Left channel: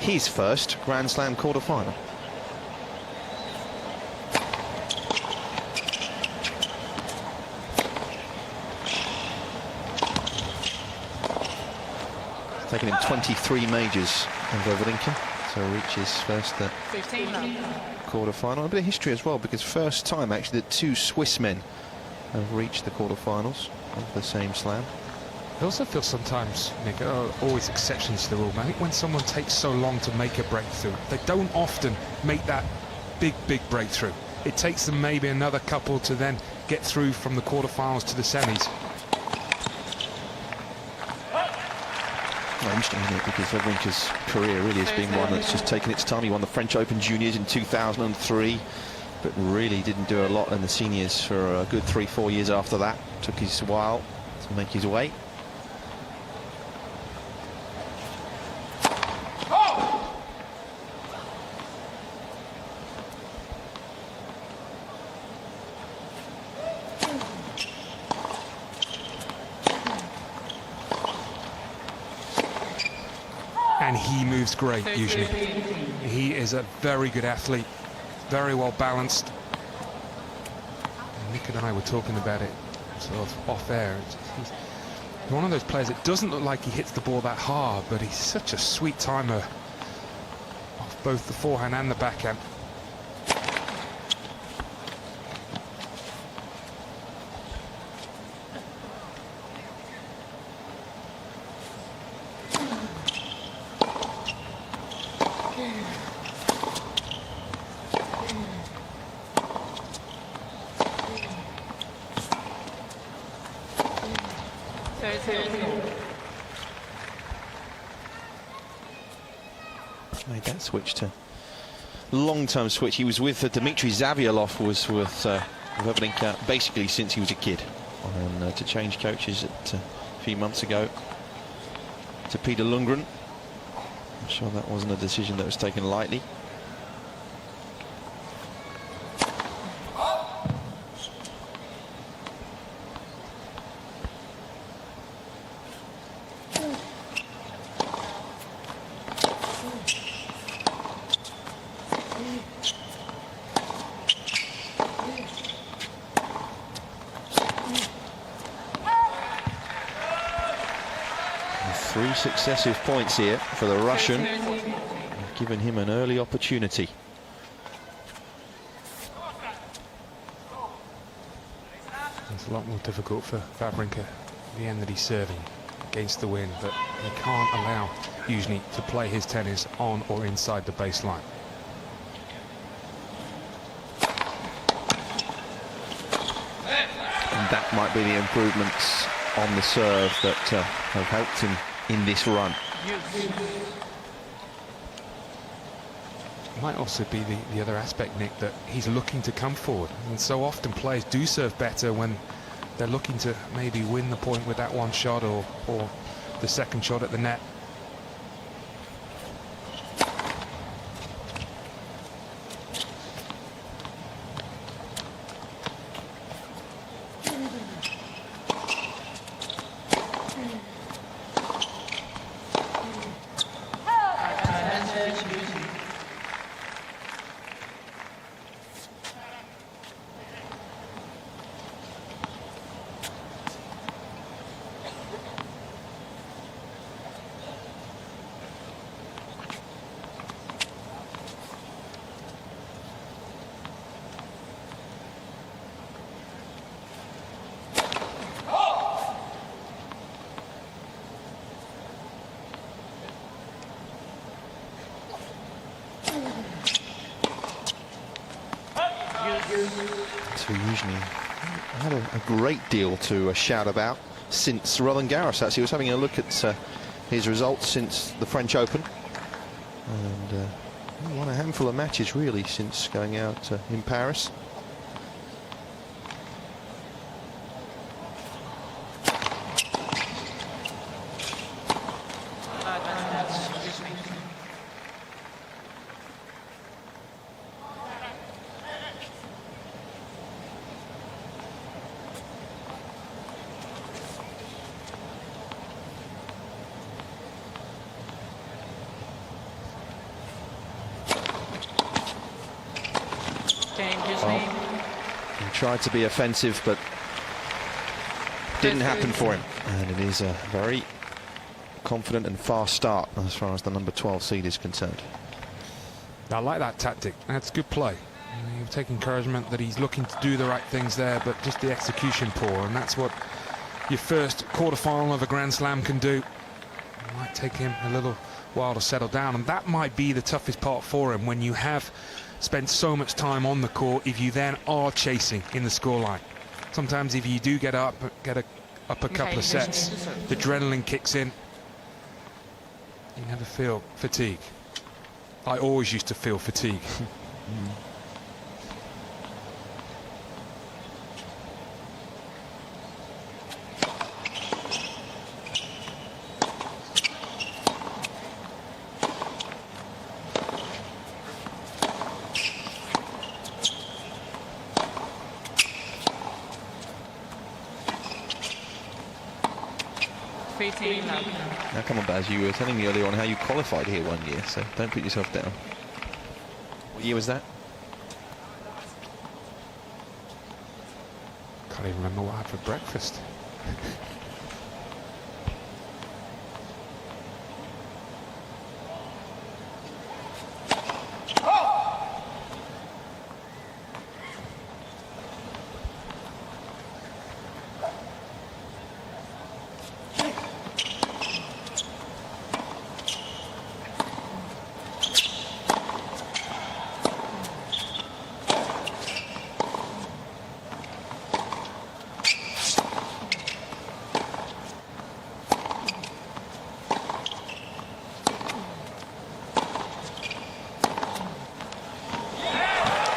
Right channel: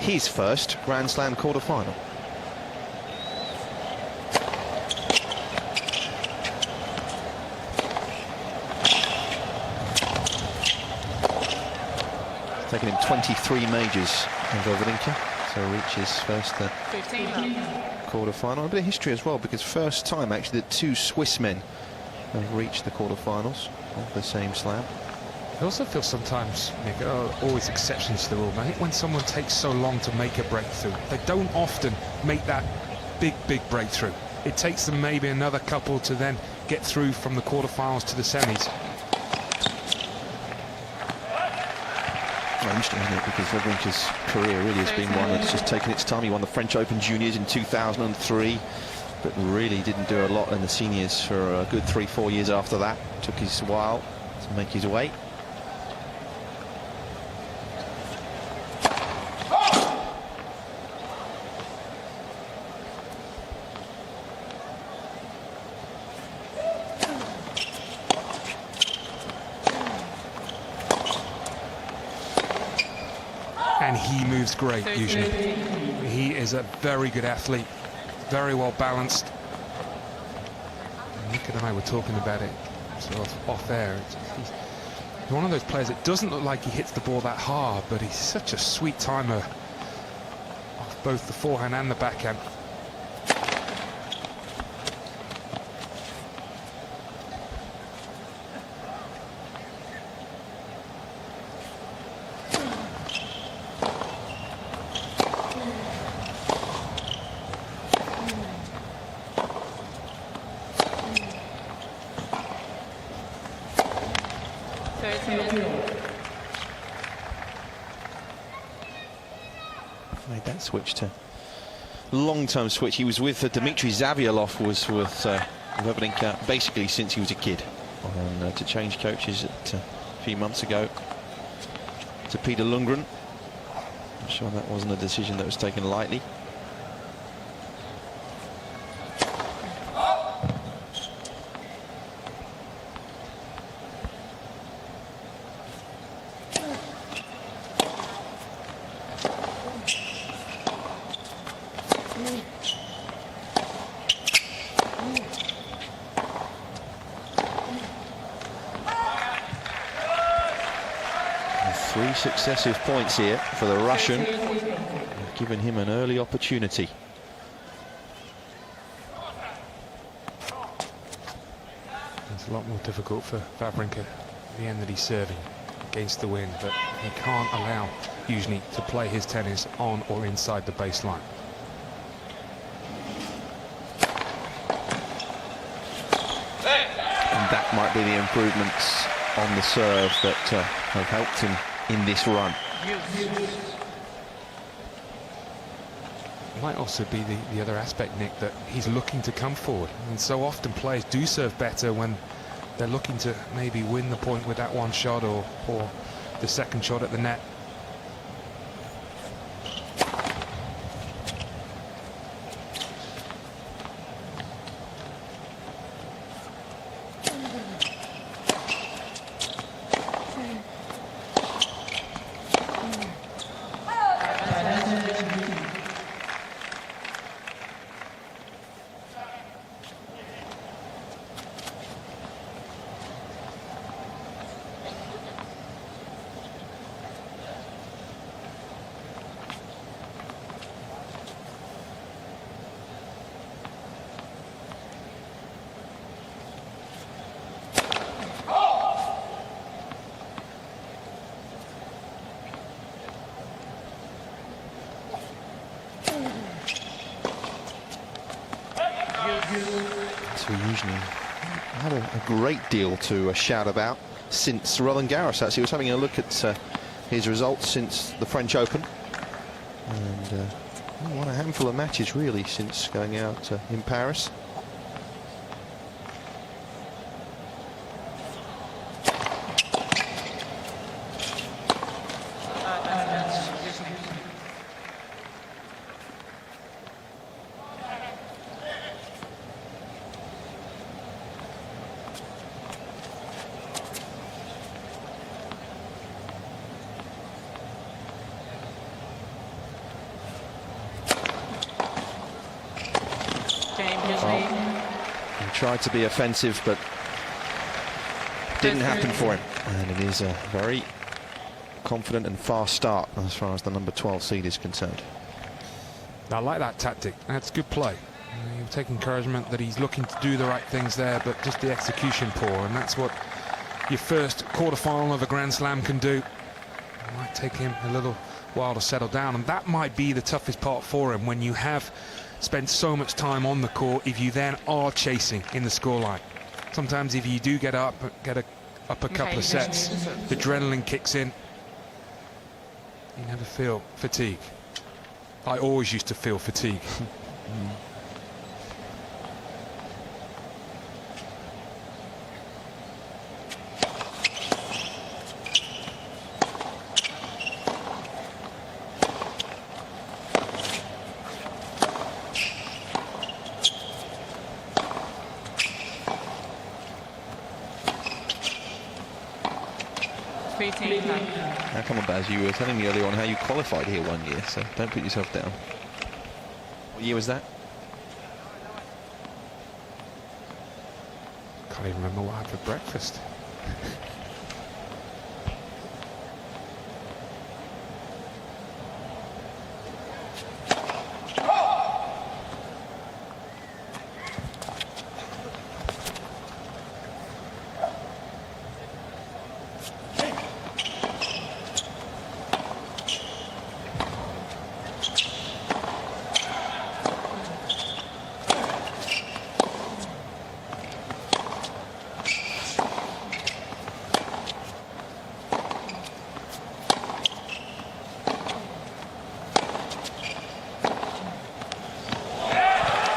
his first Grand Slam quarter-final. It's taken him 23 majors in Wawrinka to reach his first quarter-final. A bit of history as well, because first time actually that two Swiss men have reached the quarter-finals of the same slam. I also feel sometimes, Nick, always exceptions to the rule. I think when someone takes so long to make a breakthrough, they don't often make that big breakthrough. It takes them maybe another couple to then get through from the quarterfinals to the semis. Well, interesting, isn't it? Because Wawrinka's career really has been one that's just taken its time. He won the French Open Juniors in 2003, but really didn't do a lot in the seniors for a good 3-4 years after that. Took his while to make his way. And he moves great, Youzhny. He is a very good athlete, very well balanced. And Nick and I were talking about it sort of off air. He's one of those players, it doesn't look like he hits the ball that hard, but he's such a sweet timer off both the forehand and the backhand. Made that switch to long-term switch. He was with Dmitry Zavialov, was with Wawrinka basically since he was a kid. And to change coaches a few months ago to Peter Lundgren. I'm sure that wasn't a decision that was taken lightly. Three successive points here for the Russian. They've given him an early opportunity. It's a lot more difficult for Wawrinka the end that he's serving against the wind, but he can't allow Youzhny to play his tennis on or inside the baseline. And that might be the improvements on the serve that have helped him in this run. Might also be the other aspect, Nick, that he's looking to come forward, and so often players do serve better when they're looking to maybe win the point with that one shot or the second shot at the net. So Youzhny had a great deal to shout about since Roland Garros. Actually, he was having a look at his results since the French Open, and won a handful of matches really since going out in Paris. Well, he tried to be offensive, but didn't happen for him. And it is a very confident and fast start as far as the number 12 seed is concerned. I like that tactic. That's good play. You take encouragement that he's looking to do the right things there, but just the execution poor, and that's what your first quarter-final of a Grand Slam can do. It might take him a little while to settle down, and that might be the toughest part for him when you have spent so much time on the court, if you then are chasing in the scoreline. Sometimes if you do get up a couple of sets, the adrenaline kicks in. You never feel fatigue. I always used to feel fatigue. 3-2 love. Now come on, Baz, you were telling me earlier on how you qualified here one year, so don't put yourself down. What year was that? Can't even remember what I had for breakfast.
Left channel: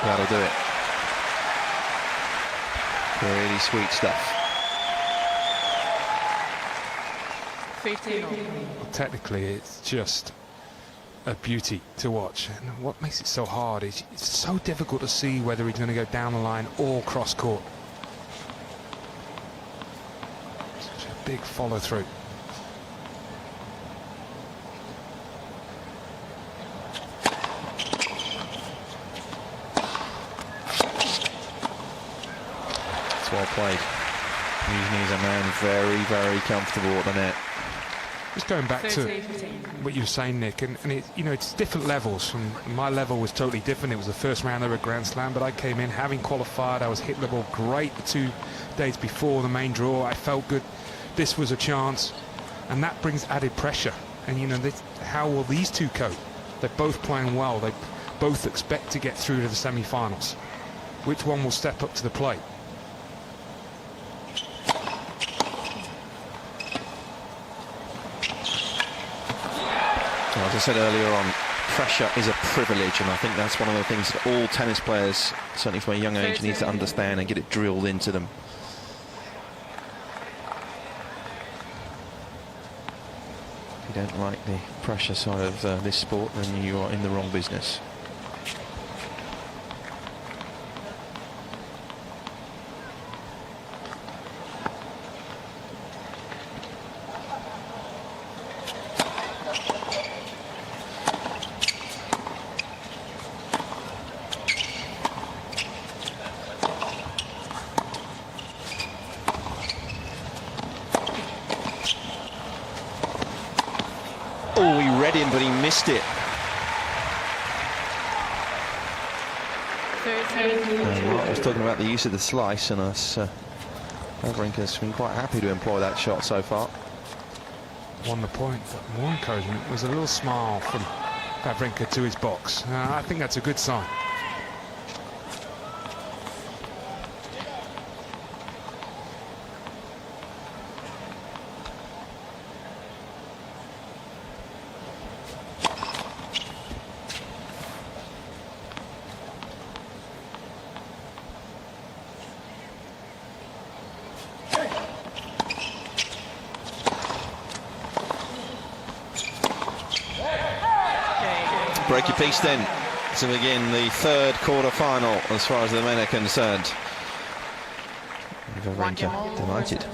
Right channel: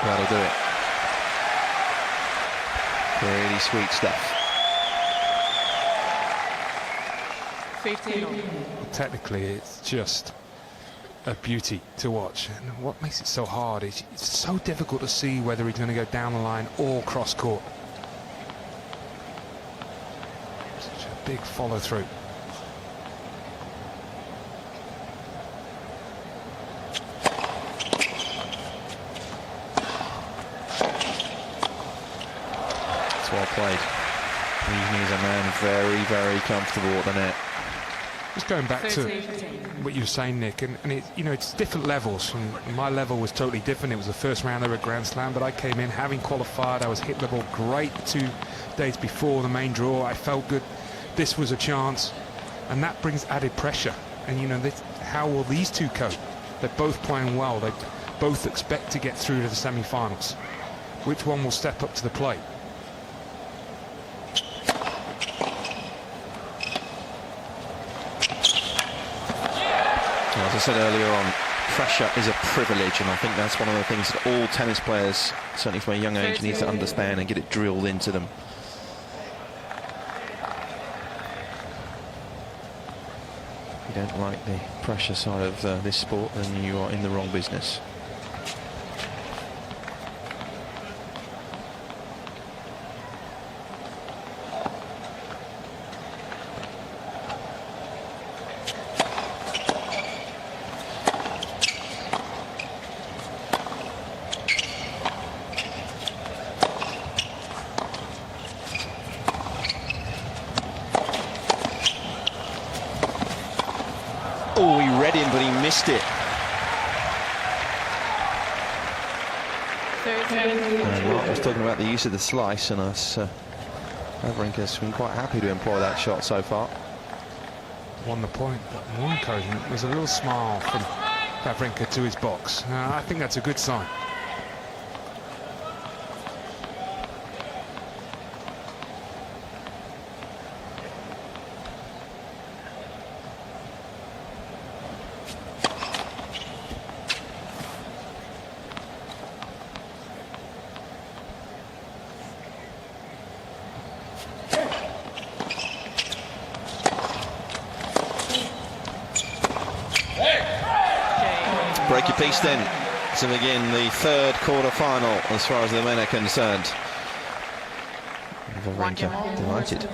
That'll do it. Really sweet stuff. 15. Well, technically, it's just a beauty to watch. And what makes it so hard is it's so difficult to see whether he's going to go down the line or cross court. Such a big follow through. Well played. Youzhny is a man very, very comfortable at the net. Just going back to 15. what you were saying, Nick, and it, you know, it's different levels. And my level was totally different. It was the first round of a Grand Slam, but I came in having qualified. I was hitting the ball great the 2 days before the main draw. I felt good. This was a chance, and that brings added pressure. And you know, how will these two cope? They're both playing well. They both expect to get through to the semi-finals. Which one will step up to the plate? Well, as I said earlier on, pressure is a privilege, and I think that's one of the things that all tennis players, certainly from a young age, need to understand and get it drilled into them. If you don't like the pressure side of this sport, then you are in the wrong business. Oh, he read him, but he missed it. Mark was talking about the use of the slice, and us, Wawrinka's been quite happy to employ that shot so far. Won the point, but more encouragement was a little smile from Wawrinka to his box. I think that's a good sign. Break your piece then. So again, the third quarter-final as far as the men are concerned. Wawrinka delighted.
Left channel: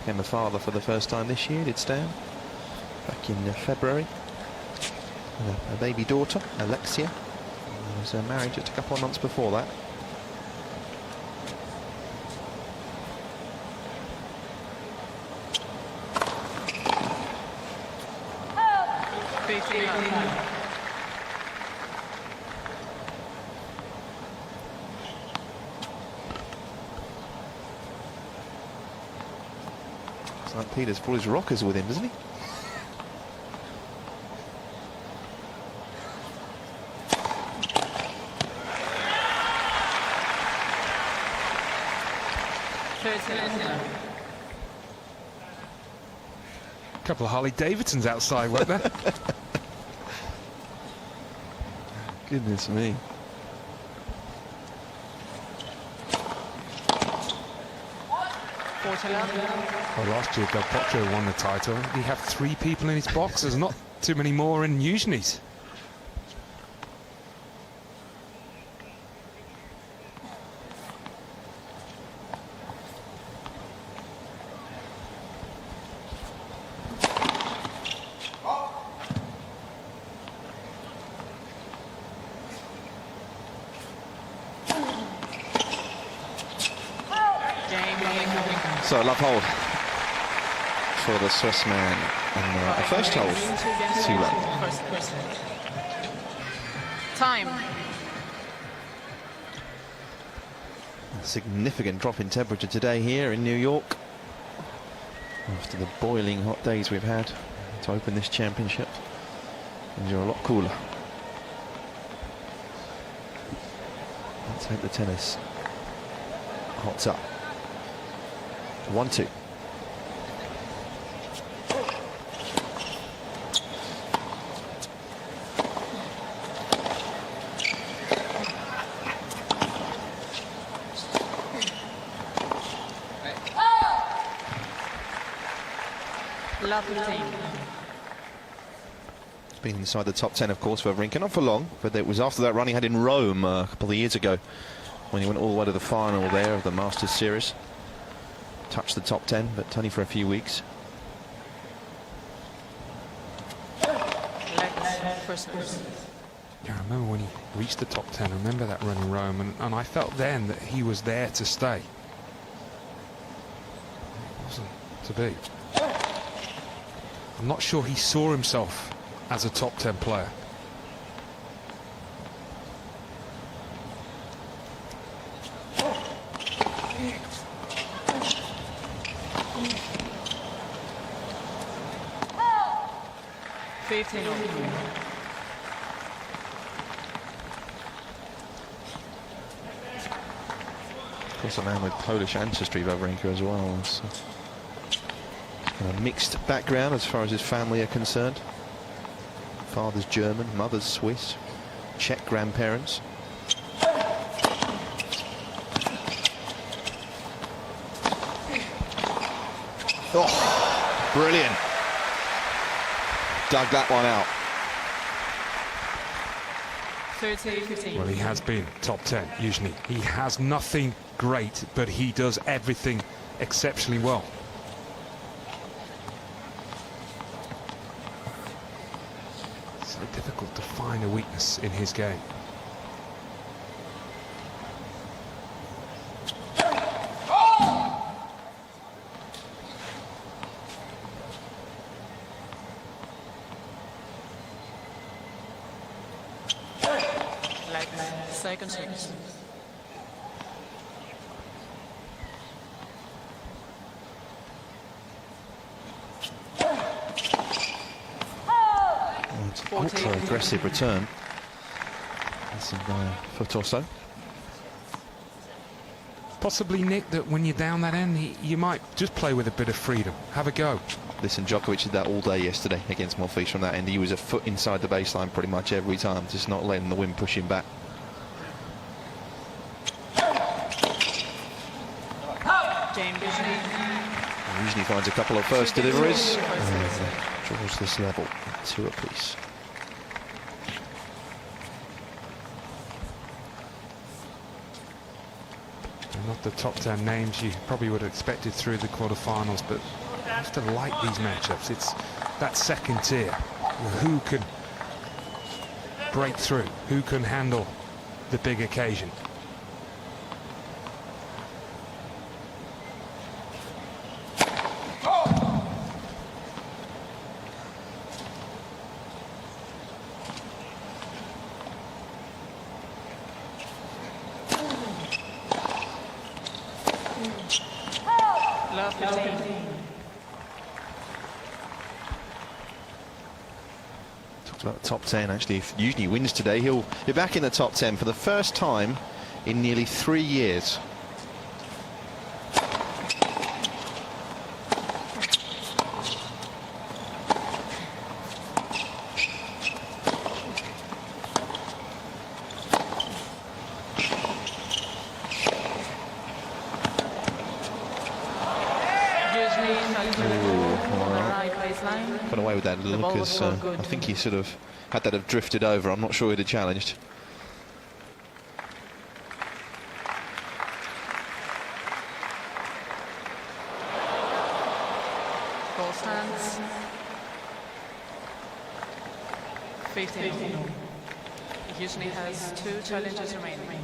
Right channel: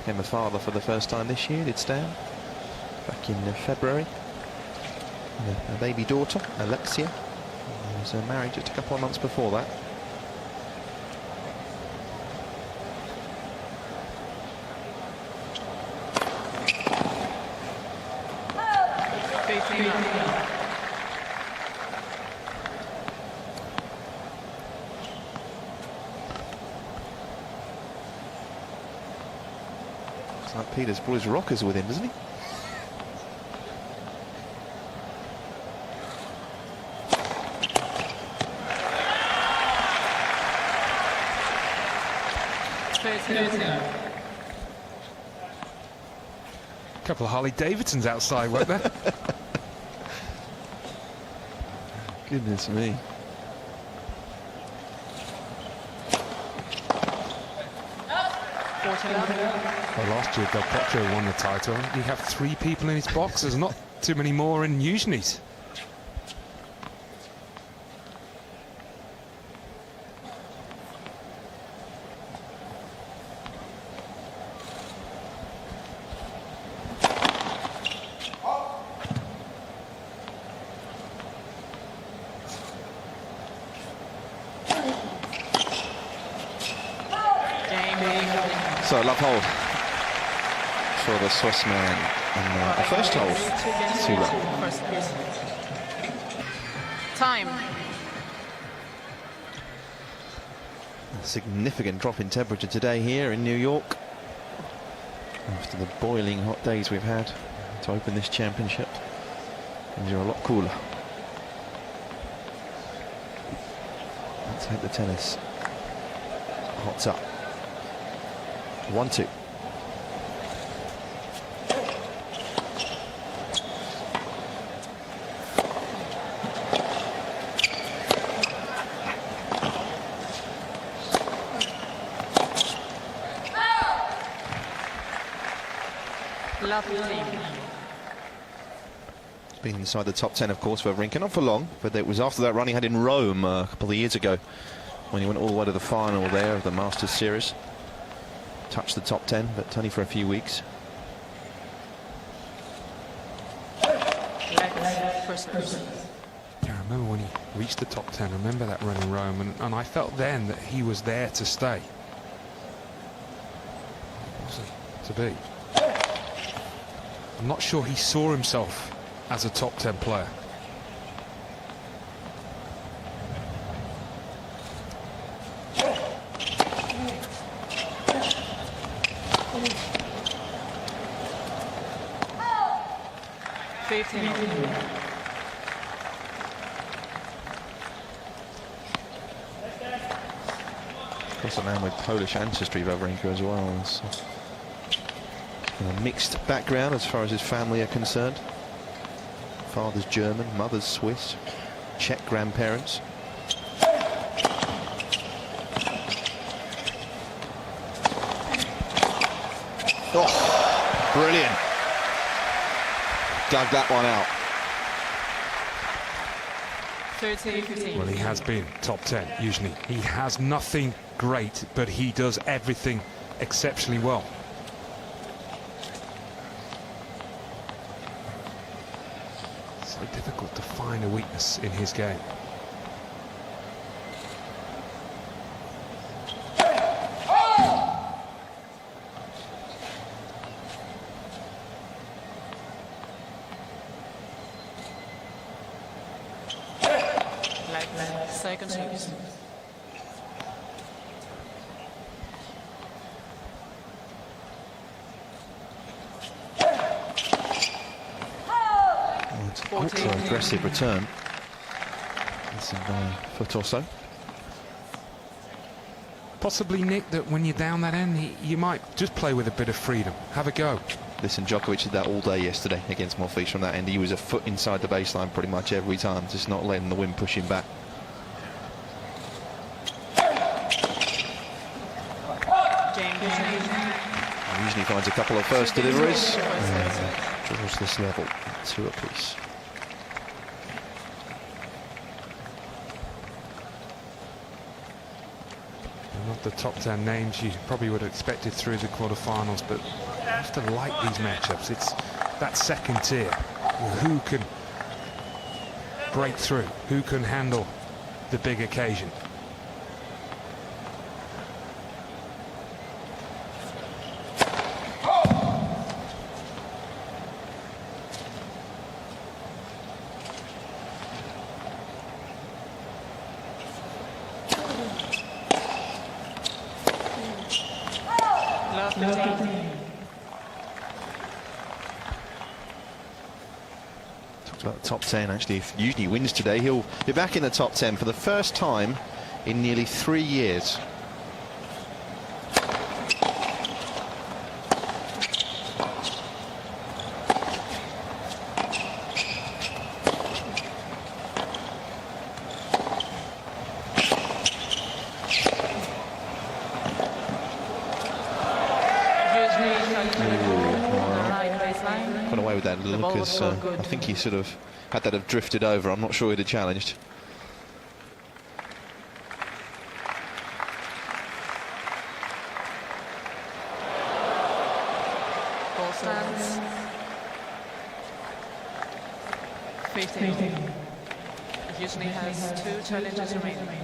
Became a father for the first time this year, did Stan, back in February. and a baby daughter, Alexia. He was married just a couple of months before that. Looks like Peter's brought his rockers with him, doesn't he? A couple of Harley Davidsons outside, weren't there? Goodness me. Well, last year Del Potro won the title. He have 3 people in his box. There's not too many more in Youzhny's. So, love hold for the Swiss man. And a first hold, 2-1. Time. A significant drop in temperature today here in New York. After the boiling hot days we've had to open this championship. Things are a lot cooler. Let's hope the tennis hots up. 1-2. Love 15. It's been inside the top 10, of course, for Wawrinka. Not for long, but it was after that run he had in Rome a couple of years ago when he went all the way to the final there of the Masters Series. Touched the top 10, but only for a few weeks. Yeah, I remember when he reached the top 10. I remember that run in Rome, and I felt then that he was there to stay. It wasn't to be. I'm not sure he saw himself as a top 10 player. Of course, a man with Polish ancestry, Wawrinka, as well. So, a mixed background as far as his family are concerned. Father's German, mother's Swiss, Czech grandparents. Oh, brilliant. Dug that one out. 30-15. Well, he has been top 10, Youzhny. He has nothing great, but he does everything exceptionally well. So difficult to find a weakness in his game. Second service. It's an ultra-aggressive return. It's a foot or so. Possibly, Nick, that when you're down that end, you might just play with a bit of freedom. Have a go. Listen, Djokovic did that all day yesterday against Monfils from that end. He was a foot inside the baseline pretty much every time, just not letting the wind push him back. Youzhny finds a couple of first deliveries and draws this level at 2 apiece. Not the top 10 names you probably would have expected through the quarterfinals, but I have to like these matchups. It's that second tier. Who can break through? Who can handle the big occasion? Love 15. Talked about the top 10, actually. If Youzhny wins today, he'll be back in the top 10 for the first time in nearly 3 years. Youzhny tries to the ball on the right baseline. Got away with that a little ball because was good. I think he sort of had that have drifted over. I'm not sure he'd have challenged. Ball stands. 15. Youzhny has 2 challenges remaining.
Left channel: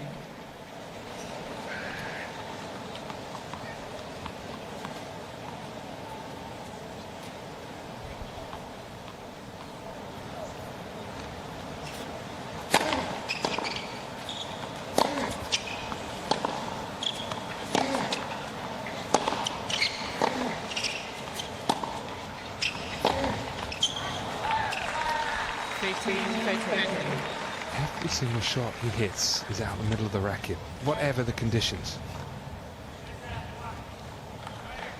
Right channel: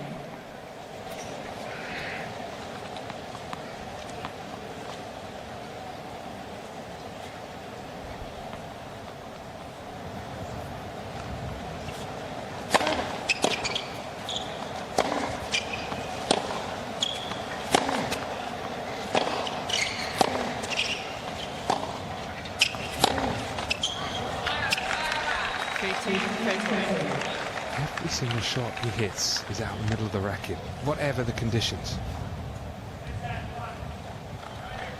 Every single shot he hits is out the middle of the racket, whatever the conditions. It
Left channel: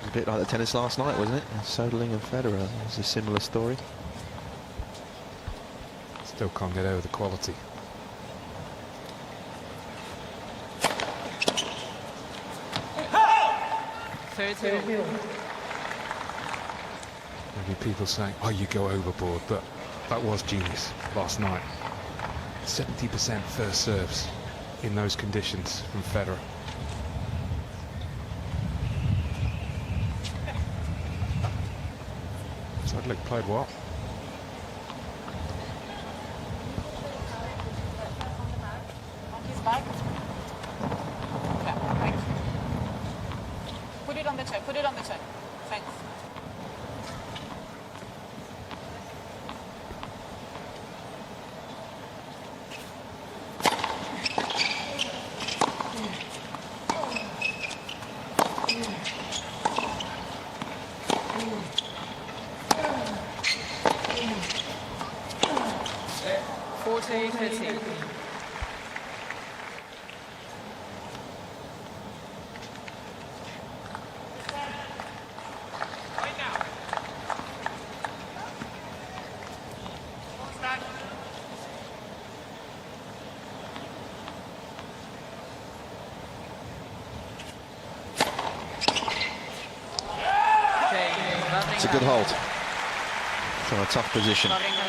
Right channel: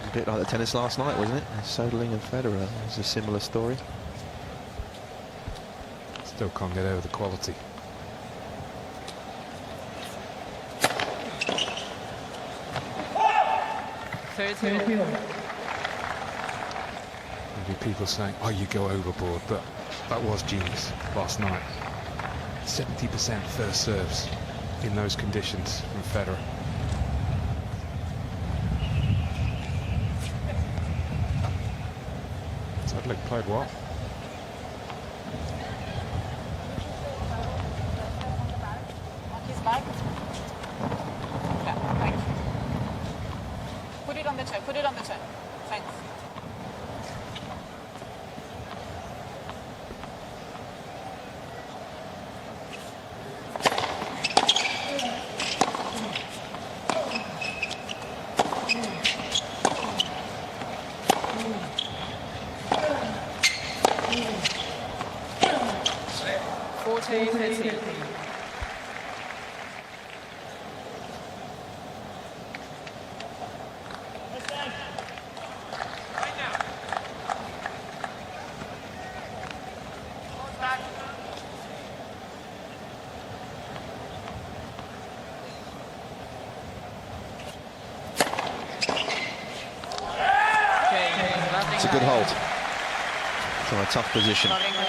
was a bit like the tennis last night, wasn't it? Soderling and Federer was a similar story. Still can't get over the quality. Maybe Maybe people saying, oh, you go overboard, but that was genius last night. 70% first serves in those conditions from Federer. Soderling played well. His back. Yeah, thanks. Put it on the chair, put it on the chair. Thanks. Forte 13. It's a good hold from a tough position. Wawrinka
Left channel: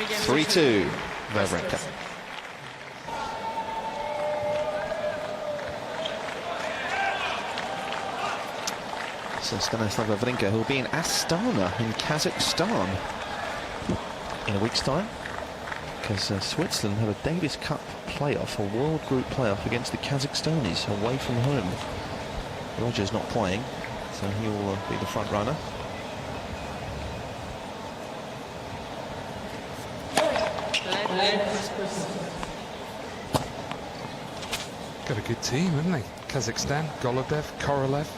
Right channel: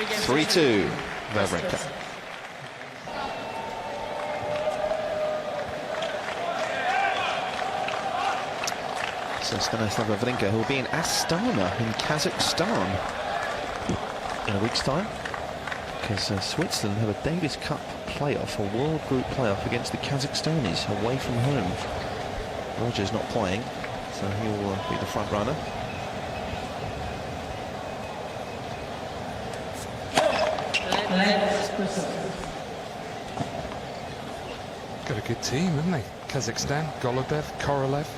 leads 3-2, Wawrinka. So Stanislav Wawrinka, who will be in Astana in Kazakhstan in a week's time, because Switzerland have a Davis Cup playoff, a World Group playoff against the Kazakhstanis away from home. Roger's not playing, so he will be the front runner. Got a good team, haven't they? Kazakhstan, Golubev, Korolev.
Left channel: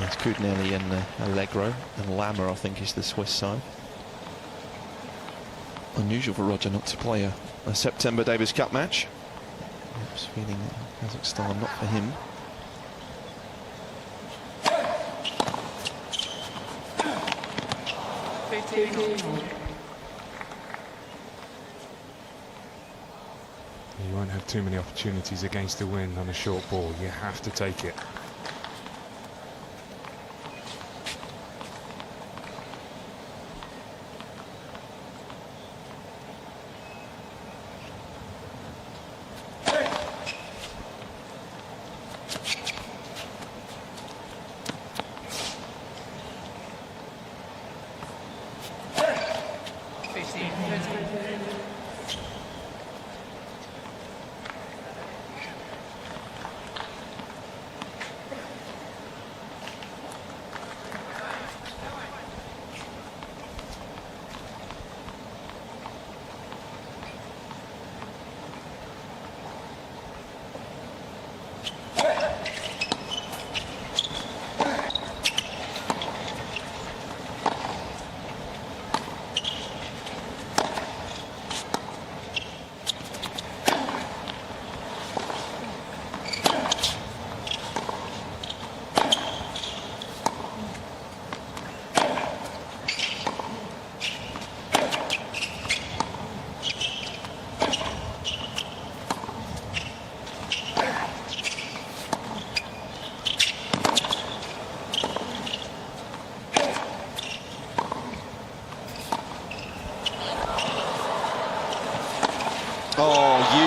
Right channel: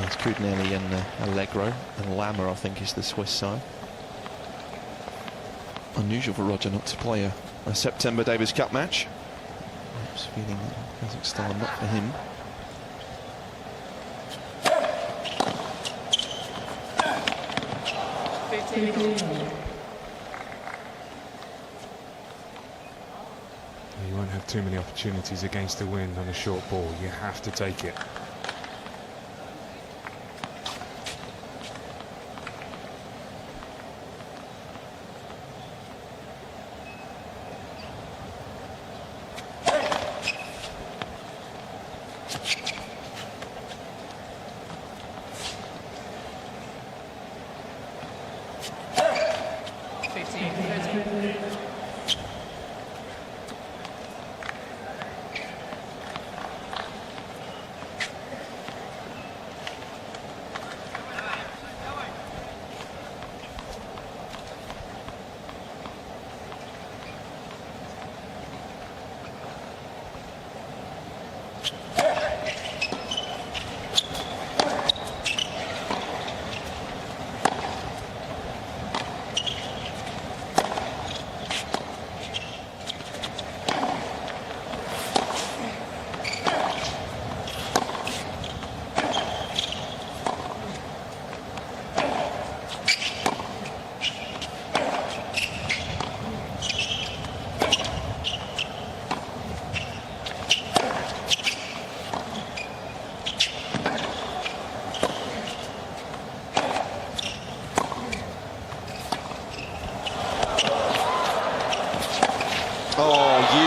It's Kudnelli and Allegro, and Lammer, I think, is the Swiss side. Unusual for Roger not to play a September Davis Cup match. Perhaps feeling that Kazakhstan not for him. You won't have too many opportunities against the wind on a short ball. You have to take it.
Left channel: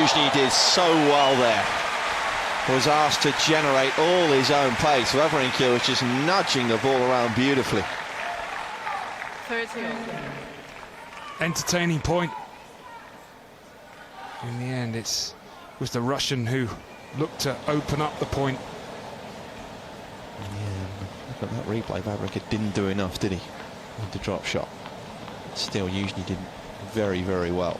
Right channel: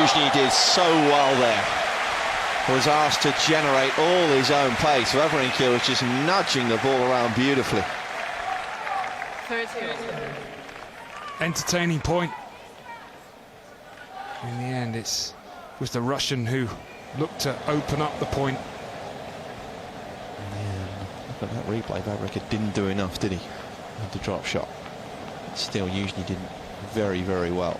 Youzhny did so well there. Was asked to generate all his own pace. Wawrinka was just nudging the ball around beautifully. 30. Entertaining point. In the end, it was the Russian who looked to open up the point. Yeah, look at that replay. Wawrinka didn't do enough, did he, with the drop shot? Still, Youzhny did very, very well.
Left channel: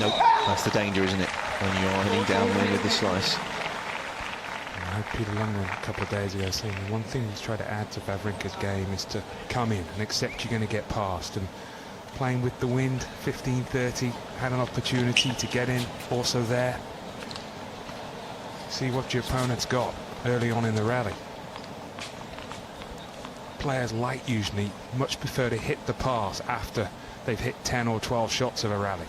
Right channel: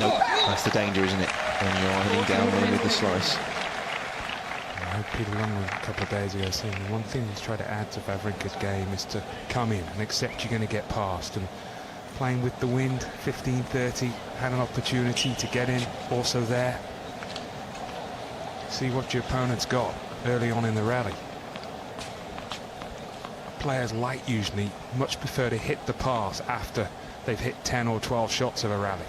Nope, that's the danger, isn't it? When you're heading downwind with the slice. I heard Peter Lundgren a couple of days ago saying the one thing he's tried to add to Wawrinka's game is to come in and accept you're going to get past. And playing with the wind, 15-30, had an opportunity to get in, also there. See what your opponent's got early on in the rally. Players like Youzhny much prefer to hit the pass after they've hit 10 or 12 shots of a rally.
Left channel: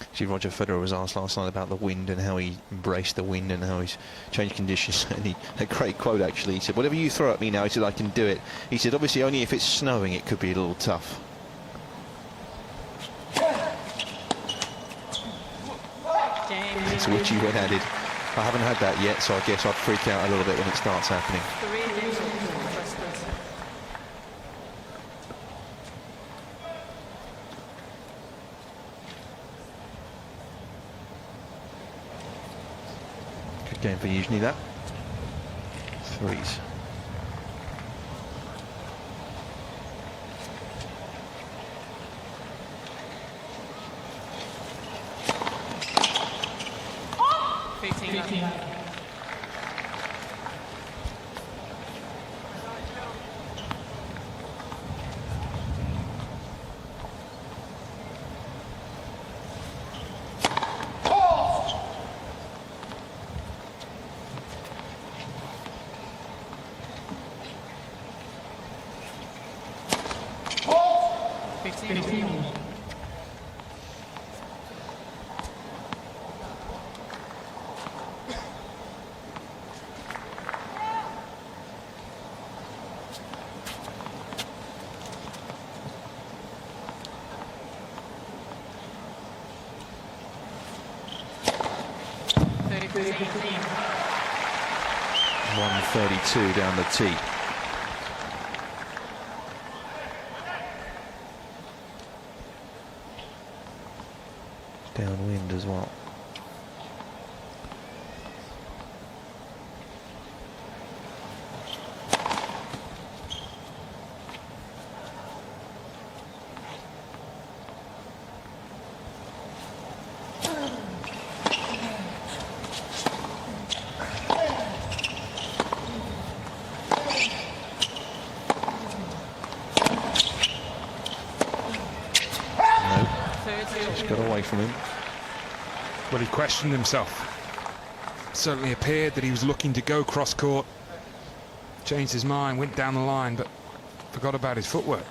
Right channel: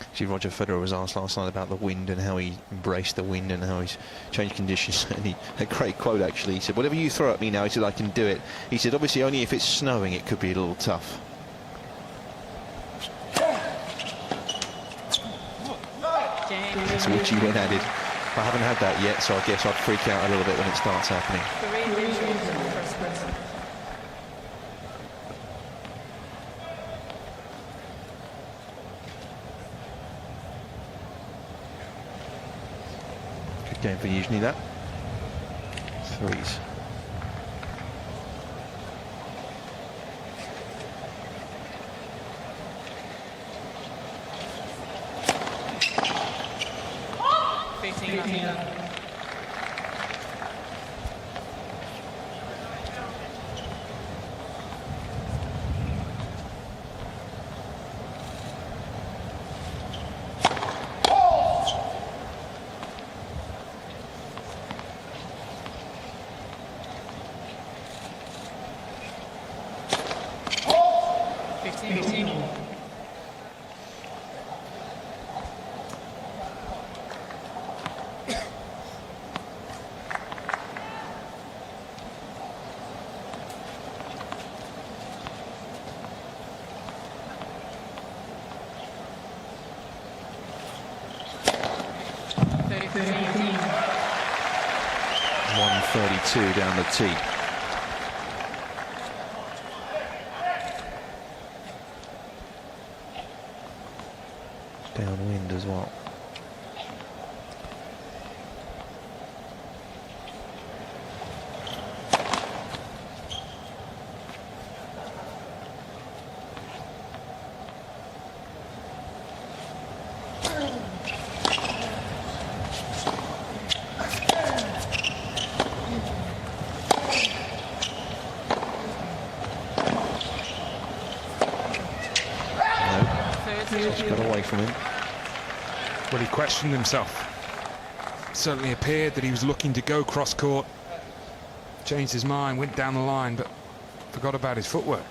Actually, Roger Federer was asked last night about the wind and how he embraced the wind and how he's changed conditions. And he had a great quote, actually. He said, "Whatever you throw at me now," he said, "I can do it." He said, "Obviously, only if it's snowing, it could be a little tough." To which he went added, "I haven't had that yet, so I guess I'd freak out a little bit when it starts happening." Good game for Youzhny, that. Threes. .132 down the tee. Downwind as well. Just got away from him. Well, he questioned himself. Certainly appeared that he was looking to go cross court. Changed his mind, went down the line, but forgot about his footwork.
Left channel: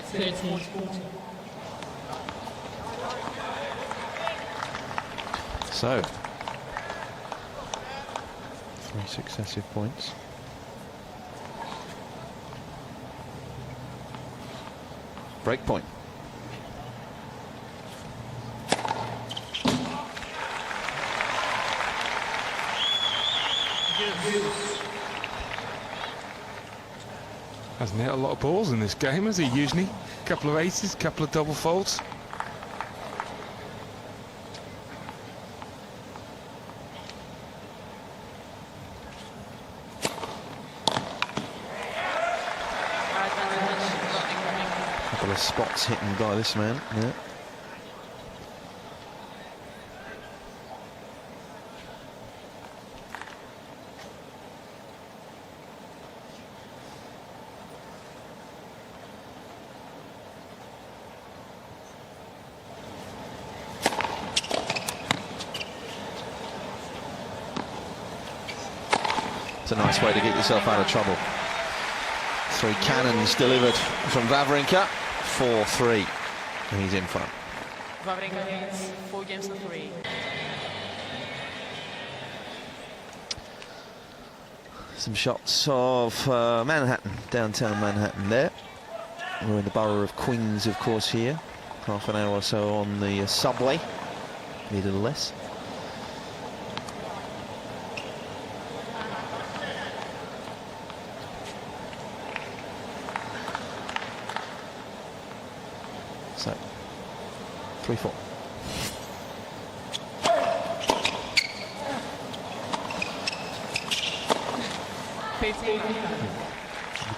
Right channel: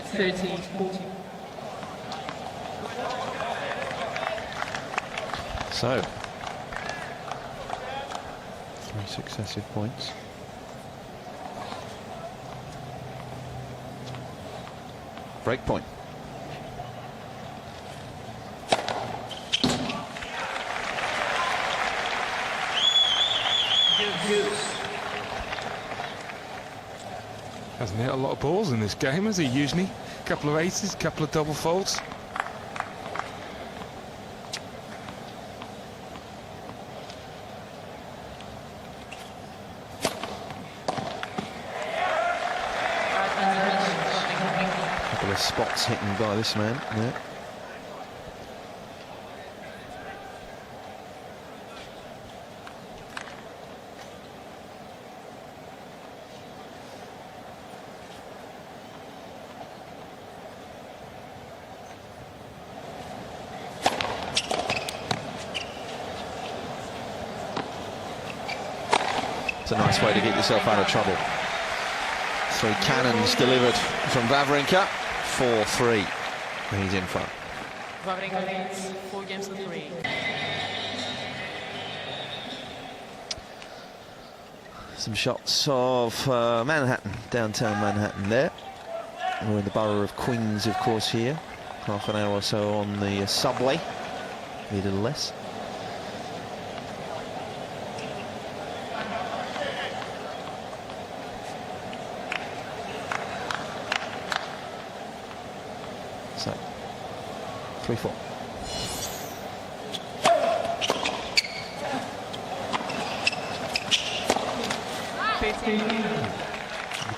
13-14. So, 3 successive points. Break point. Hasn't hit a lot of balls in this game, has he, Youzhny? Couple of aces, couple of double faults. Couple of spots hitting by this man. Yeah. It's a nice way to get yourself out of trouble. 3 cannons delivered from Wawrinka. 4-3. And he's in front. Wawrinka leads 4-3. Some shots of Manhattan, downtown Manhattan there. We're in the borough of Queens, of course, here. Half an hour or so on the subway. Maybe a little less. So, 3-4.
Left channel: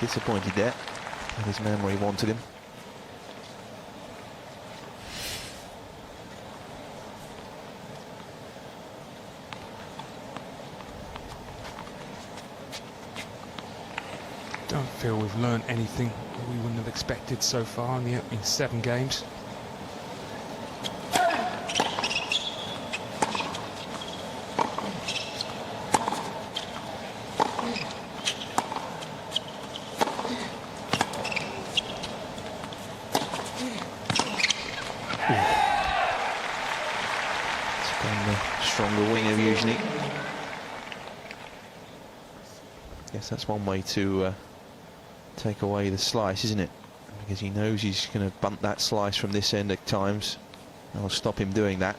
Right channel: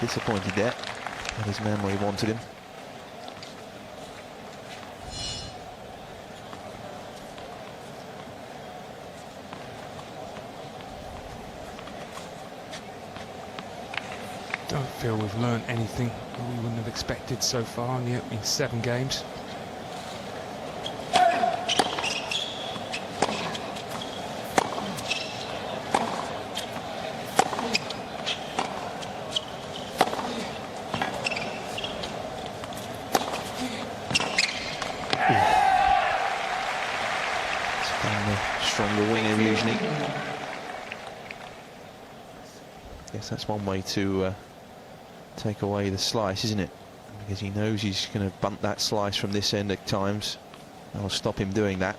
Disappointed there. But his memory wanted him. Don't feel we've learned anything that we wouldn't have expected so far in the opening 7 games. It's been the stronger wing of Youzhny. Guess that's one way to take away the slice, isn't it? Because he knows he's going to bunt that slice from this end at times. I'll stop him doing that.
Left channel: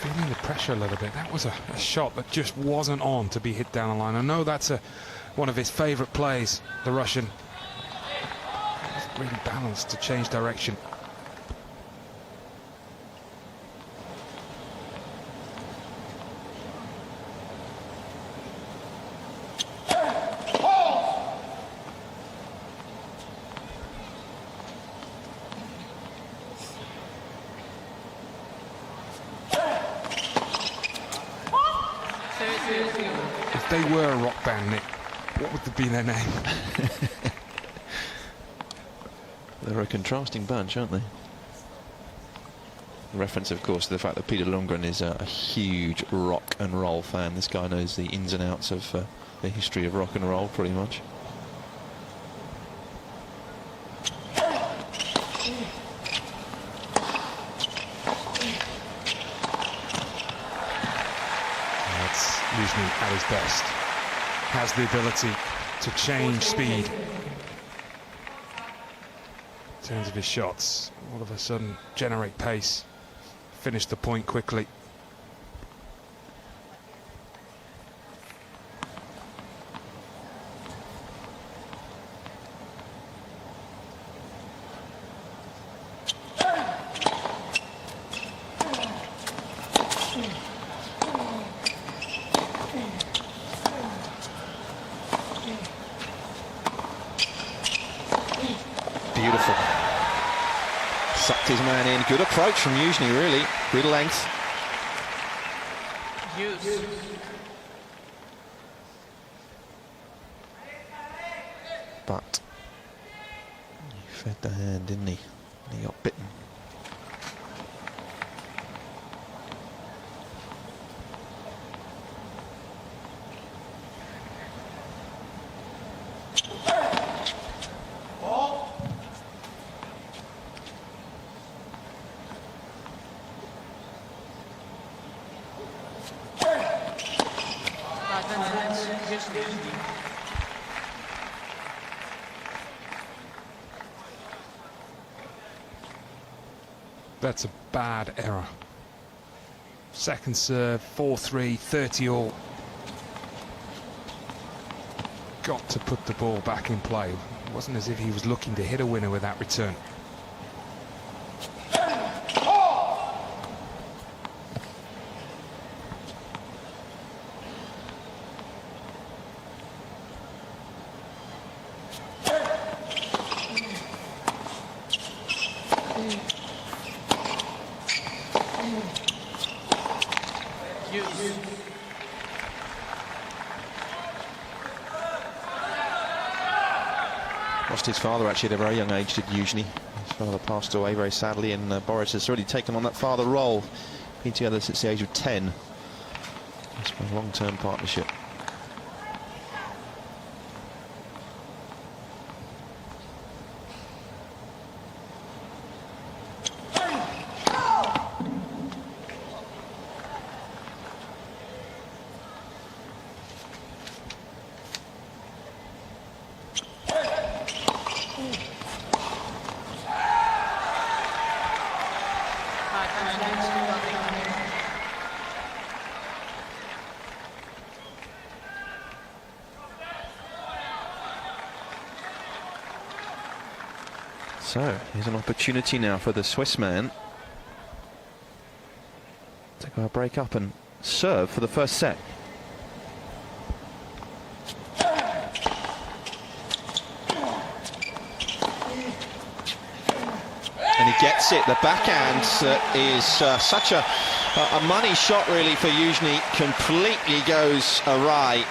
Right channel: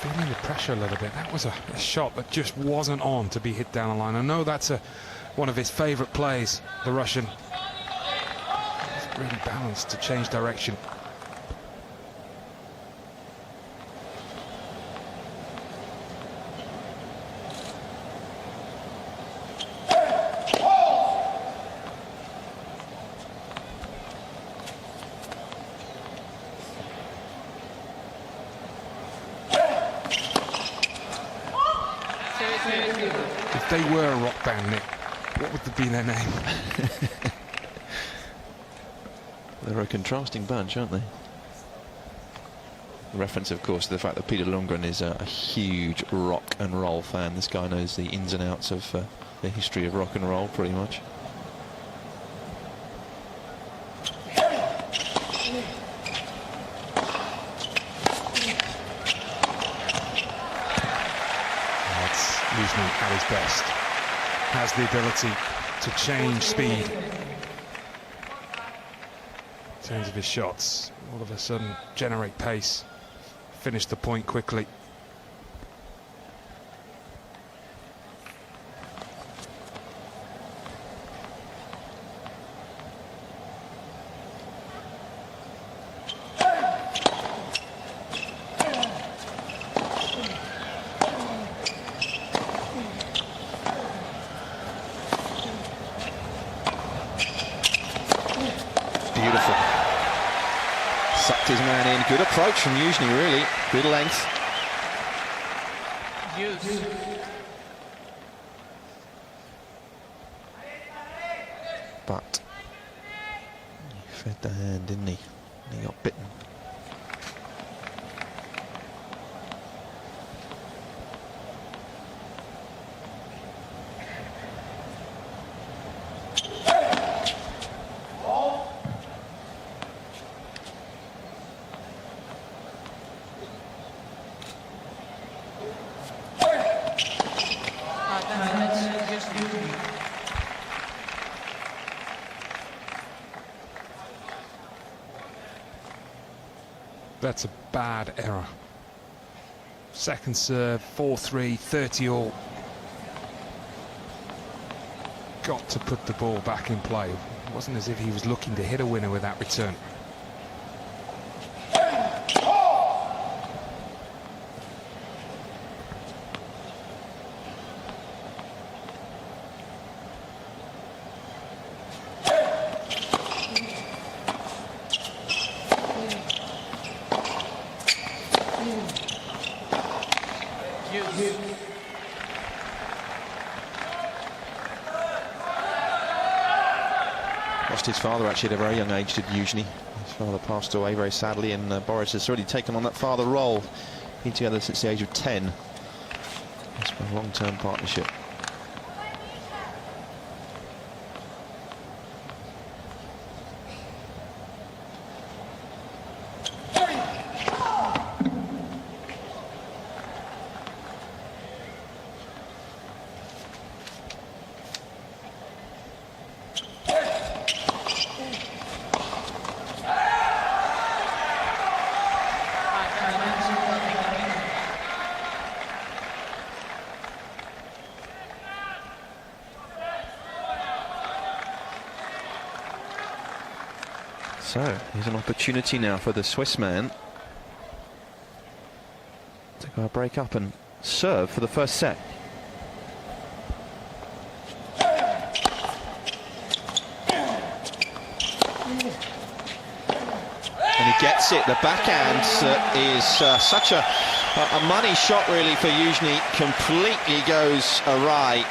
Feeling the pressure a little bit. That was a shot that just wasn't on to be hit down the line. I know that's one of his favourite plays, the Russian. It's really balanced to change direction. If they were a rock band, Nick, what would be their name? They're a contrasting bunch, aren't they? Reference, of course, to the fact that Peter Lundgren is a huge rock and roll fan. This guy knows the ins and outs of the history of rock and roll, pretty much. That's Youzhny at his best. Has the ability to change speed in terms of his shots. All of a sudden, generate pace, finish the point quickly. Beautiful Sucked his man in. Good approach from Youzhny, really. Good length. Use. But he fed the hand, didn't he? And he got bitten. That's a bad error. Second serve, 4-3, 30 all. Got to put the ball back in play. It wasn't as if he was looking to hit a winner with that return. Lost his father actually at a very young age, did Youzhny. His father passed away very sadly, and Boris has already taken on that father role. Been together since the age of 10. It's been a long-term partnership. So, here's an opportunity now for the Swiss man to go break up and serve for the first set. And he gets it. The backhand is such a money shot really for Youzhny. Completely goes awry.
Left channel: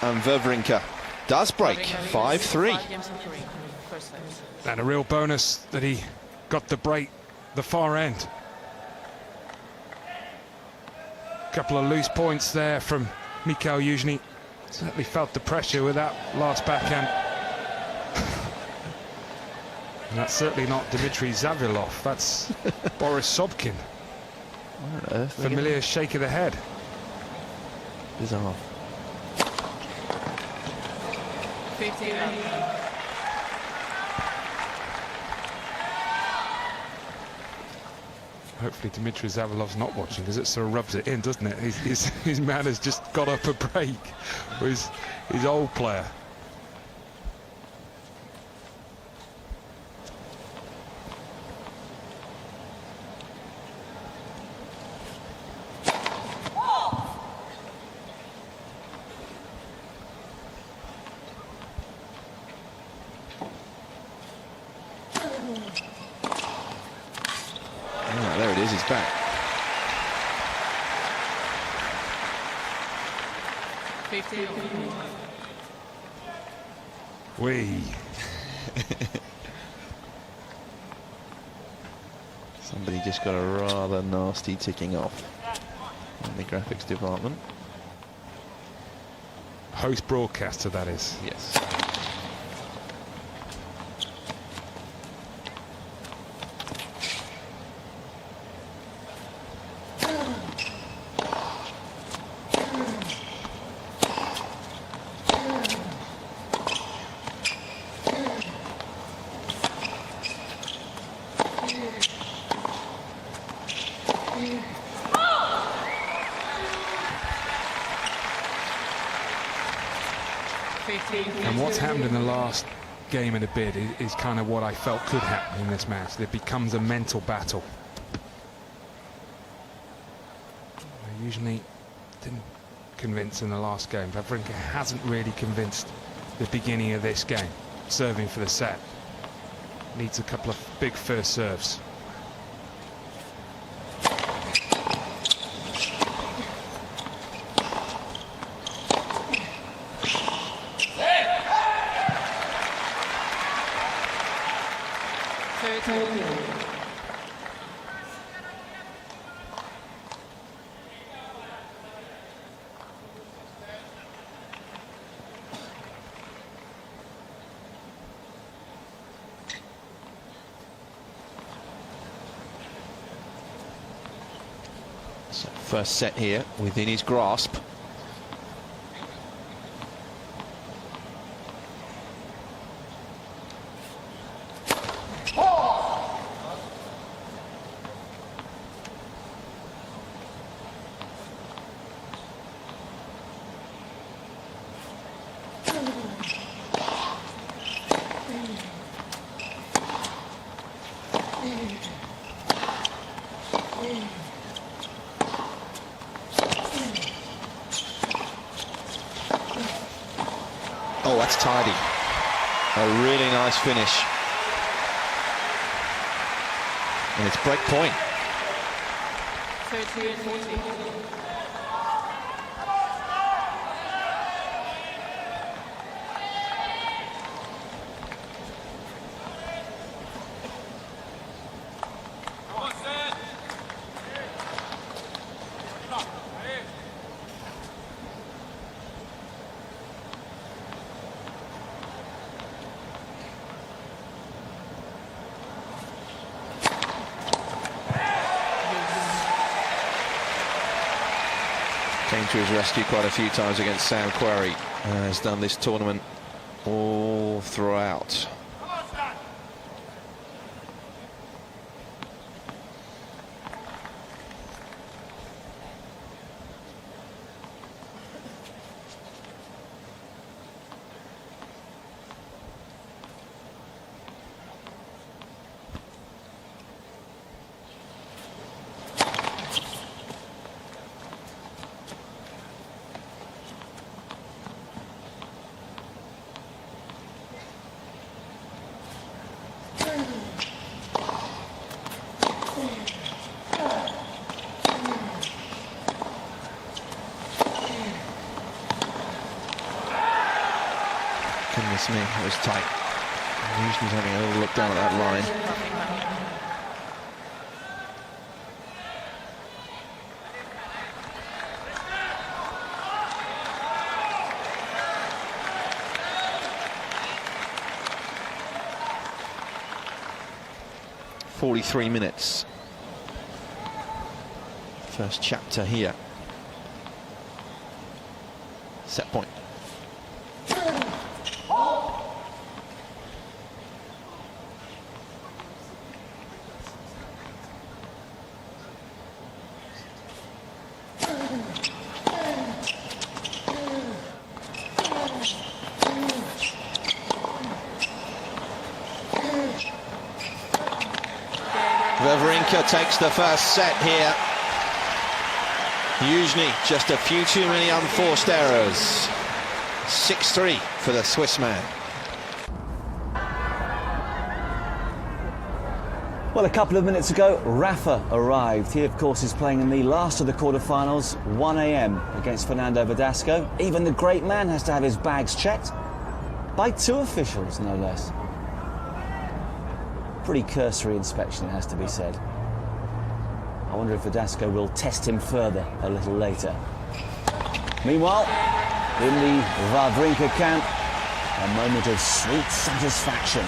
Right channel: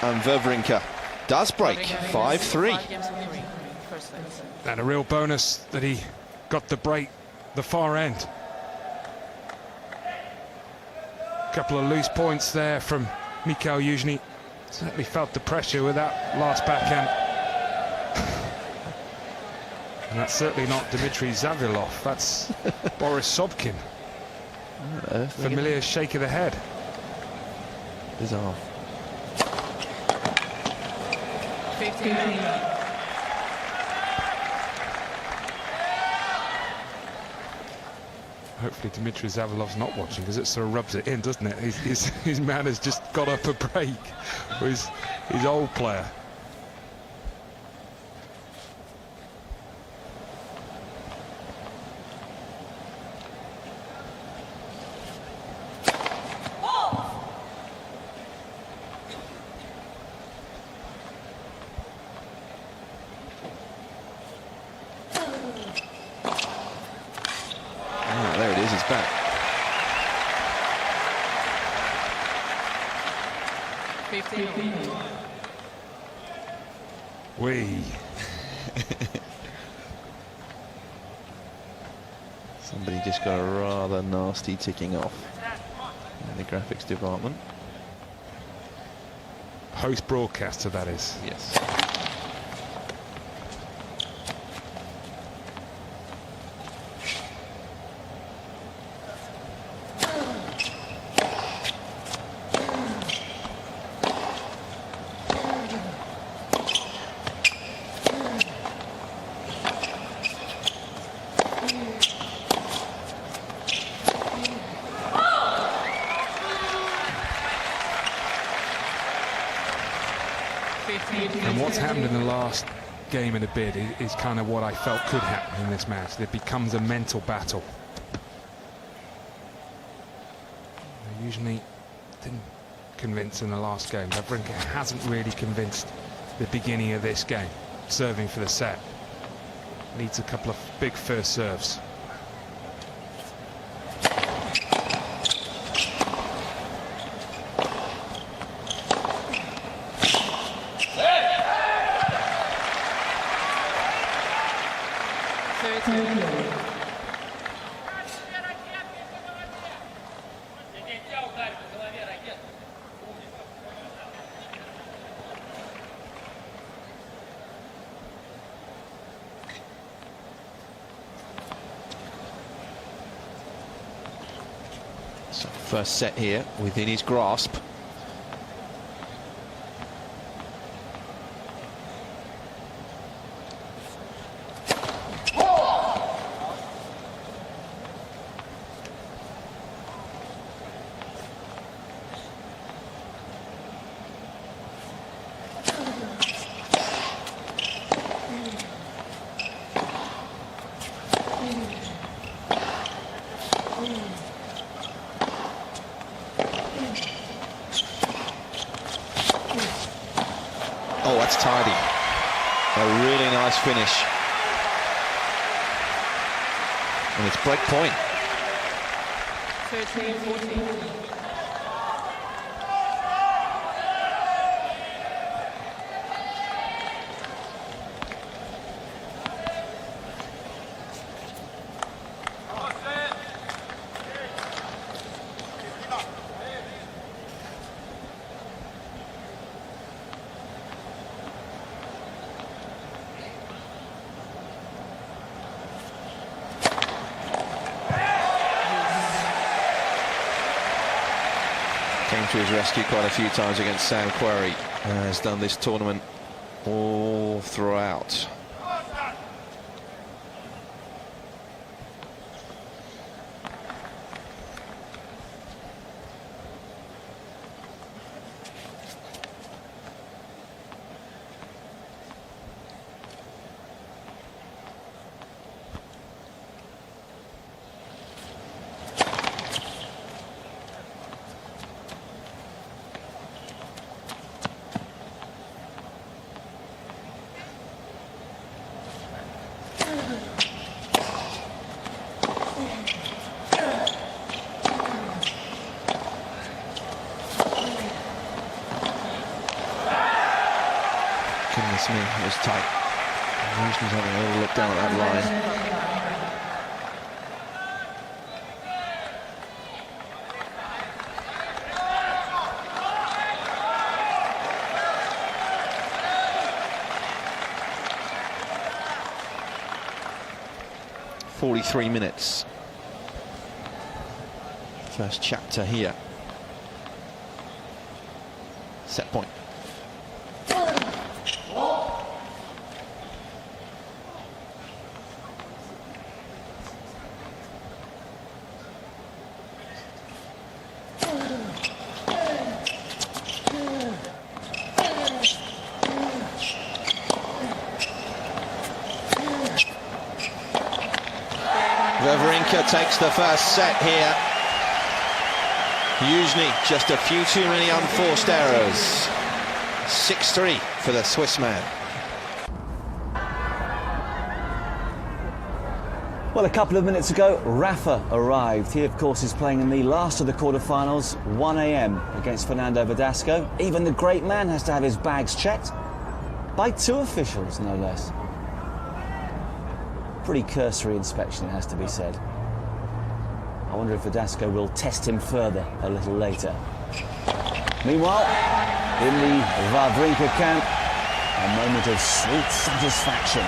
And Wawrinka does break 5-3. And a real bonus that he got the break the far end. Couple of loose points there from Mikhail Youzhny. Certainly felt the pressure with that last backhand. And that's certainly not Dmitry Zavilov, that's Boris Sobkin. Familiar shake of the head. Bizarre. 15. Hopefully Dmitry Zavilov's not watching, because it sort of rubs it in, doesn't it? His man has just got up a break with his old player. There it is, it's back. 15. Somebody just got a rather nasty ticking off in the graphics department. Post-broadcaster, that is. Yes. And what's happened in the last game and a bit is kind of what I felt could happen in this match. It becomes a mental battle. Usually didn't convince in the last game. Wawrinka hasn't really convinced the beginning of this game, serving for the set. Needs a couple of big first serves. So first set here within his grasp. Oh, that's tidy. A really nice finish. And it's break point. 13-14. Came to his rescue quite a few times against Sam Querrey. Has done this tournament all throughout. Goodness me, it was tight. Youzhny's having a little look down at that line. 43 minutes. First chapter here. Set point. Wawrinka takes the first set here. Youzhny, just a few too many unforced errors. 6-3 for the Swiss man. Well, a couple of minutes ago, Rafa arrived. He, of course, is playing in the last of the quarterfinals, 1 a.m. against Fernando Verdasco. Even the great man has to have his bags checked by two officials, no less. Pretty cursory inspection, it has to be said. I wonder if Verdasco will test him further a little later. Meanwhile, in the Wawrinka camp, a moment of sweet satisfaction.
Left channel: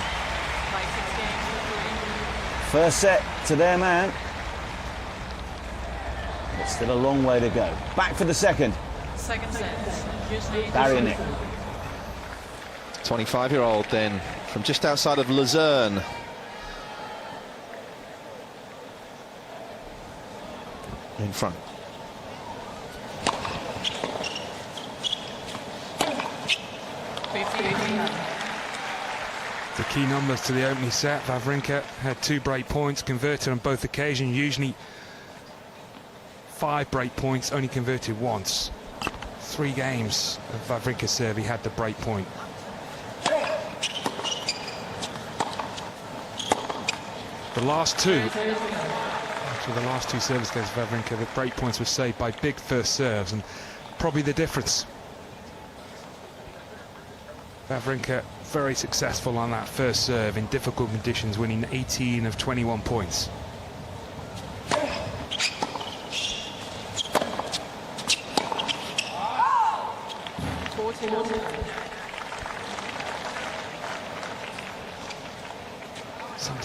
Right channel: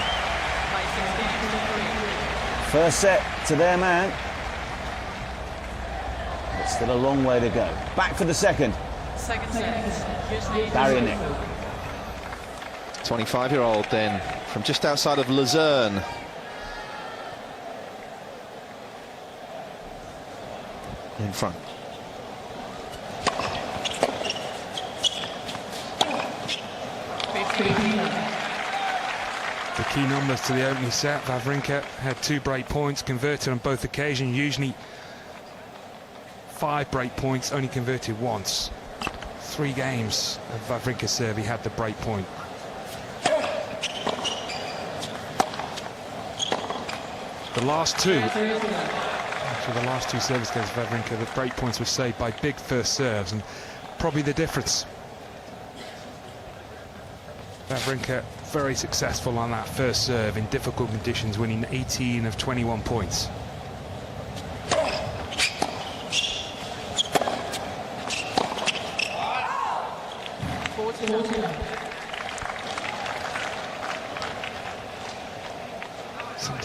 By 6 games to 3. First set to their man. But still a long way to go. Back for the second. Second set. Youzhny. Barrier Nick. 25-year-old then, from just outside of Luzerne. In front. The key numbers to the opening set. Wawrinka had 2 break points, converted on both occasions. Youzhny 5 break points, only converted once. 3 games of Wawrinka's serve, he had the break point. The last two, actually the last 2 service games of Wawrinka, the break points were saved by big first serves, and probably the difference. Wawrinka very successful on that first serve in difficult conditions, winning 18 of 21 points.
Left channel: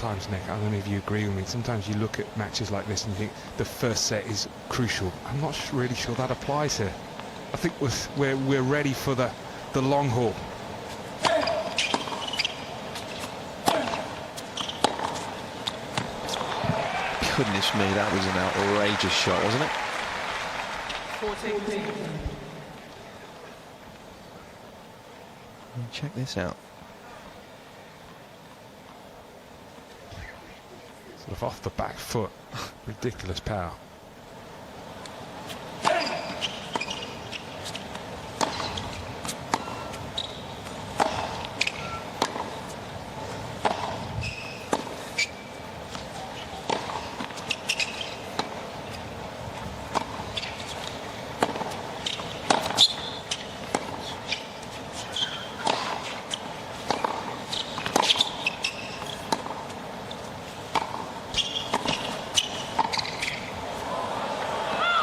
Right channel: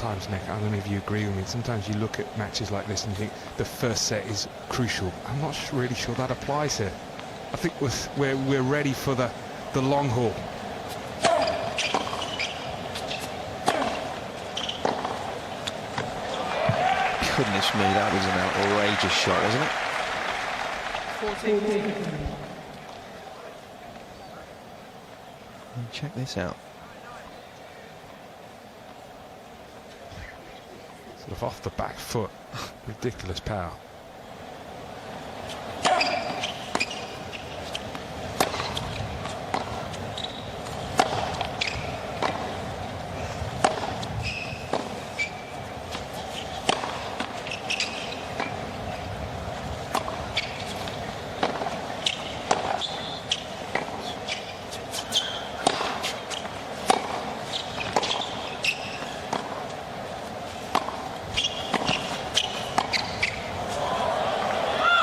sometimes, Nick, I don't know if you agree with me, sometimes you look at matches like this and you think the first set is crucial. I'm not really sure that applies here. I think we're ready for the long haul. Goodness me, that was an outrageous shot, wasn't it? 14. Check this out. Sort of off the back foot. Ridiculous power.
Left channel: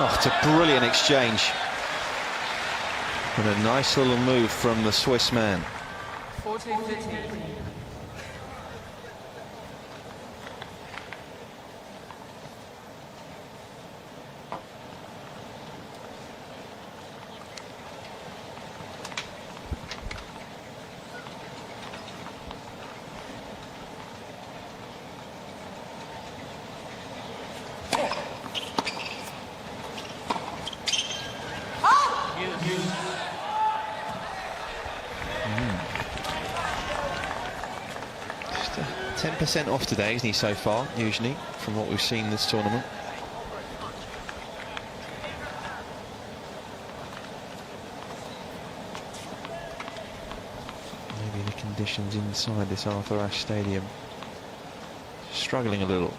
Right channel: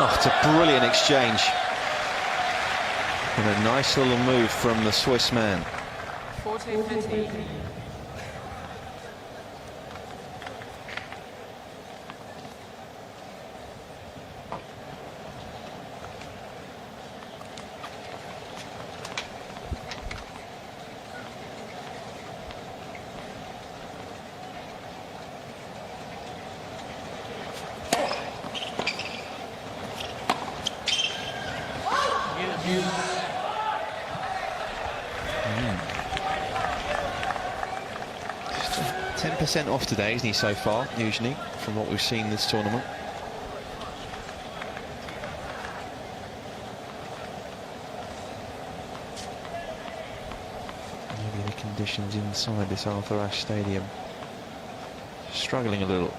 Oh, it's a brilliant exchange. And a nice little move from the Swiss man. 14-15. Just 10% off today, isn't he, so far, Youzhny, from what we've seen this tournament. Maybe the conditions inside this Arthur Ashe Stadium struggling a little.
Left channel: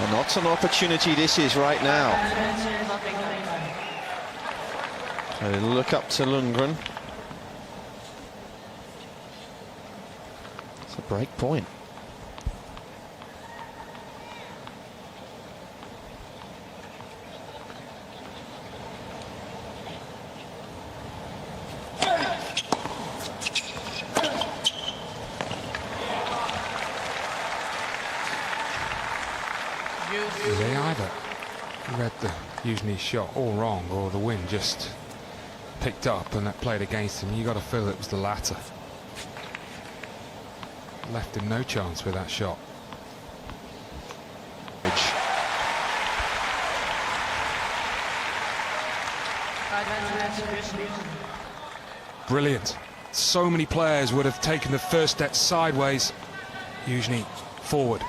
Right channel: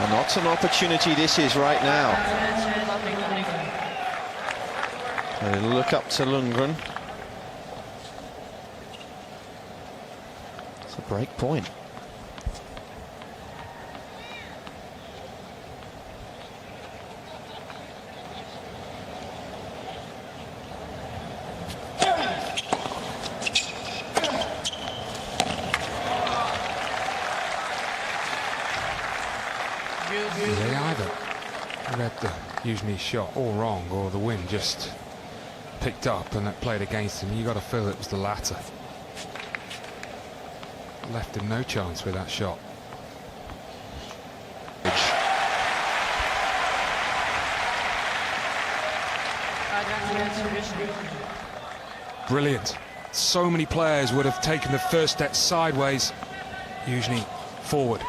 And what an opportunity this is right now. A look up to Lundgren. It's a break point. They either read the Youzhny shot all wrong, or the wind just picked up and that played against him. You got to feel it was the latter. Left him no chance with that shot. Brilliant. So many players would have taken the first step sideways. Youzhny forward.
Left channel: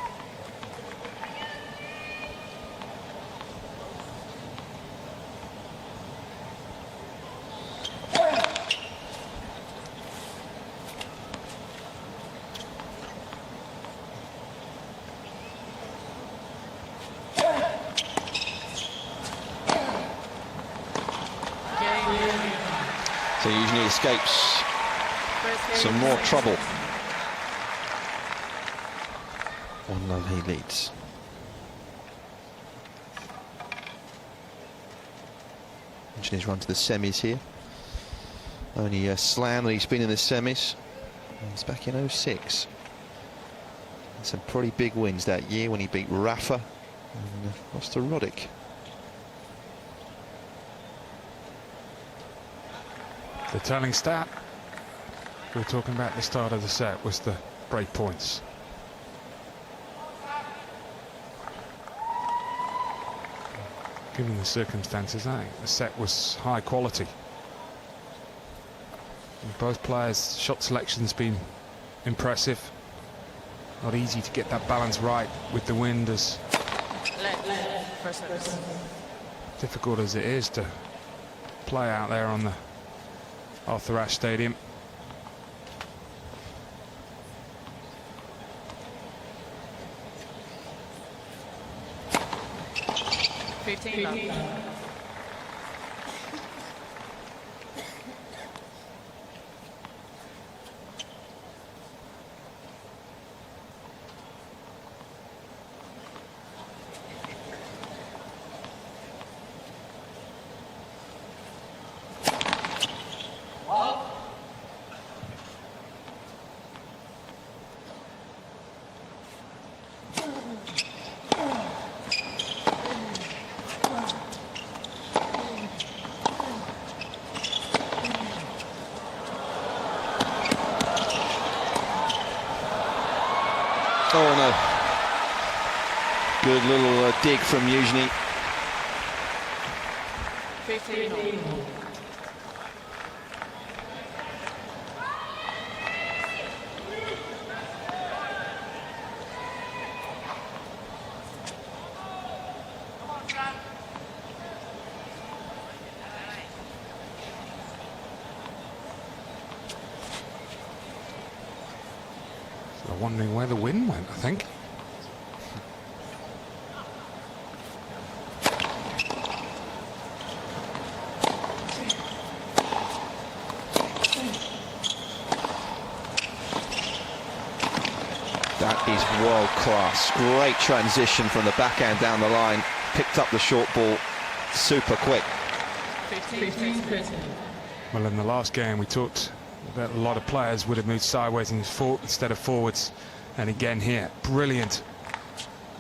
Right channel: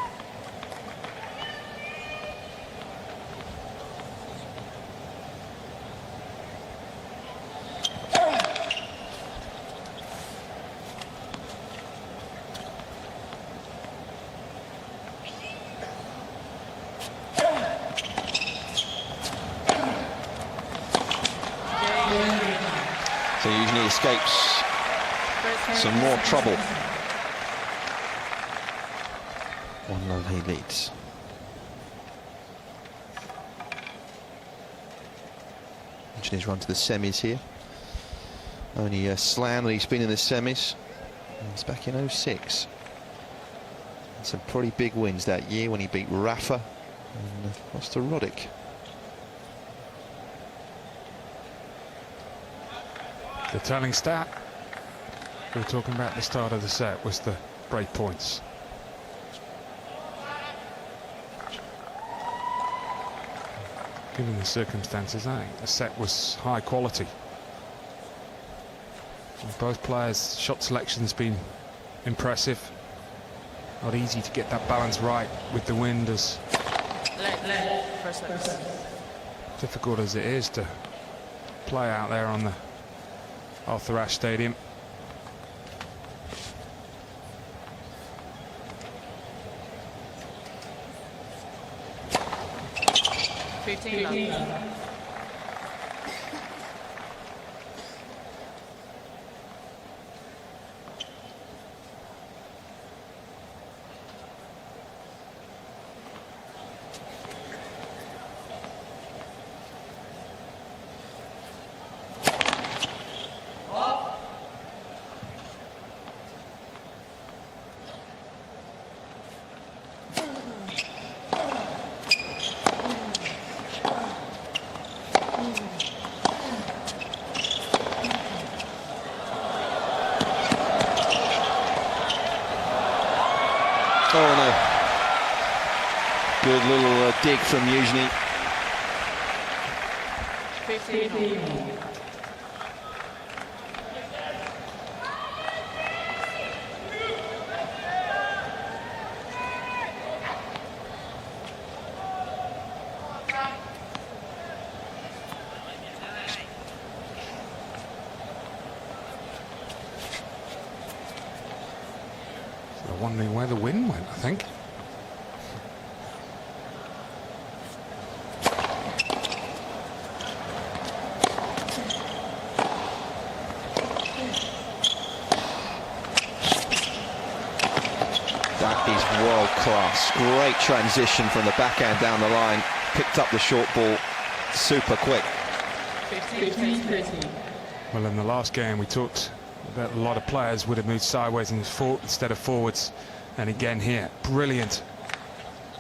So Youzhny escapes some more trouble. 1-0 he leads. Youzhny's run to the semis here. Only a slam that he's been in the semis. He's back in 06. And some pretty big wins that year when he beat Rafa and lost to Roddick. The telling stat we were talking about at the start of the set was the break points. Given the circumstances, I think the set was high quality. And both players' shot selection's been impressive. Not easy to get that balance right with the wind, as First service. difficult as it is to play out there on the Arthur Ashe Stadium. Oh no. Good little dig from Youzhny. 15 all. So I'm wondering where the wind went, I think. That is world class. Great transition from the backhand down the line. Picked up the short ball super quick. 15. Well, in the last game we talked that a lot of players would have moved sideways instead of forwards, and again here, brilliant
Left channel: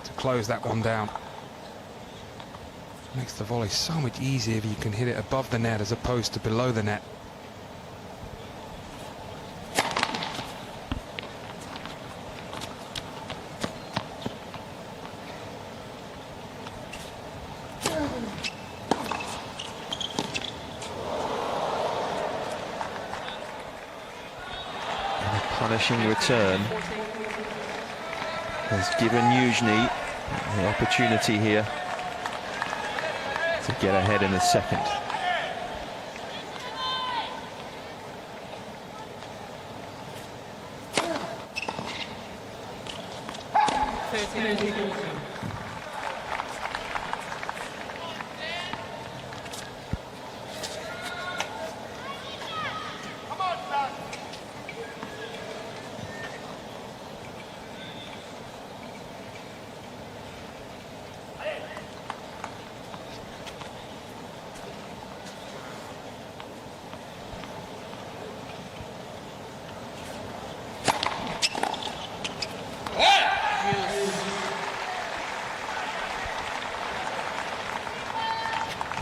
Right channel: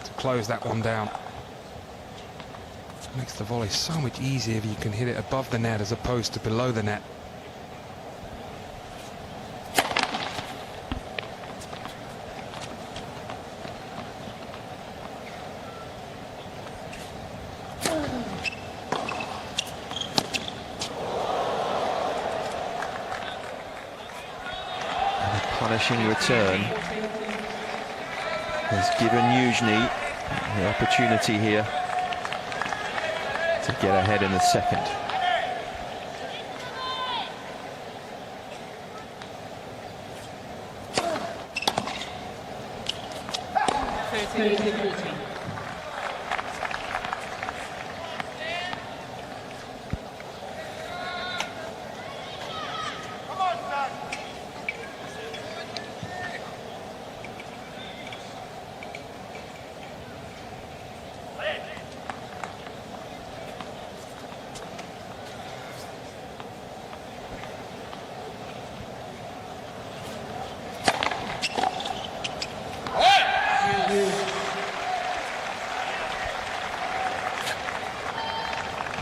to close that one down. Makes the volley so much easier if you can hit it above the net as opposed to below the net. Punishing return has given Youzhny the opportunity here to get ahead in the second.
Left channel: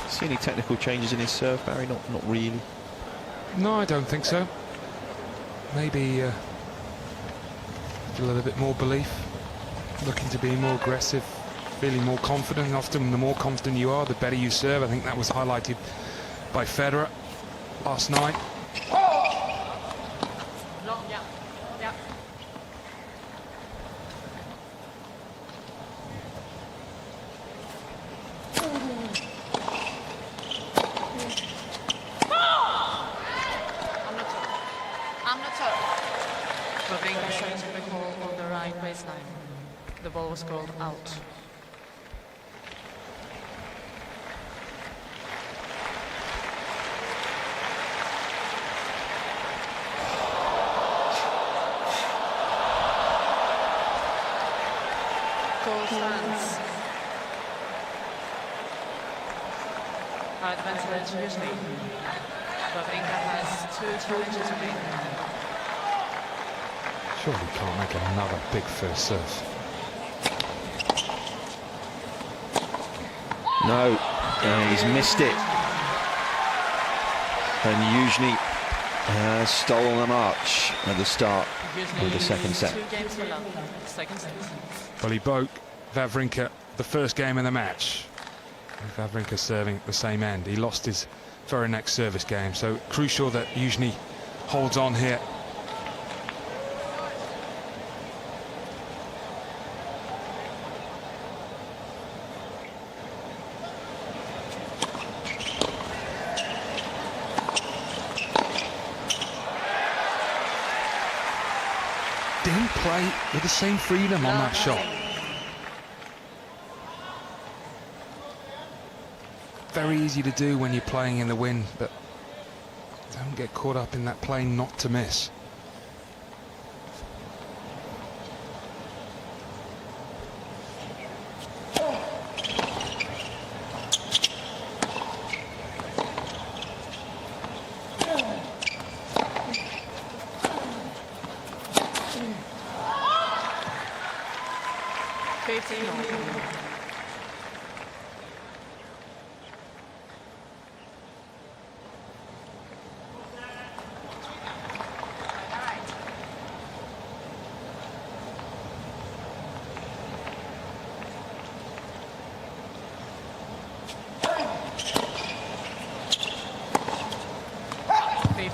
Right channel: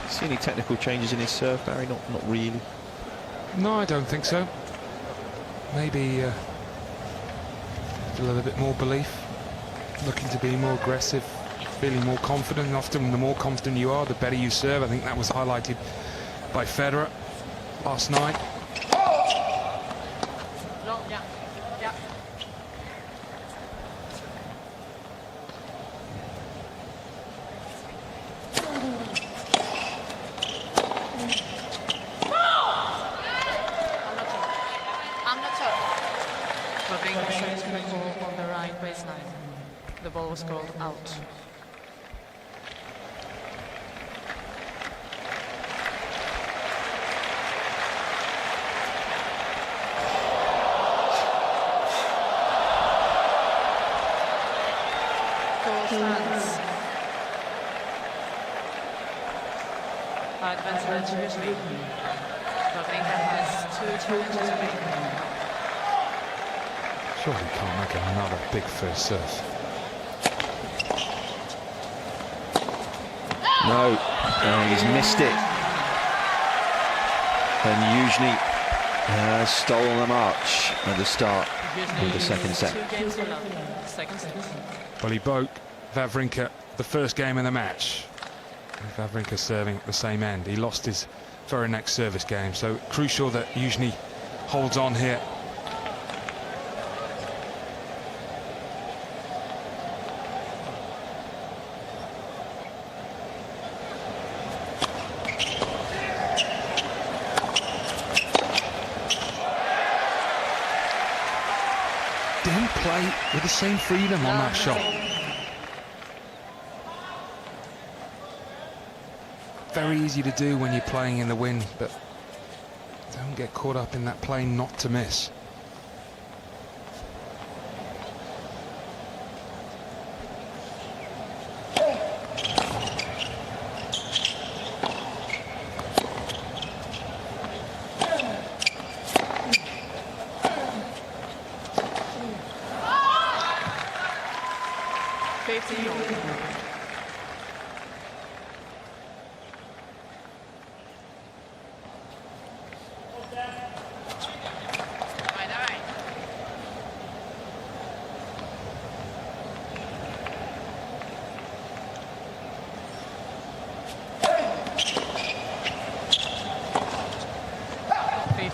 See any technical changes in his serve, Barry? Not really. No, I don't think so. Maybe a little bit more belief, looking to be more aggressive, feeling more confident. Often the more confident you are, the better you serve. I think that was highlighted by Federer last night. Long, yeah. Yeah. I'm not sure. Wawrinka showing the call on the right baseline. The ball was called out. Goal stands. Advantage Youzhny. Wawrinka has 2 challenges to make. Surely can't make another big first serve. No, he's missed it. And Youzhny has stolen the march at the start of the second set. 2 games to love. Second set. Well, he broke Wawrinka the first game of the match. Wawrinka serving at the same end. He lost his very next service game, so crucial that Youzhny holds on here. Didn't play with the same freedom on that shot. Very easy to do when you're playing in the wind, but don't get caught up in that playing not to miss.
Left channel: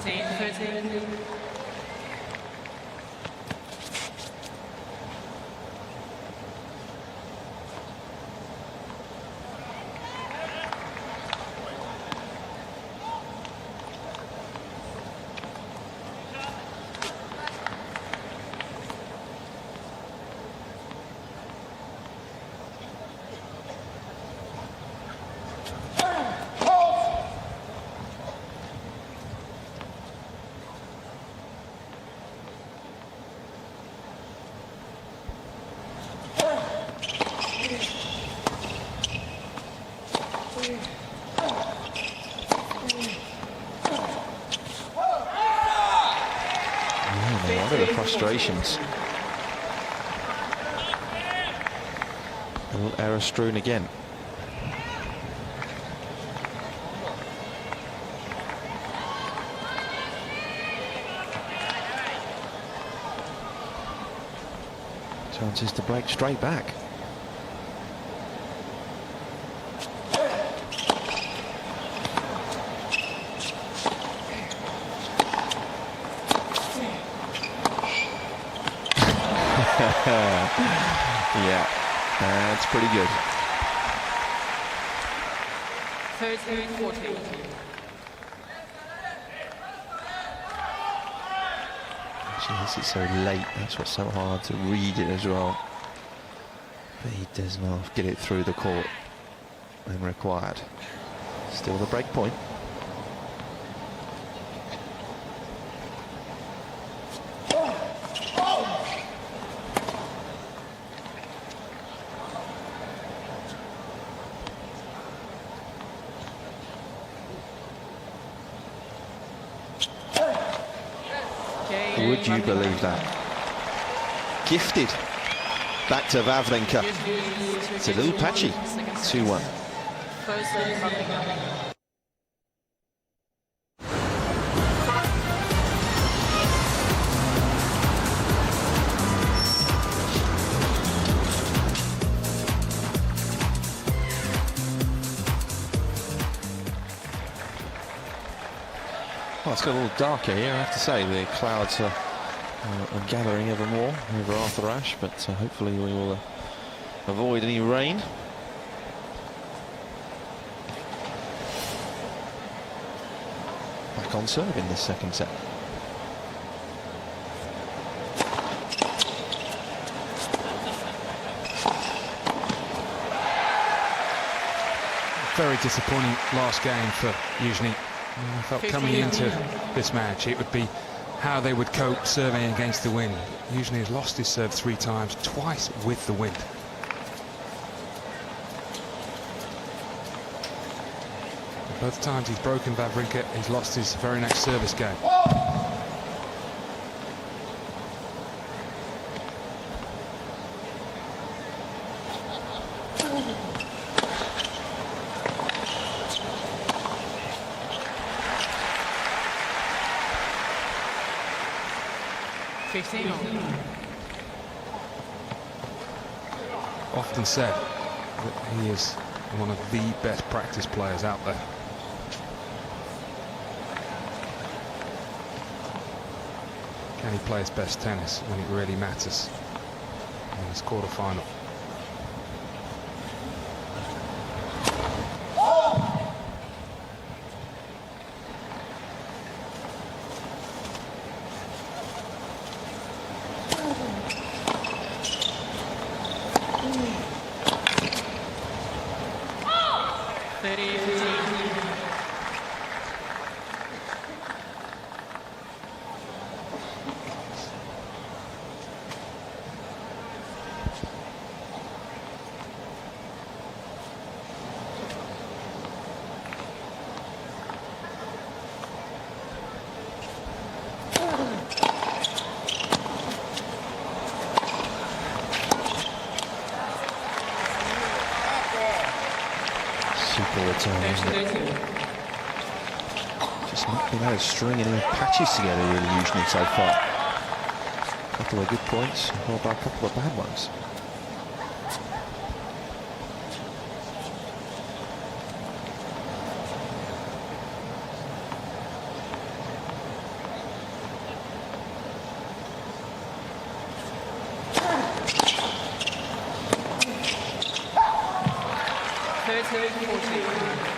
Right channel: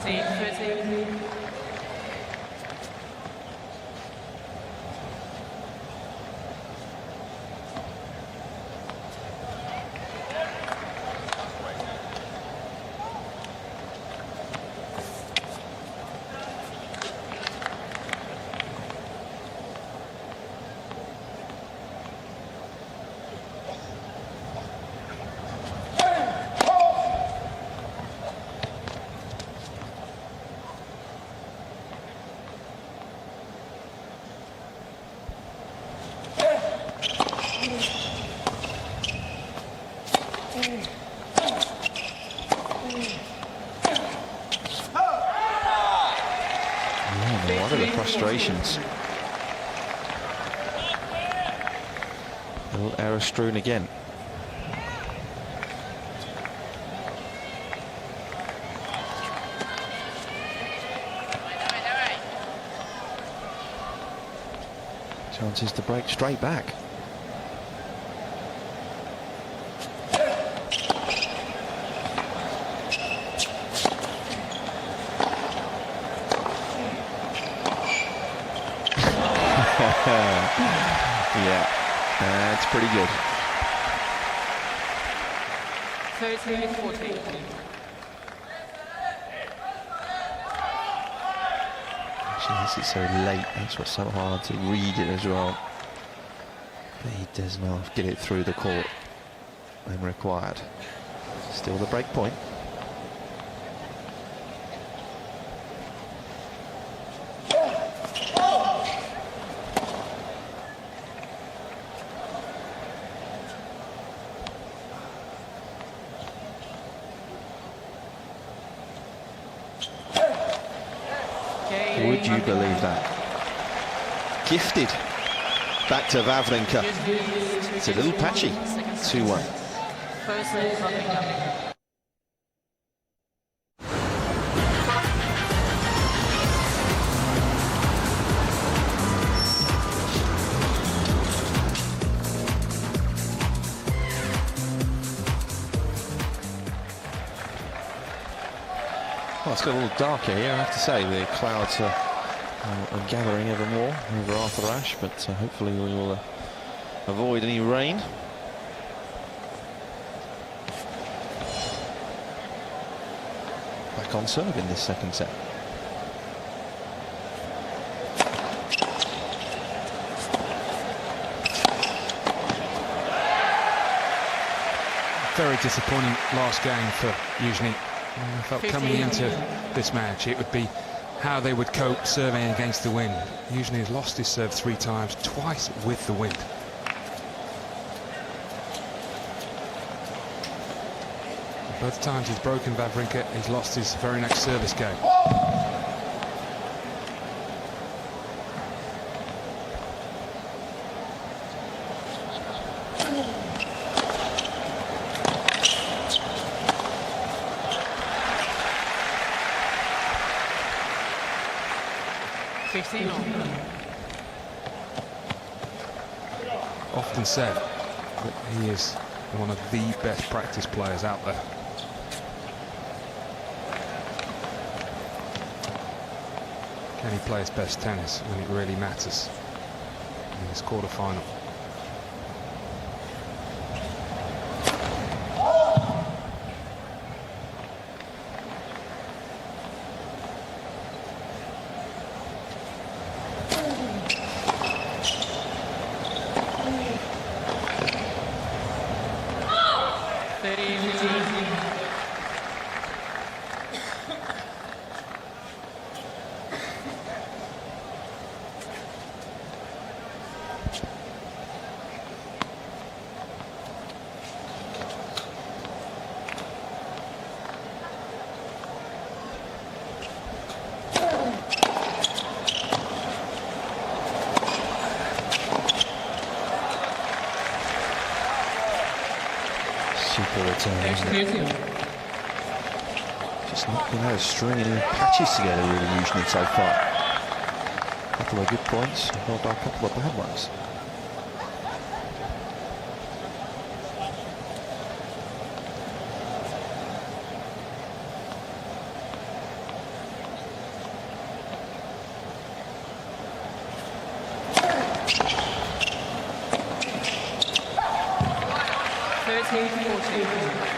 15-30. What are the frustrations? A little error strewn again. Chances to break straight back. Yeah, that's pretty good. 13-14. Actually, this is so late. That's what's so hard to read it as well. But he does not get it through the court when required. Still the break point. Would you believe that? Gifted. Back to Wawrinka. It's a little patchy. 2-1. First set, Wawrinka. Well, it's got a little darker here, I have to say. The clouds are gathering ever more over Arthur Ashe, but hopefully we will avoid any rain. Back on serve in this second set. Very disappointing last game for Youzhny. I felt coming into this match it would be how they would cope serving against the wind. Youzhny has lost his serve 3 times, twice with the wind. Both times he's broken Wawrinka, he's lost his very next service game. Often said that he is one of the best practice players out there. Can he play his best tennis when it really matters in this quarter-final? Super return, isn't it? Just not been able to string any patches together really Youzhny so far. A couple of good points, followed by a couple of bad ones. 30-14.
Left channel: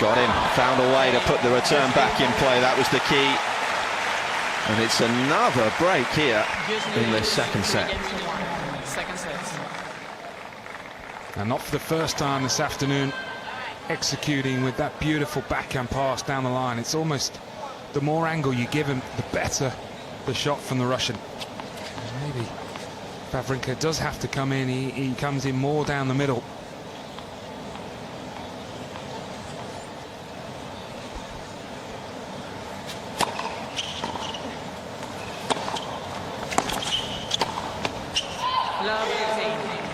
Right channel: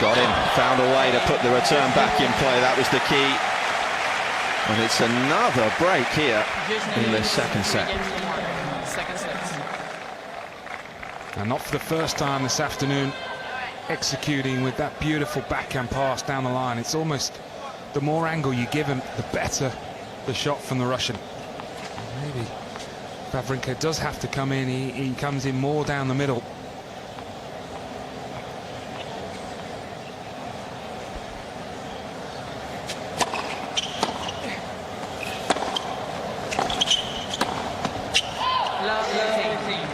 Got him, found a way to put the return back in play. That was the key. And it's another break here in the second set. Second set. And not for the first time this afternoon, executing with that beautiful backhand pass down the line. It's almost, the more angle you give him, the better the shot from the Russian. And maybe Wawrinka does have to come in. He comes in more down the middle. Love 18.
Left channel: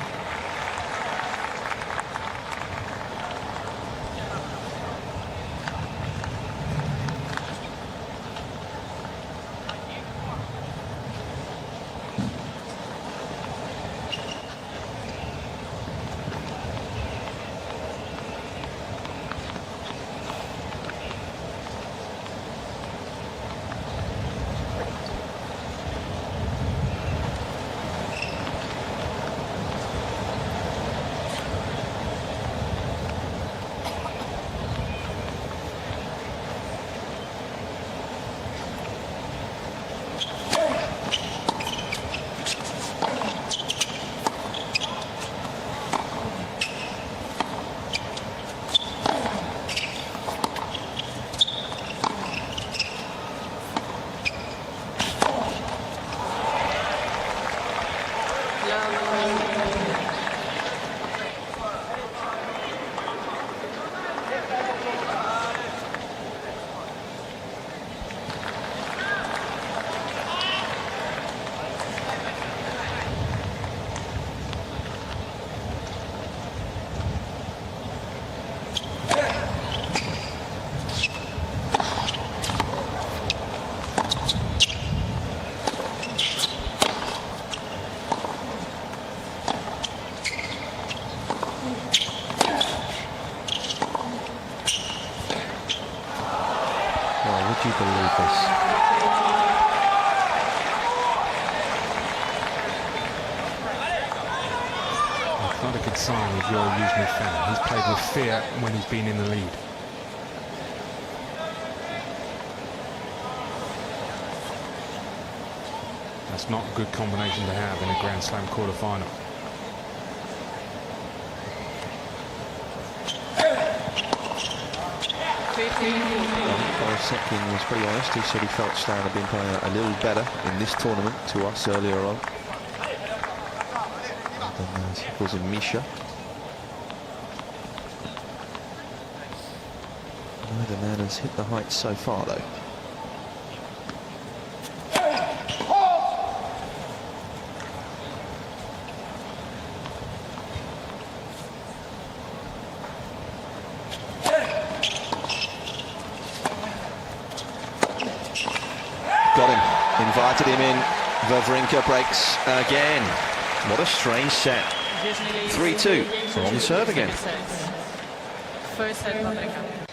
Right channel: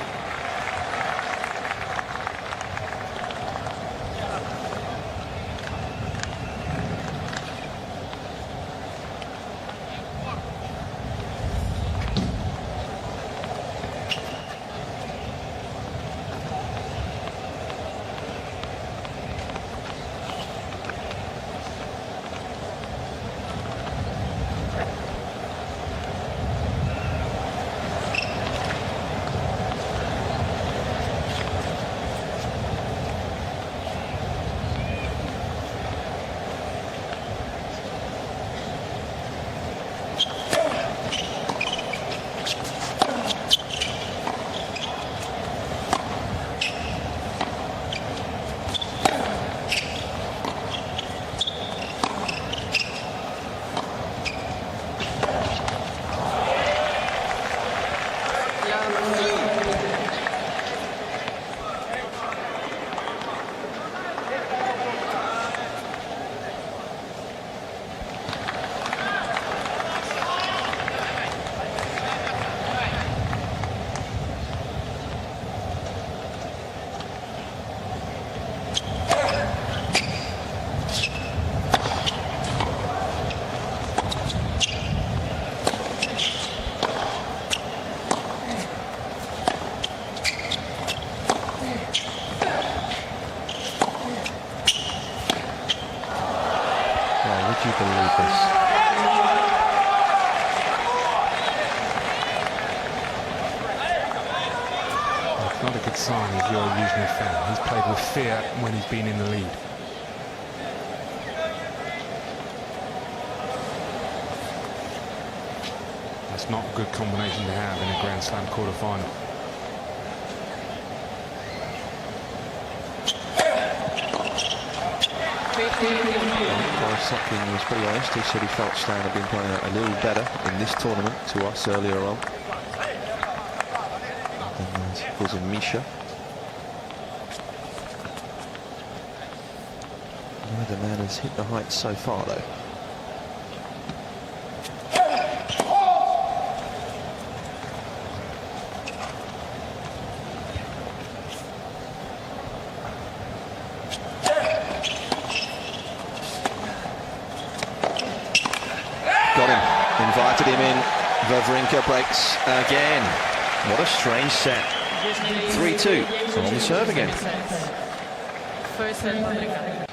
Well, would you believe this? It's not a good sign if you're a Youzhny fan. He's played with fear when he's been in the lead. That's not a good combination to have in a Grand Slam quarter-final. Boris Sepkin was pretty honest. He said he felt Stan had been playing a little better in this tournament to us earlier on. And then he calls him Misha. Neither man has hit the heights so far, though. Got him, invited him in. Wawrinka breaks again. What a strange set. 3-2 on the serve again. First set, Wawrinka.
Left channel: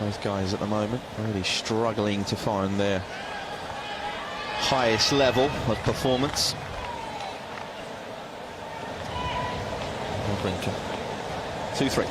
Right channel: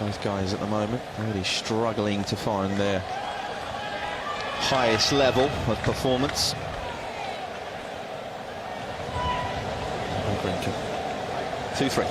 Both guys at the moment really struggling to find their highest level of performance. Wawrinka. 2-3.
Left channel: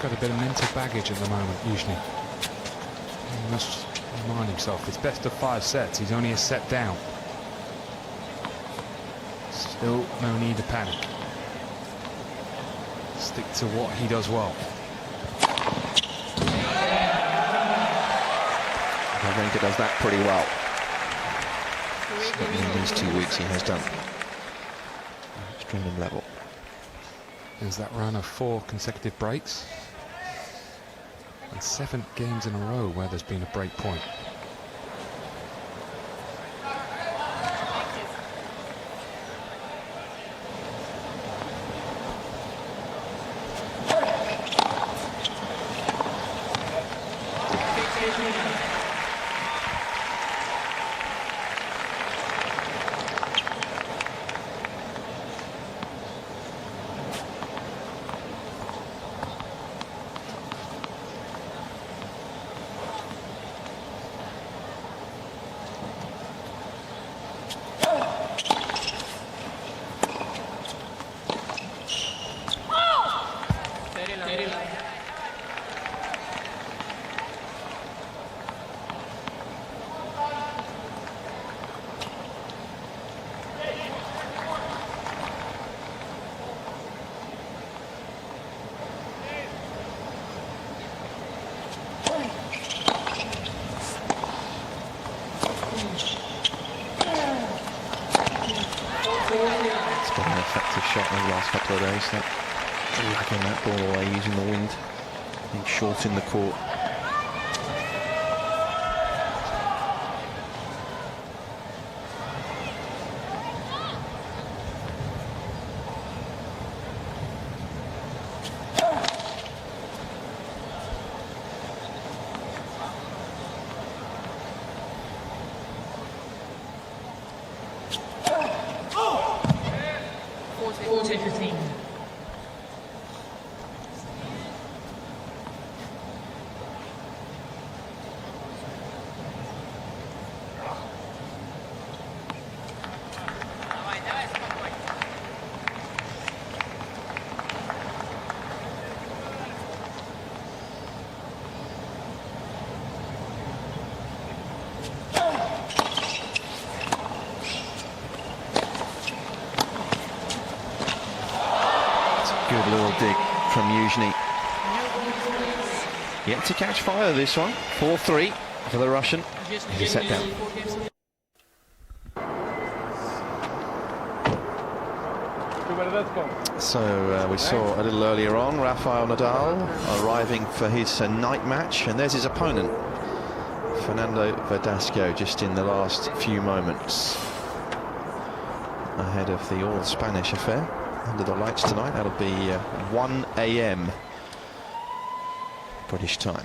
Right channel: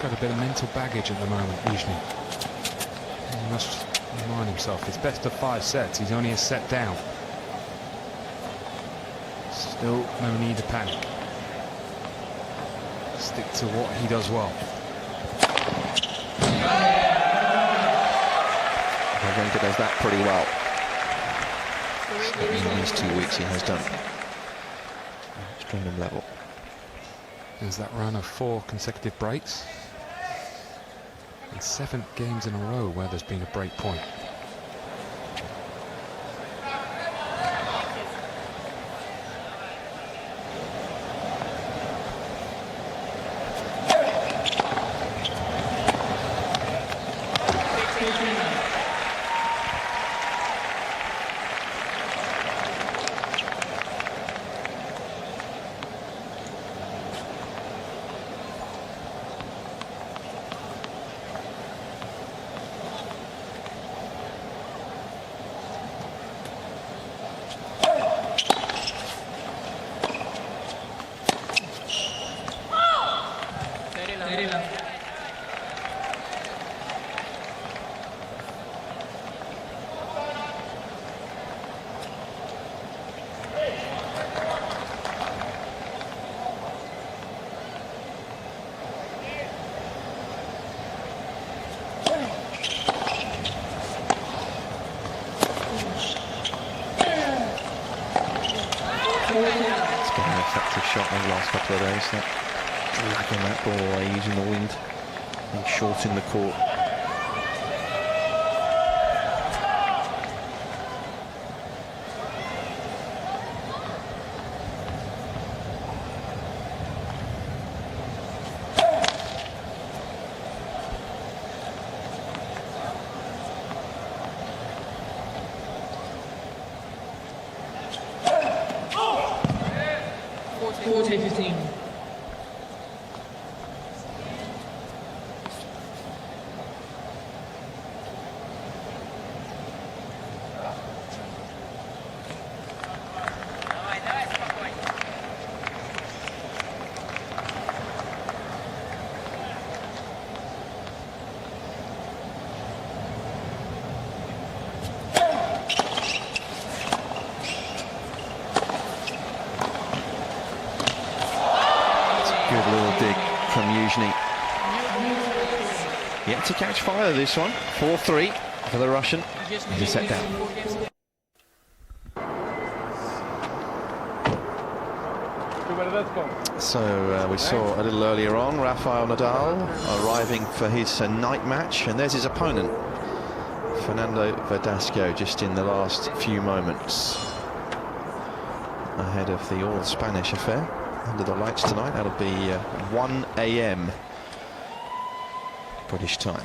Got a bit of mental baggage at the moment, Youzhny. He must remind himself, it's best of 5 sets, he's only a set down. Still no need to panic. Stick to what he does well. Wawrinka does that pretty well. In these 2 weeks he has done. Strong and level. There's that run of 4 consecutive breaks. And 7 games in a row where there's been a break point. It's been an effective shot over the last couple of days. That dragging that ball away using the wind, being short in the court. Good little dig from Youzhny. Yet to catch fire this one. 4-3 for the Russian. He's a set down. So we saw a little earlier on Rafael Nadal arriving for his night match, and there's his opponent, Fernando Verdasco, just in the last few moments ahead of the all-Spanish affair. Under the lights tonight, that'll be 1 AM British time.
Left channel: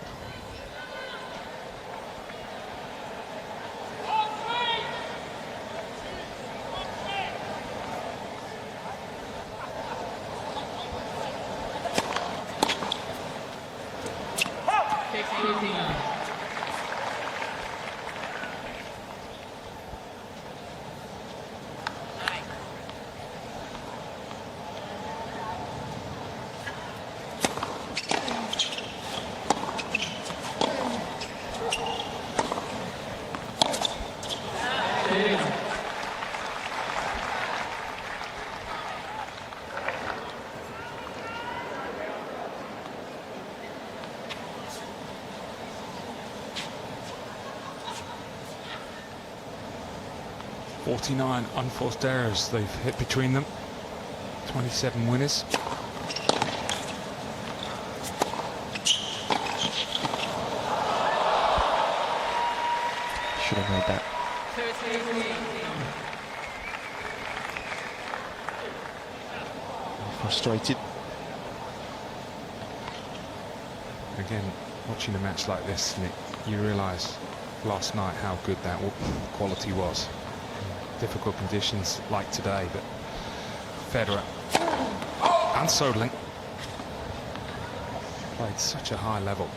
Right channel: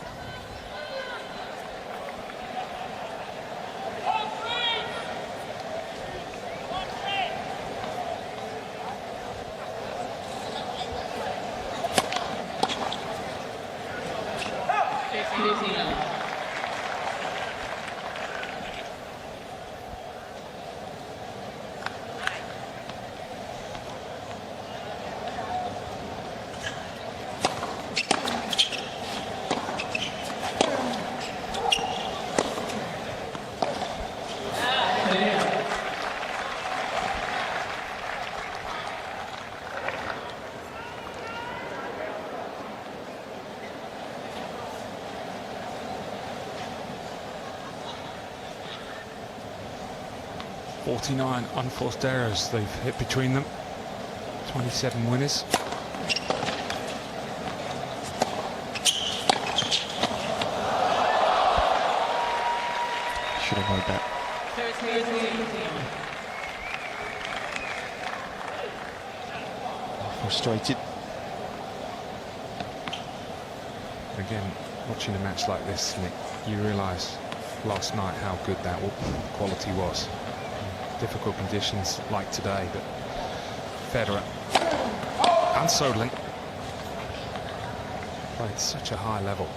49 unforced errors they've hit between them. 27 winners. Should have made that. Frustrated. Again, watching a match like this, Nick, you realise last night how good that quality was. Difficult conditions like today, but Federer and Sodling played such a high level.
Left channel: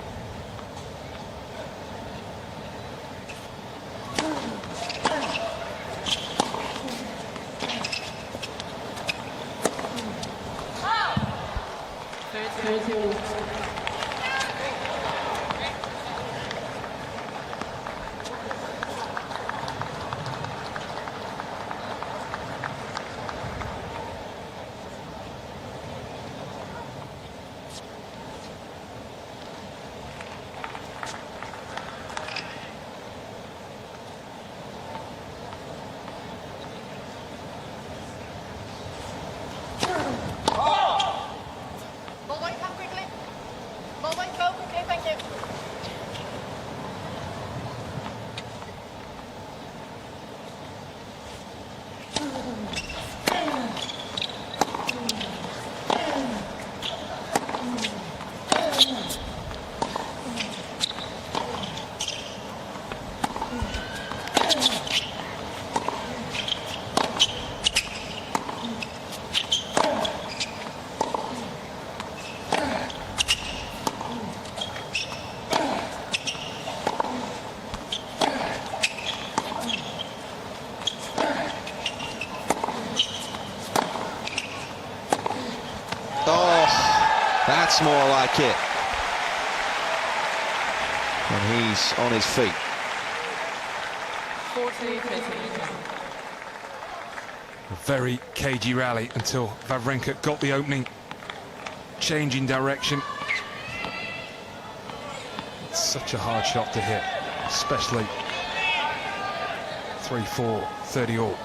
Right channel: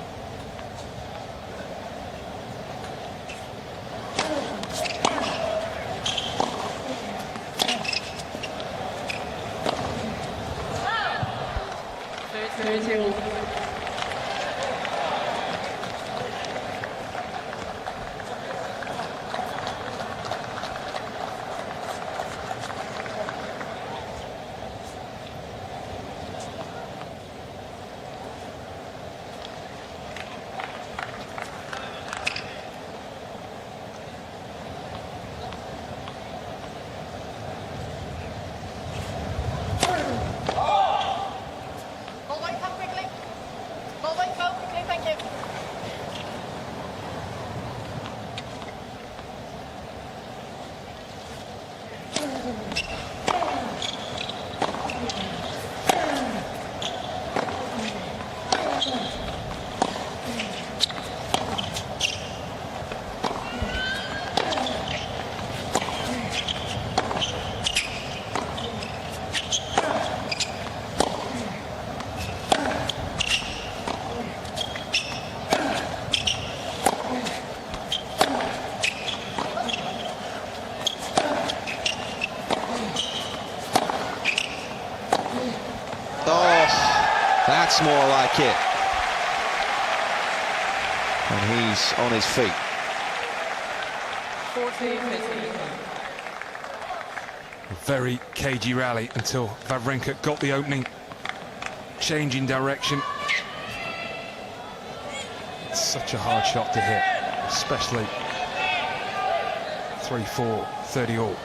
That's more like it. And he's on his feet. 40-15. A very cagey rally until Wawrinka got the opening, changing direction. It's such a hard shot to hit, especially 3-4, 30 all.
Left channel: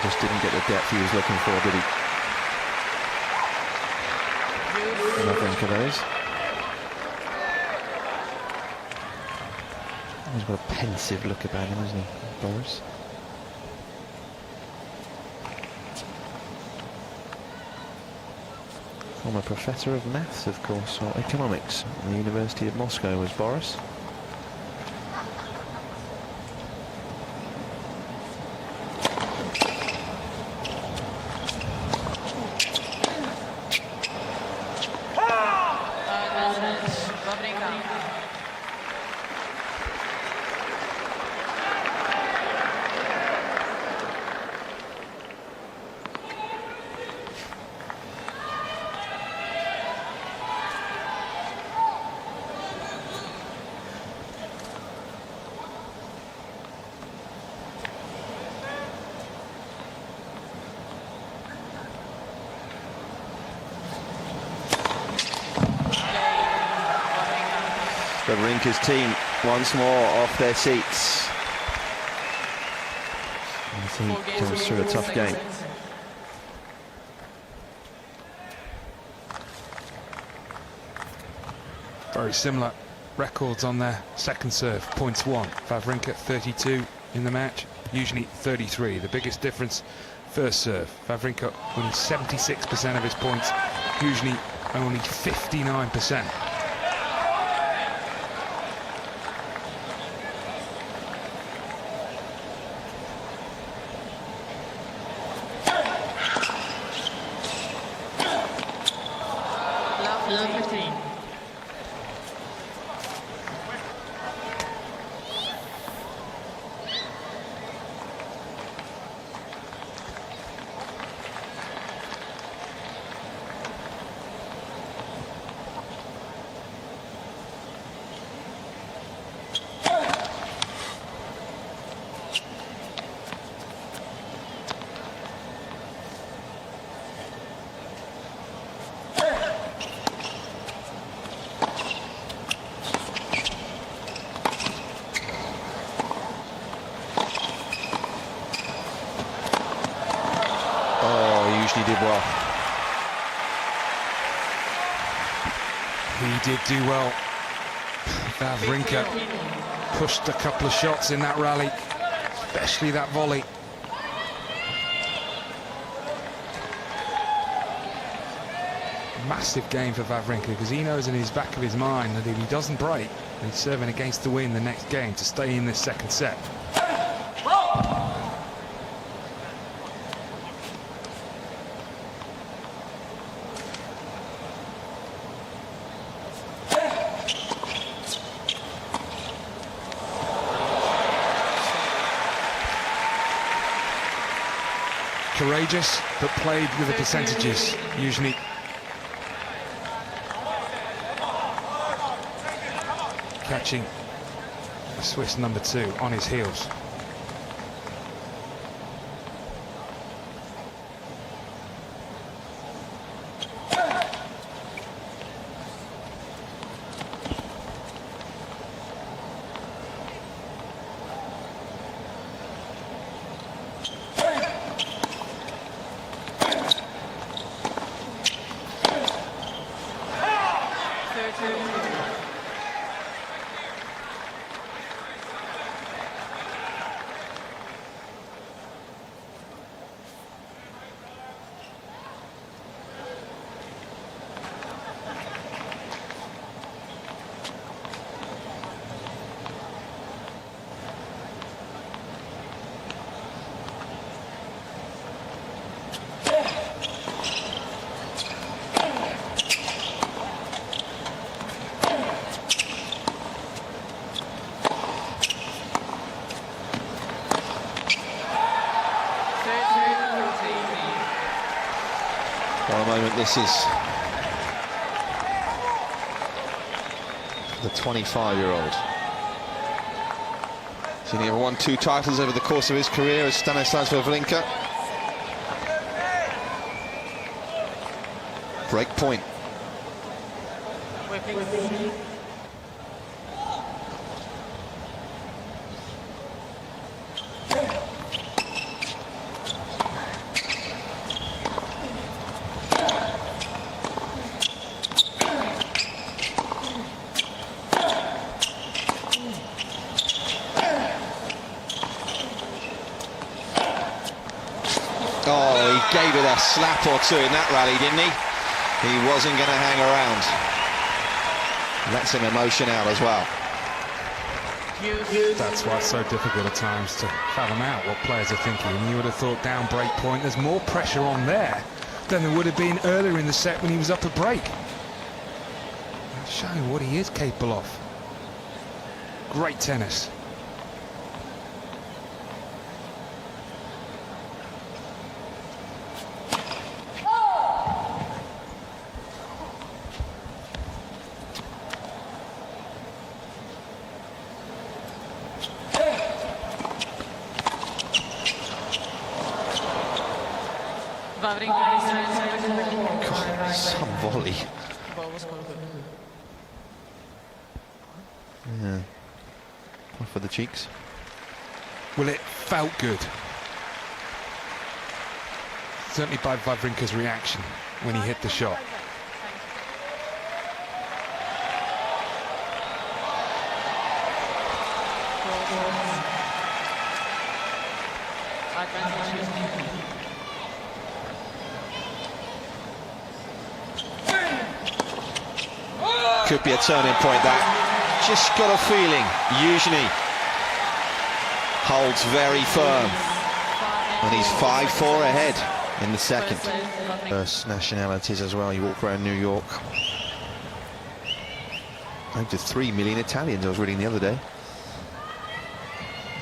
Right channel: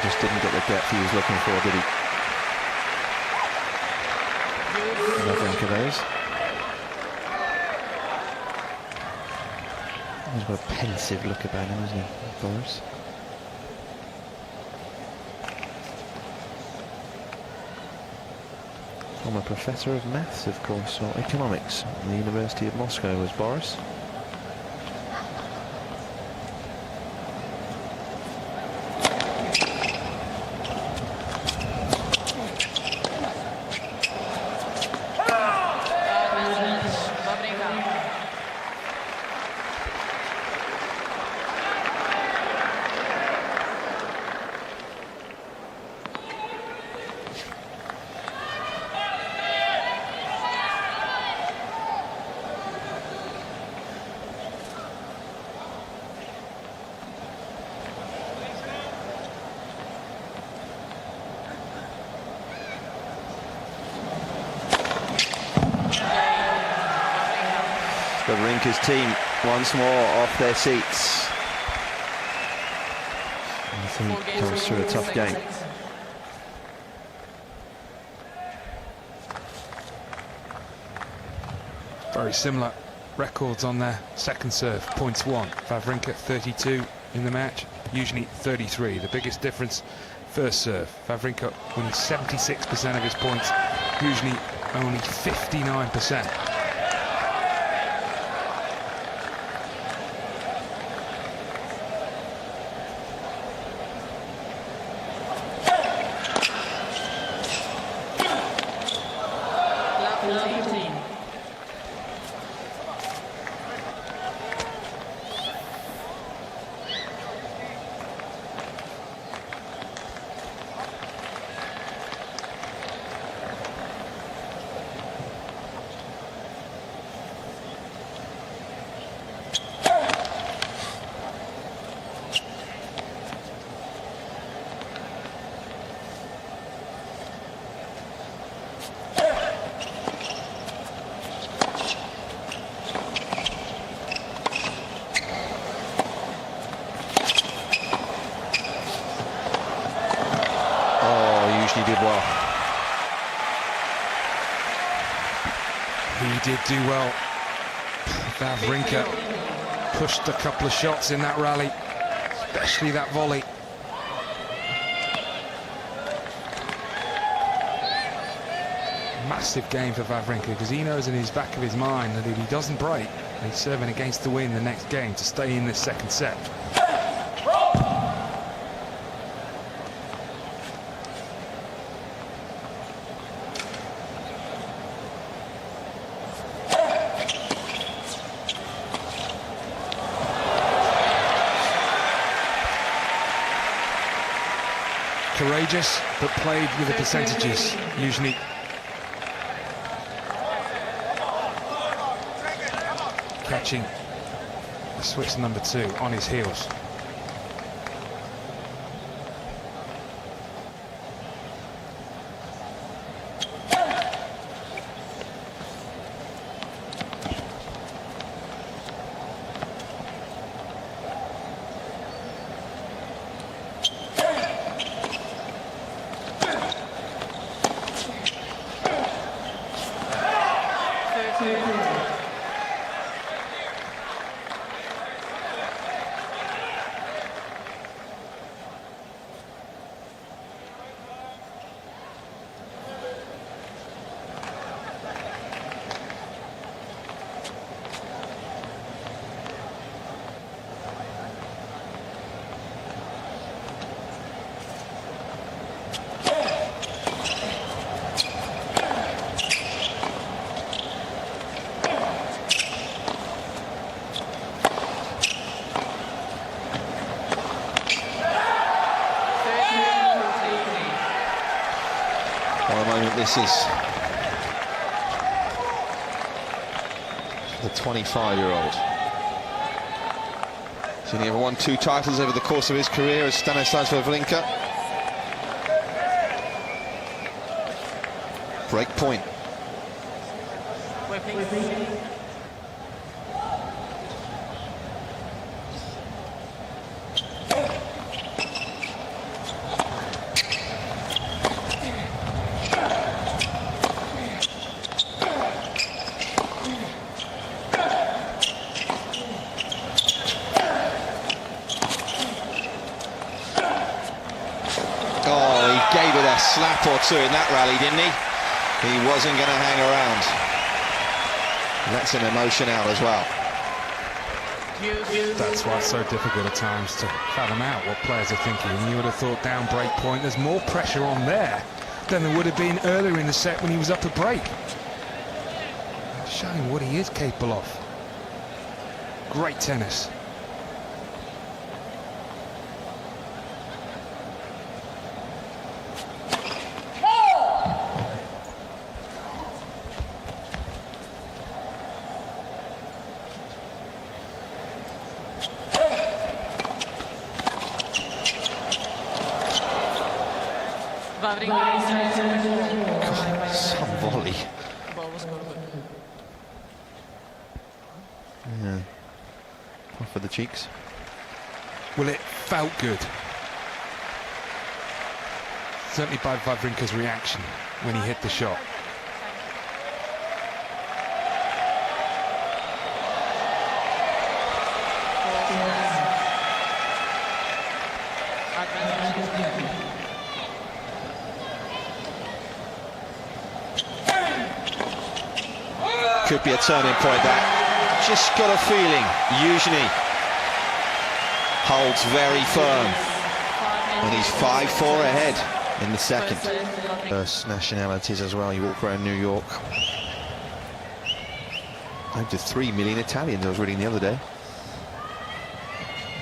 Just didn't get the depth he was looking for, did he? Wawrinka, that is. He's got a pensive look about him, hasn't he, Boris? Former professor of maths, of course, or economics at the University of Moscow was Boris. Wawrinka's team once more off their seats. As he comes through a tough game. Very similar records on their second serve. Points won. Wawrinka 32 in the match, Youzhny 33. The biggest difference, first serve. Wawrinka winning 76% of his points, Youzhny only 59%. Youzhny did well. He did do well. Wawrinka pushed a couple of shots in that rally, especially that volley. Massive game for Wawrinka, because he knows in his back of his mind that if he doesn't break, he's serving against the win the next game to stay in this second set. Courageous, but played with the percentages, Youzhny. Catching the Swiss number 2 on his heels. What a moment this is for the 25-year-old. He's only ever won 2 titles over the course of his career as Stanislas Wawrinka. Break point. Oh, he gave it a slap or 2 in that rally, didn't he? He wasn't going to hang around. Lets him emotion out as well. That's why it's so difficult at times to fathom out what players are thinking. You would have thought down break point, there's more pressure on there than there would have been earlier in the set when he was up a break. Showing what he is capable of. Great tennis. God, some volley. Yeah. One for the cheeks. Well, it felt good. Certainly by Wawrinka's reaction when he hit the shot. Could be a turning point, that. Just got a feeling Youzhny holds very firm. And he's 5-4 ahead in the second. First nationalities as well. You walk around New York. Over 3 million Italians, I was reading the other day.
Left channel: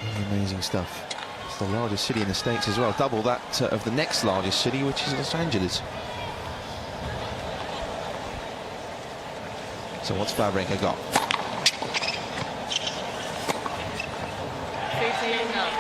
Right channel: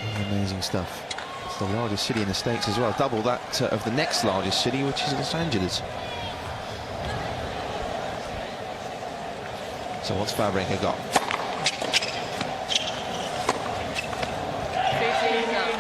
Really amazing stuff. It's the largest city in the States as well. Double that of the next largest city, which is Los Angeles. So what's Wawrinka got? 15 love.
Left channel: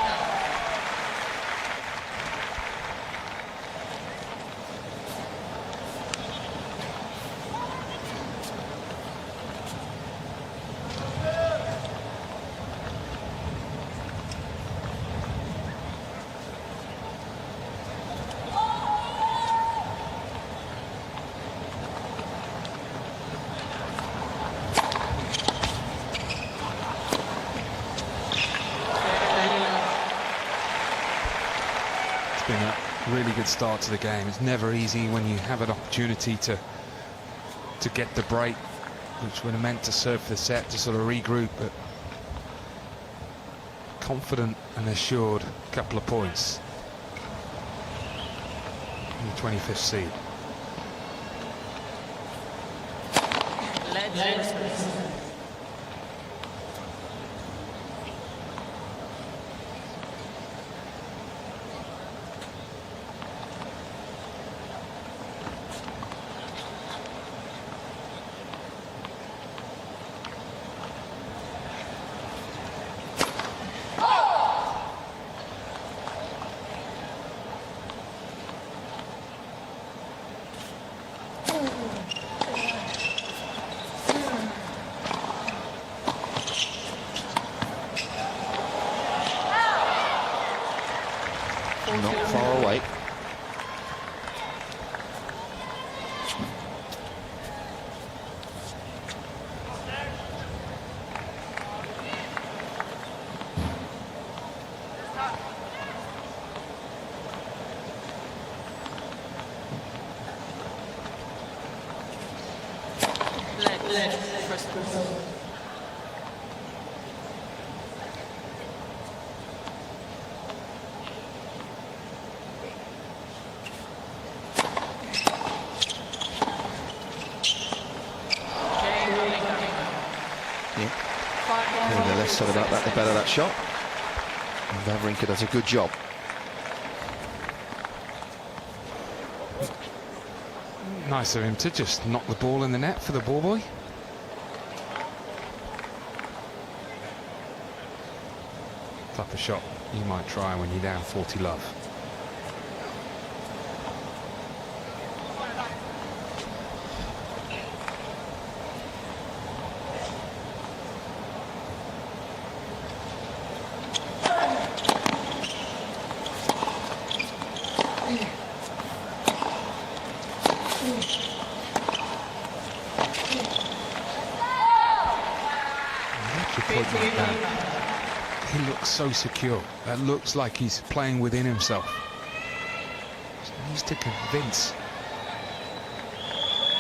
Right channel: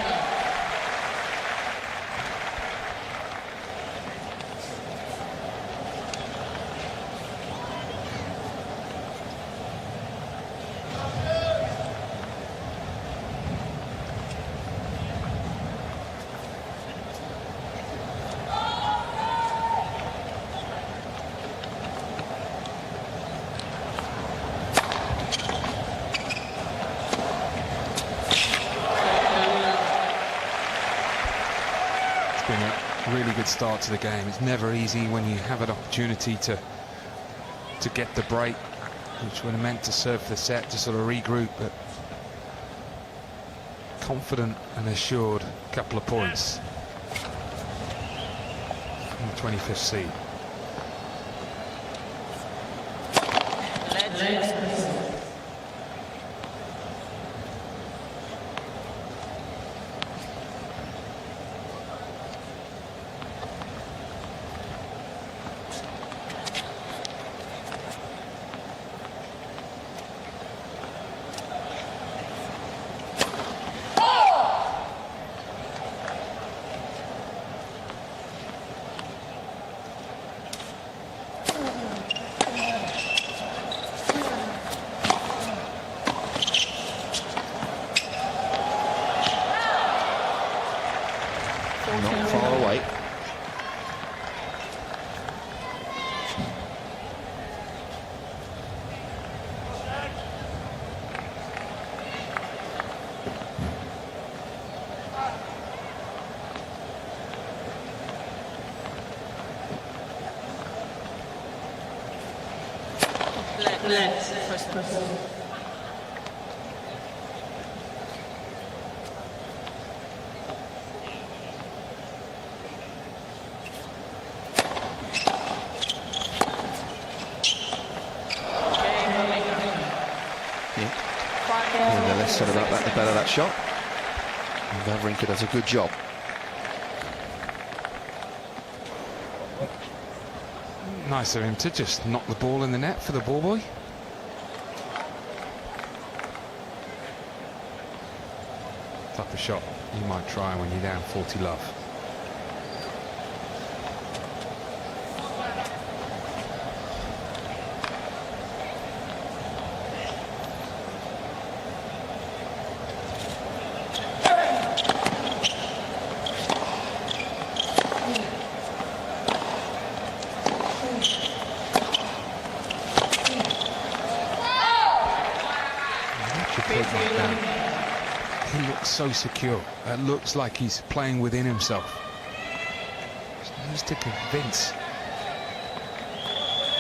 been a really good start to the game. It's never easy when you have an opportunity to get the break, which would have meant to serve for the set, to sort of regroup, but confident and assured couple of points from the 25th seed. Not far away. First person. The less said about that, the better that shot. And Wawrinka does a good job. Nice of him to just knock the ball in the net for the ball boy. Type of shot you might try when you're down 40 love. Point like that, he looks so secure. That looks like he's playing within himself. Just needs to convince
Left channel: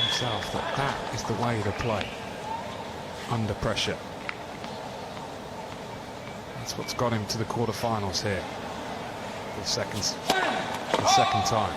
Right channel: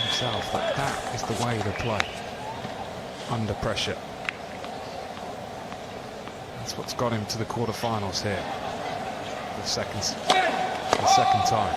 himself that that is the way to play under pressure. That's what's got him to the quarterfinals here for the second time.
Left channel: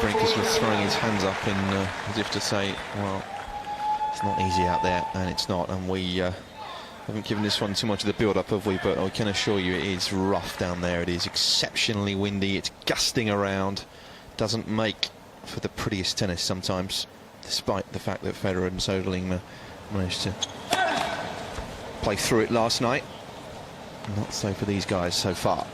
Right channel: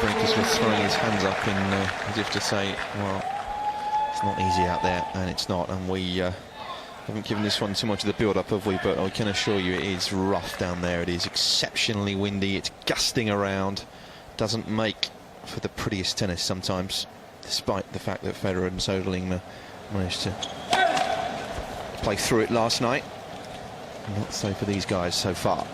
Wawrinka's was throwing his hands up in as if to say, well, it's not easy out there, and it's not, and we haven't given this one too much of the build-up, have we? But I can assure you it is rough down there. It is exceptionally windy, it's gusting around, doesn't make for the prettiest tennis sometimes, despite the fact that Federer and Söderling managed to play through it last night. Not so for these guys so far.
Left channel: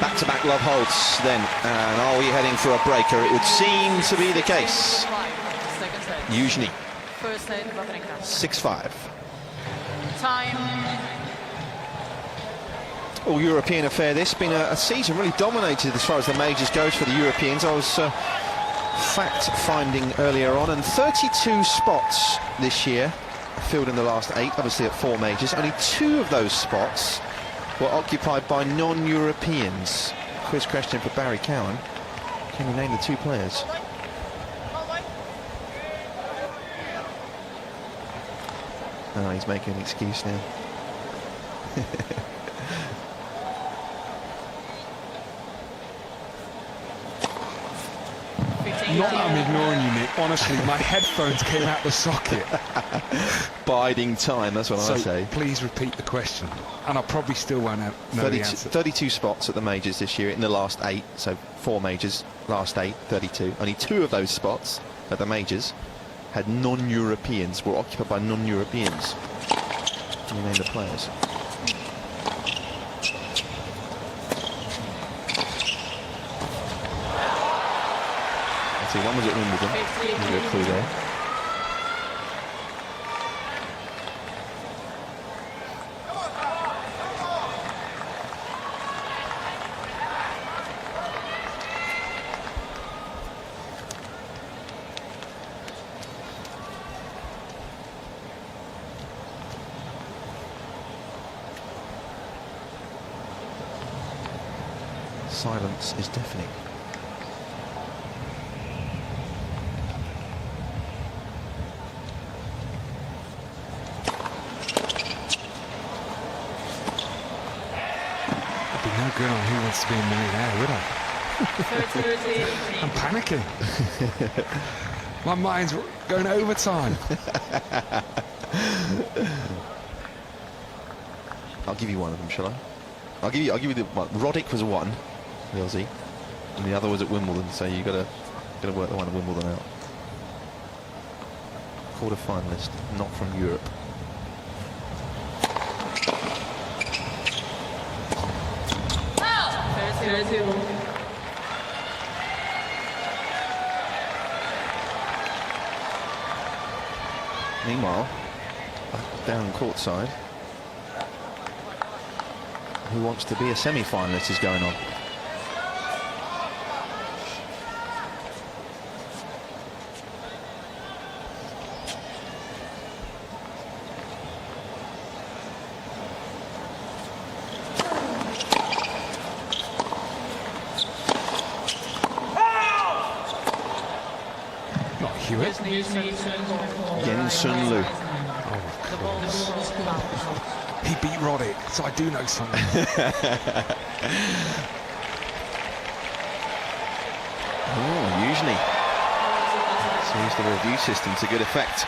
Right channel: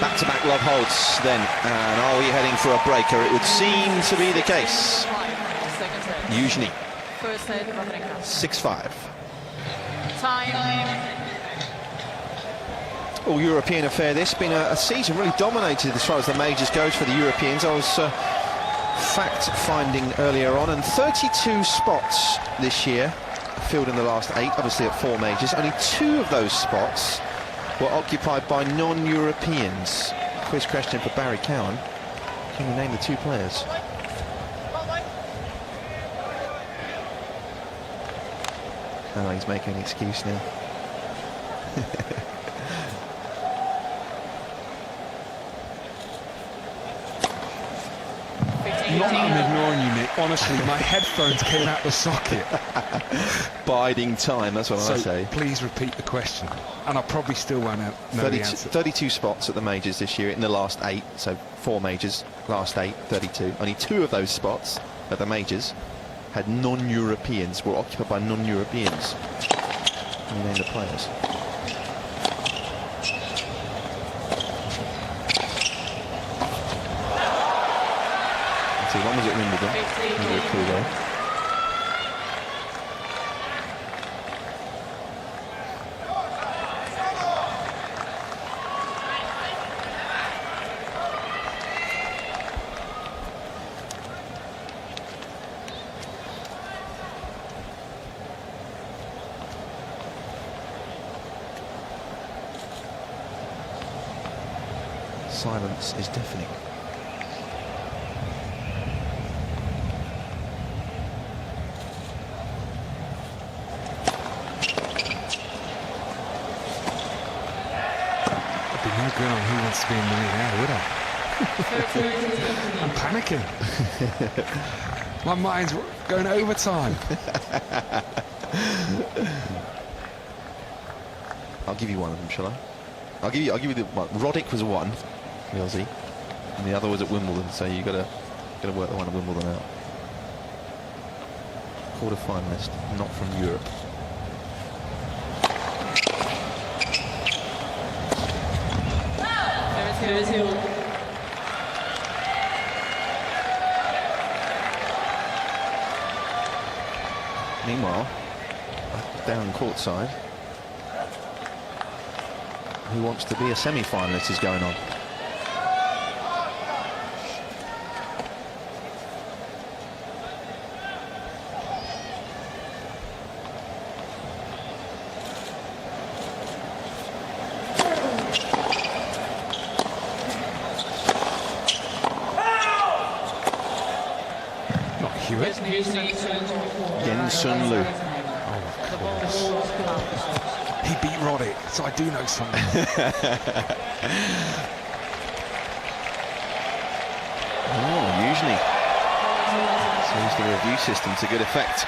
Back-to-back love holds then, and are we heading for a breaker? It would seem to be the case. Youzhny, 6-5. Time. All European affair this, been a season really dominated as far as the majors goes for the Europeans. I was fact-finding earlier on, and 32 spots this year filled in the last 8, obviously at 4 majors. Only 2 of those spots were occupied by non-Europeans. Quiz question for Barry Cowan. Can you name the 2 players? Oh, he's making an excuse now. Not that I'm ignoring you, Nick. Honestly, my headphones came out the socket. Biding time, that's what I So say. please repeat the question. And I probably still won't know the 32, answer. 32 spots at the majors this year in the last 8, so 4 majors, last 8, 32. Only 2 of those spots at the majors had non-Europeans, were occupied by non-Europeans. Can you name the players? Let's see, one was at Wimbledon. Give you a clue there. Silence is deafening. I'd be no good on Who Wants to Be a Millionaire, would I? I'm panicking. My mind's going overtime. I'll give you one of them, shall I? I'll give you the one. Roddick was one, the Aussie, and the other was at Wimbledon. So you gotta work the one at Wimbledon out. Quarter finalist, not from Europe. Meanwhile, down courtside, Who Wants to Be a Semi-Finalist is going on. Not Hewitt. Yen-Sun Liu. Oh, of course. He beat Roddick, so I do know something. Oh, Youzhny. Sees the review system to good effect.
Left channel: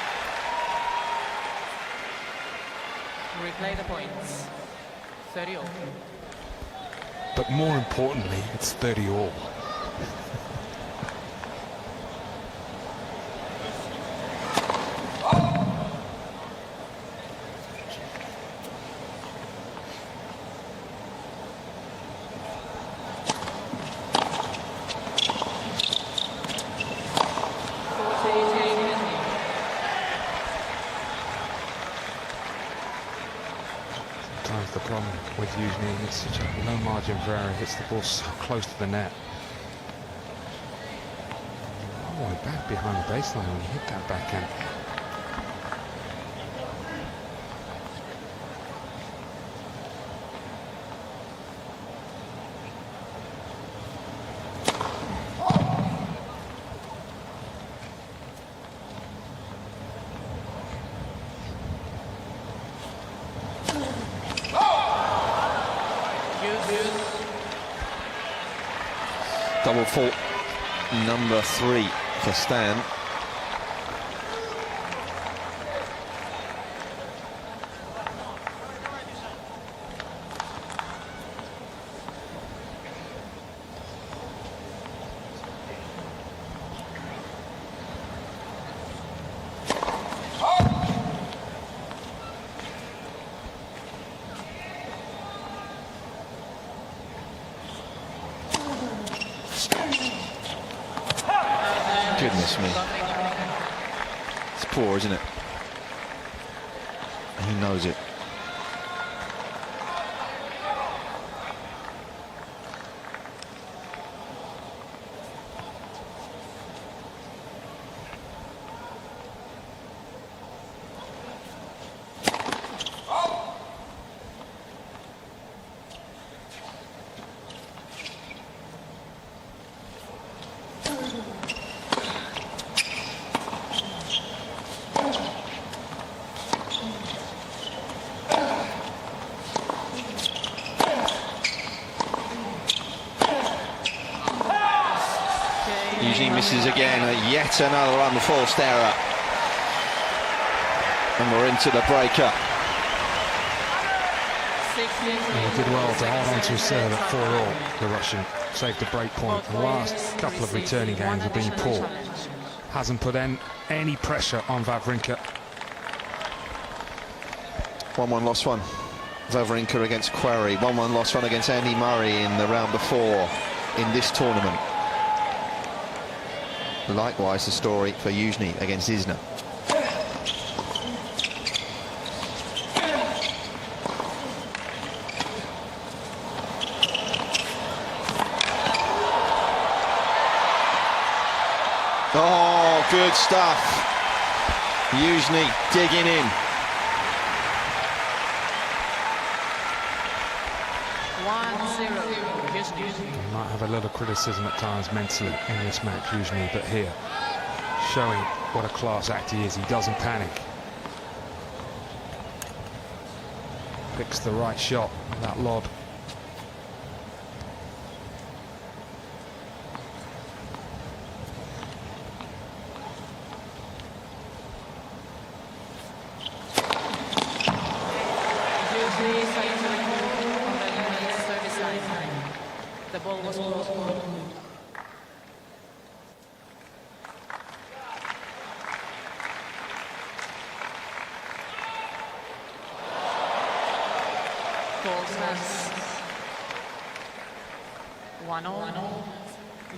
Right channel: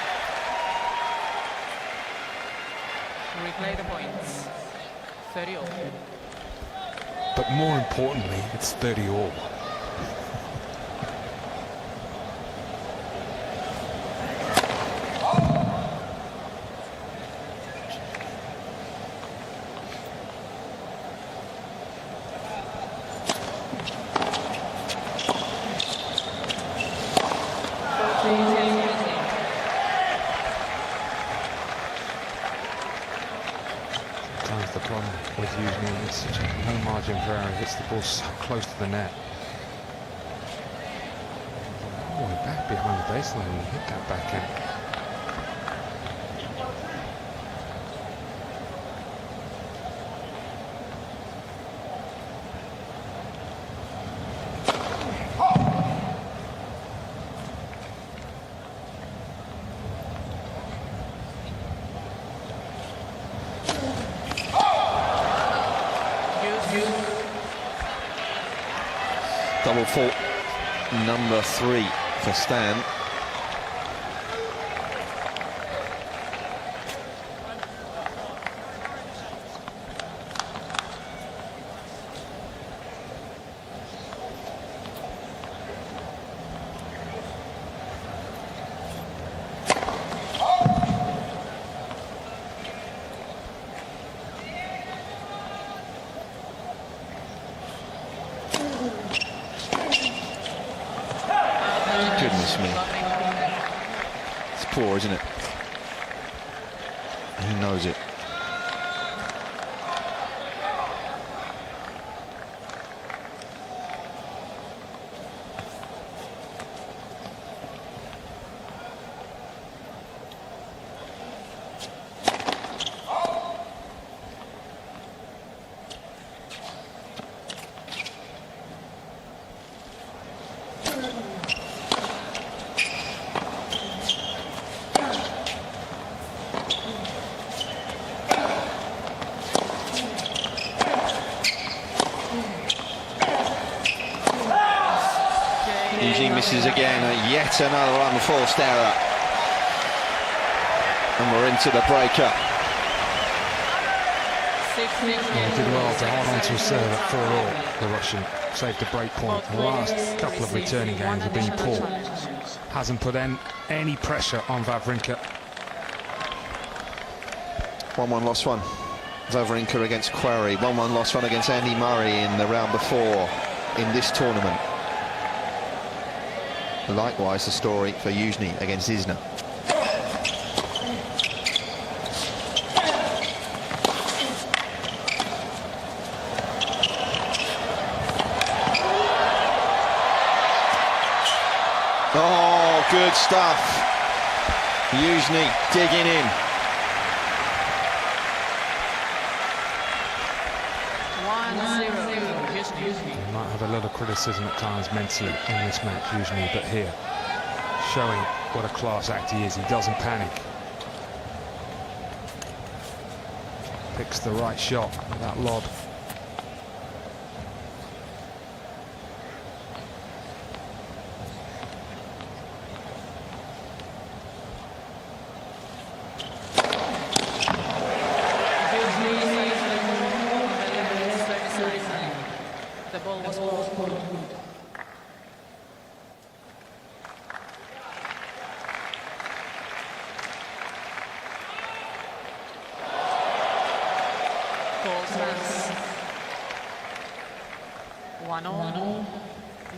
Replay the points. 30 all. But more importantly, it's 30 all. Sometimes the problem with Youzhny is such a low margin for error, hits the ball so close to the net. Oh, back behind the baseline when he hit that backhand. Double fault number 3 for Stan. Goodness me. It's poor, isn't it? He knows it. Youzhny misses again. Yet another unforced error. And we're into the breaker. He did well to hold on to his serve at 4-all, the Russian. Saved a break point. The last couple of returning games have been poor. Hasn't put any pressure on Wawrinka. 1-1 lost one. Wawrinka against Quarry. 1-1 lost one against Andy Murray in the round before in this tournament. Likewise, the story for Youzhny against Isner. Oh, good stuff. Youzhny digging in. 1-0, Youzhny. He might have a lot of criticism at times mentally in this match, Youzhny, but here, showing what a class act he is. He doesn't panic. Picks the right shot with that lob. The ball was called. Goal stands 1-0.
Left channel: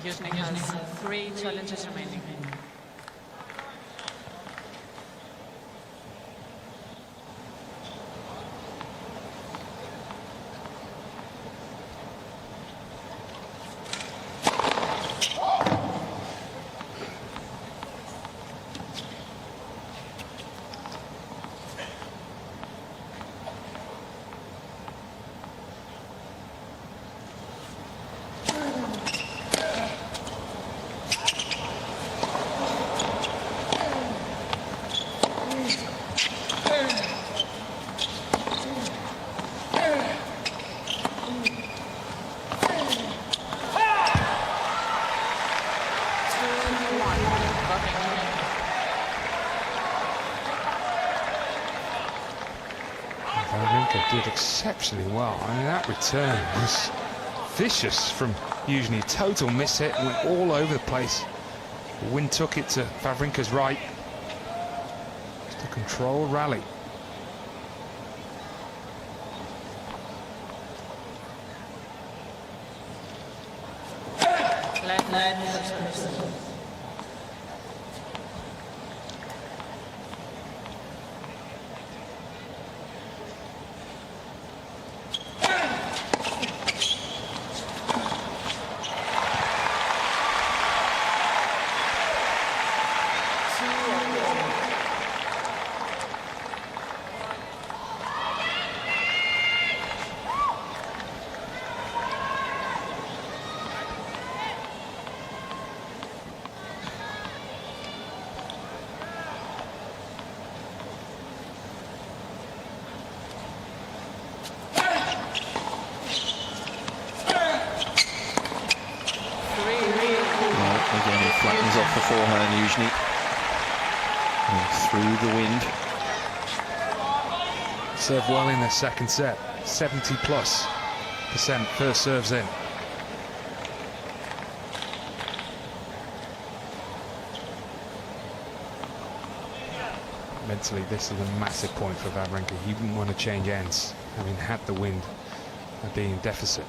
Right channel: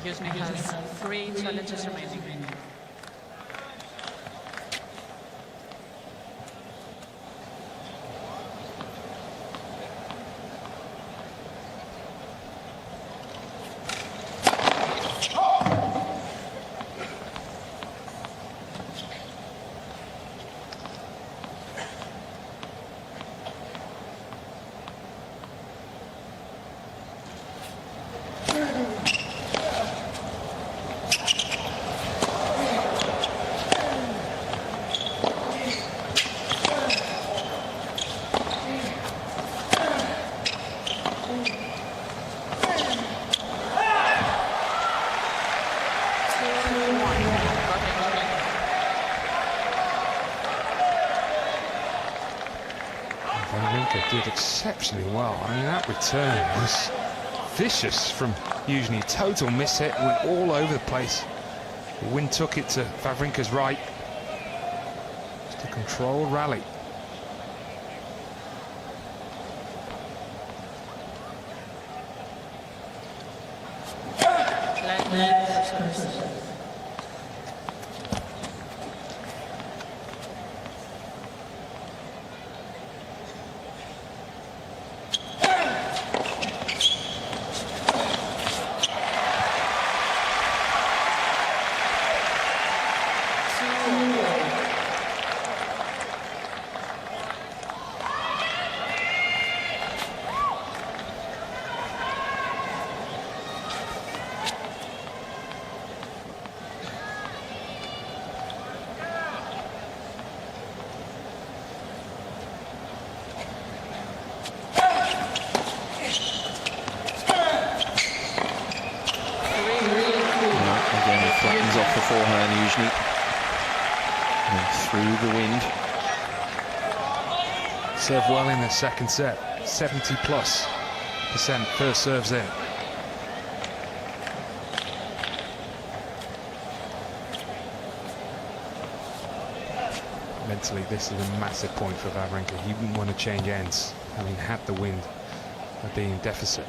Youzhny has 3 challenges remaining. Wawrinka did exceptionally well. I mean, that return was vicious from Youzhny. Total mishit, went all over the place. The wind took it to Wawrinka's right. Just a controlled rally. Again, he flattens off the forehand, Youzhny. And through the wind. Served well in the second set. 70+% first serves in. Mentally, this is a massive point for Wawrinka. He wouldn't want to change ends, having had the wind and being in deficit.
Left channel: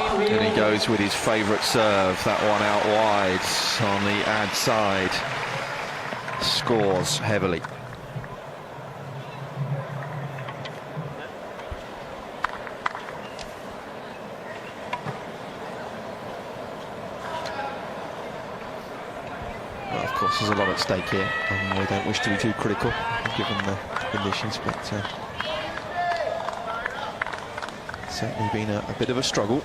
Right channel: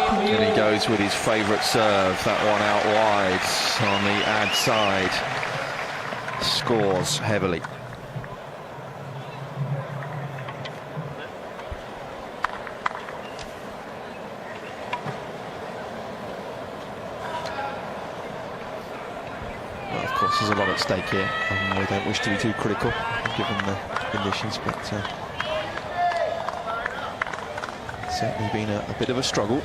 And he goes with his favourite serve, that one out wide on the ad side. Scores heavily. Well, of course, there's a lot at stake here, and we don't wish to be too critical given the conditions, but certainly been a bit of a struggle.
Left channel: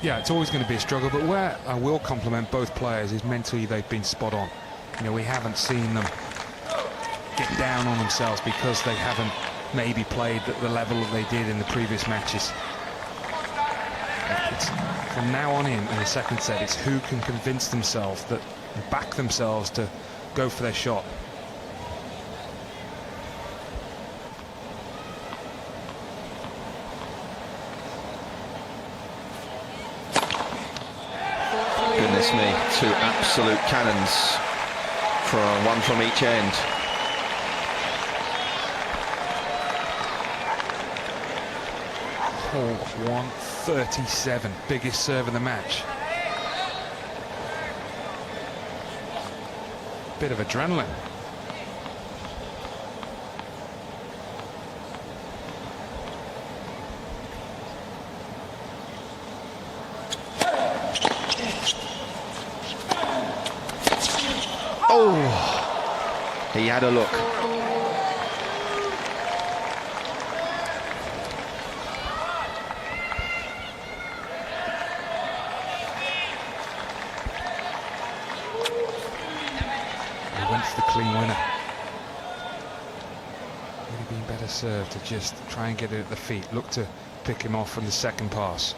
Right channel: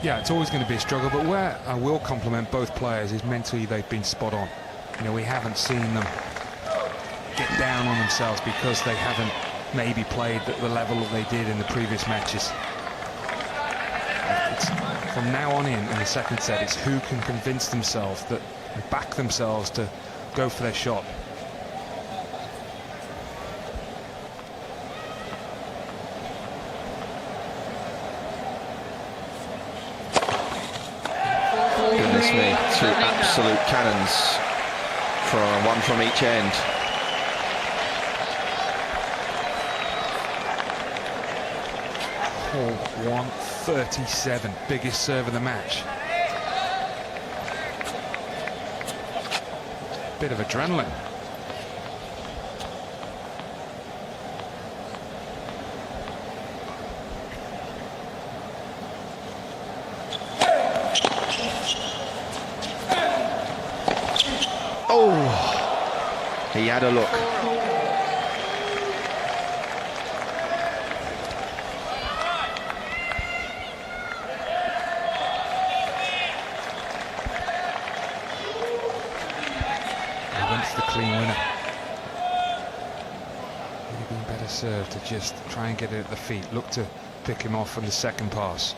Yeah, it's always going to be a struggle, but where I will compliment both players is mentally they've been spot on. You know, we haven't seen them get down on themselves because they haven't maybe played at the level that they did in the previous matches. It's from now on in the second set, it's who can convince themselves that, and back themselves to go for their shot. Goodness me, two absolute cannons, one from each end. Oh, 137, biggest serve of the match. Bit of adrenaline. Oh, he had a look. He went for the clean winner. Would have been better served to just try and get it at the feet. Look to pick him off from the second pass.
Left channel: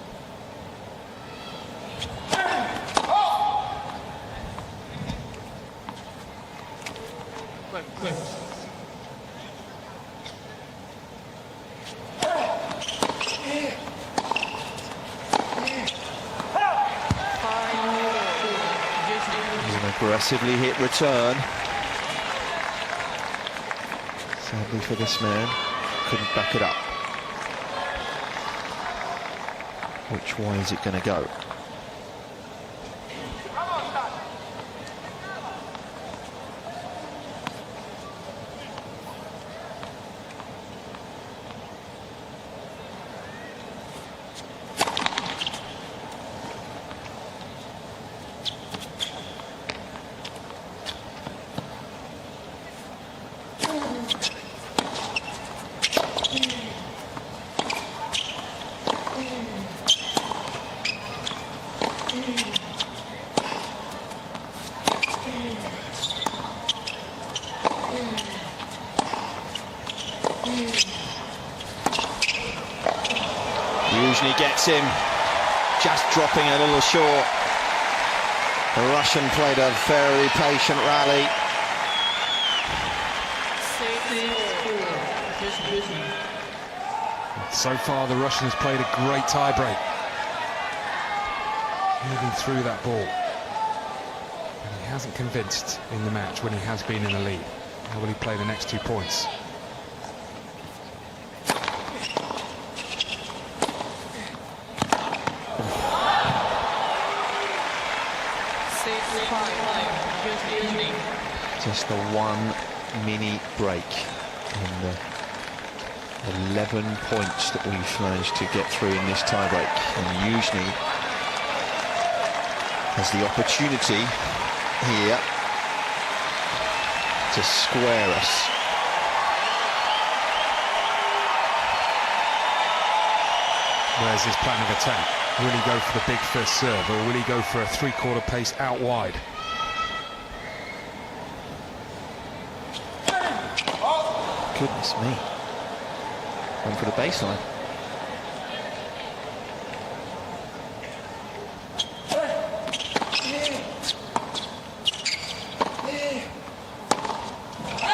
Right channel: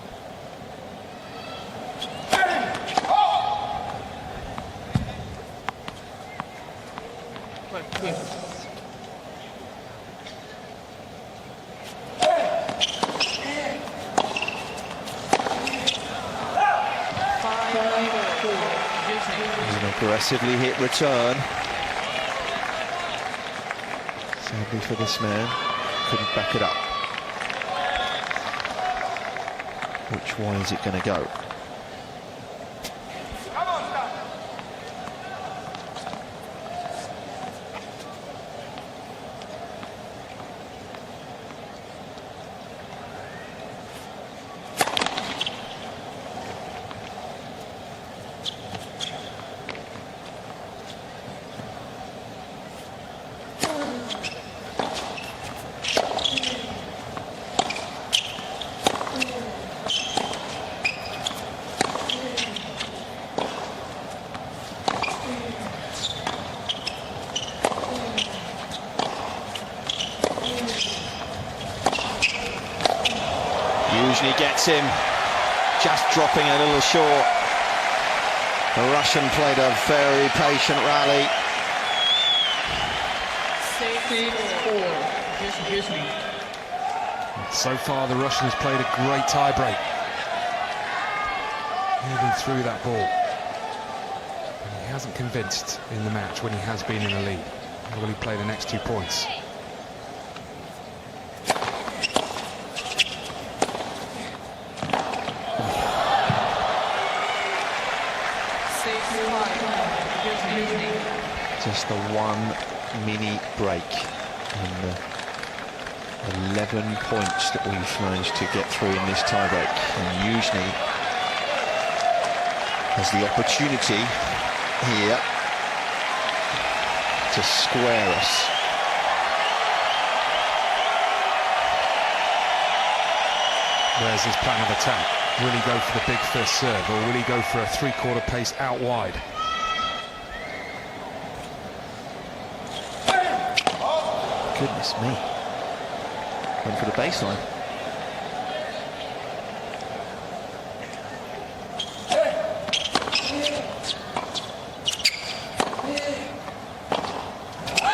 Aggressively hit return. Sadly for this man, couldn't back it up. Which way is it going to go? Youzhny gets him, just dropping a little short. The Russian played a very patient rally. So far, the Russians played a great tie-break, moving through that ball. And he hasn't convinced in the match when he has been in the lead. How will he play the next 2 points? Just the one mini break in the 11 points that we've managed to get through in this tiebreak. And Youzhny has the opportunity here to square us. Where's his plan of attack? Will he go for the big first serve, or will he go for a three-quarter pace out wide? Goodness me. Went for the baseline.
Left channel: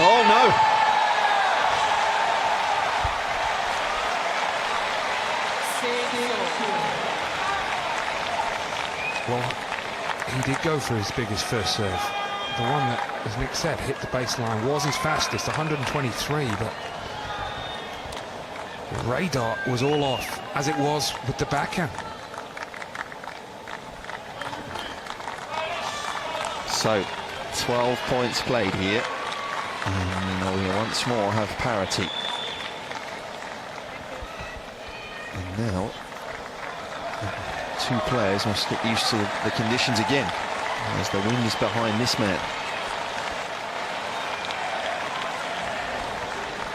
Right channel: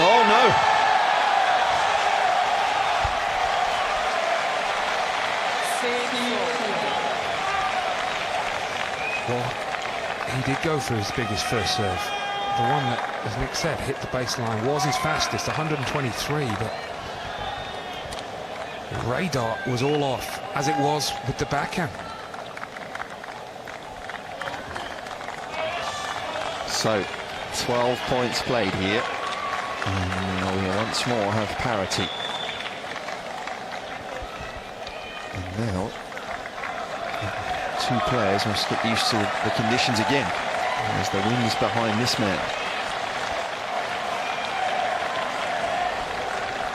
Oh no! Well, he did go for his biggest first serve. The one that, as Nick said, hit the baseline, was his fastest, 123, but the radar was all off, as it was with the backhand. So, 12 points played here, and we once more have parity. And now, two players must get used to the conditions again, as the wind's behind this man.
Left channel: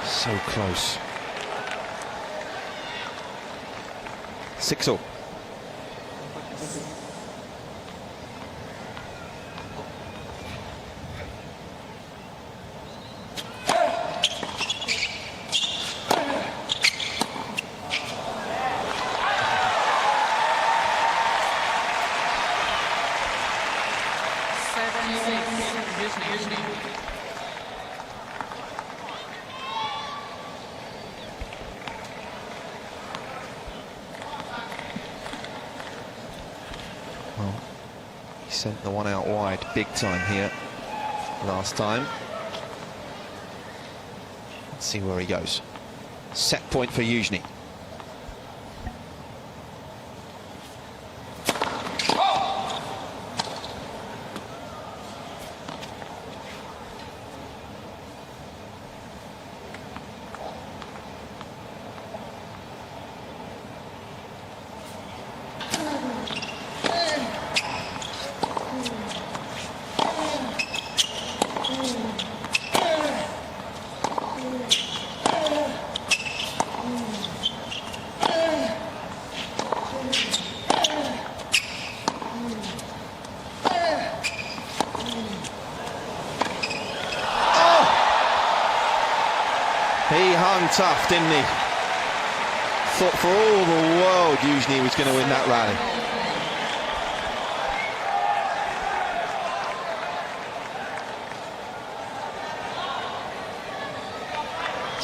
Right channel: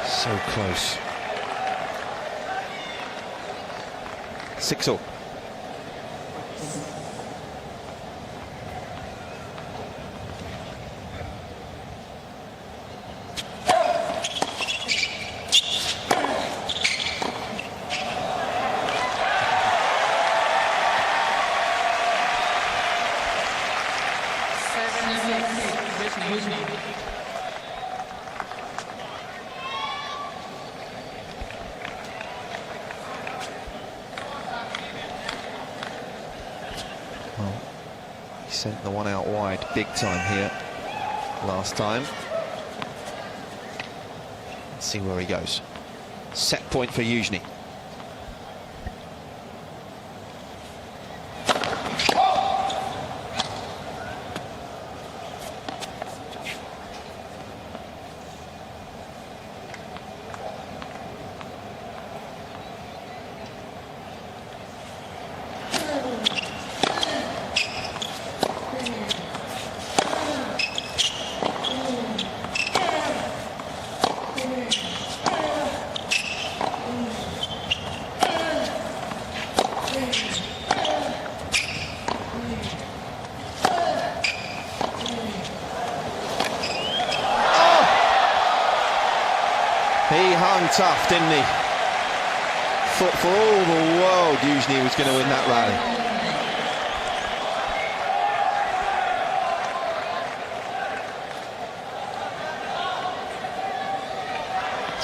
So close. 6-all. sent the one out wide big time here last time. Let's see where he goes. Set point for Youzhny. He hung tough, didn't he? Thought for all the world Youzhny was going to win that rally.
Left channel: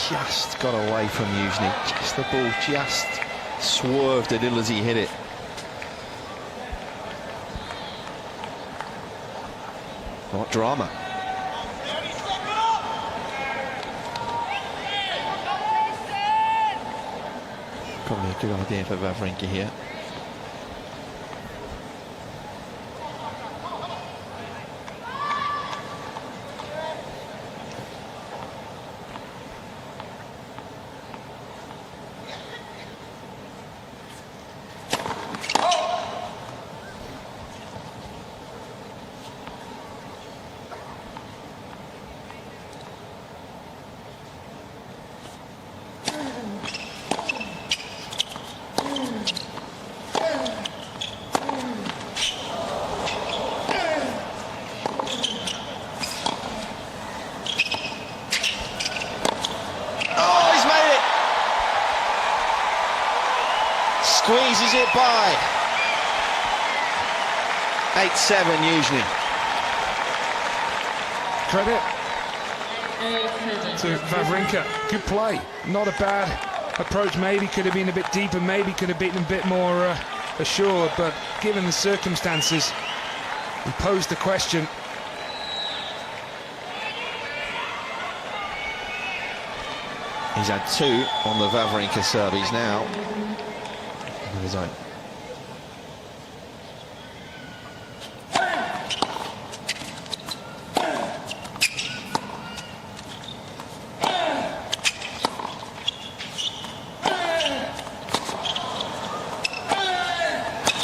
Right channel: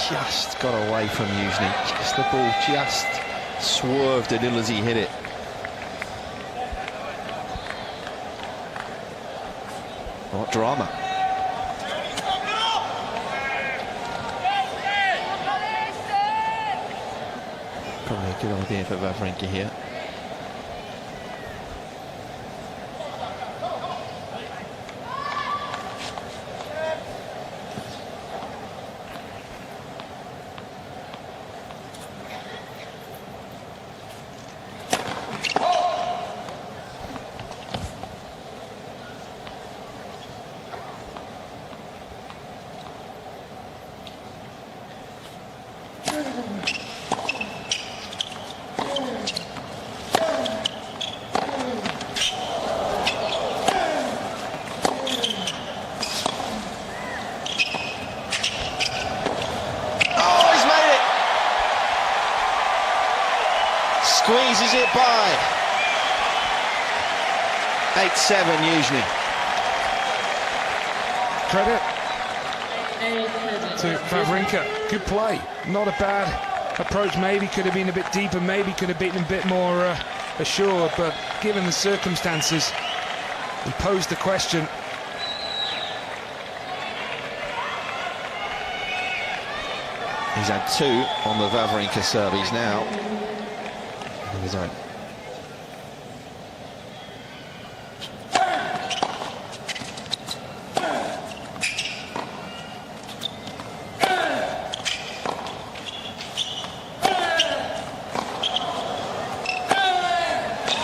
Just got away from Youzhny. Just the ball just swerved a little as he hit it. What drama. Probably a good idea for Wawrinka here. Squeezes it by. 8-7 Youzhny. Credit to Wawrinka. Good play. Not a bad approach. Maybe could have been a bit deeper. Maybe could have been a bit more assured. But given the circumstances, he posed the question. He's had 2 on the Wawrinka serve. He's now of his own.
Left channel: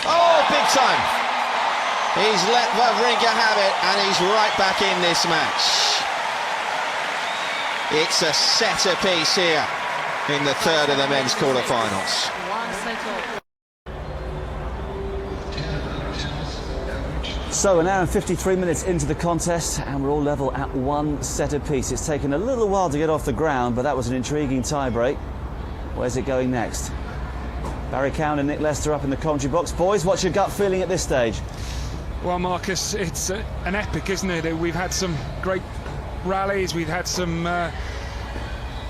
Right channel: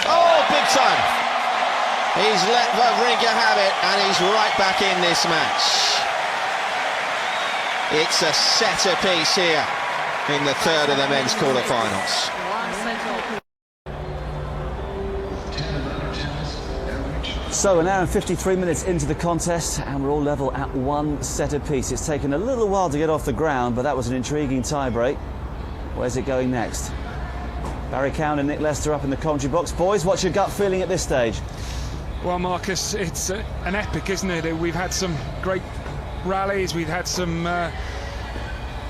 Oh, big time. He's let Wawrinka have it, and he's right back in this match. It's a setter piece here in the third of the men's quarterfinals. So an hour and 53 minutes into the contest, and we're all level at 1 set apiece. It's taken a little while to get off the ground, but that was an intriguing tie-break. Where's it going next? Barry Cowan and Nick Lester up in the commentary box. Boys, what's your gut feeling at this stage? Well, Marcus, it's an epic, isn't it? We've had some great rallies, we've had some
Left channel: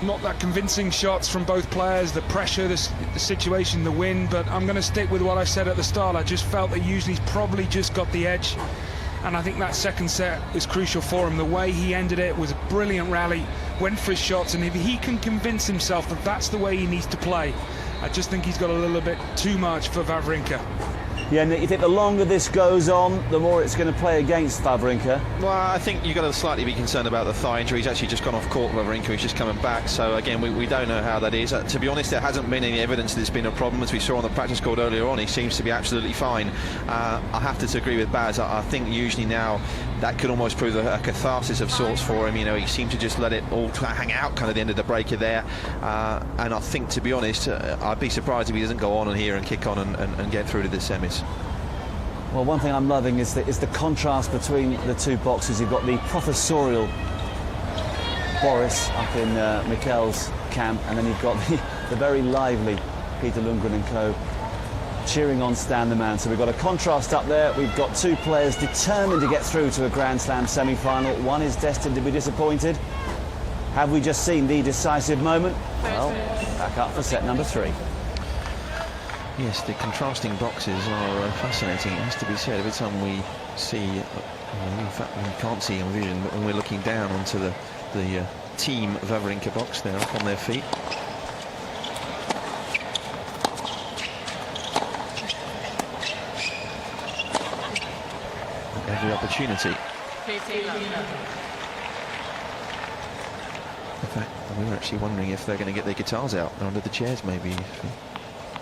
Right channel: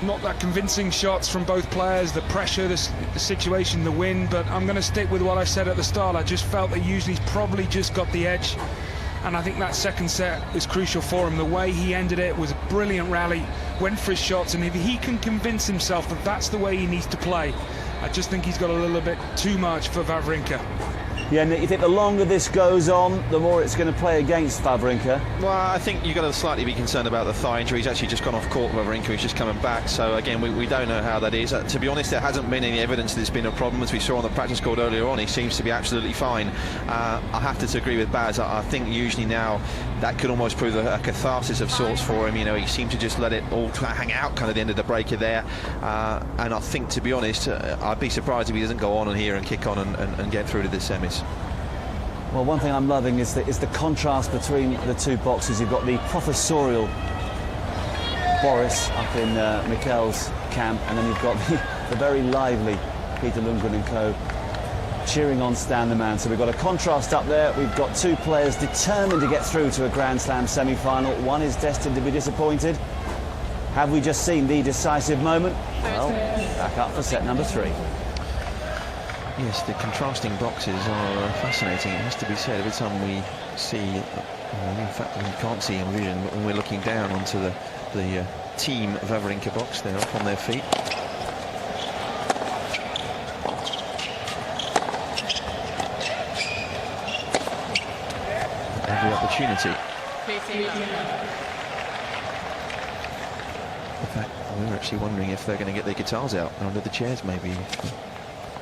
not that convincing shots from both players, the pressure, the situation, the win, but I'm going to stick with what I said at the start. I just felt that Youzhny's probably just got the edge, and I think that second set was crucial for him. The way he ended it was a brilliant rally, went for his shots, and if he can convince himself that that's the way he needs to play, I just think he's got a little bit too much for Wawrinka. Yeah, Nick, you think the longer this goes on, the more it's going to play against Wawrinka? Well, I think you've got to slightly be concerned about the thigh injury. He's actually just gone off court, Wawrinka. He's just coming back. So, again, we don't know how that is. To be honest, there hasn't been any evidence that it's been a problem. As we saw on the practice court earlier on, he seems to be absolutely fine. I have to agree with Baz. I think usually now that could almost prove a catharsis of sorts for him. You know, he seemed to just let it all hang out kind of the end of the breaker there. And I think, to be honest, I'd be surprised if he doesn't go on and here and kick on and get through to the semis. Well, one thing I'm loving is the contrast between the two boxers. You've got the professorial Boris up in Mikkel's camp, and then you've got the very lively Peter Lundgren and co. cheering on Stan the Man. So we've got a contrast up there. We've got two players determined to get through to a Grand Slam semi-final. One is destined to be disappointed. Have we just seen the decisive moment? Well, back up for set number 3. Yes, the contrasting boxes are fascinating, it has to be said. Every time we see, in fact, we can't see on vision, but when we're looking down onto the team Wawrinka box, they're up on their feet. Every opportunity. In fact, we were actually wondering if they're going to get their guitars out under the chairs, maybe, if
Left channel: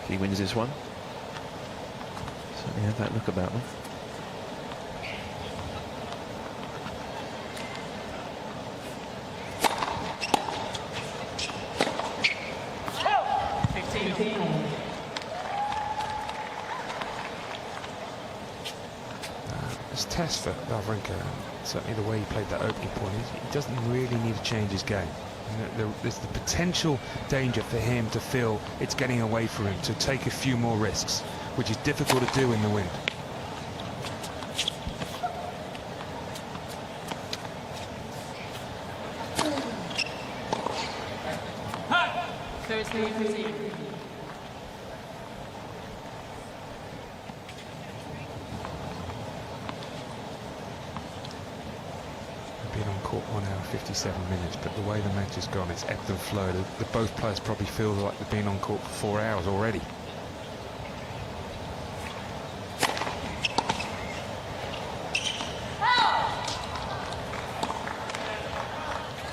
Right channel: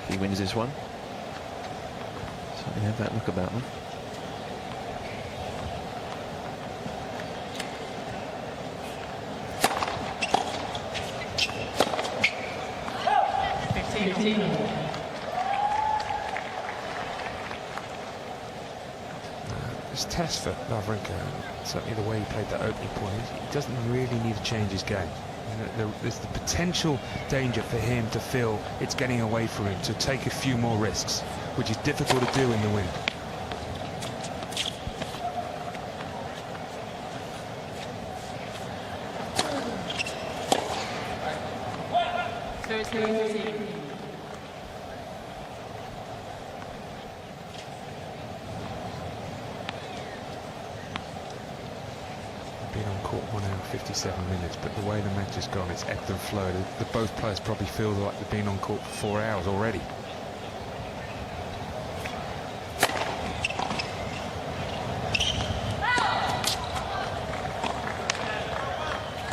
he wins this one. Certainly have that look about them. It's a test for Wawrinka, and certainly the way he played that opening point. He doesn't really need to change his game. There's the potential danger for him to feel it's getting away from him, to take a few more risks, which is difficult to do in the wind. Been on court 1 hour 57 minutes, but the way the match has gone, it's ebbed and flowed. Both players probably feel like they've been on court for 4 hours already.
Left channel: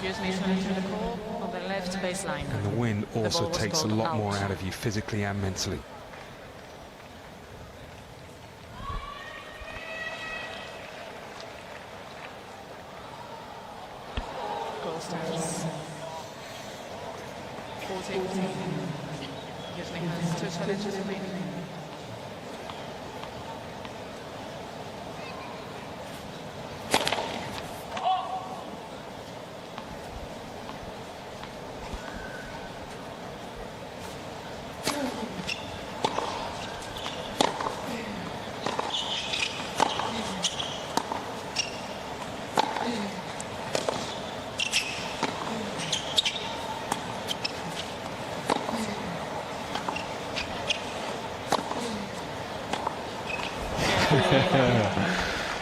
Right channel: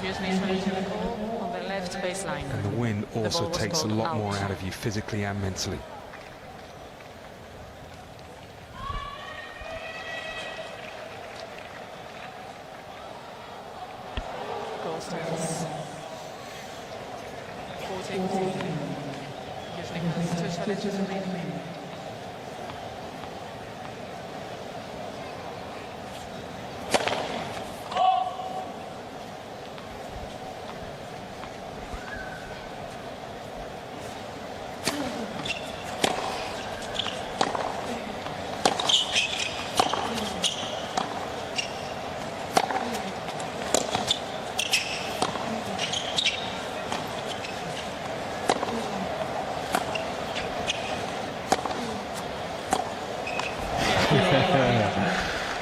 Youzhny is running to the call on the left baseline. And the wind also takes a lot more out out of you physically and mentally. Goal stands 14. Youzhny has 2 challenges remaining.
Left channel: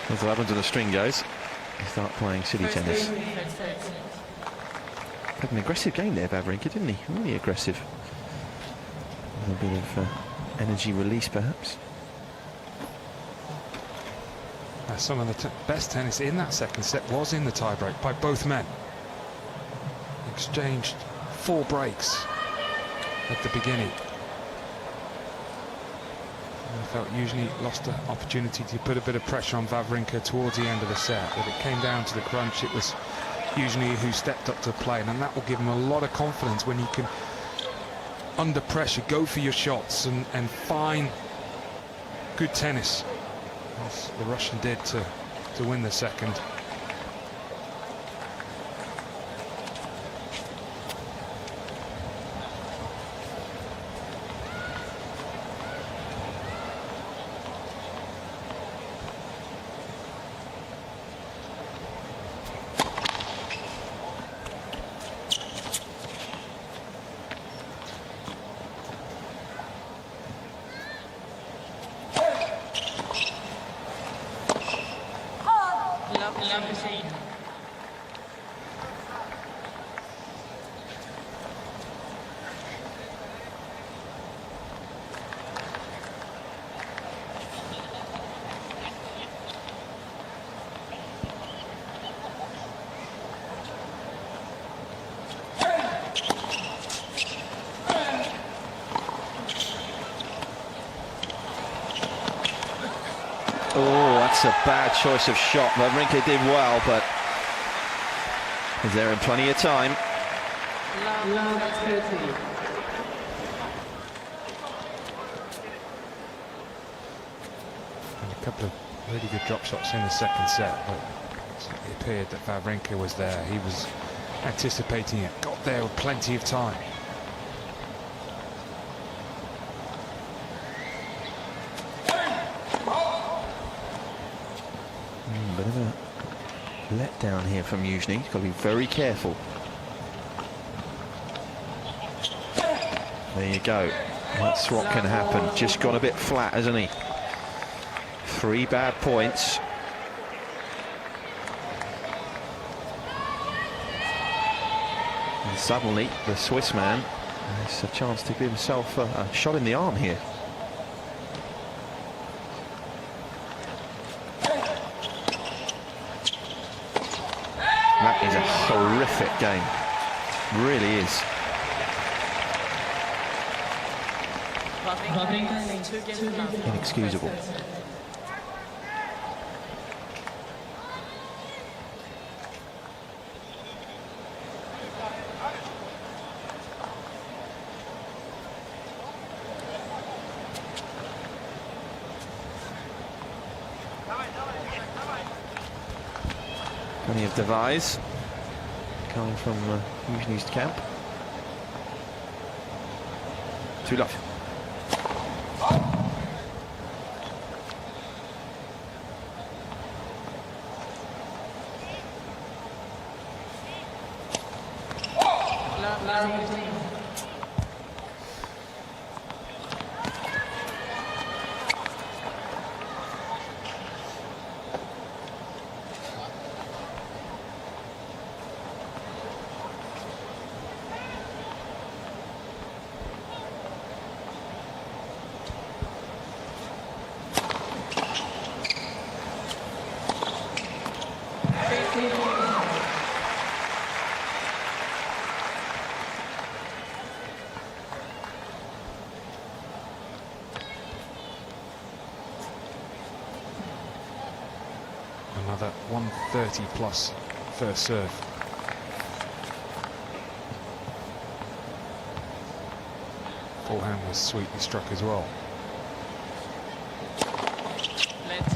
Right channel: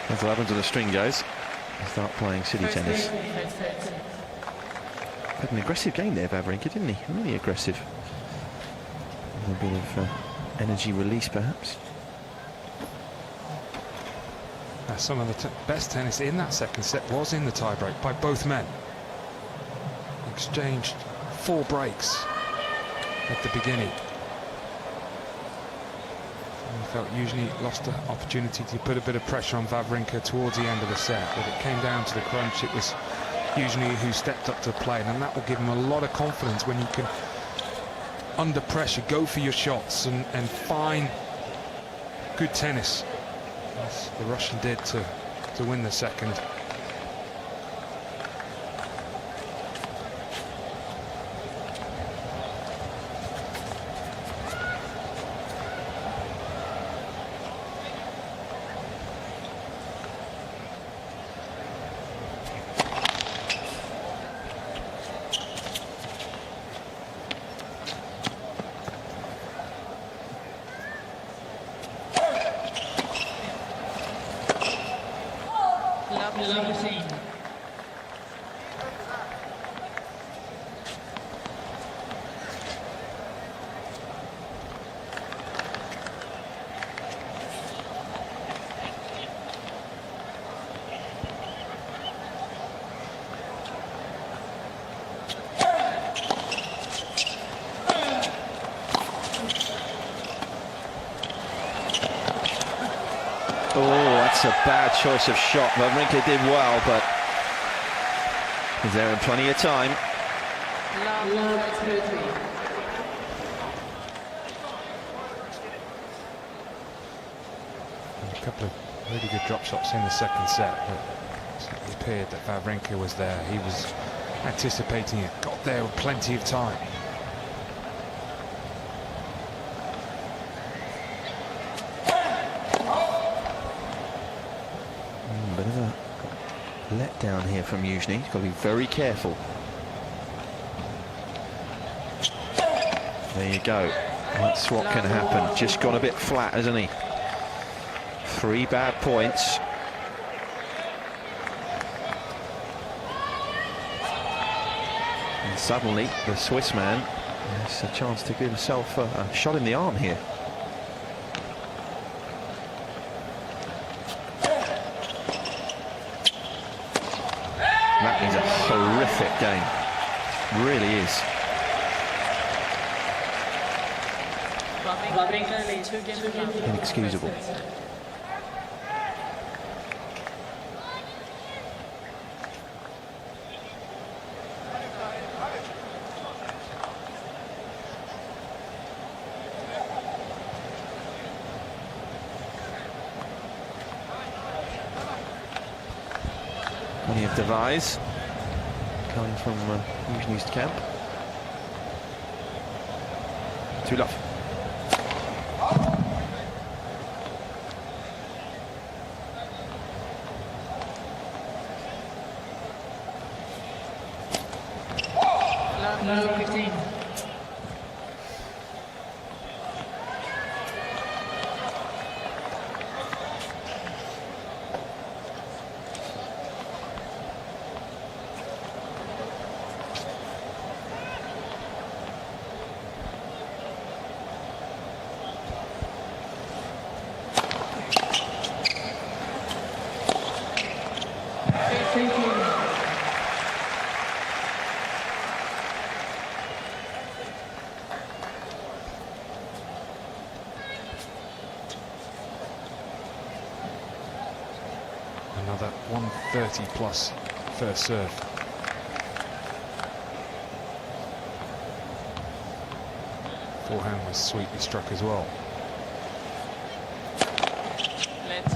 That's what happens when the string goes. They start playing city tennis. Had an aggressive game there, Wawrinka, didn't he? Really aggressive. A bit of energy release, perhaps. Some of the best tennis in that second set was in the tiebreak by both men. Exchanged 4 breaks at the beginning. I felt Youzhny lost an opportunity to put a bit of pressure on Wawrinka towards the end of the set, but it came down to the crunch. It was Youzhny who stepped up to the plate, and that will give him a lot of confidence when you can, under pressure, go for your shots and find good tennis, as the Russian did to win the second. Lovely. Oh, that's a bad choice of shot. Wawrinka did well, but is there in plenty of time. And a couple of really good drop shots in the second set, but it appeared that Wawrinka was there. He was anticipating it, got there with plenty of time. Bit of a letdown here from Youzhny. He's got to be very careful. There you go. That's what can happen. Just gone a bit flat, hasn't he? 3 bad points. Suddenly, the Swiss man has a chance to give himself a shot in the arm here. That is a horrific game. Really is. Inexcusable. Plenty of devise coming from Youzhny's camp. 2-love. Another 130 plus first serve. Forehand was sweetly struck as well. Let's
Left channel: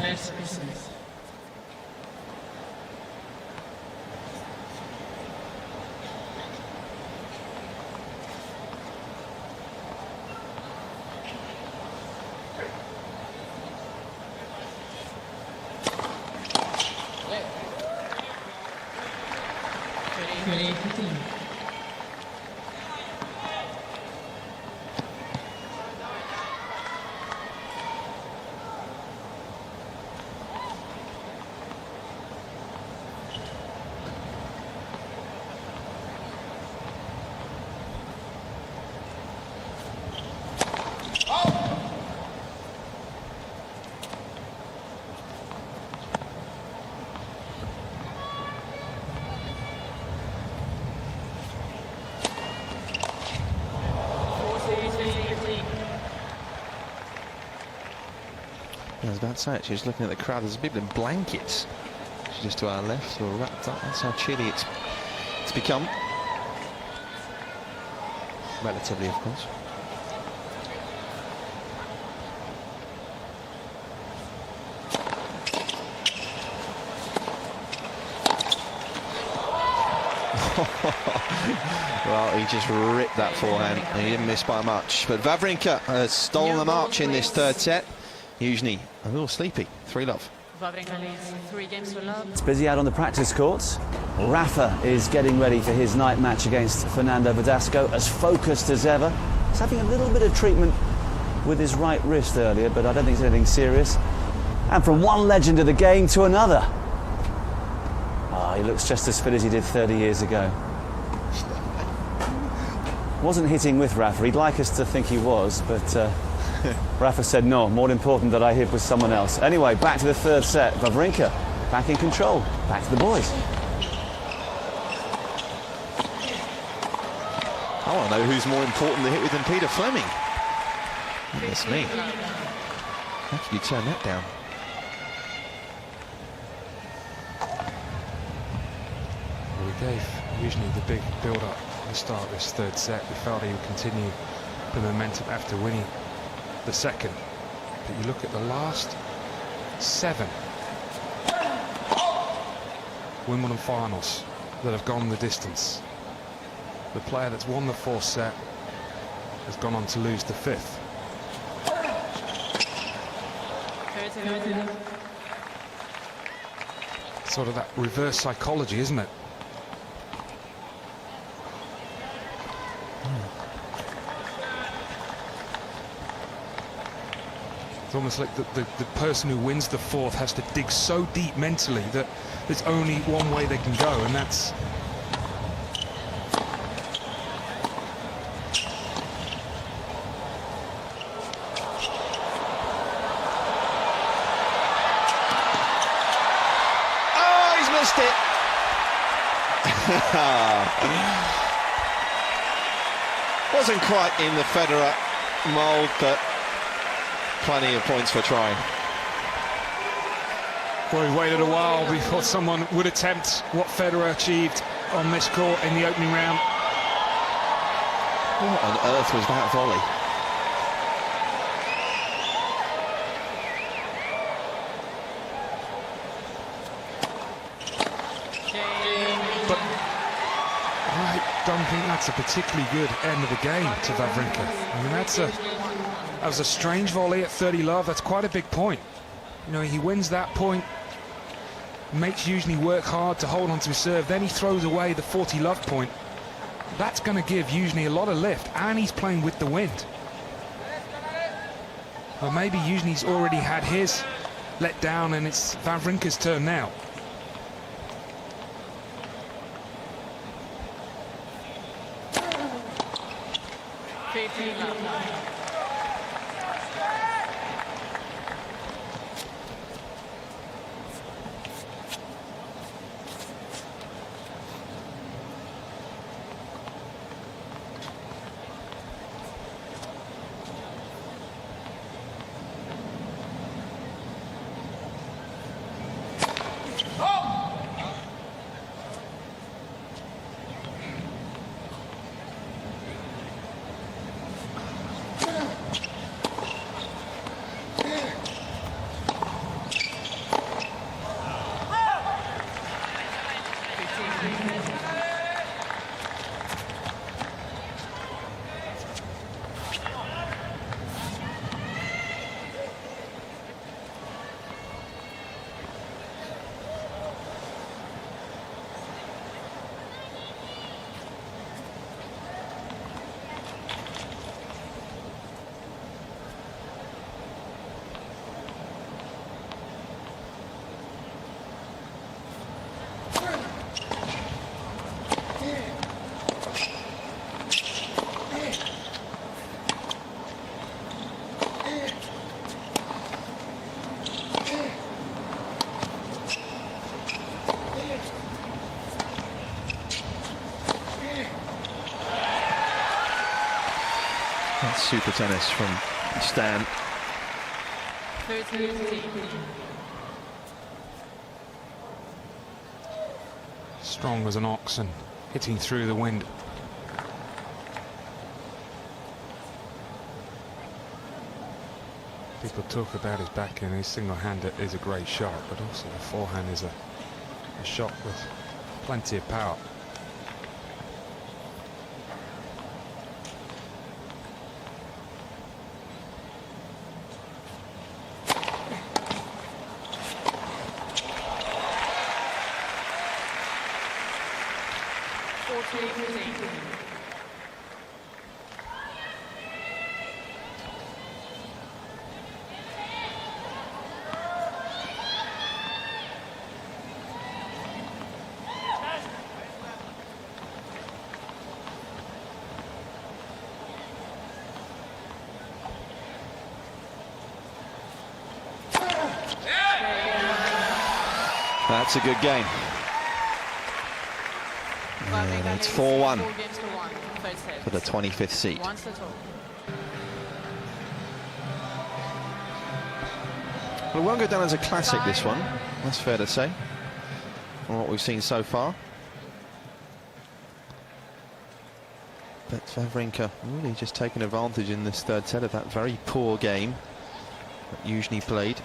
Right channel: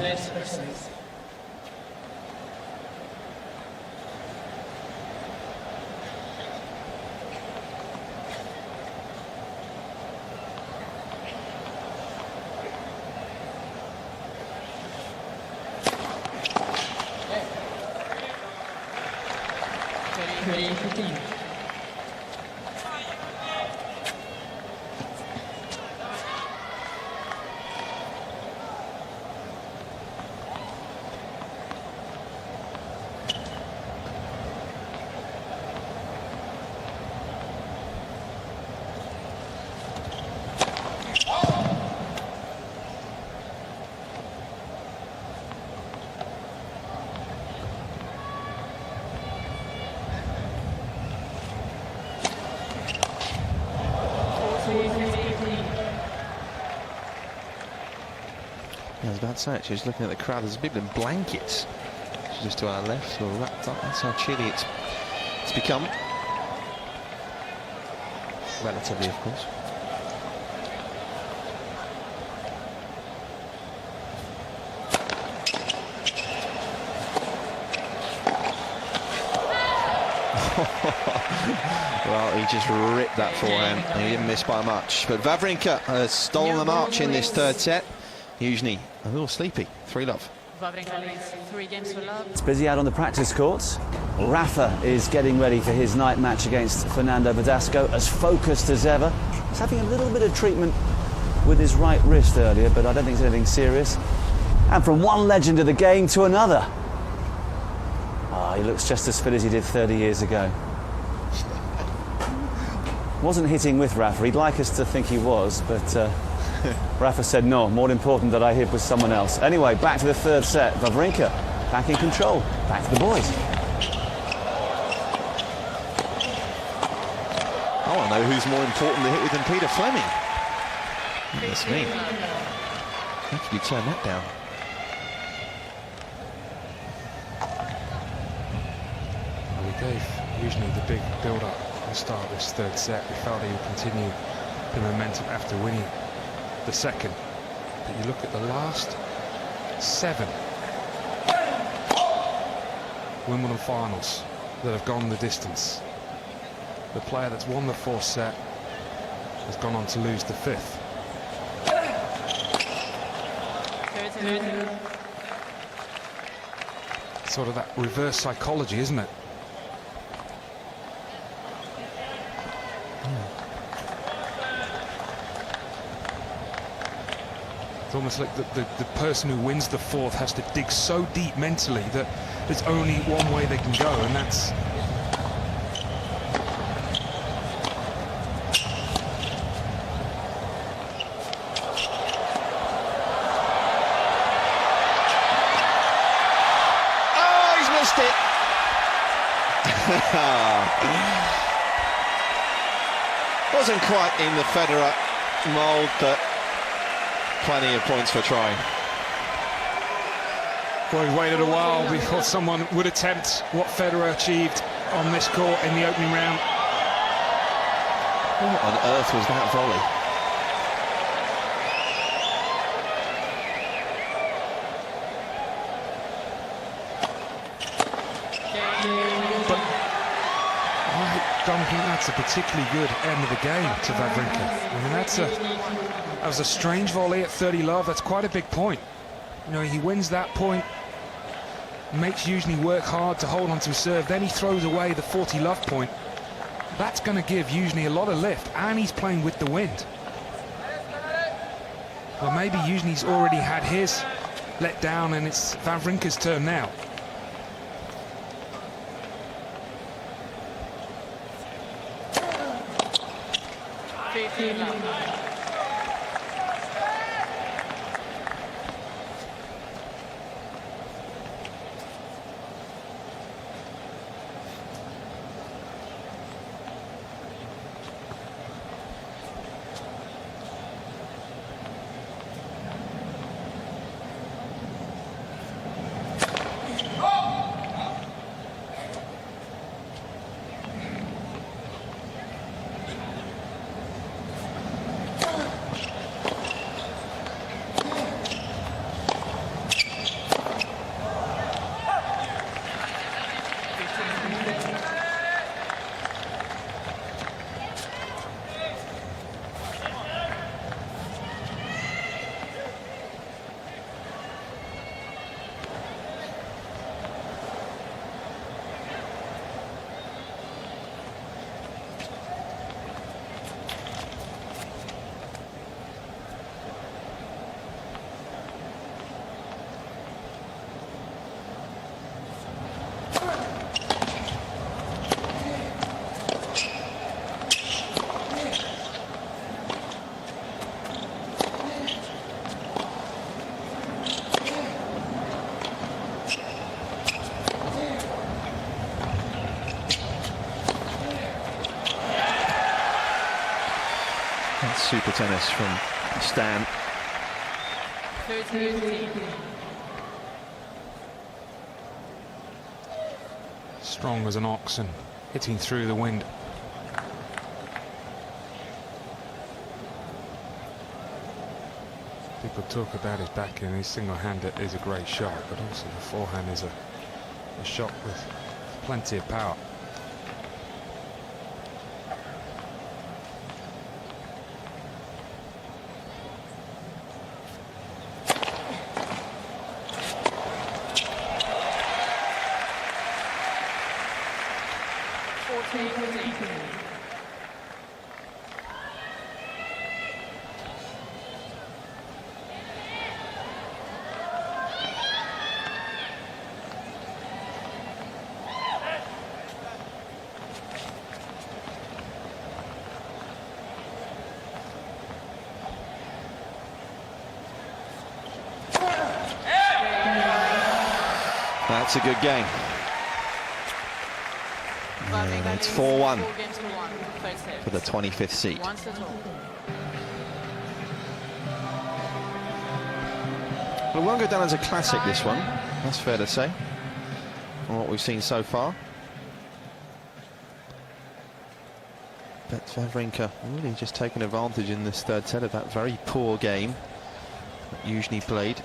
I was about to say, actually, just looking at the crowd, there's people in blankets just to our left, or wrapped up. That's how chilly it's become. Relatively, of course. Well, he just ripped that forehand, and he didn't miss by much. But Wawrinka has stolen the march in this third set. Youzhny a little sleepy. 3-love. Wawrinka leads 3 games to love. It's busy out on the practice courts. Rafa is getting ready for his night match against Fernando Verdasco, as focused as ever. He's having a little bit of treatment with his right wrist earlier, but I don't think it's anything serious. And from one legend of the game to another. He looks just as fit as he did 30 years ago. Wasn't hitting with Rafa. He'd like us to think he was, but Rafa said no, more important that I hit with someone else. Anyway, back to the third set. Wawrinka back in control. Back to the boys. I want to know who's more important to hit with than Peter Fleming. That's me. How could you turn that down? Well, we gave Youzhny the big build-up at the start of this third set. We felt he would continue the momentum after winning the second. But you look at the last 7 Wimbledon finals that have gone the distance. The player that's won the 4th set has gone on to lose the 5th. Sort of that reverse psychology, isn't it? It's almost like the person who wins the 4th has to dig so deep mentally that there's only one way they can go, and that's missed it. Wasn't quite in the Federer mould, but plenty of points for trying. Well, we waited a while before someone would attempt what Federer achieved on this court in the opening round. What on earth was that volley? But I don't think that's a particularly good end of the game to Wawrinka. I mean, that was a strange volley at 30 love. That's quite a big point. You know, he wins that point, makes Youzhny work hard to hold on to his serve, then he throws away the 40 love point. That's going to give Youzhny a lot of lift, and he's playing with the wind. Well, maybe Youzhny's already had his let down, and it's Wawrinka's turn now. That's super tennis from Stan. 13-15. Strong as an ox and hitting through the wind. People talk about his backhand, his single-hander is a great shot, but also the forehand is a shot with plenty of power. That's a good game. Yeah, it's 4-1 for the 25th seed. Well, it won't go down as a classic, this one. That's fair to say, from what we've seen so far. But Wawrinka really just taking advantage in this third set of that very poor game that Youzhny played.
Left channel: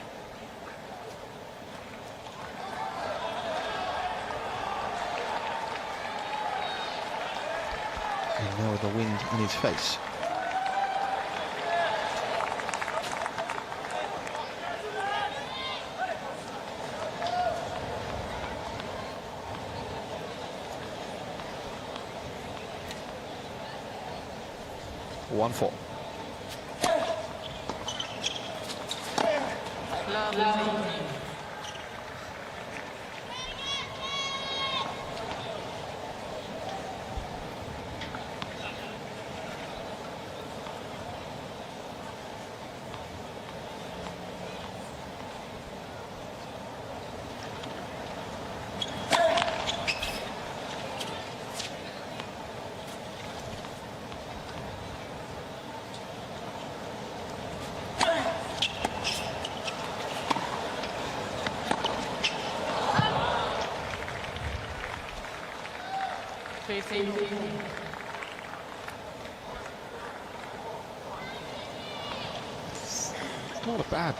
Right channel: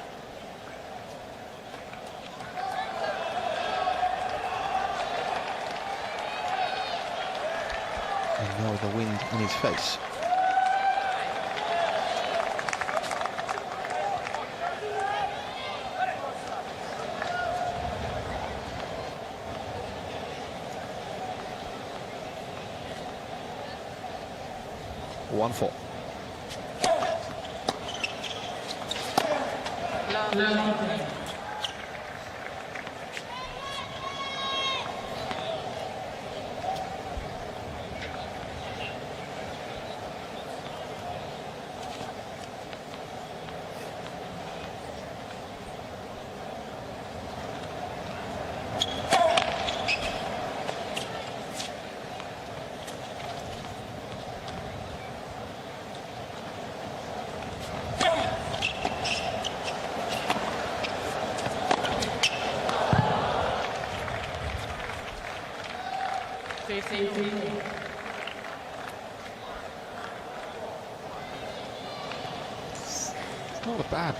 And now with the wind in his face. One-four. 15. It's not a bad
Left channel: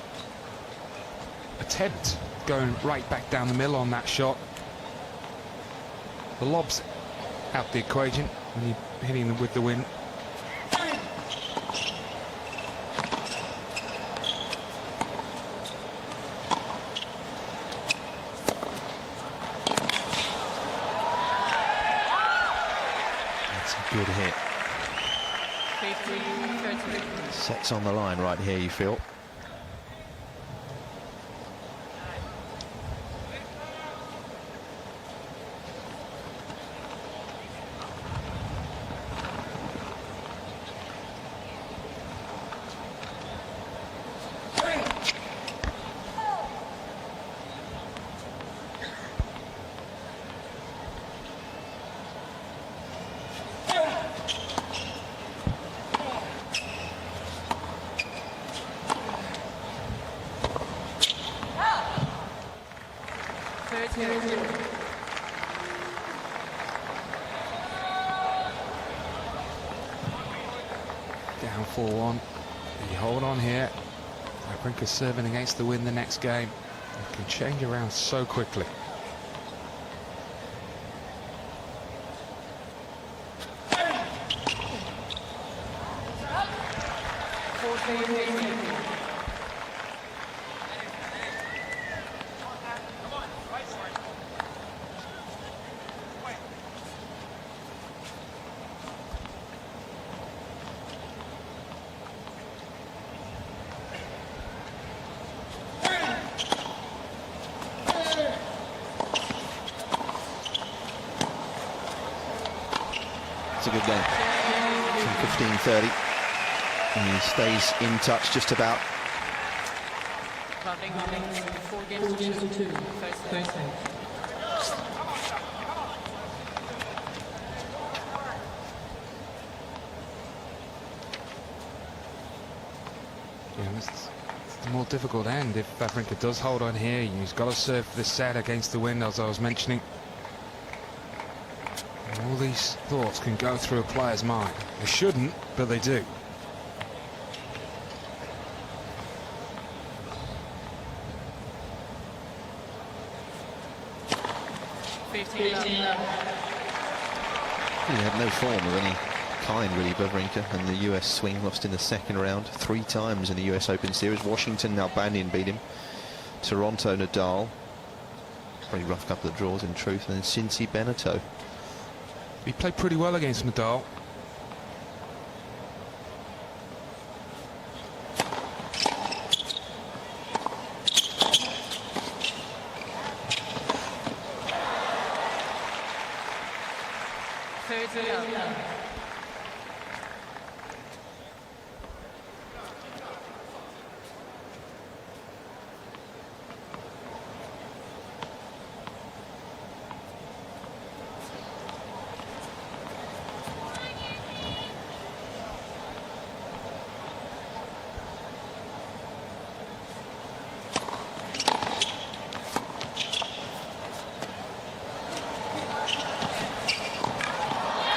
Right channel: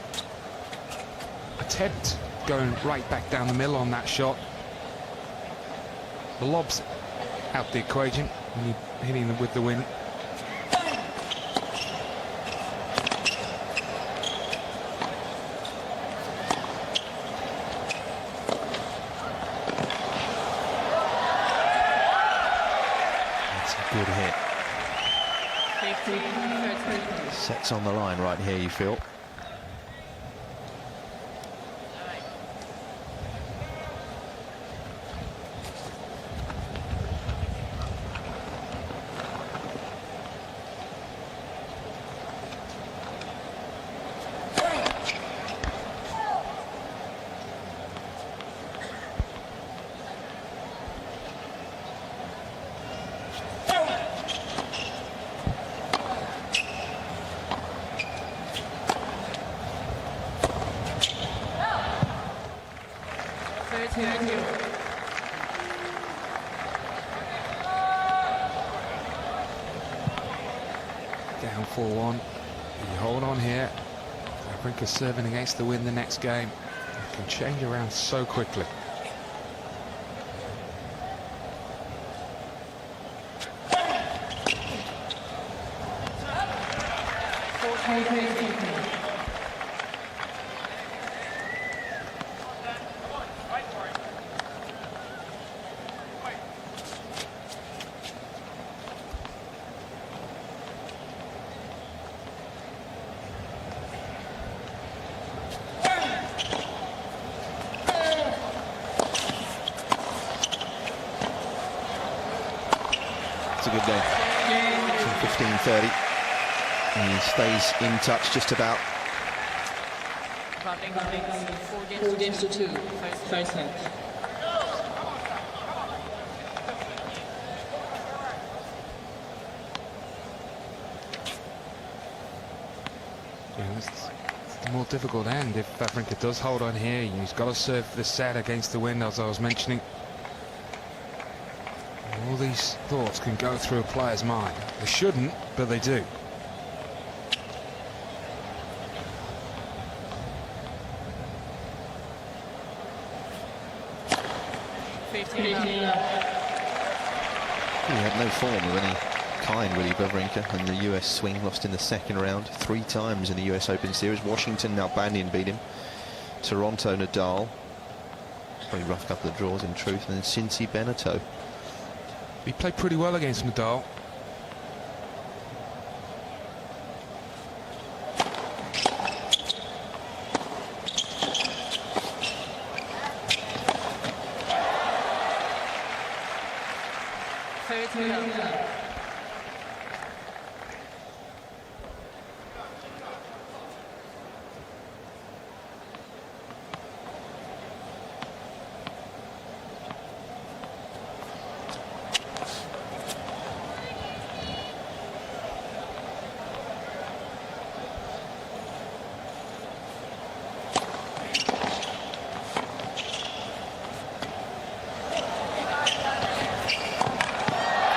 attempt going right back down the middle on that shot. The lob's out the equation when you're hitting them with the wind. That's a good hit. 15, 13. Sets on the line right here, you feel. Down 4-1. You hold on here. Wawrinka serving against the wind the next game. It can change around so quickly. It's a good game from 15-30. He stays in touch just about. Wawrinka wins 4 games to 2, first place. Yeah, it's the more difficult end. If Wawrinka does hold on here, he's got to serve the set against the wind, as I was mentioning. And all these thoughts can go through a player's mind. They shouldn't, but they do. He had no form of any kind, really, Wawrinka, and the US swing lost in the second round 3 times in the US Open Series. Washington, Nalbandian beat him. Toronto, Nadal. Pretty rough couple of draws, in truth. And then Cincy, Beneteau. He played pretty well against Nadal.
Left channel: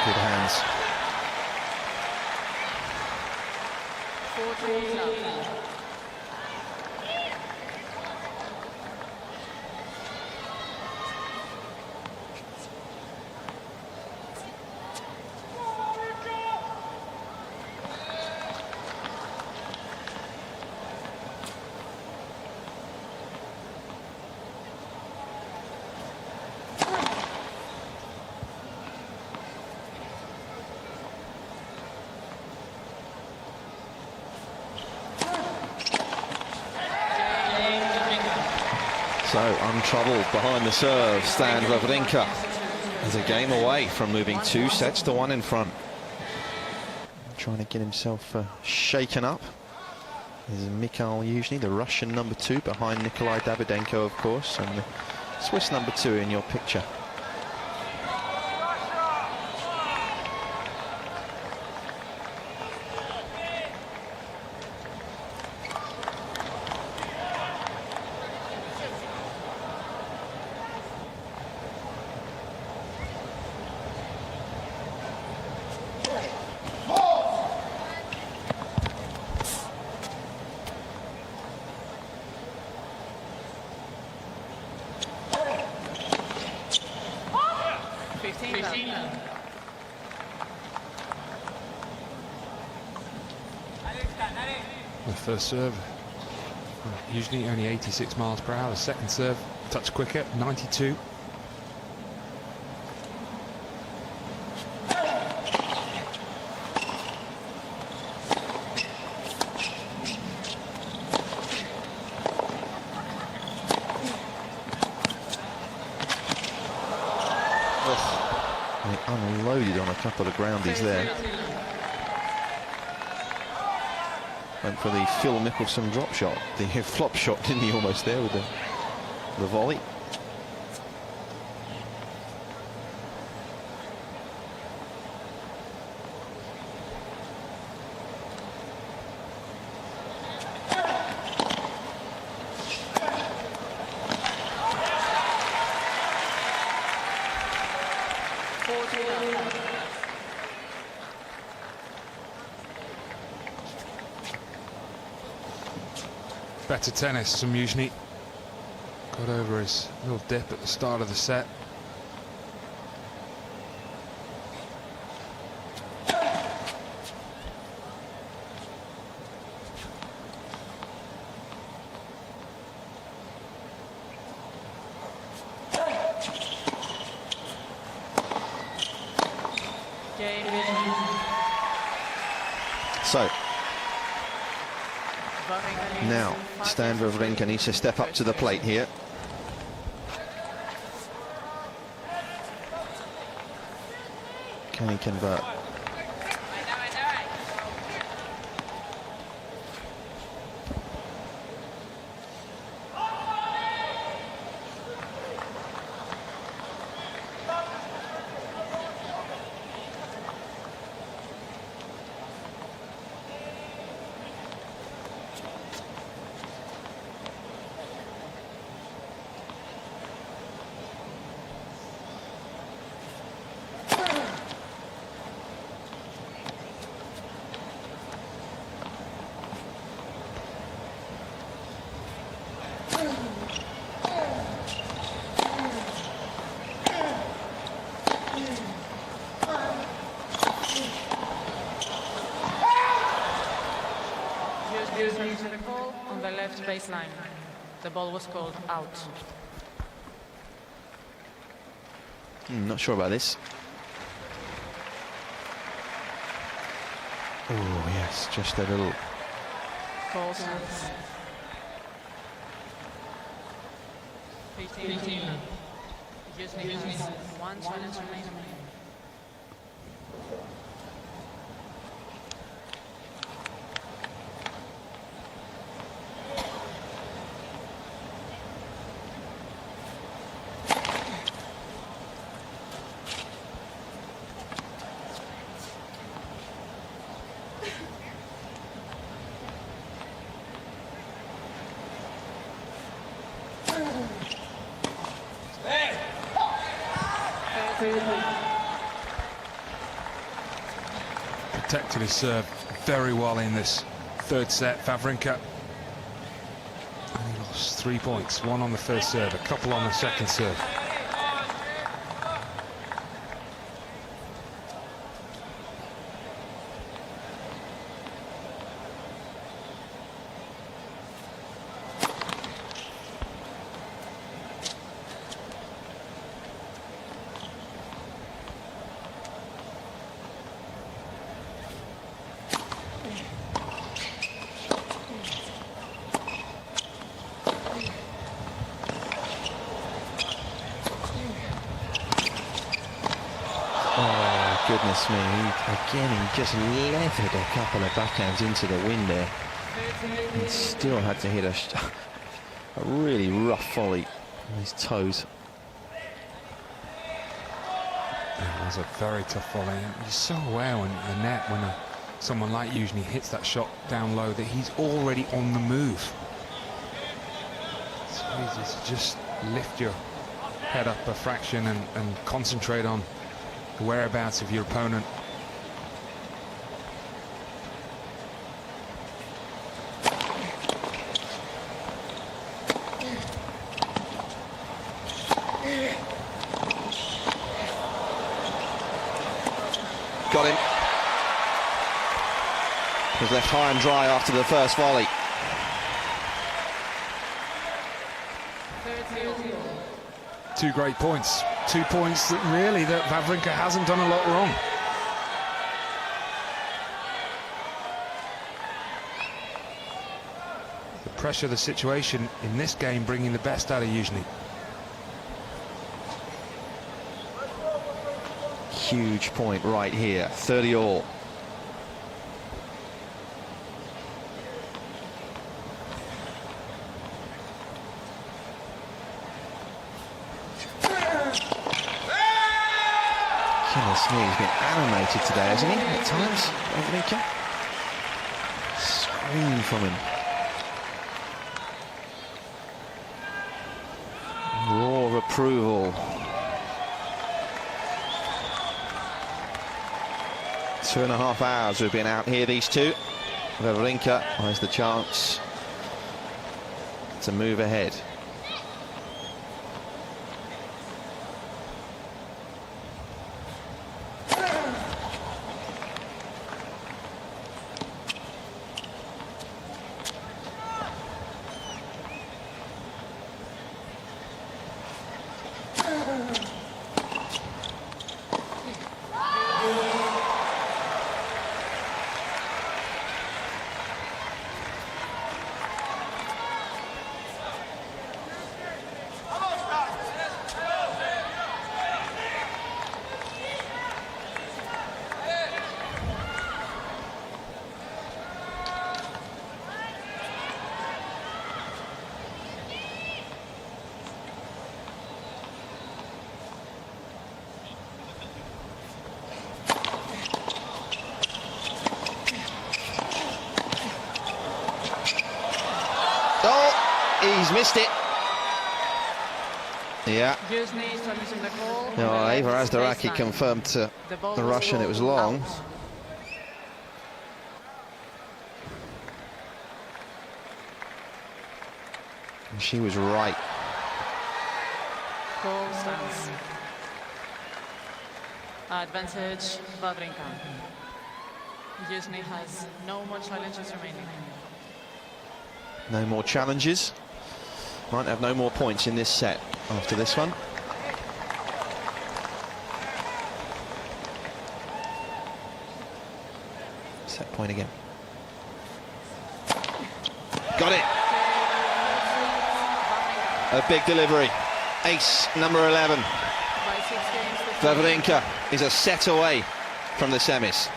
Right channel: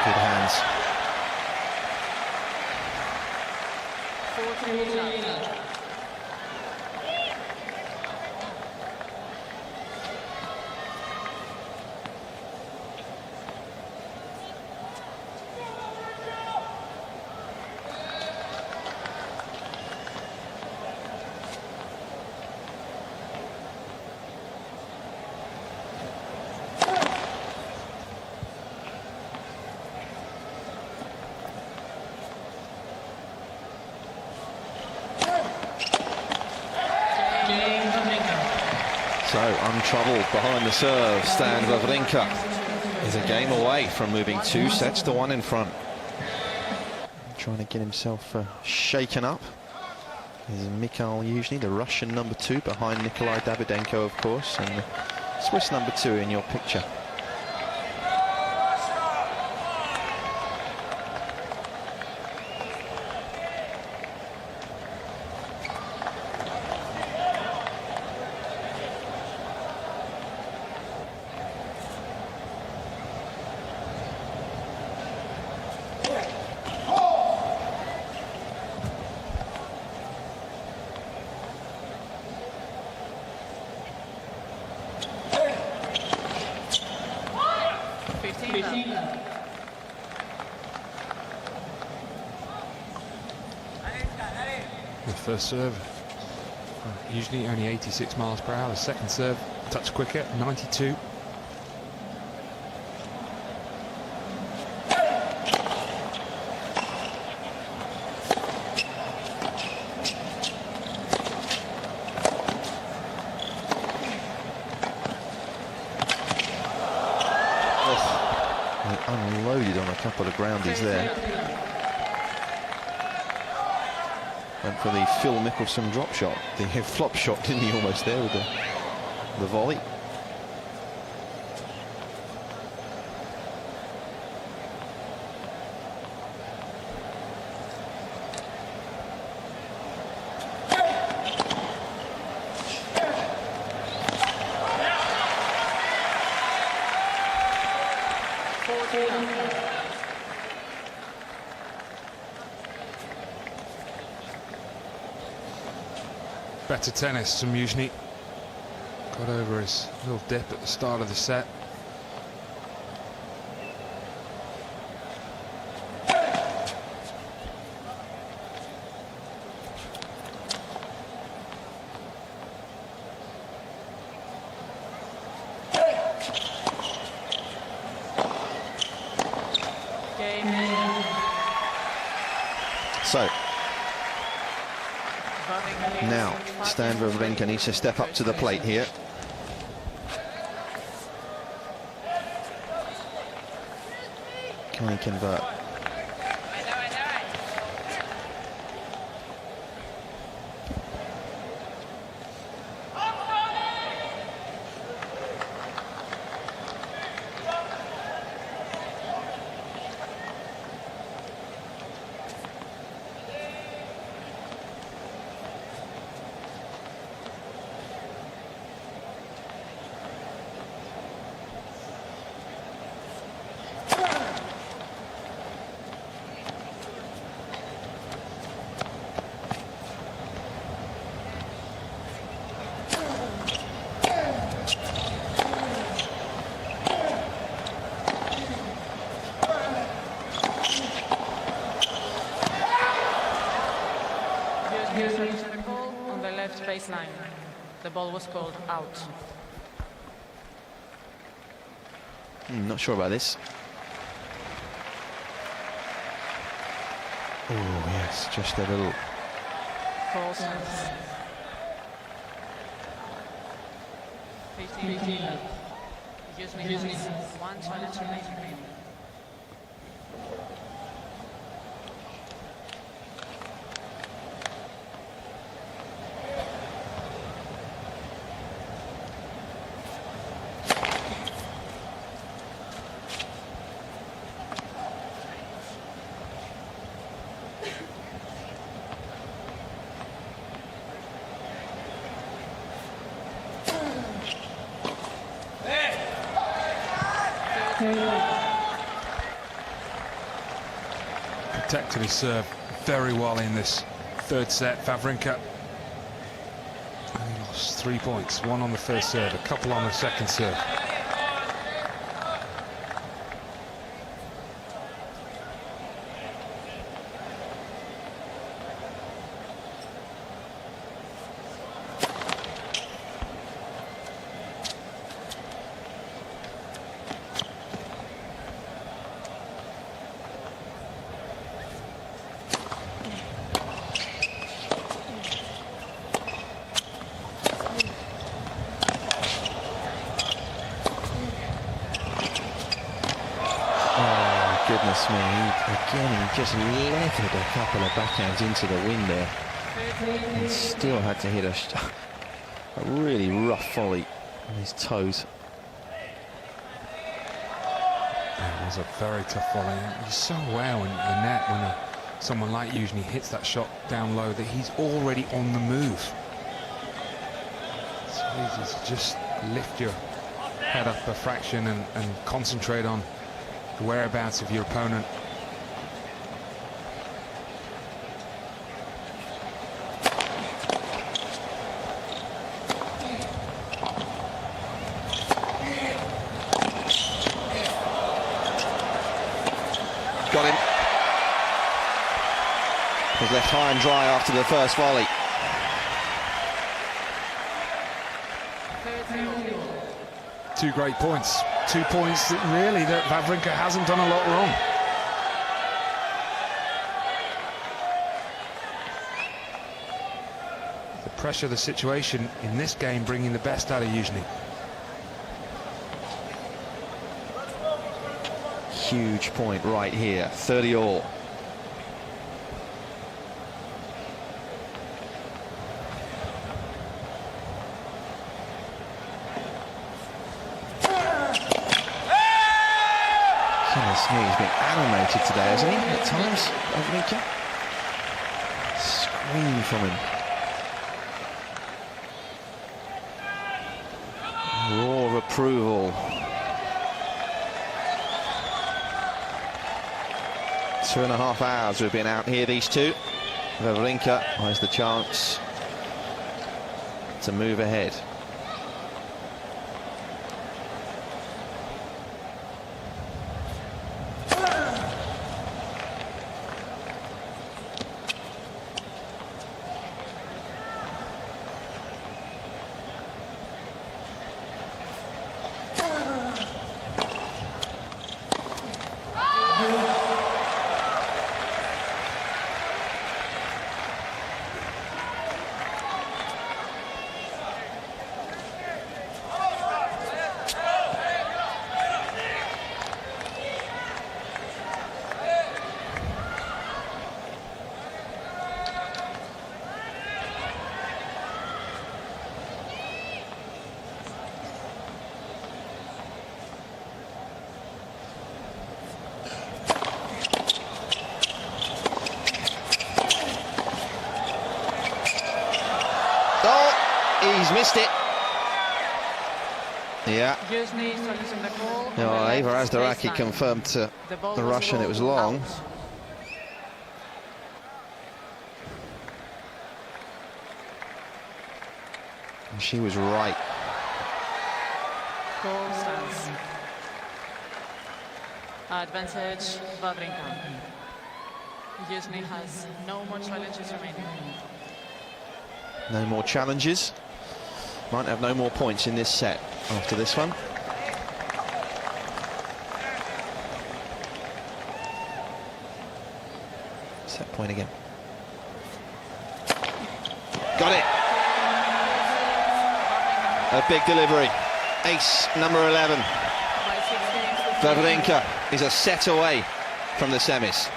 Good hands. 14 love. So, untroubled behind the serve, Stan Wawrinka is a game away from moving 2 sets to 1 in front. Trying to get himself shaken up is Mikhail Youzhny, the Russian number 2, behind Nikolai Davydenko, of course, and the Swiss number 2 in your picture. The first serve, usually only 86 miles per hour. The second serve, a touch quicker, 92. They unloaded on a couple of groundies there. Went for the Phil Mickelson drop shot, the flop shot, didn't he, almost there with the volley. Better tennis from Youzhny. Got over his little dip at the start of the set. So now Stan Wawrinka needs to step up to the plate here. Can he convert? Youzhny call on the left baseline. The ball was called out. Not sure about this. Oh yes, just a little. Call sense. 15. Youzhny has 1 challenge remaining. Protected his serve very well in this third set, Wawrinka. And he lost 3 points, 1 on the first serve, a couple on the second serve. Goodness me, he just leathered a couple of backhands into the wind there. And still had to hit a really rough volley on his toes. It was a very tough volley. You're so aware when the net, when someone like Youzhny hits that shot down low, that he's already on the move. It's easy to just lift your head up a fraction and concentrate on the whereabouts of your opponent. got him. Was left high and dry after the first volley. Two great points. 2 points that really that Wawrinka hasn't done a lot wrong. The pressure of the situation in this game bringing the best out of Youzhny. Huge point right here, 30 all. Goodness me, he's been animated today, hasn't he? At times, Wawrinka. Scream from him. Roar of approval. 2.5 hours we've been out here, these two. Wawrinka has the chance to move ahead. Oh, he's missed it. Yeah. Youzhny solution the goal. No, Eva Azdaraki confirmed to the Russian it was long. And she was right. Goal stands. Advantage Wawrinka. Youzhny has no more challenges remaining. No more challenges. Might have no more points in this set after this one. Set point again. Got it. A big delivery. Ace number 11. By 6 games to 3. Wawrinka is a set away from the semis.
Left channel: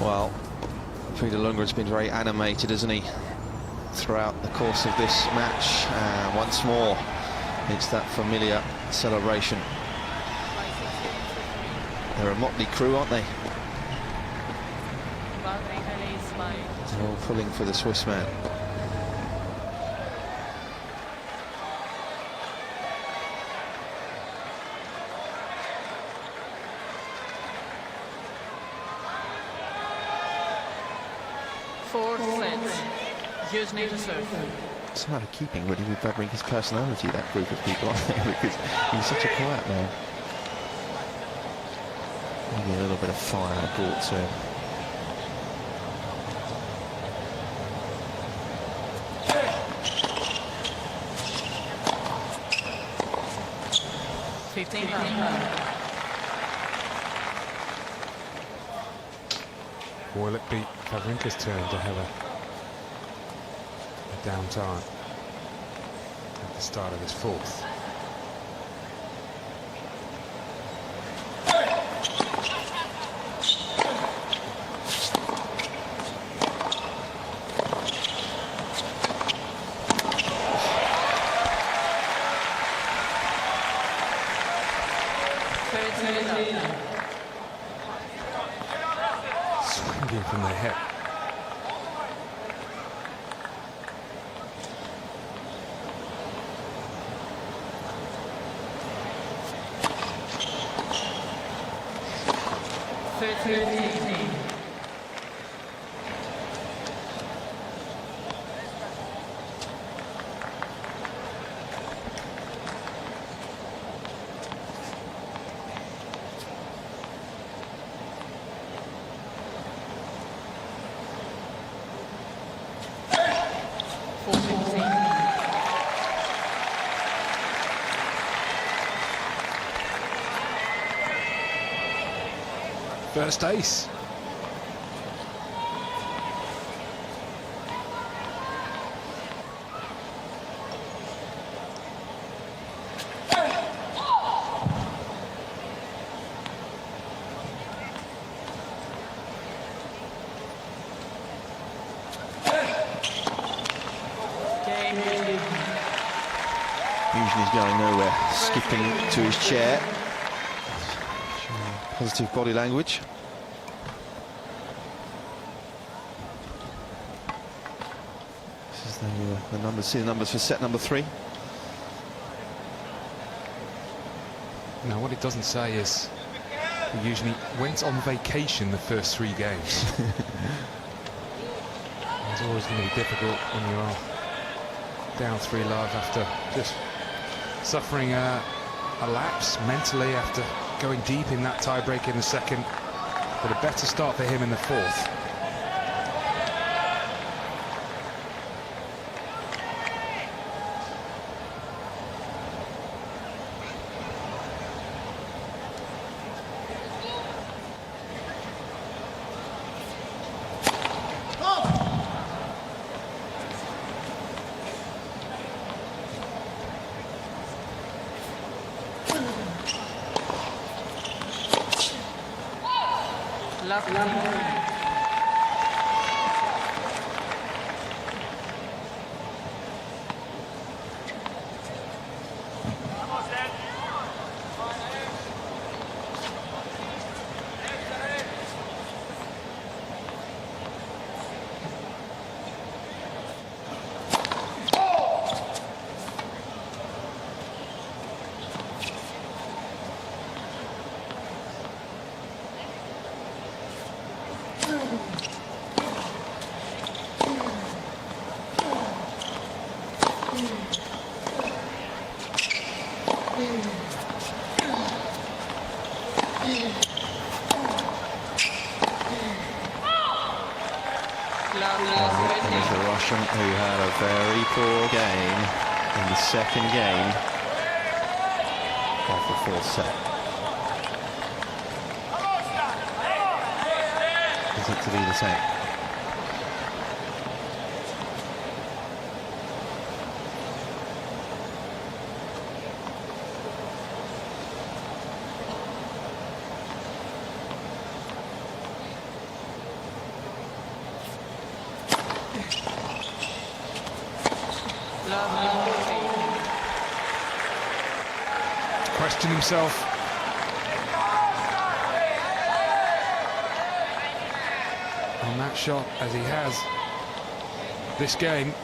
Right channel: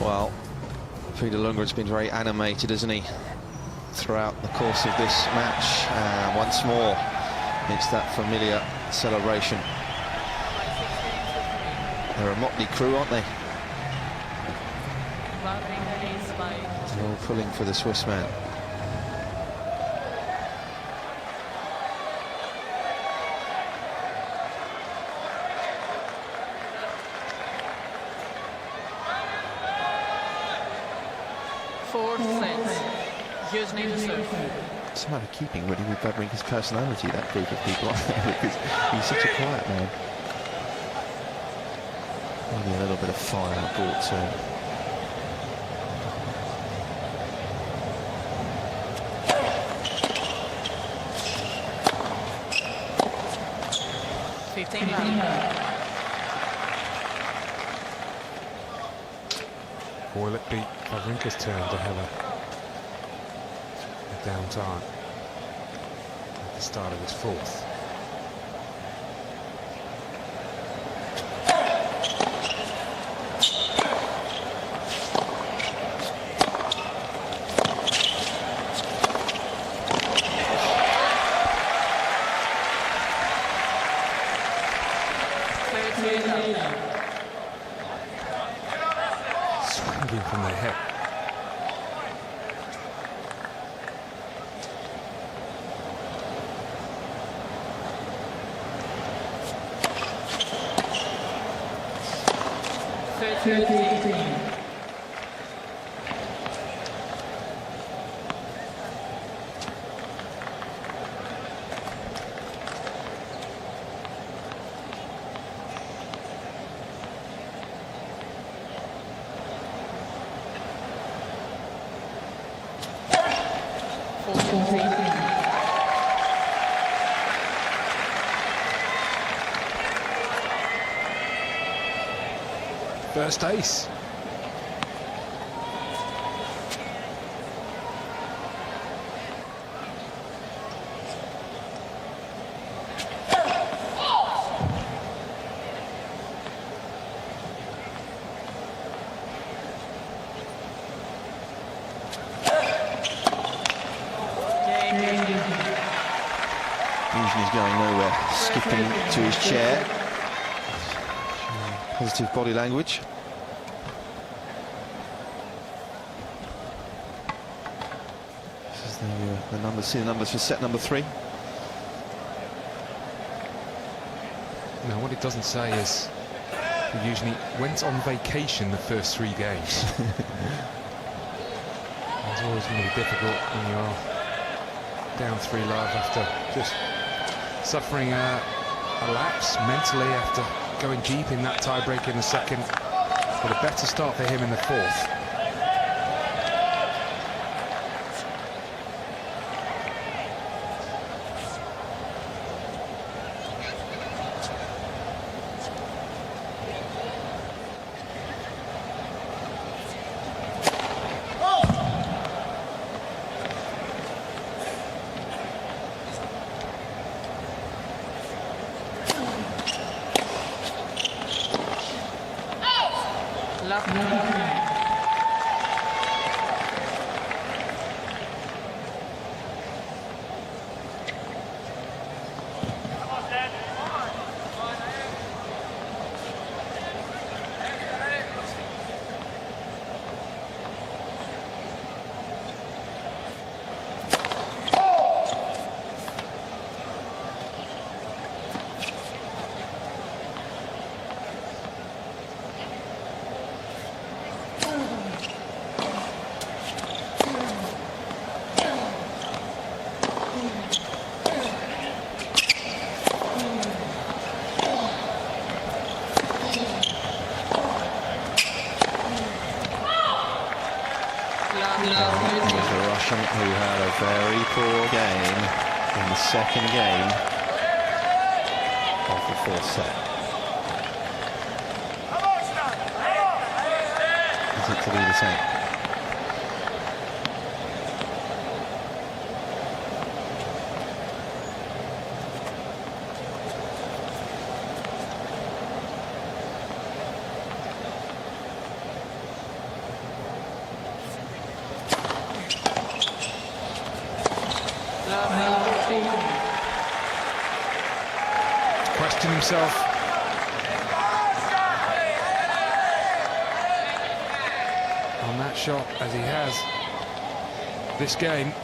Well, Peter Lundgren's been very animated, hasn't he, throughout the course of this match. Once more, it's that familiar celebration. By 6 games to 3. They're a motley crew, aren't they? Wawrinka leads by They're all pulling for the Swiss man. fourth set. Youzhny to serve. It's a matter of keeping really with Wawrinka's personality, that group of people, aren't they? Because he's such a quiet man. Maybe a little bit of fire brought to him. Will it be Wawrinka's turn to have a downtime at the start of this fourth? Swinging from the hip. 13. First ace. Youzhny's going nowhere, skipping to his chair. Positive body language. This is the numbers. See the numbers for set number 3. Now, what it doesn't say is Youzhny went on vacation the first 3 games. It's always going to be difficult when you're down 3-love after just suffering a lapse mentally after going deep in that tie-break in the second, but a better start for him in the fourth. There's the Russian who had a very poor game in the second game of the fourth set. Is it to be the same? Question himself. On that shot, as he has this game.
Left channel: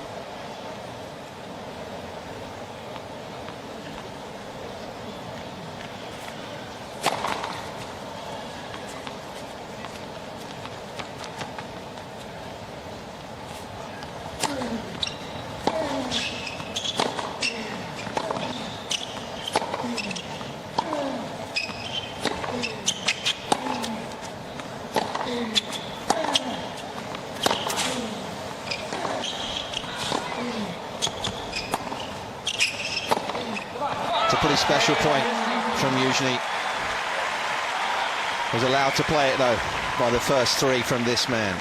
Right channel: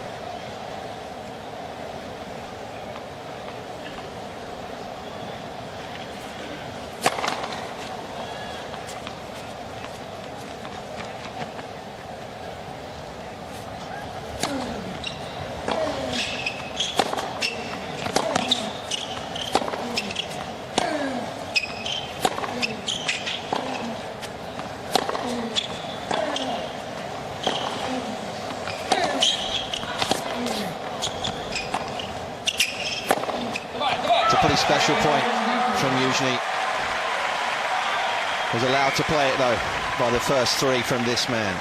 It's a pretty special point from Youzhny. Was allowed to play it though by the first 3 from this man,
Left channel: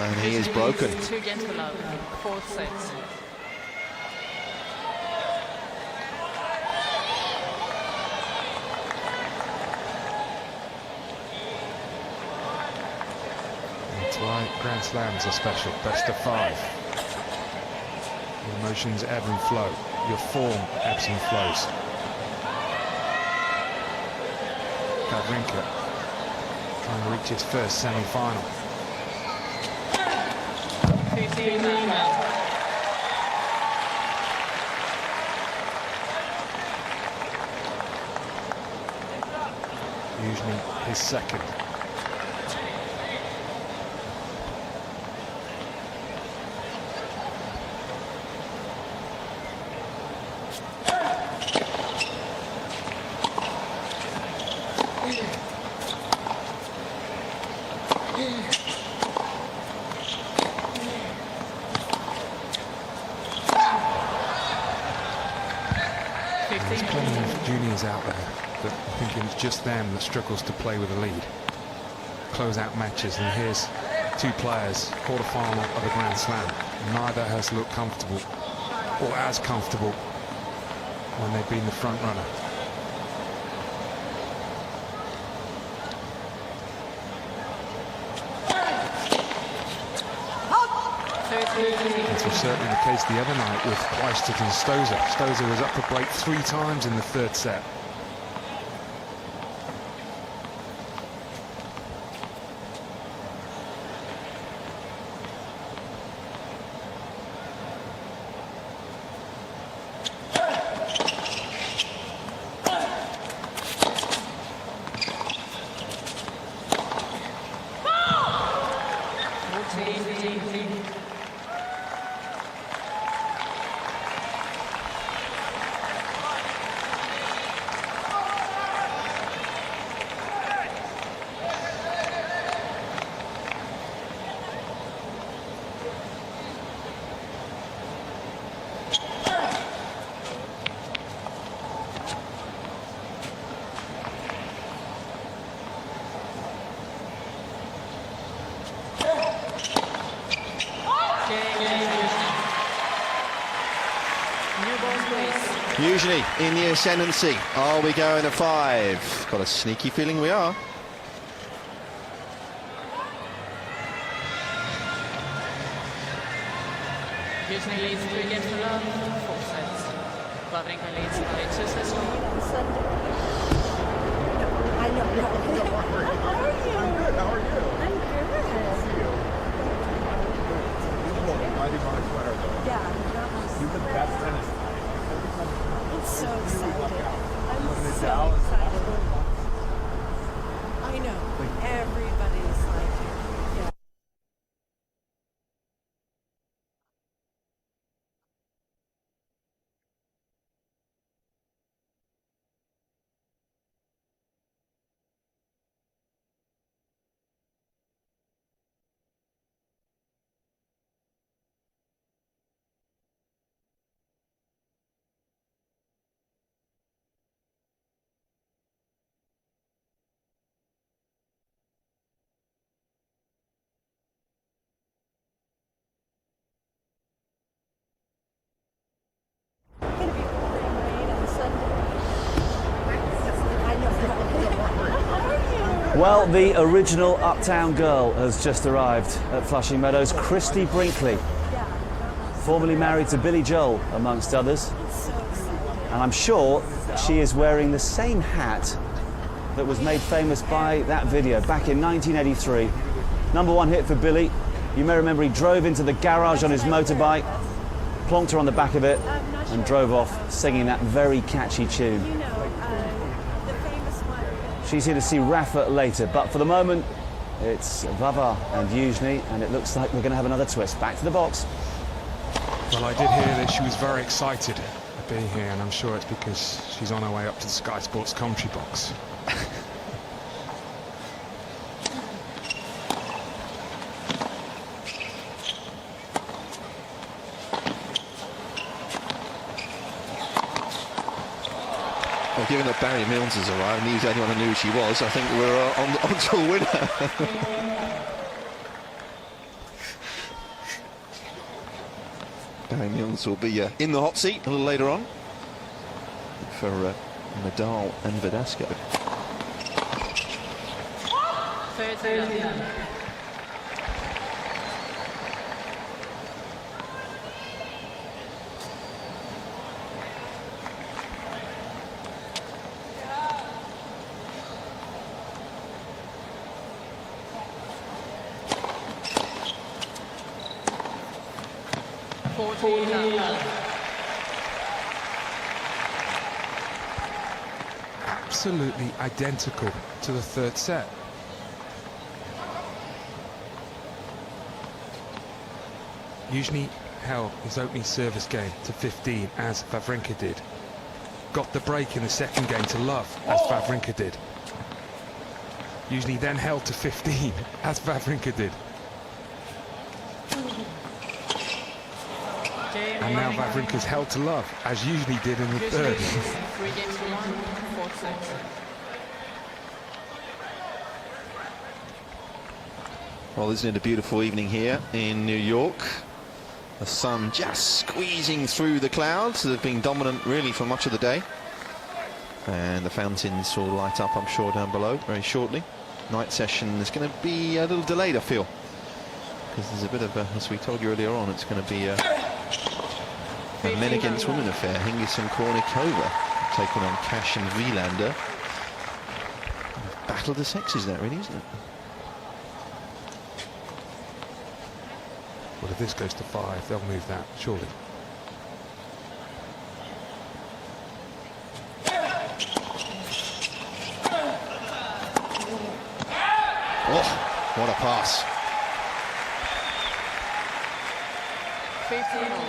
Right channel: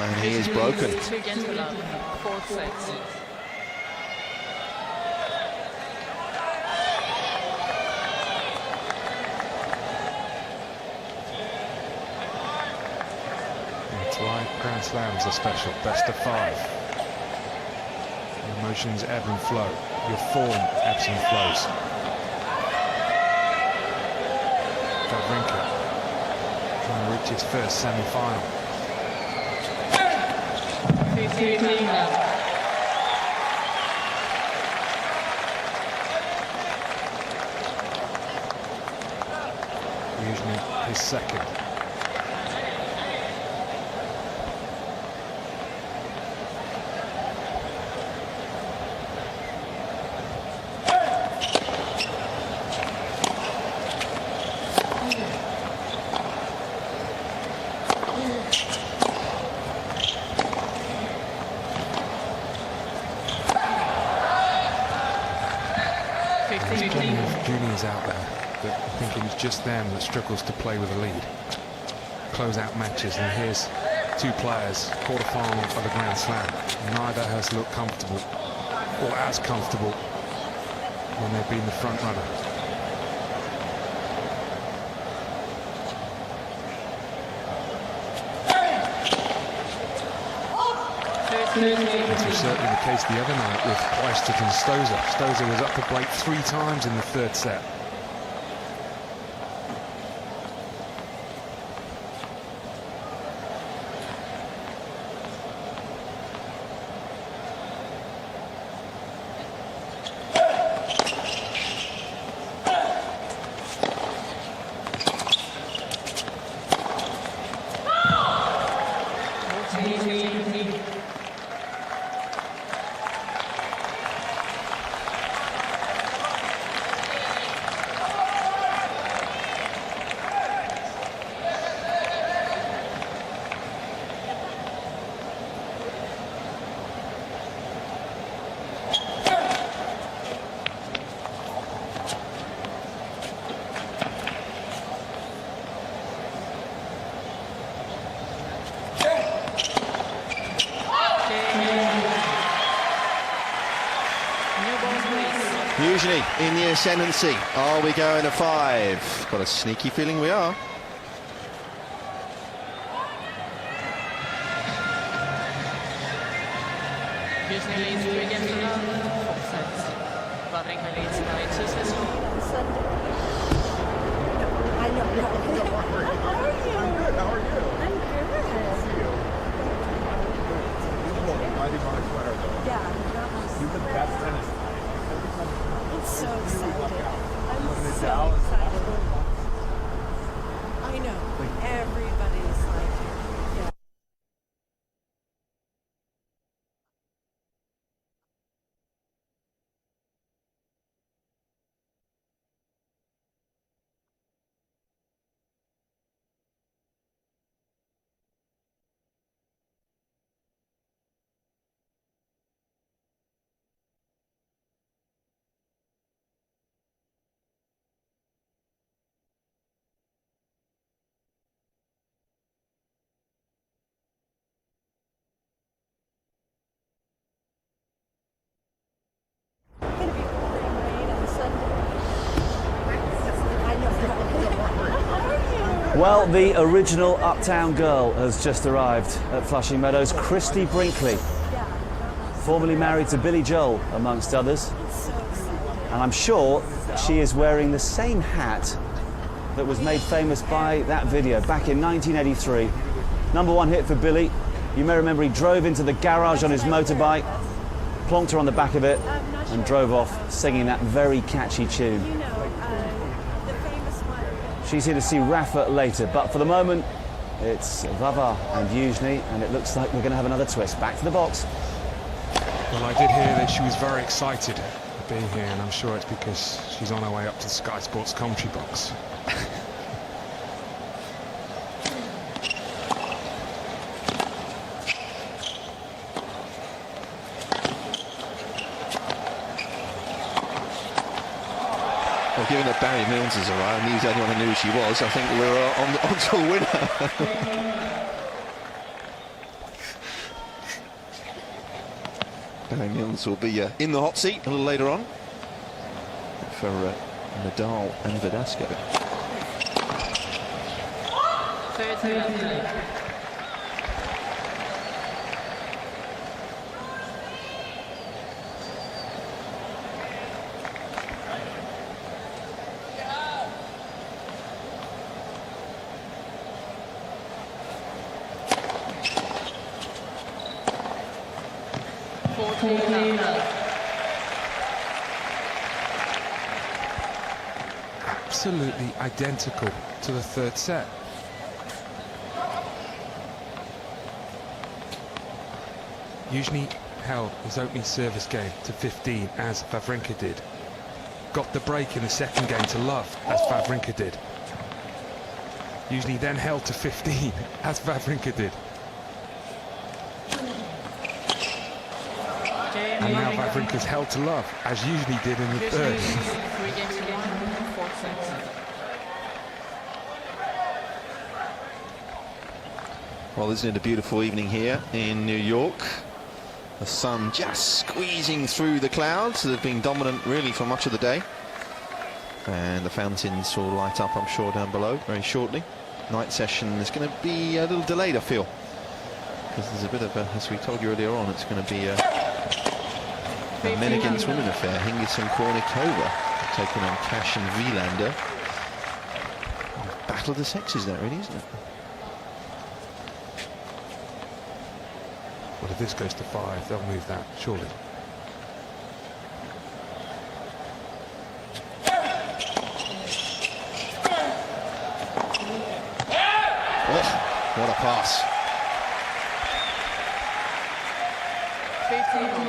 and he is broken. 2 games to love, fourth set. That's why Grand Slams are special. Best of 5. Your emotions ebb and flow. Your form ebbs and flows. Wawrinka trying to reach his first semi-final. 15 minutes. Youzhny his second. 15. There's plenty of juniors out there that are thinking it's just them that struggles to play with a lead. Close out matches, and here's two players, quarter-final of a Grand Slam. Neither has looked comfortable, or as comfortable, when they've been the front runner. This was certainly the case the other night with Kleistert and Stosur. Stosur was up for break 3 times in the third set. Youzhny in the ascendancy. Are we going to 5? Got a sneaky feeling we are. Youzhny leads 3 games to love, 4 sets. Wawrinka leads by 2 sets to 1. I know. How are you? I'm good. How are you? I'm good. Mighty Mars sweater, though. Yeah. You're the best tennis player. It's so excited. I'm so Dallas. excited. I know. Everybody's like, yeah. Gonna be pouring rain on Sunday. I know. How are you? Well, the original Uptown Girl has just arrived at Flushing Meadows. Christy Brinkley, Yeah. formerly married to Billy Joel, amongst others. It's so excited. And I'm sure she is wearing the same hat that was made famous by that video back in 1983. #1 hit for Billy. You may remember he drove into the garage on his motorbike, plonked her on the back of it, and drove off singing that very catchy tune. You know, the famous one. She's here to see Rafa later, but for the moment, it's Vava and Youzhny, and it looks like we're going to have another twist. Back to the box. Well, I did hear that she was very excited at being here, and I'm sure it's because she's on her way up to the Sky Sports commentary box. Well, given that Barry Milnes has arrived and he was the only one who knew who she was, I think we're on to a winner. Barry Milnes will be in the hot seat a little later on for Nadal and Verdasco. 30. Absolutely identical to the third set. Youzhny held his opening service game to 15 as Wawrinka did. Got the break in the second game to love as Wawrinka did. Youzhny then held to 15 as Wawrinka did. And now Wawrinka's held to love, as Youzhny did in the third. 3 games to 1, 4 sets. Well, isn't it a beautiful evening here in New York? The sun just squeezing through the clouds that have been dominant really for much of the day. And the fountains will light up, I'm sure, down below very shortly. Night session is going to be a little delayed, I feel, because there's a bit of a, as we told you earlier on, it's going to be a men against women affair. Hingis and Kornikova taking on Cash and Wielander. Battle of the sexes, that really, isn't it? Well, if this goes to 5, they'll move that, surely. Oh, what a pass. 15 all.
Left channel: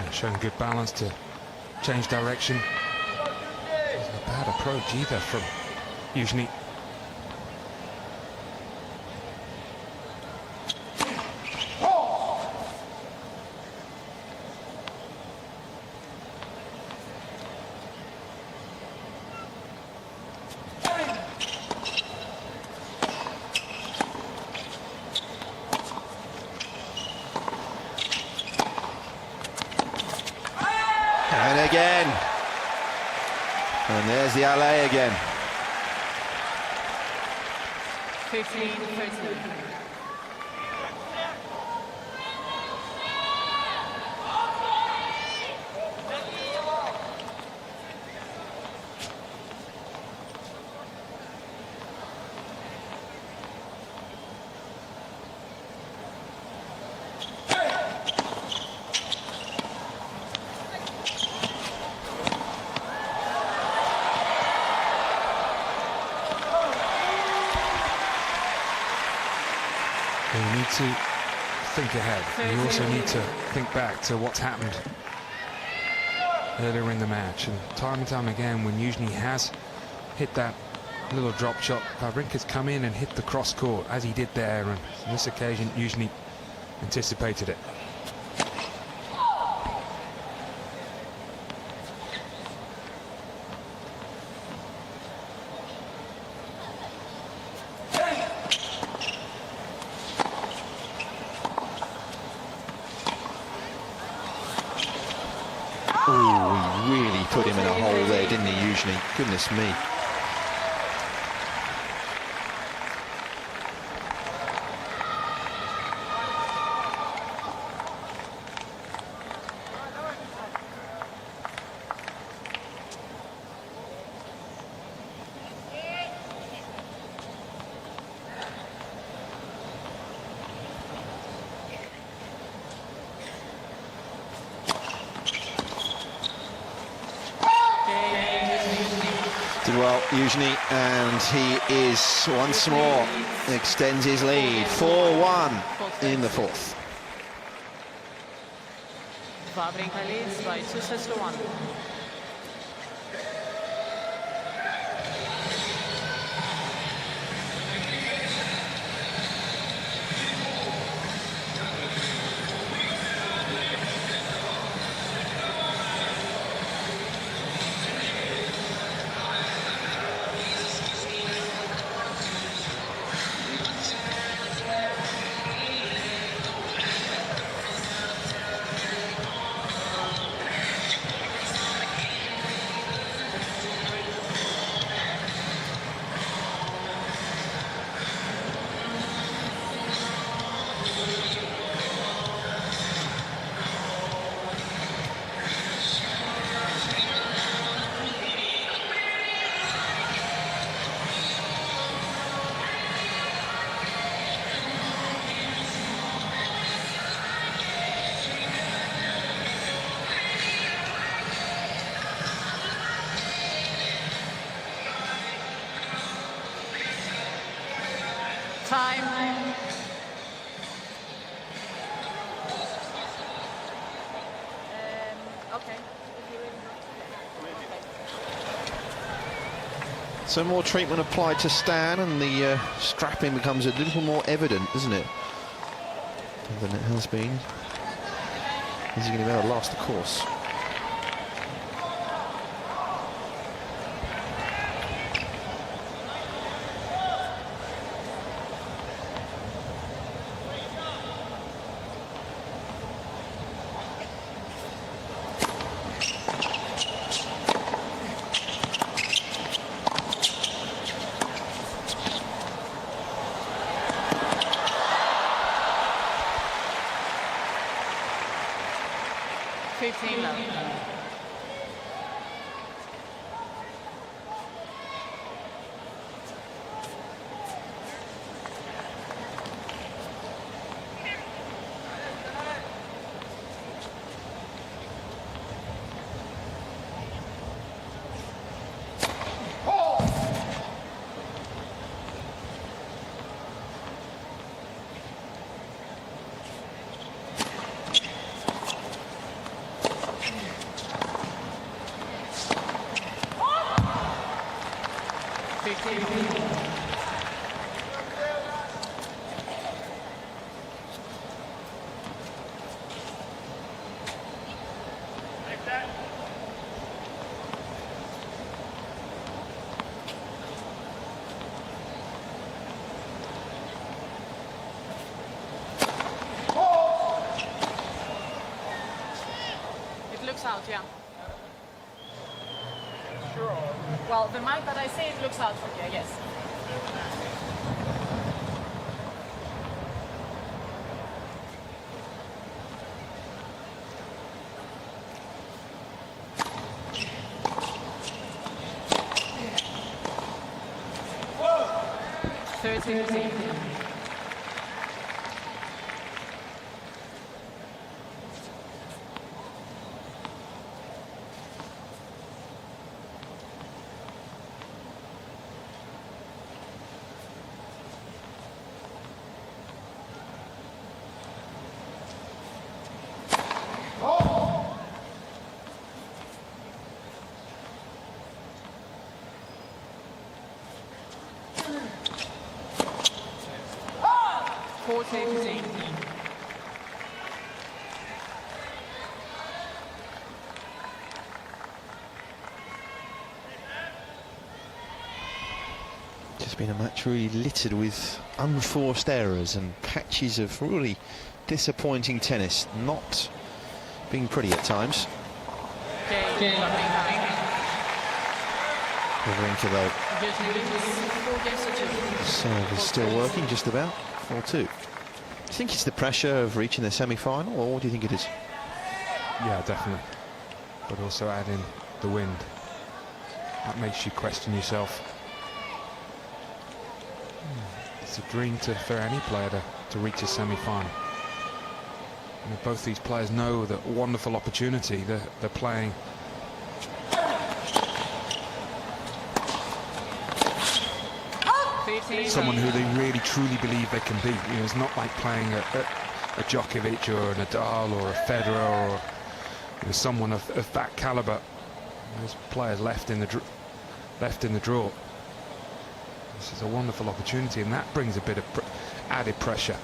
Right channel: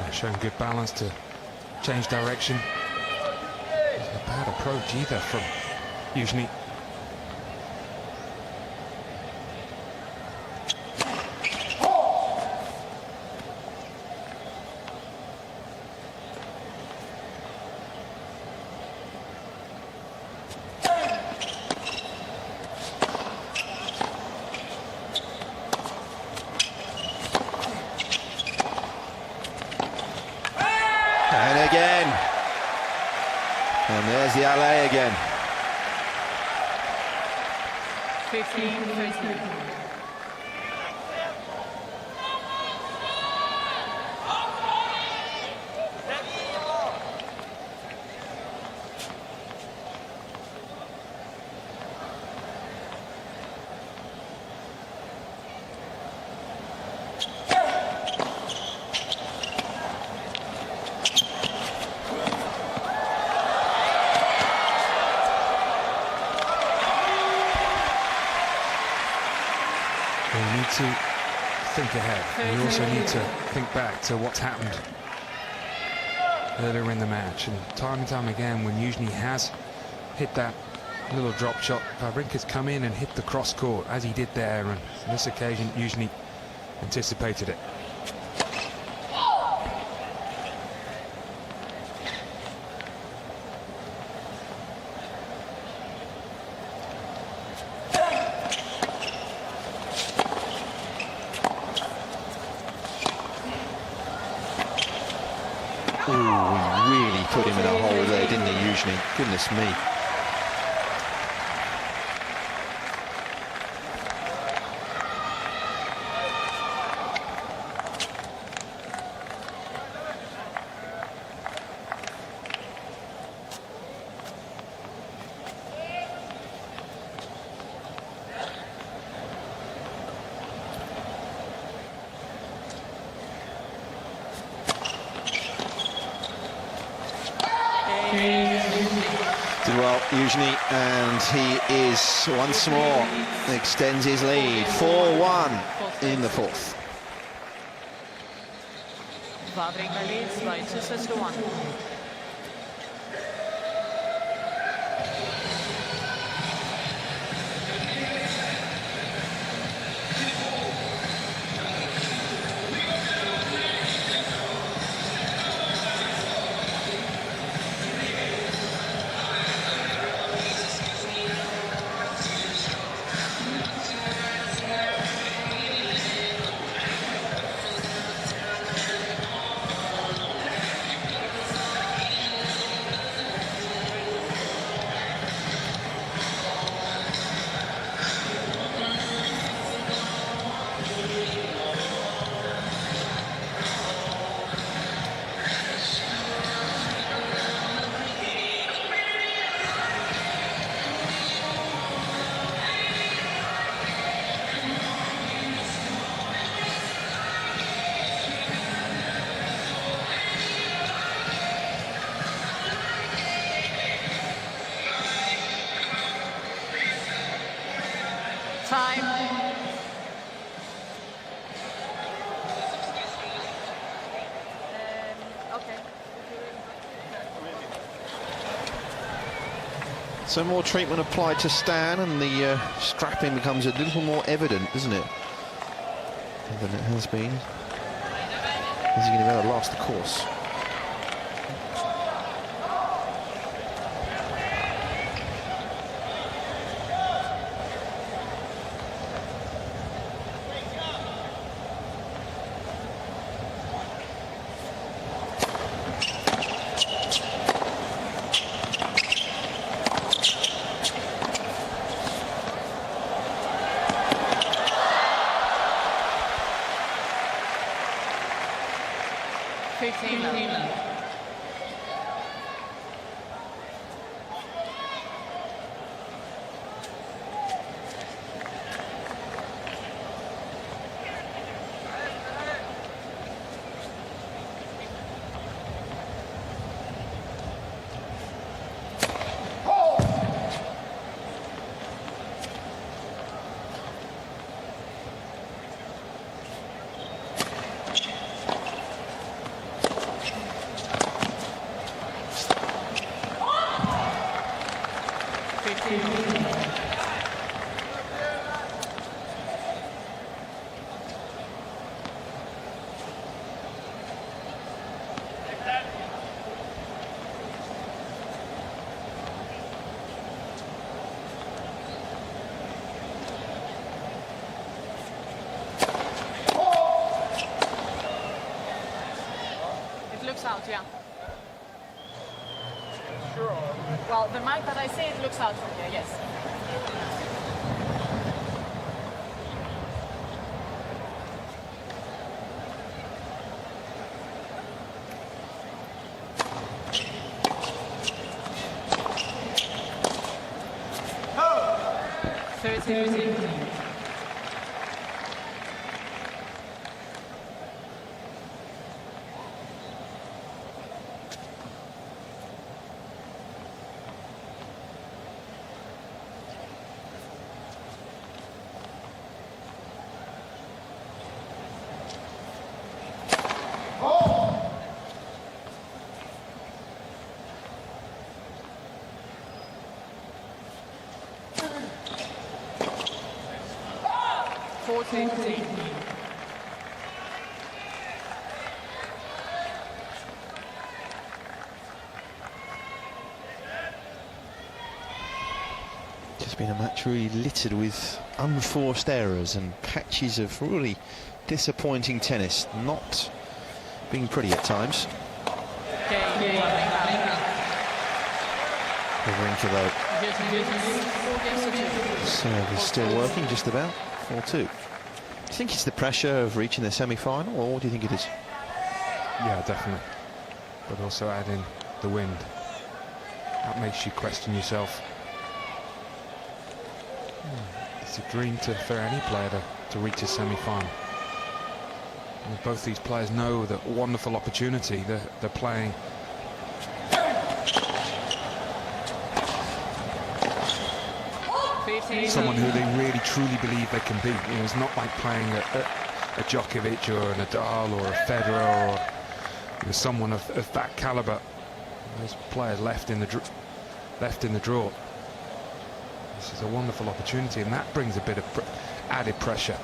They're showing good balance to change direction. It's not a bad approach either from Youzhny. And again. And there's the alley again. 15-13. You need to think ahead. You also need to think back to what's happened earlier in the match. And time again, when Youzhny has hit that little drop shot, Wawrinka's come in and hit the cross court, as he did there. And on this occasion, Youzhny anticipated it. Oh, he really put him in a hole there, didn't he, Youzhny? Goodness me. Did well, Youzhny, and he is once more extends his lead. 4-1 in the fourth. Wawrinka leads by 2 sets to 1. Time. Okay. So more treatment applied to Stan, and the strapping becomes a little more evident, doesn't it, than it has been. Is he going to be able to last the course? Looks out, yeah. Sure. Well, the mic that I say it looks out from here, yes. Oh. 30. Just been a match really littered with unforced errors and patches of really disappointing tennis, not being pretty at times. Wawrinka, though, serve is still working just about. 4-2. Do you think it's the pressure of reaching the semi-final, or what do you think it is? Yeah, definitely. But also add in the wind. That makes you question yourself. It's a dream for any player to reach a semi-final. Both these players know that wonderful opportunity they're playing. Someone who they really truly believe they can beat. You know, it's not like playing a Djokovic or a Nadal or a Federer or someone of that caliber. There's players left in the draw. This is a wonderful opportunity, and that brings a bit of added pressure.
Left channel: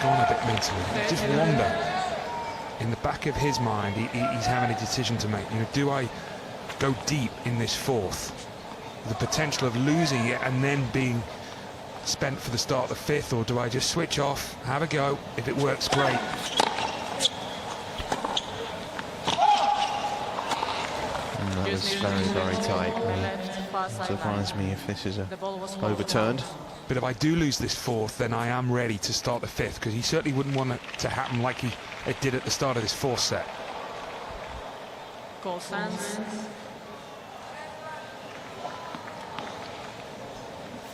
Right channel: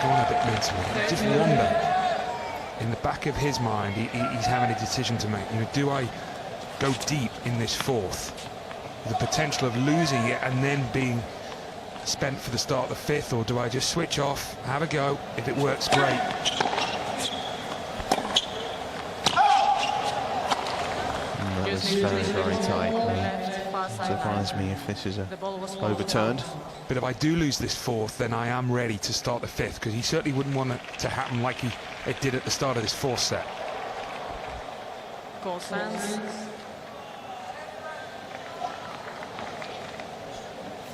Gone a bit mentally. Just wonder, in the back of his mind, he's having a decision to make. You know, do I go deep in this fourth, the potential of losing it and then being spent for the start of the fifth, or do I just switch off, have a go? If it works, great. That was very, very tight. It surprised me if this is overturned. But if I do lose this fourth, then I am ready to start the fifth, because he certainly wouldn't want it to happen like it did at the start of this fourth set. Goal stands.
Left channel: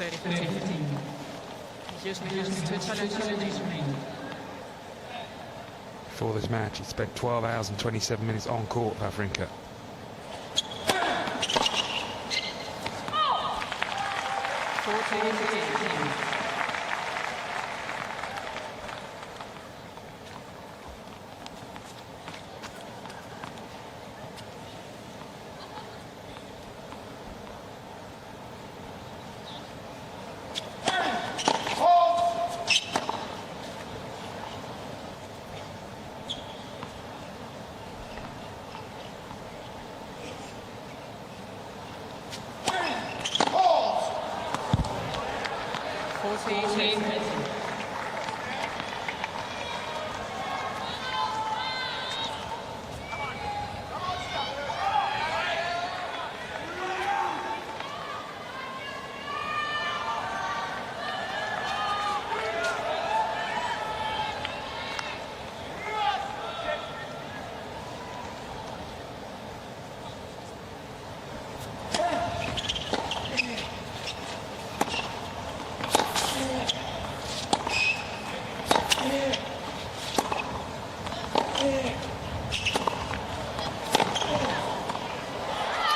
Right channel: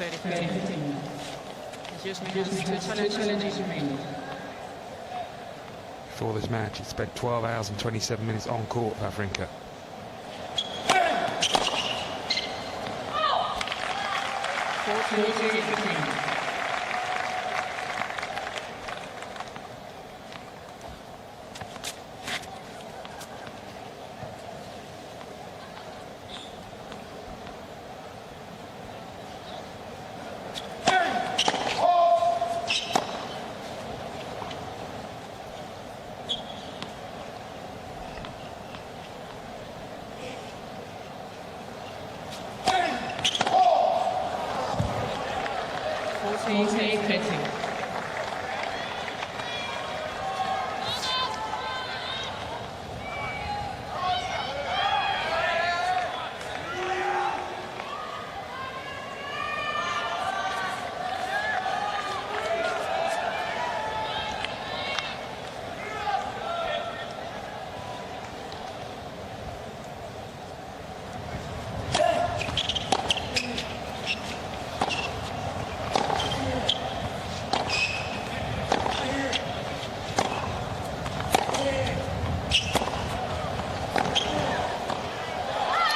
30-15. Youzhny has 2 challenges remaining. Before this match, he spent 12 hours and 27 minutes on court, Wawrinka. 14-15.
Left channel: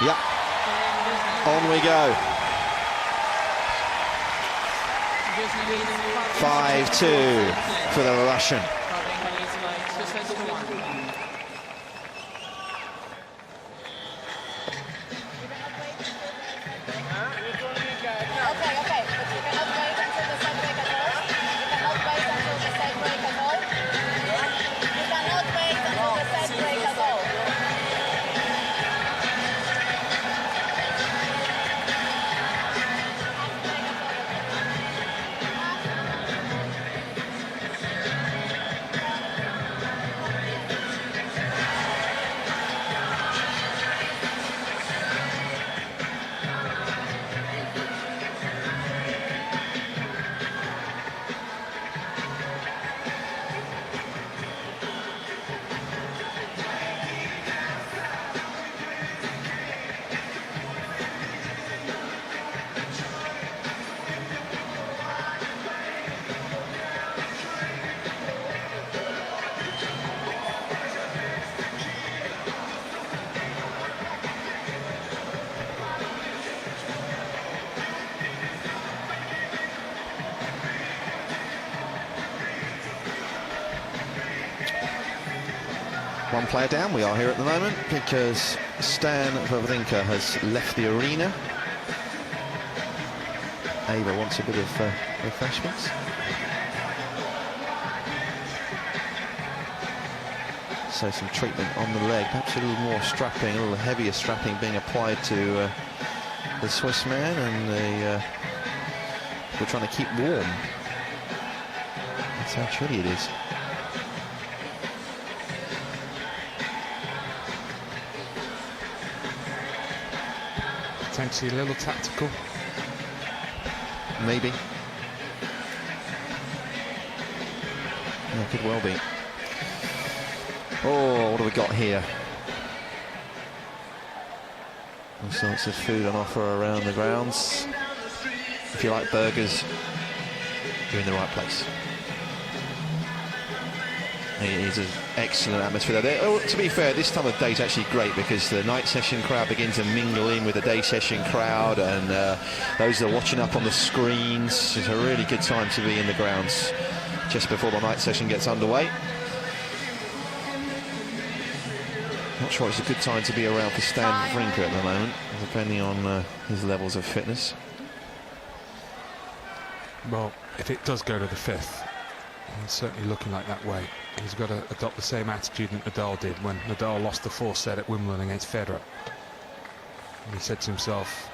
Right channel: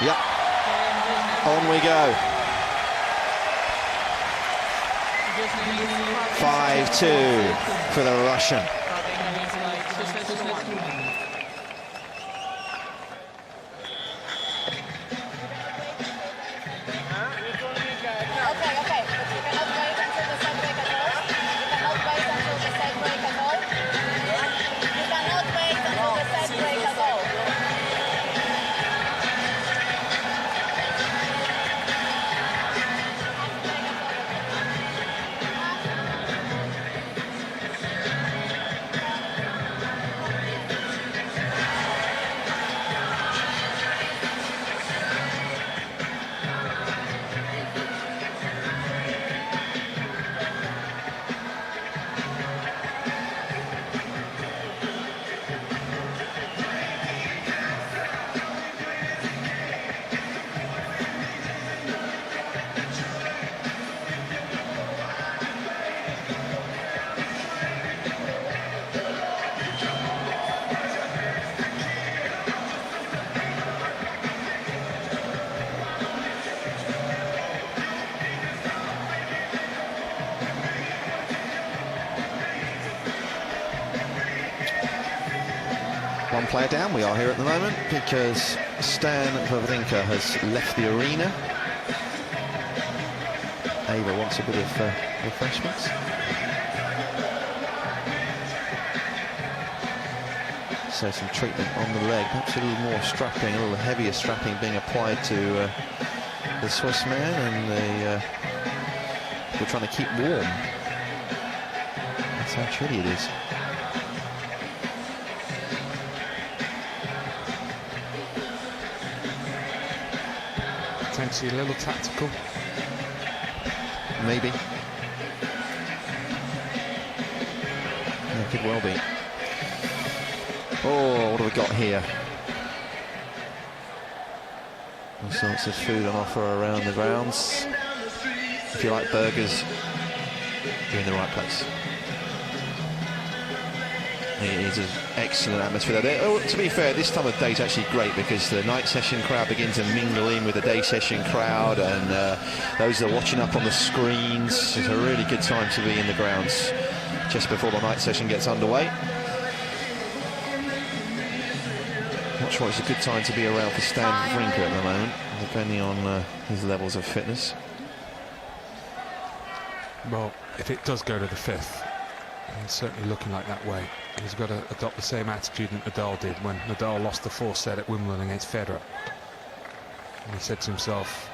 Yeah. On we go. 5-2 for the Russian. Wawrinka leads by 2-1. Okay, okay. But you cannot wait until the set break at all. You cannot wait until the set break at all. You cannot wait until the set break at all. One player down we are here at the moment because Stan Wawrinka has left the arena. Ava wants a bit of refreshments. So some treatment on the leg, perhaps a little more strapping, a little heavier strapping being applied to the Swiss man, and we're trying to keep warm. That's how chilly it is. Potentially a little tactical. Maybe. Yeah, could well be. Oh, what have we got here? All sorts of food on offer around the grounds. If you like burgers, you're in the right place. It is an excellent atmosphere there. Oh, to be fair, this time of day is actually great because the night session crowd begin to mingle in with the day session crowd, and those that are watching up on the screens. It's a really good time to be in the grounds just before the night session gets underway. Not sure it's a good time to be around for Stan Wawrinka at the moment, depending on his levels of fitness. Well, if it does go to the fifth, it's certainly looking like that way. He's got to adopt the same attitude that Nadal did when Nadal lost the fourth set at Wimbledon against Federer. And he said to himself,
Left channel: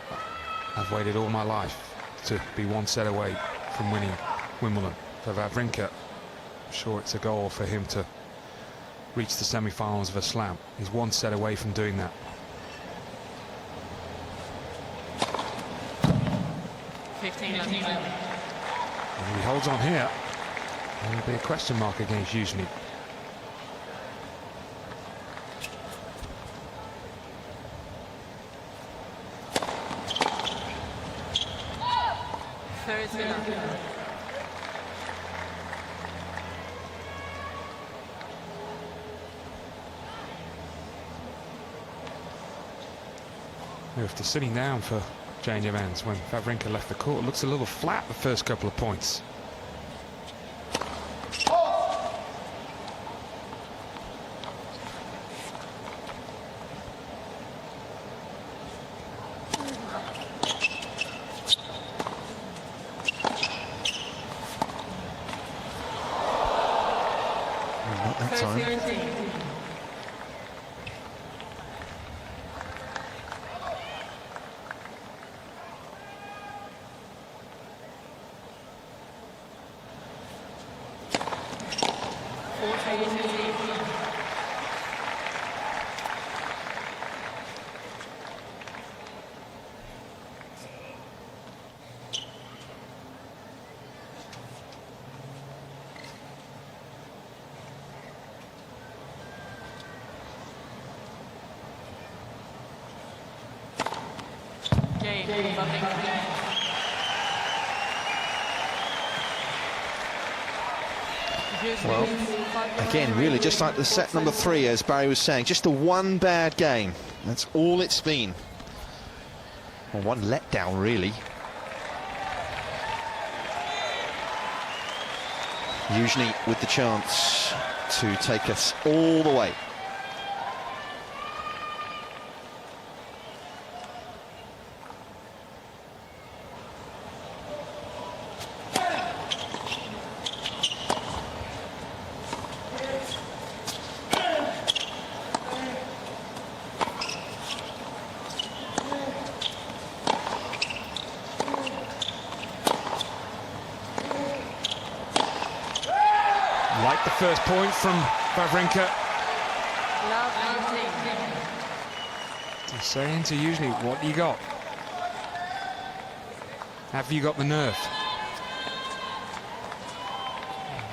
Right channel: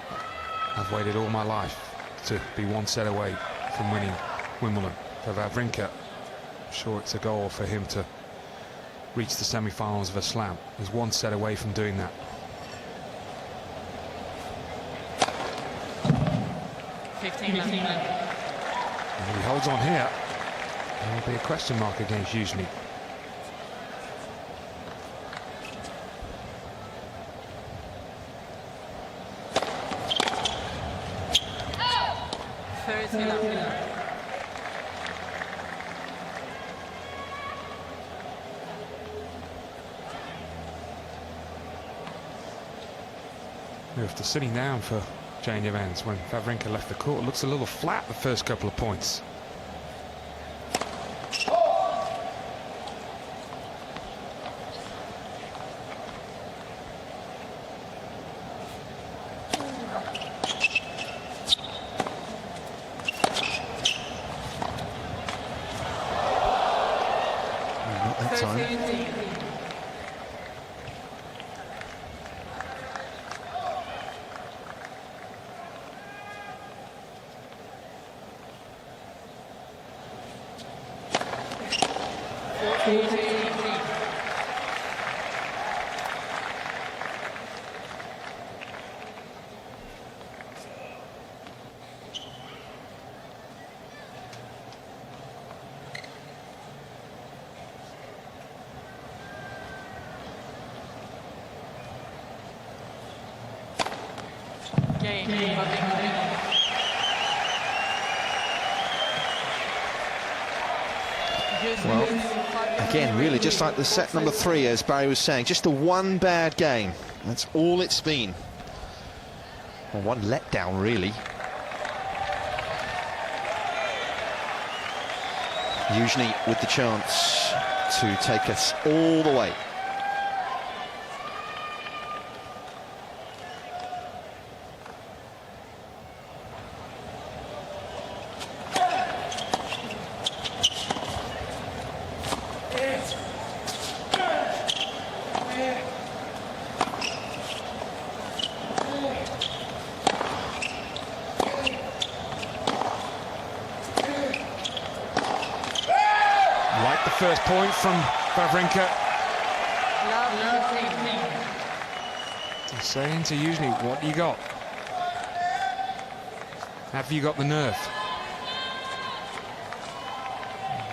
I've waited all my life to be one set away from winning Wimbledon. For Wawrinka, I'm sure it's a goal for him to reach the semi-finals of a slam. He's one set away from doing that. 15 left. And he holds on here. There will be a question mark against Youzhny. After sitting down for change of ends. When Wawrinka left the court, it looks a little flat the first couple of points. Not that time. 13. Game, Wawrinka. Well, again, really, just like the set number 3, as Barry was saying, just the one bad game. That's all it's been. Well, one letdown, really. Youzhny with the chance to take us all the way. Like the first point from Wawrinka. Love 15. He's saying to Youzhny, what do you got? Have you got the nerve?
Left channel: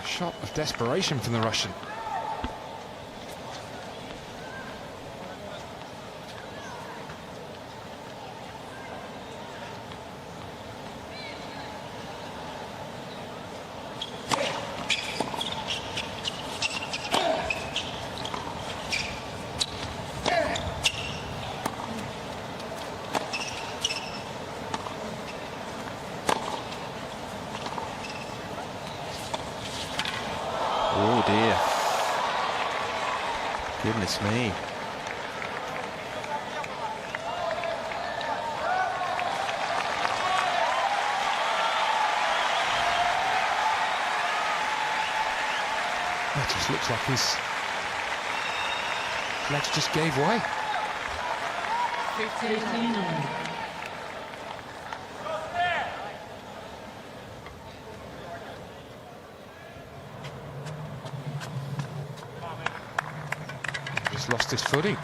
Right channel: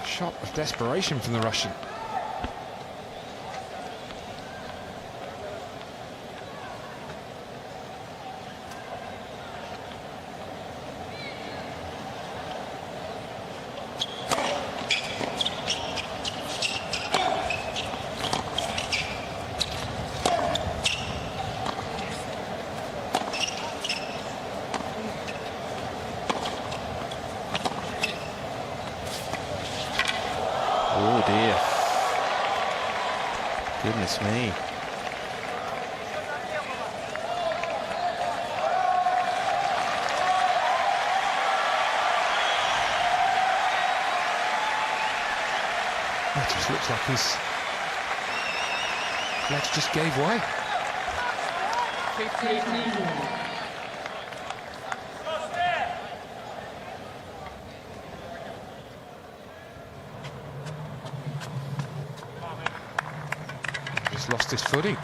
A shot of desperation from the Russian. Oh dear. Goodness me. That just looks like his legs just gave way. 15. Just lost his footing.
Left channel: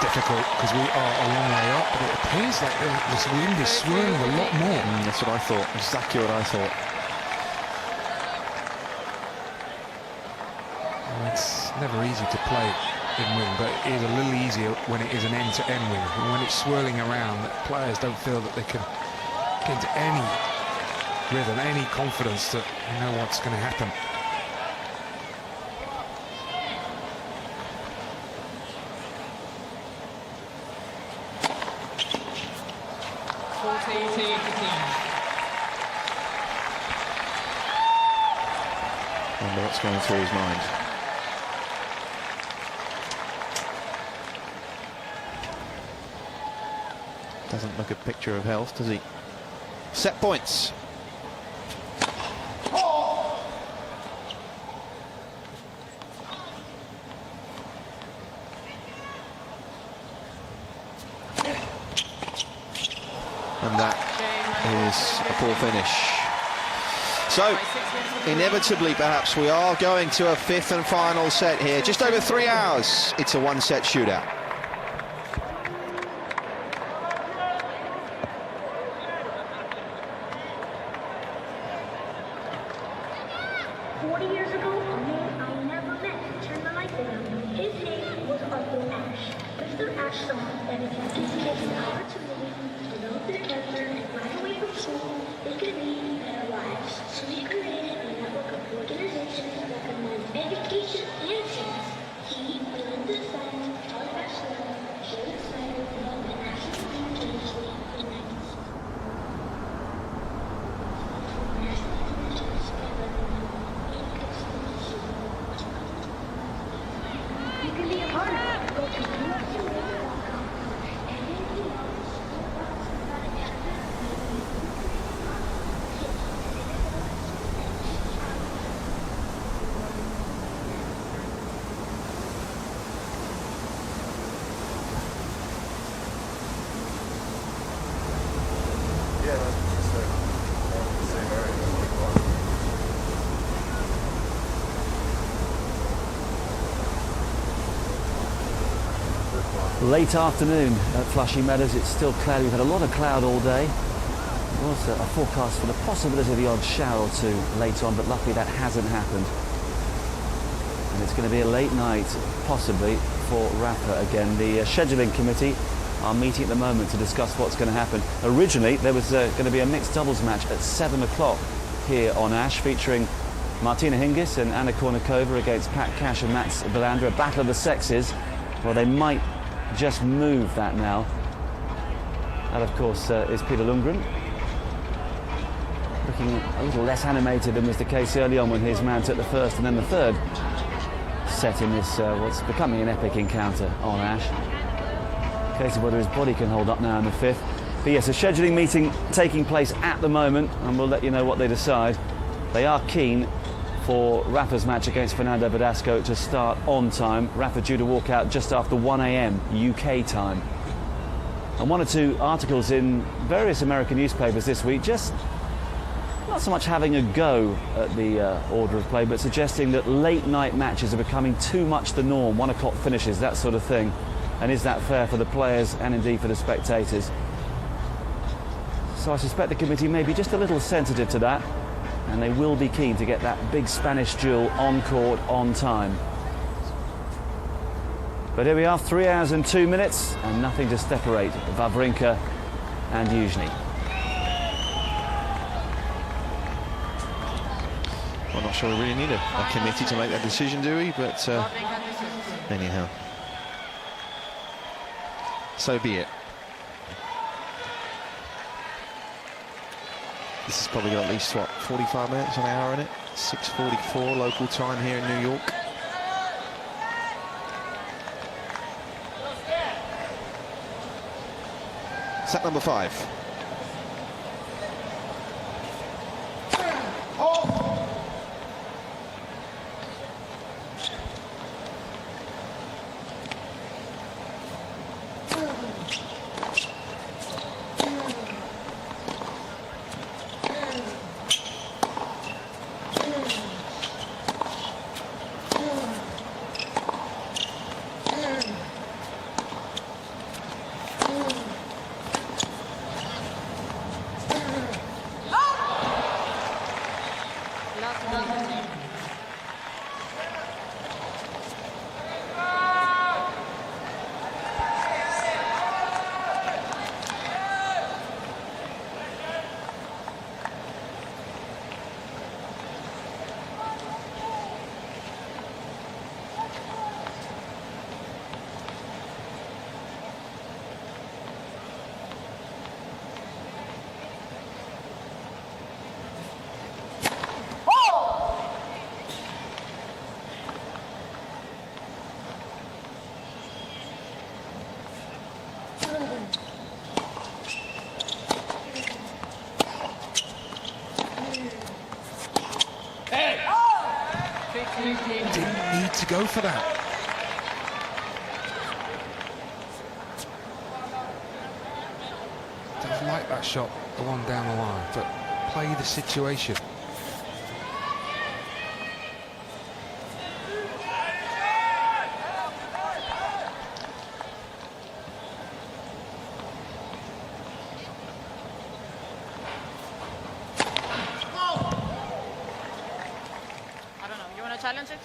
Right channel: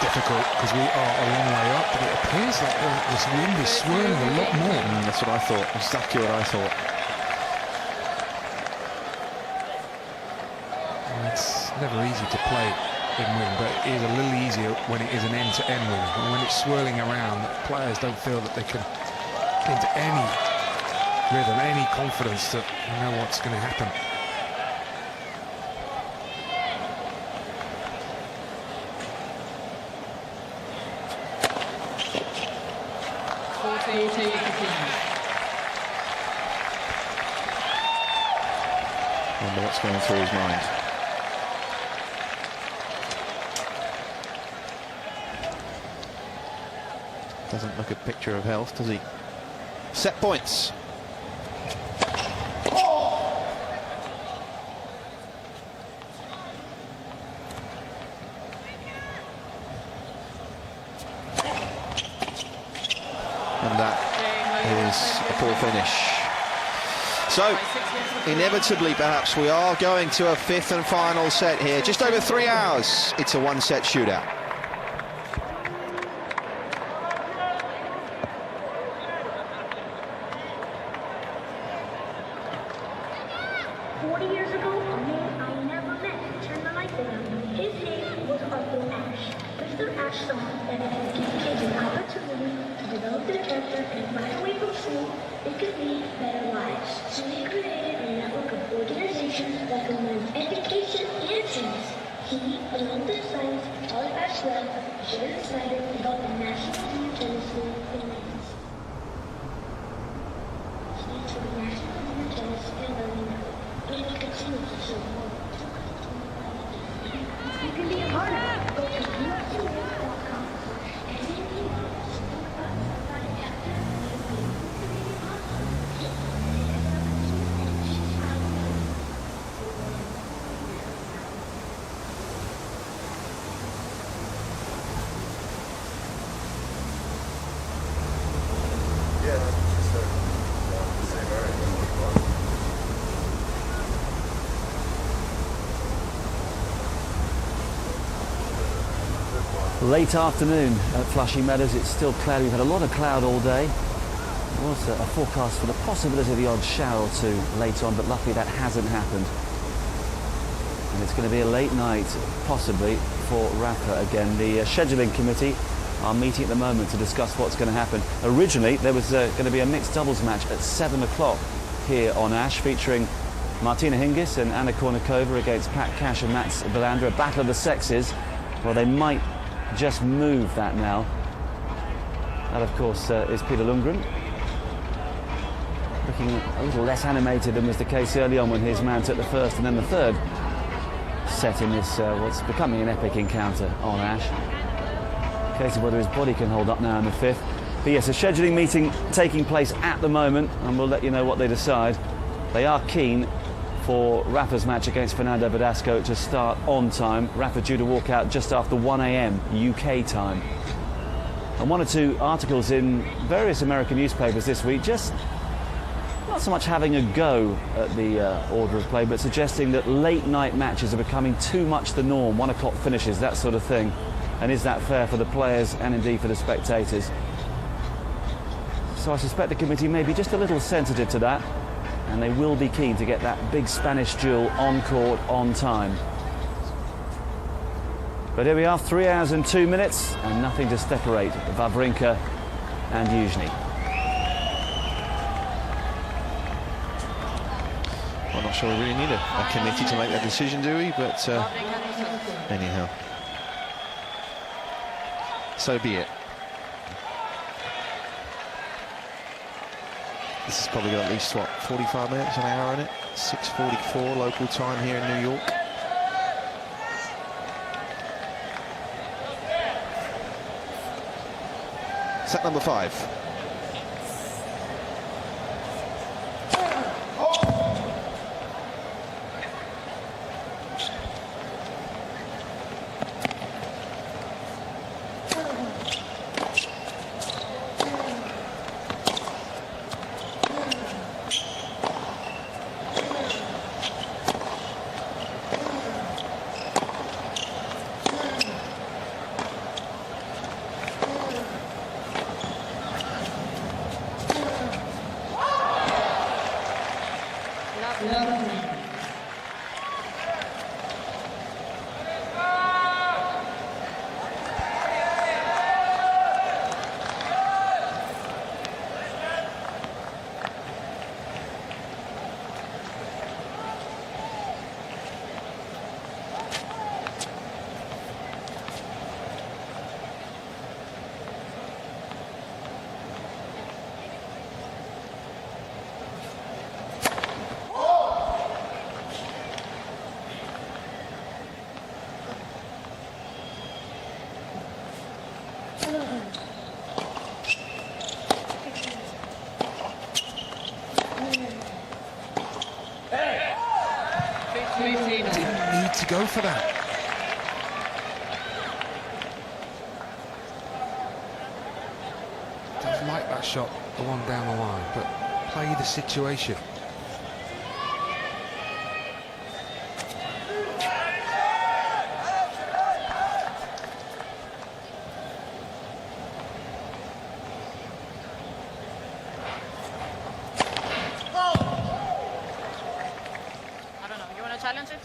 Difficult because we are a long way up, but it appears like this wind is swirling a lot more. That's what I thought, exactly what I thought. Well, it's never easy to play in wind, but it is a little easier when it is an end-to-end wind. And when it's swirling around, that players don't feel that they can get into any rhythm, any confidence that you know what's going to happen. Wonder what's going through his mind. Doesn't look a picture of health, does he? Set points. And that is a poor finish. So, inevitably, perhaps, we are going to a fifth and final set here. Just over 3 hours, it's a one-set shootout. 40 years ago, a man I never met turned the light down. His name was Arthur Ashe. Mr. Ashe saw that if you give kids an opportunity to develop their character and run away from school, they could lead better lives. So he created a network of organizations that combines education and science. He, along with science, Charlie Ashe Lab, Sharon Snyder, developed the National Junior Tennis League in the 90s. Stands for National Junior Tennis and Learning Network. You can be a partner. Go to USUA.com and then Yeah, that's just the same area. Late afternoon at Flushing Meadows. It's still cloudy. We've had a lot of cloud all day. There was a forecast for the possibility of the odd shower or two later on, but luckily that hasn't happened. And it's going to be a late night, possibly, for Rafa again. The scheduling committee are meeting at the moment to discuss what's going to happen. Originally, there was going to be a mixed doubles match at 7 o'clock here on Ash, featuring Martina Hingis and Anna Kournikova against Pat Cash and Mats Wilander, a battle of the sexes. Well, they might just move that now. That, of course, is Peter Lundgren. Looking a little less animated than was the case early on when his man took the first and then the third set in this, what's becoming an epic encounter on Ash. Case of whether his body can hold up now in the fifth. But yes, a scheduling meeting taking place at the moment, and we'll let you know what they decide. They are keen for Rafa's match against Fernando Verdasco to start on time. Rafa due to walk out just after 1 a.m. UK time. And one or two articles in various American newspapers this week just not so much having a go at the order of play, but suggesting that late night matches are becoming too much the norm, 1 o'clock finishes, that sort of thing. And is that fair for the players and indeed for the spectators? So I suspect the committee may be just a little sensitive to that, and they will be keen to get that big Spanish duel on court on time. But here we are, 3 hours and 2 minutes, and nothing to separate Wawrinka and Youzhny. I'm not sure we really need a committee to make that decision, do we? But anyhow, so be it. This has probably got at least, what, 45 minutes, an hour in it? 6:44 local time here in New York. Set number 5. Didn't need to go for that. Does like that shot, the one down the line, but play the situation. challenge it.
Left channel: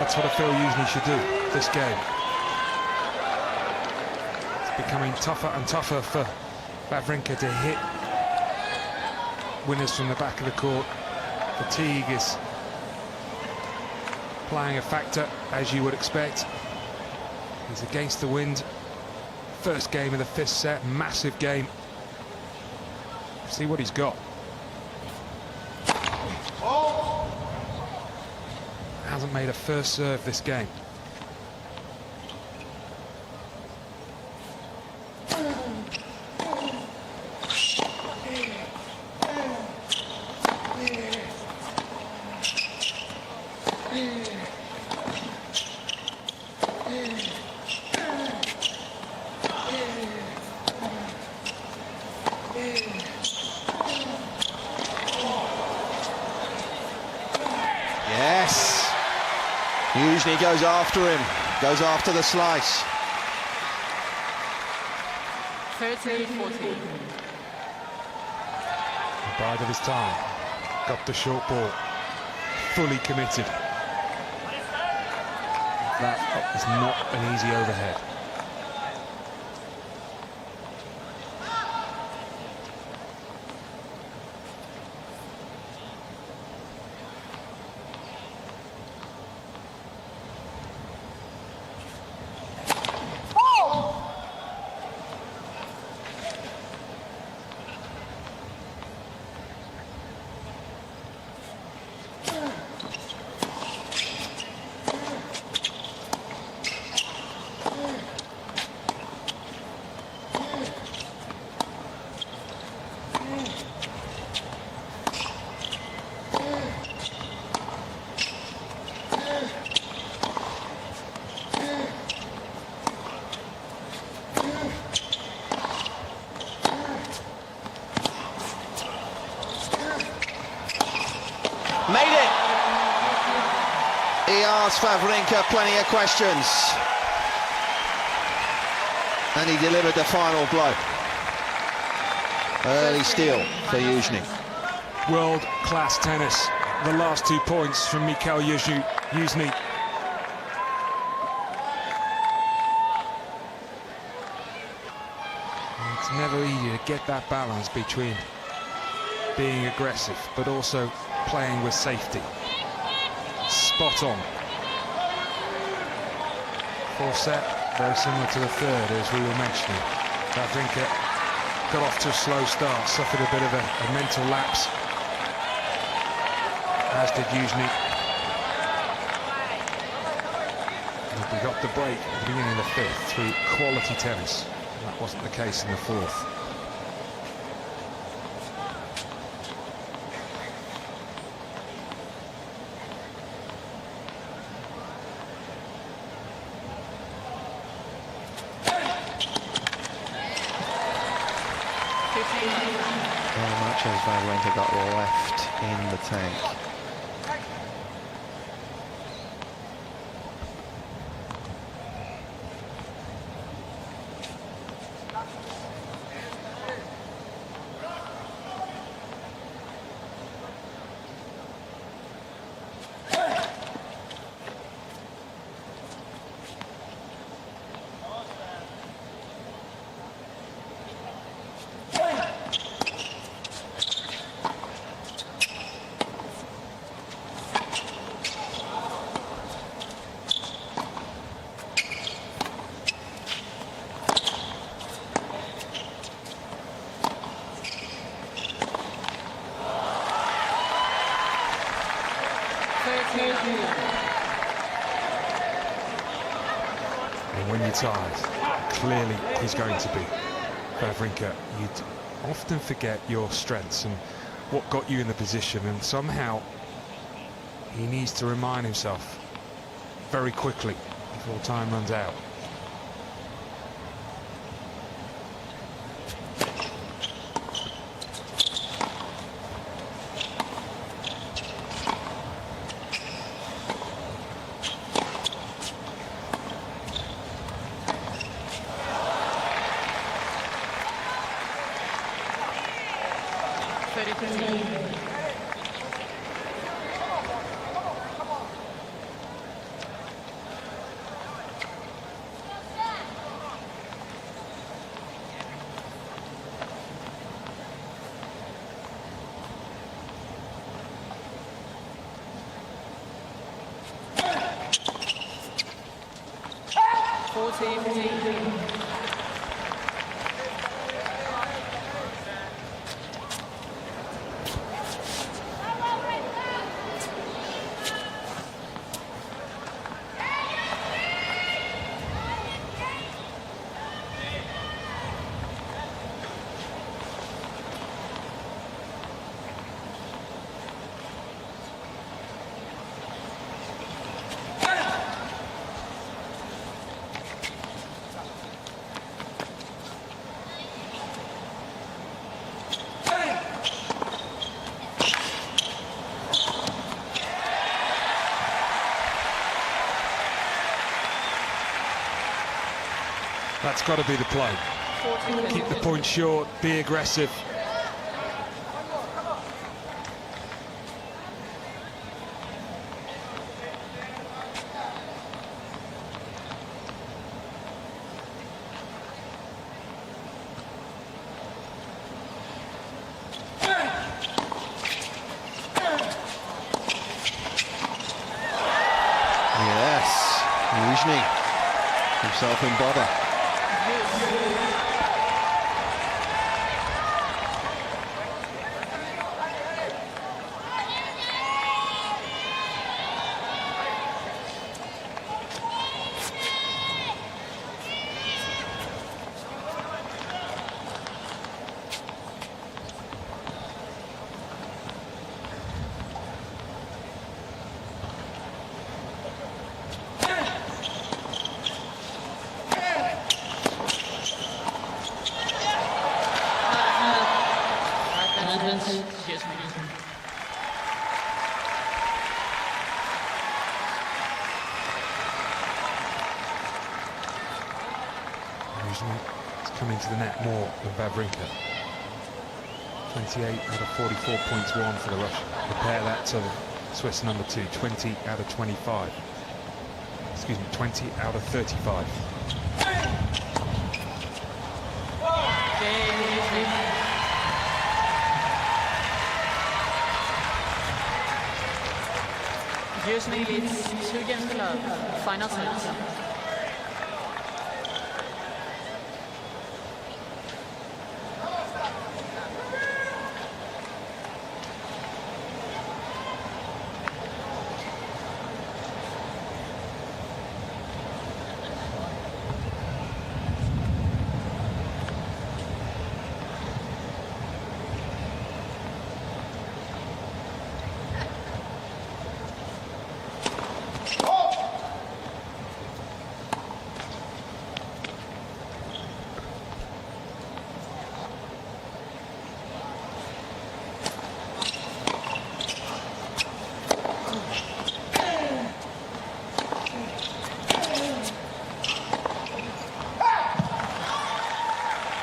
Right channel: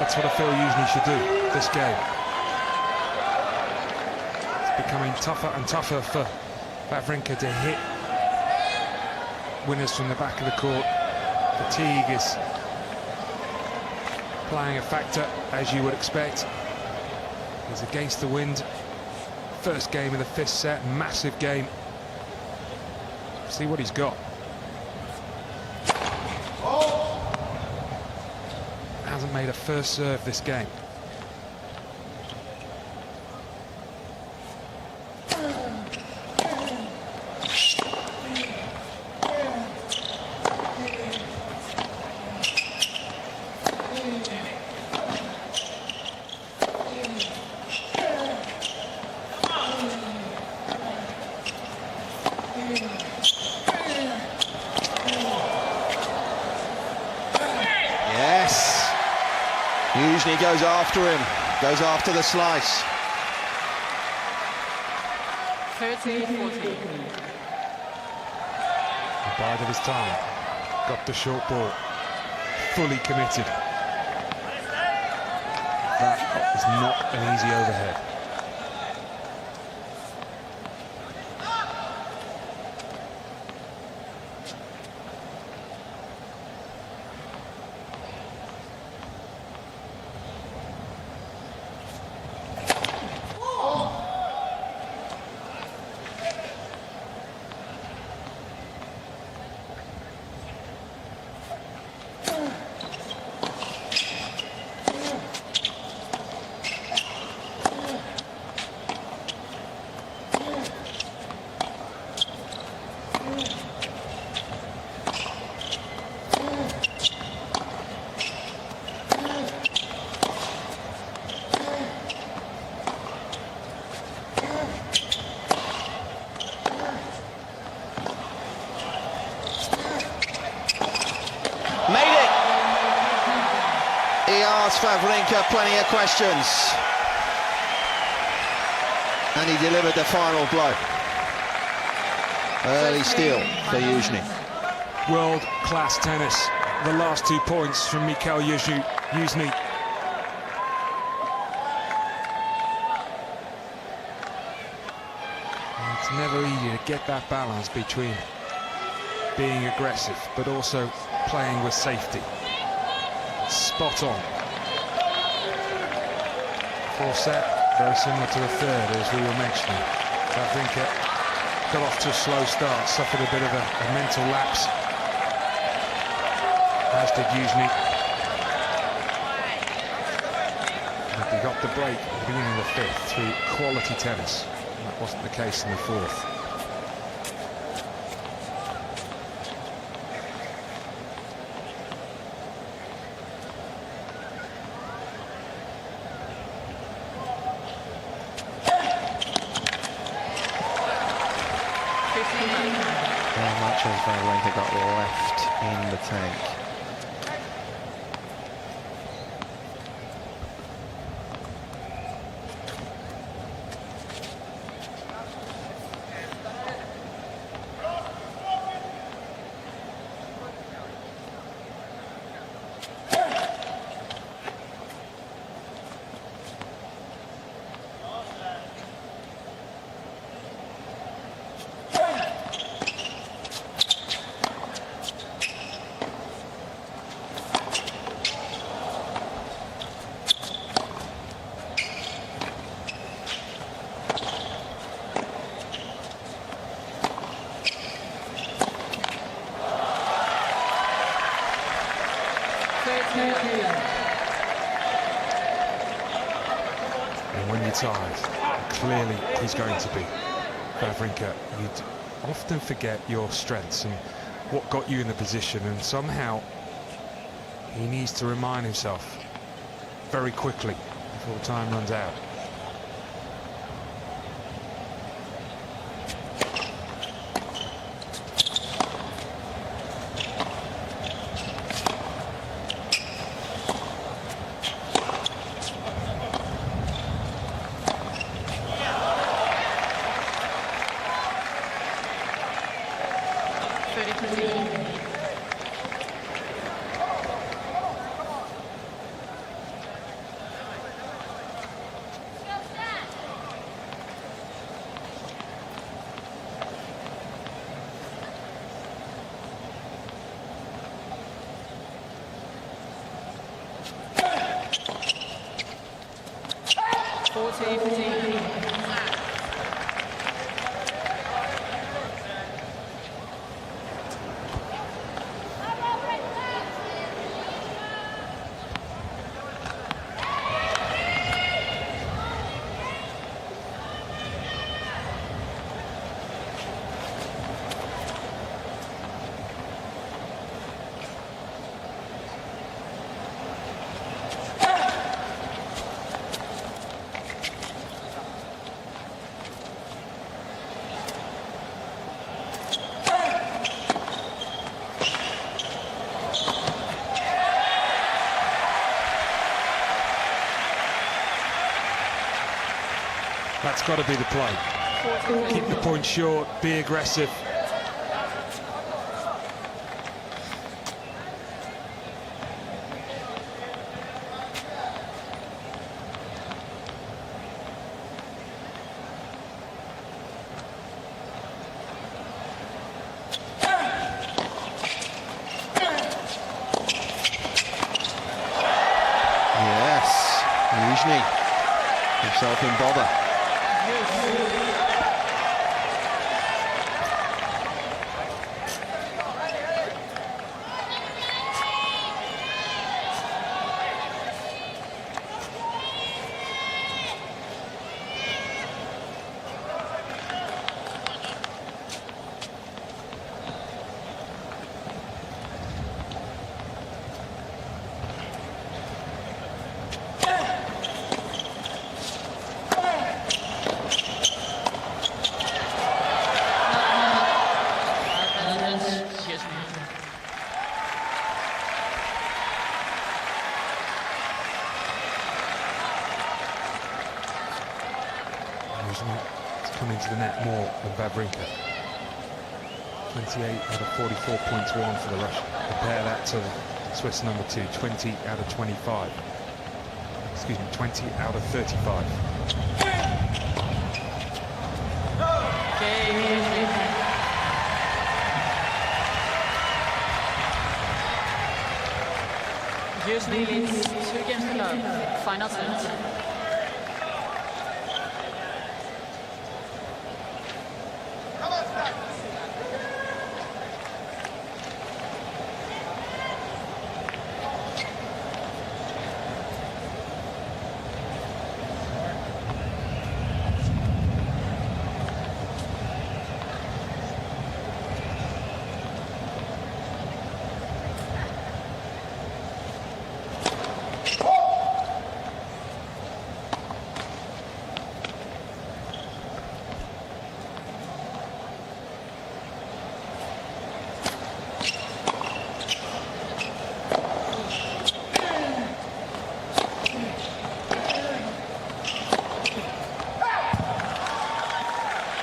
That's what I feel Youzhny should do this game. It's becoming tougher and tougher for Wawrinka to hit winners from the back of the court. Fatigue is playing a factor, as you would expect. He's against the wind. First game of the fifth set, massive game. See what he's got. Hasn't made a first serve this game. Yes. Youzhny goes after him, goes after the slice. 30-14. Bide of his time. Got the short ball. Fully committed. That is not an easy overhead. Made it! He asked Wawrinka plenty of questions. And he delivered the final blow. Early steal for Youzhny. World-class tennis. The last 2 points from Youzhny. It's never easy to get that balance between being aggressive but also playing with safety. Spot on. Fourth set, very similar to the third, as we were mentioning. Wawrinka got off to a slow start, suffered a bit of a mental lapse, as did Youzhny. But he got the break at the beginning of the fifth through quality tennis, and that wasn't the case in the fourth. How much has Wawrinka got left in the tank? And when you're tired, clearly he's going to be, Wawrinka, you'd often forget your strengths and what got you in the position, and somehow he needs to remind himself very quickly before time runs out. That's got to be the play. Keep the point short, be aggressive. Yes, Youzhny himself in bother. Youzhny is coming to the net more than Wawrinka. 28 out of 44 points won for the Russian. Compare that to the Swiss number 2, 20 out of 25. Excuse me, 20 out of 35. Youzhny leads 2 games to love. Final set.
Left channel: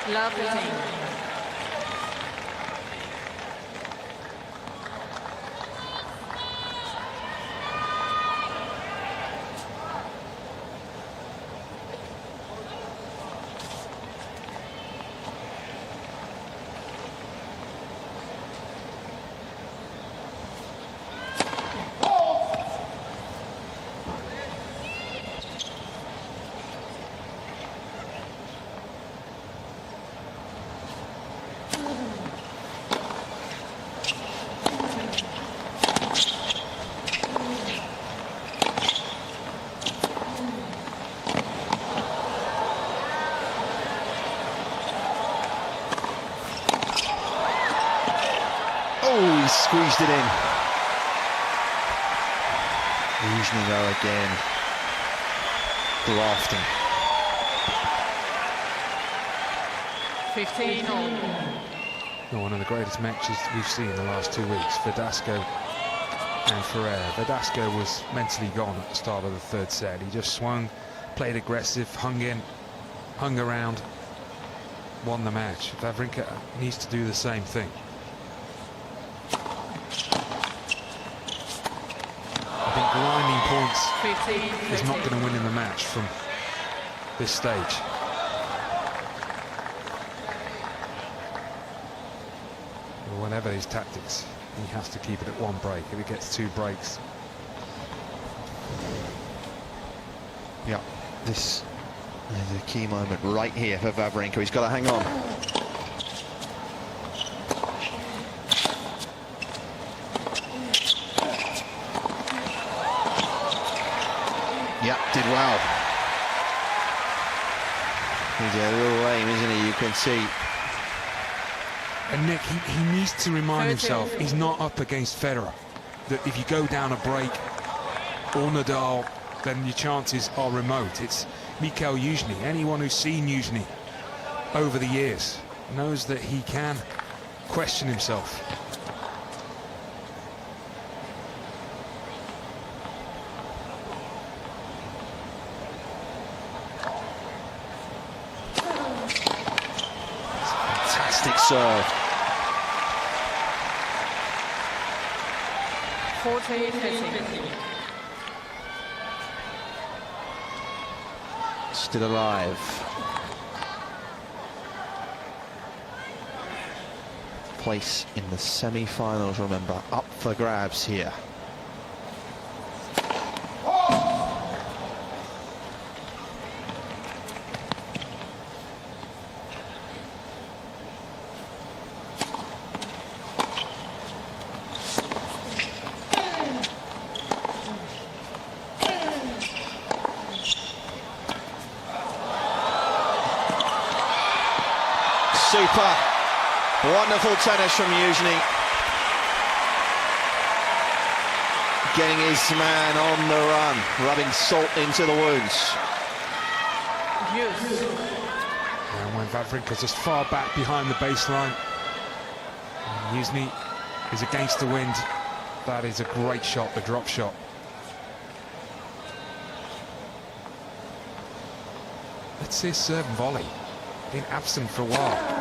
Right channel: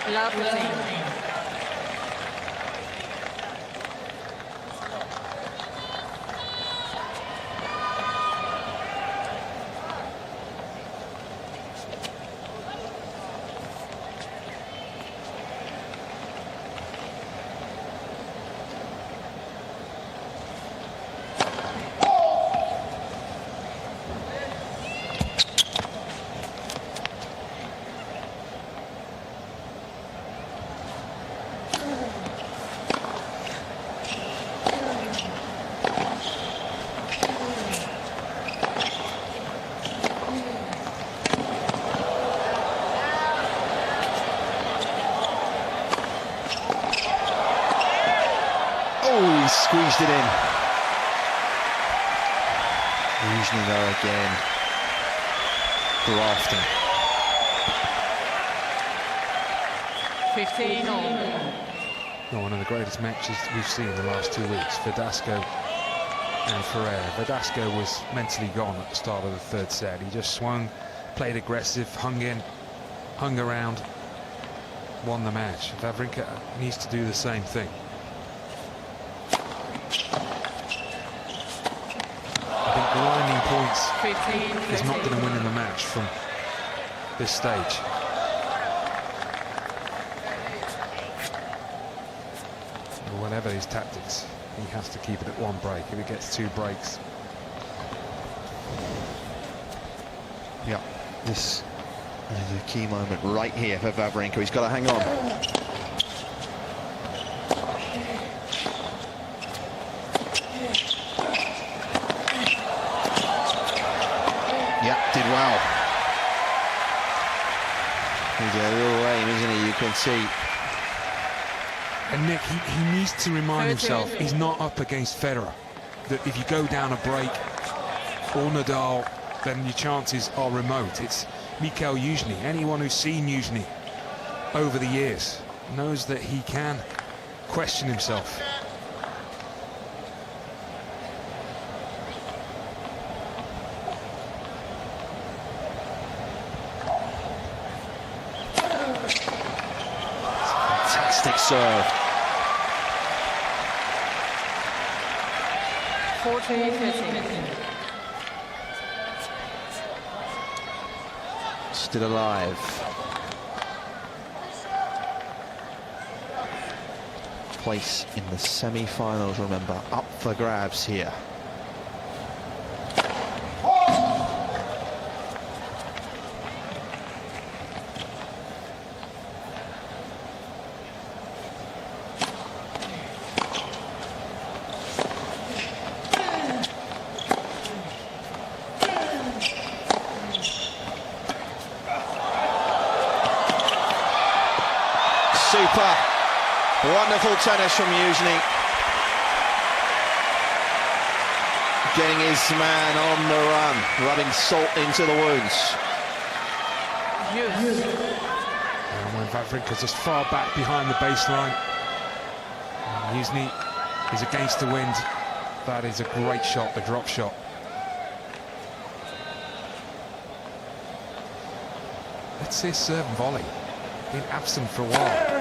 Love routine. squeezed it in. Youzhny though again, grafting. 15 all. One of the greatest matches we've seen in the last 2 weeks, Verdasco and Ferreira. Verdasco was mentally gone at the start of the third set. He just swung, played aggressive, hung in, hung around, won the match. Wawrinka needs to do the same thing. I think grinding points 15, is not going to win in the match from this stage. Or whatever his tactics, he has to keep it at 1 break. If he gets 2 breaks, Yeah, this is a key moment right here for Wawrinka. He's got to hang on. Yeah, did well. He's a little lame, isn't he? You can see. and Nick, he needs to remind himself he's not up against Federer. That if you go down a break or Nadal, then your chances are remote. It's Mikhail Youzhny. Anyone who's seen Youzhny over the years knows that he can question himself. Fantastic serve. 14-13. Still alive. Place in the semi-finals, remember, up for grabs here. Super. Wonderful tennis from Youzhny. Getting his man on the run, rubbing salt into the wounds. And when Wawrinka's just far back behind the baseline, Youzhny is against the wind. That is a great shot, the drop shot. Let's see his serve and volley. Been absent for a while.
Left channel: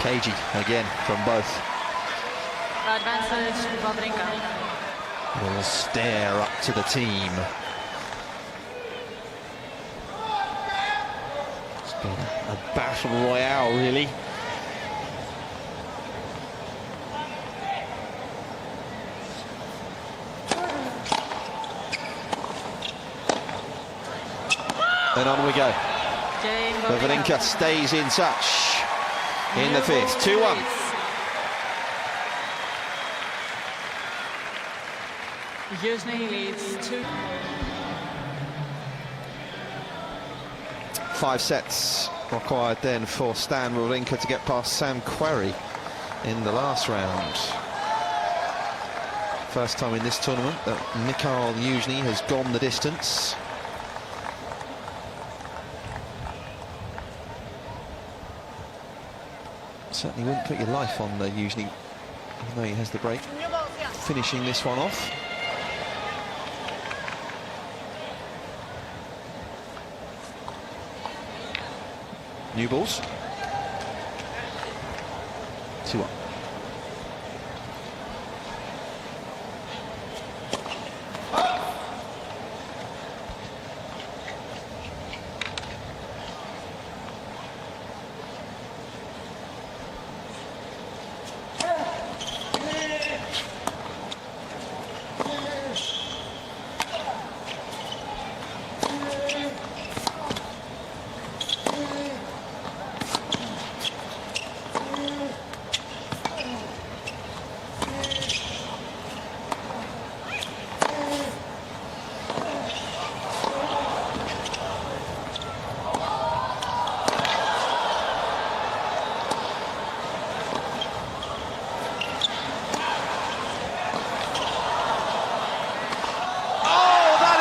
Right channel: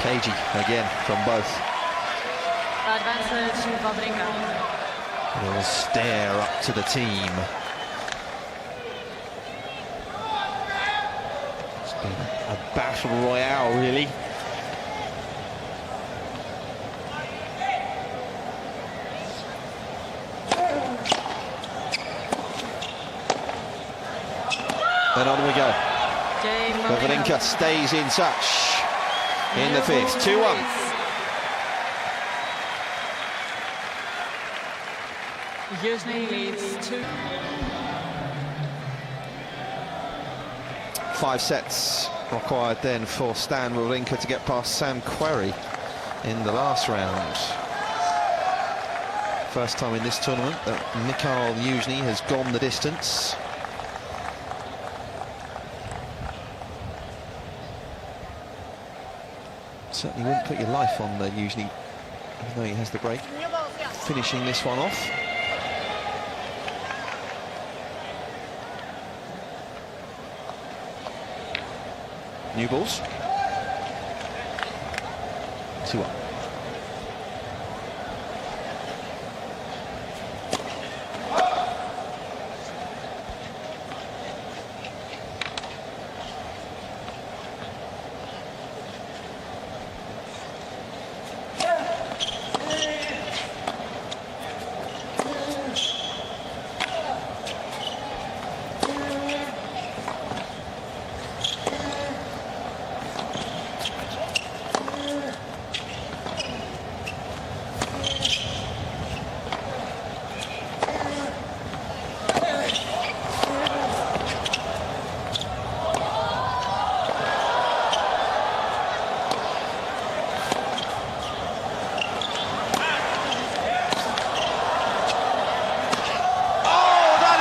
Cagey again from both. Advantage, Wawrinka. A little stare up to the team. It's been a battle royale, really. And on we go. Wawrinka stays in touch. in the fifth. 2-1. Youzhny leads 2. 5 sets required then for Stan Wawrinka to get past Sam Querrey in the last round. First time in this tournament that Mikhail Youzhny has gone the distance. Certainly wouldn't put your life on Youzhny, even though he has the break. Finishing this one off. New balls. 2-1.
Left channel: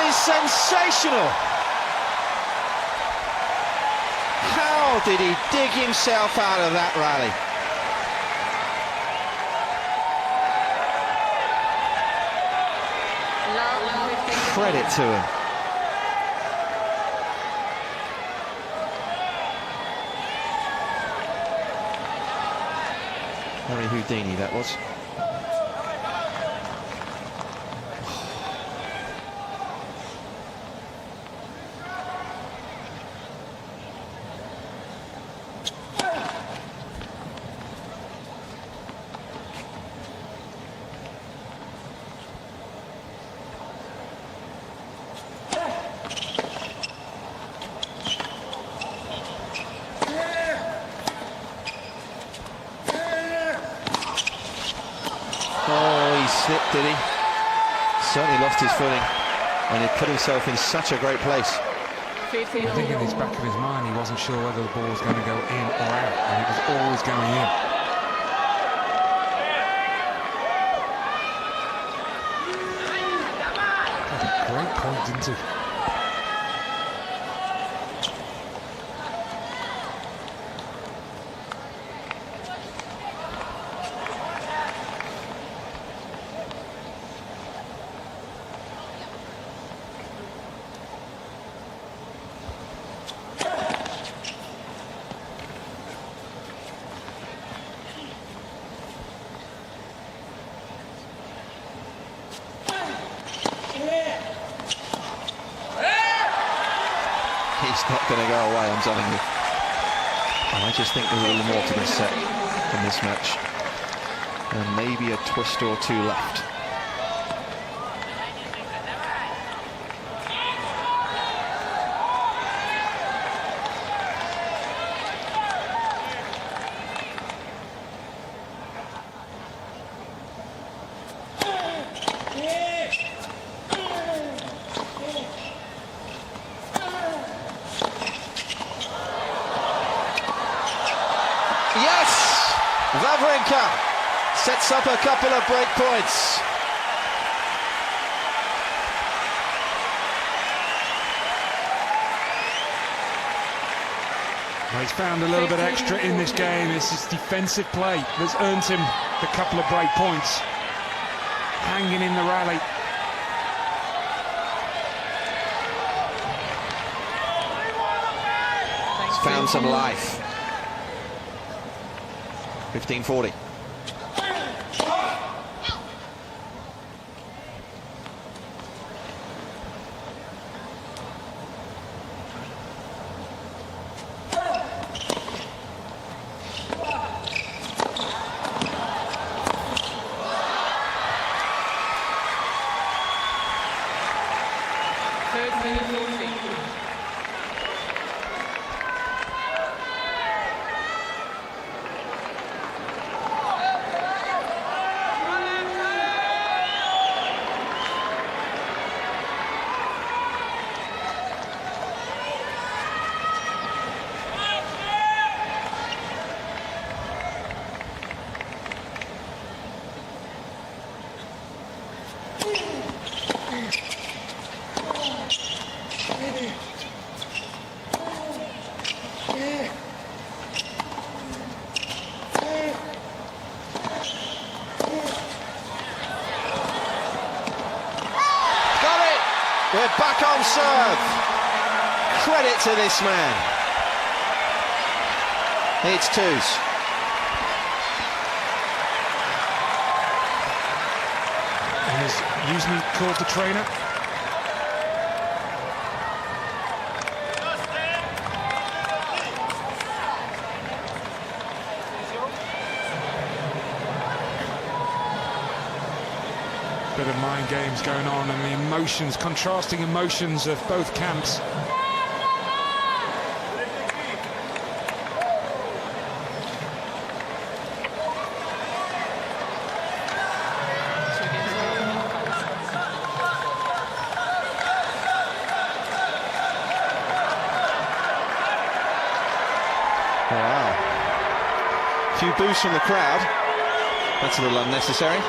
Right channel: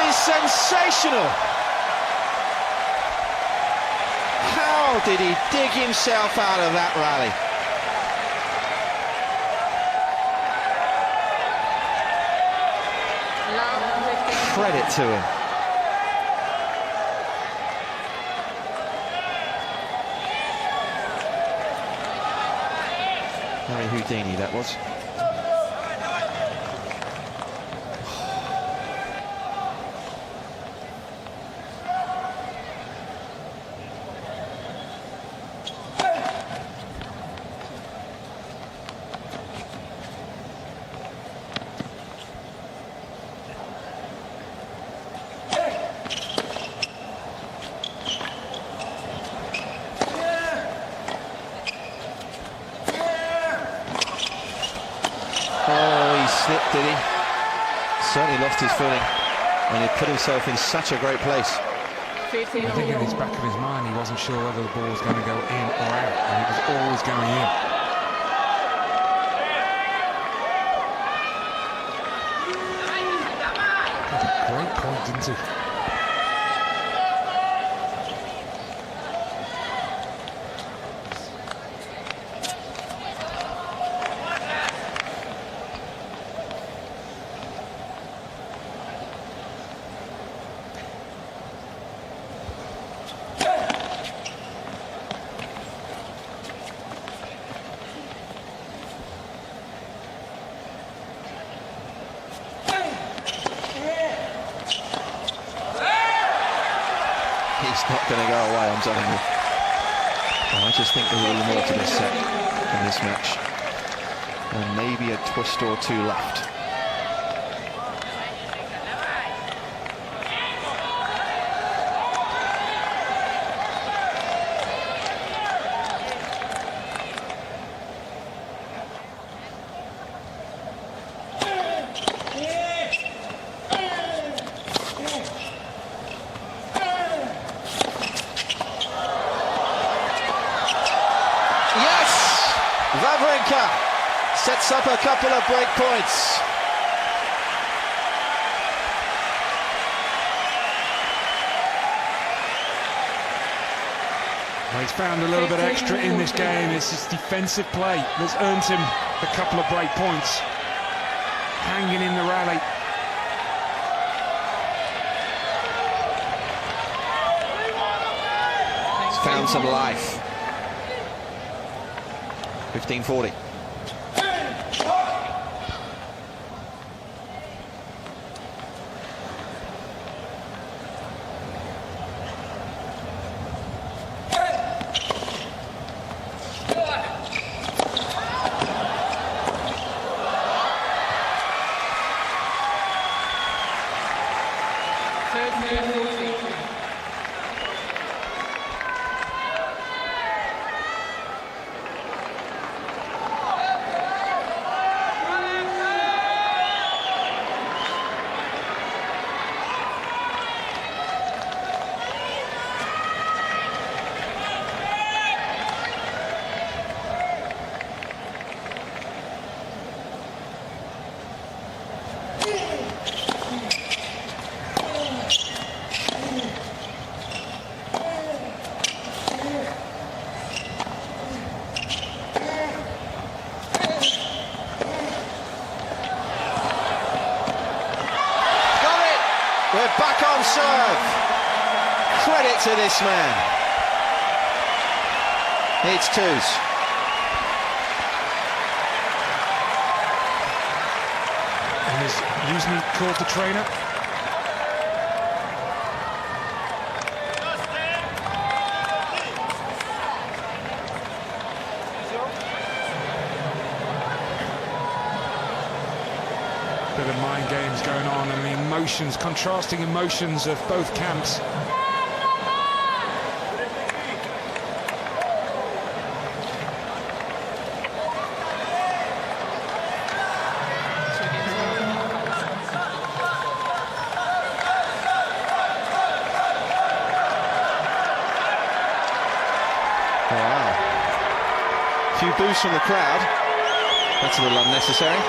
Sensational! How did he dig himself out of that rally? Credit to him. Harry Houdini that was. Oh, he slipped, did he? Certainly lost his footing, and he put himself in such a great place. I think in the back of his mind he wasn't sure whether the ball was going to go in or out, and it was always going in. Got a great point, didn't he? He's not going to go away, I'm telling you. I just think there's a little more to this set from this match. And maybe a twist or two left. Yes! Wawrinka sets up a couple of break points. Well, he's found a little bit extra in this game. It's his defensive play that's earned him the couple of break points. Hanging in the rally. He's found some life. 15-40. We're back on serve. Credit to this man. It's twos. And is Youzhny called the trainer? Bit of mind games going on, and the emotions, contrasting emotions of both camps. Wow. A few boos from the crowd. That's a little unnecessary.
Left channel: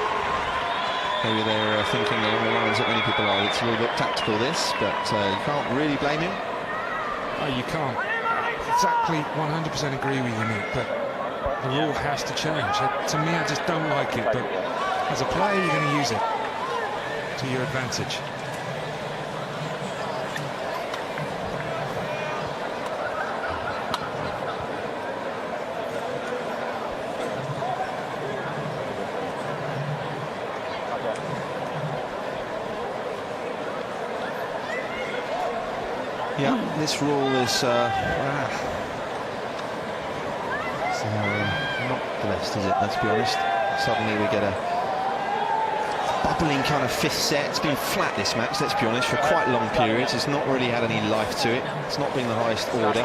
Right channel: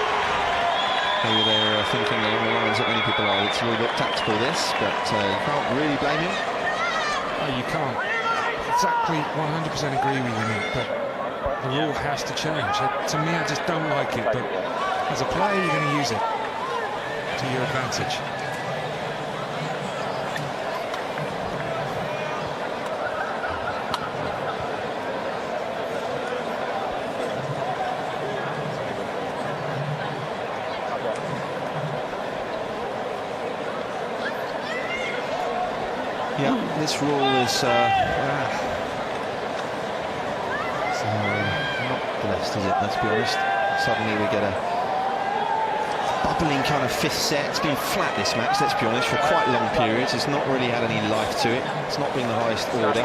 Maybe they're thinking along the lines that many people are. It's a little bit tactical, this, but you can't really blame him. Oh, you can't exactly 100% agree with you, Nick, but the rule has to change. To me, I just don't like it, but as a player, you're going to use it to your advantage. Yeah, this rule is not blessed, is it? Let's be honest. Suddenly we get a bubbling kind of fifth set. It's been flat, this match, let's be honest, for quite long periods. It's not really had any life to it. It's not been the highest order.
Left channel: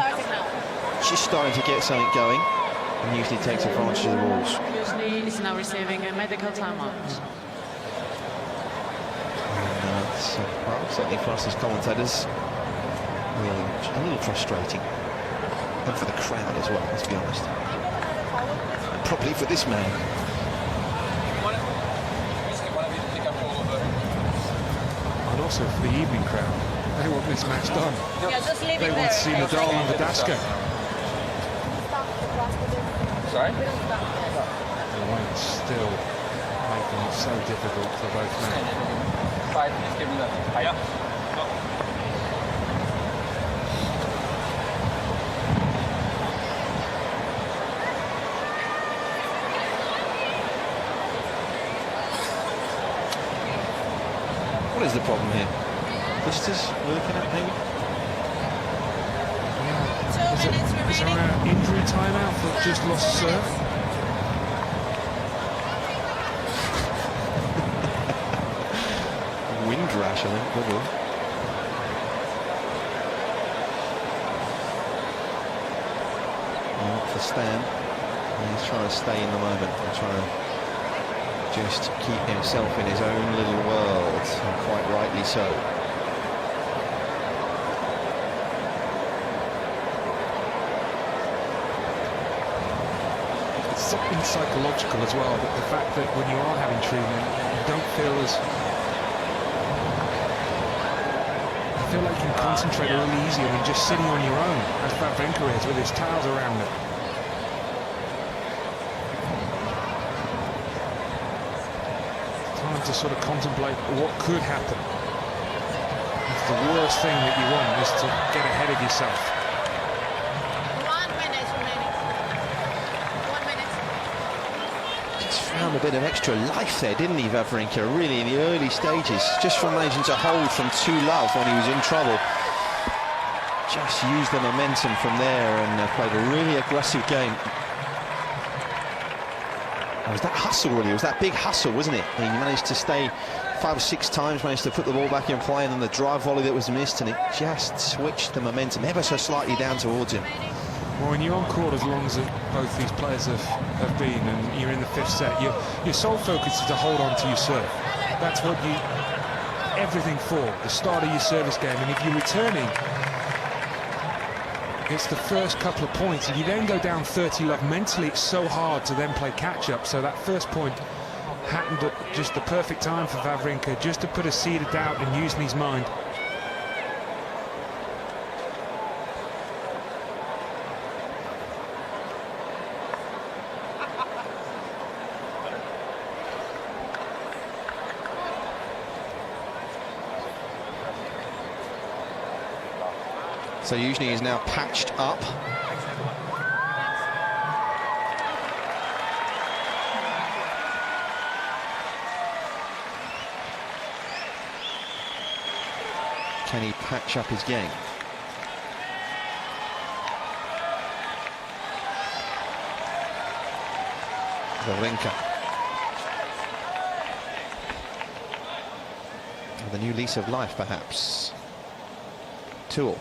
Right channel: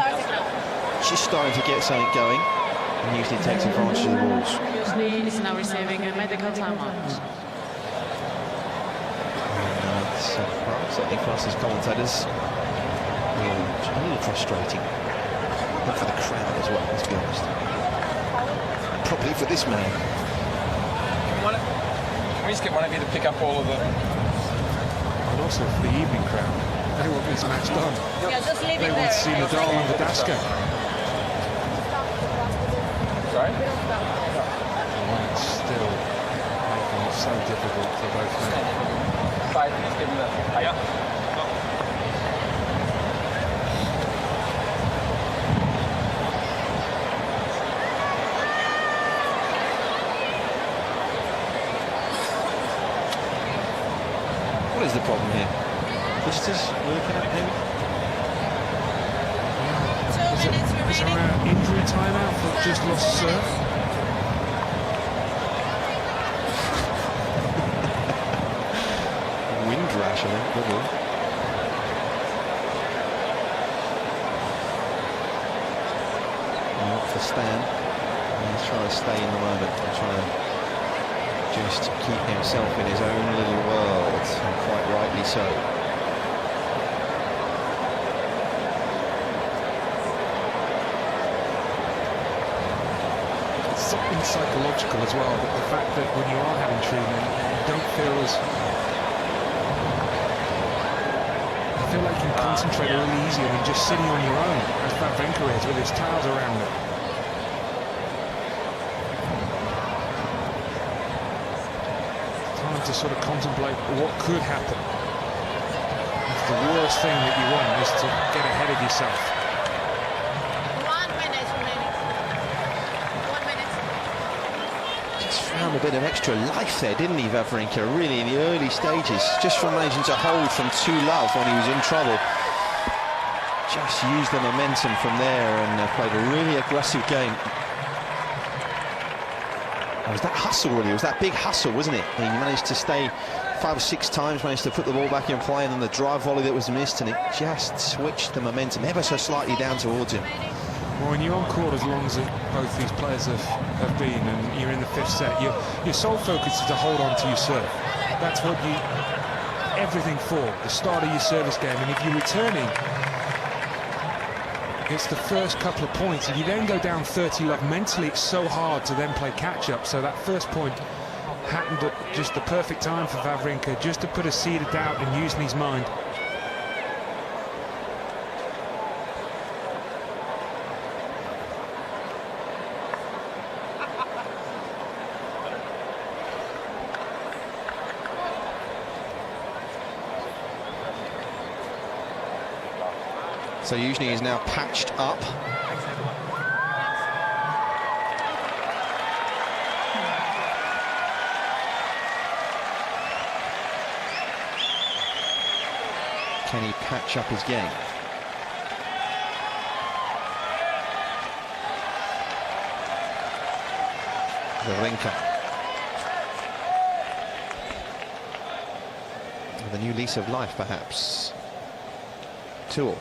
It's just starting to get something going, and usually takes advantage of the rules. Youzhny is now receiving a medical timeout. And, well, certainly for us as commentators, a little frustrating, and for the crowd as well, let's be honest. Probably for this man. And also for the evening crowd. They want this match done. Yeah, just leave They it want there. to see Nadal and Verdasco. Sorry? And it's still making it so difficult for both men. Please give me that. Yeah. What is the problem here? Blisters we're looking at, maybe? Is there an injury timeout for just lost serve? Wind rash, I think, probably. Well, for Stan, he's trying to stay in the moment and trying to just keep himself in his own little world, and quite rightly so. It's something psychological as well, but the fact that when you are having treatment, you don't feel as... I feel like you can concentrate a little easier than just sitting on your own, as Wawrinka is, with his towels around him. Time to sort of contemplate what could happen. It's the worst thing that you want is to get ahead of yourself. 1 minute remaining. 1 minute. Just found a bit of extra life there, didn't he, Wawrinka, really, in the early stages, just from managing to hold from 2-love when he was in trouble. Just used the momentum from there and played a really aggressive game. It was that hustle, really. It was that big hustle, wasn't it? He managed to stay 5 or 6 times, managed to put the ball back in play, and then the drive volley that was missed, and it just switched the momentum ever so slightly down towards him. Well, when you're on court as long as both these players have been, and you're in the 5th set, your sole focus is to hold on to your serve. That's what you... everything for, the start of your service game. And if you're returning, it's the first couple of points. If you then go down 30-love, mentally it's so hard to then play catch-up. So that first point happened at just the perfect time for Wawrinka, just to put a seed of doubt in Youzhny's mind. So Youzhny is now patched up. Can he patch up his game? Wawrinka. With a new lease of life, perhaps. 2-all.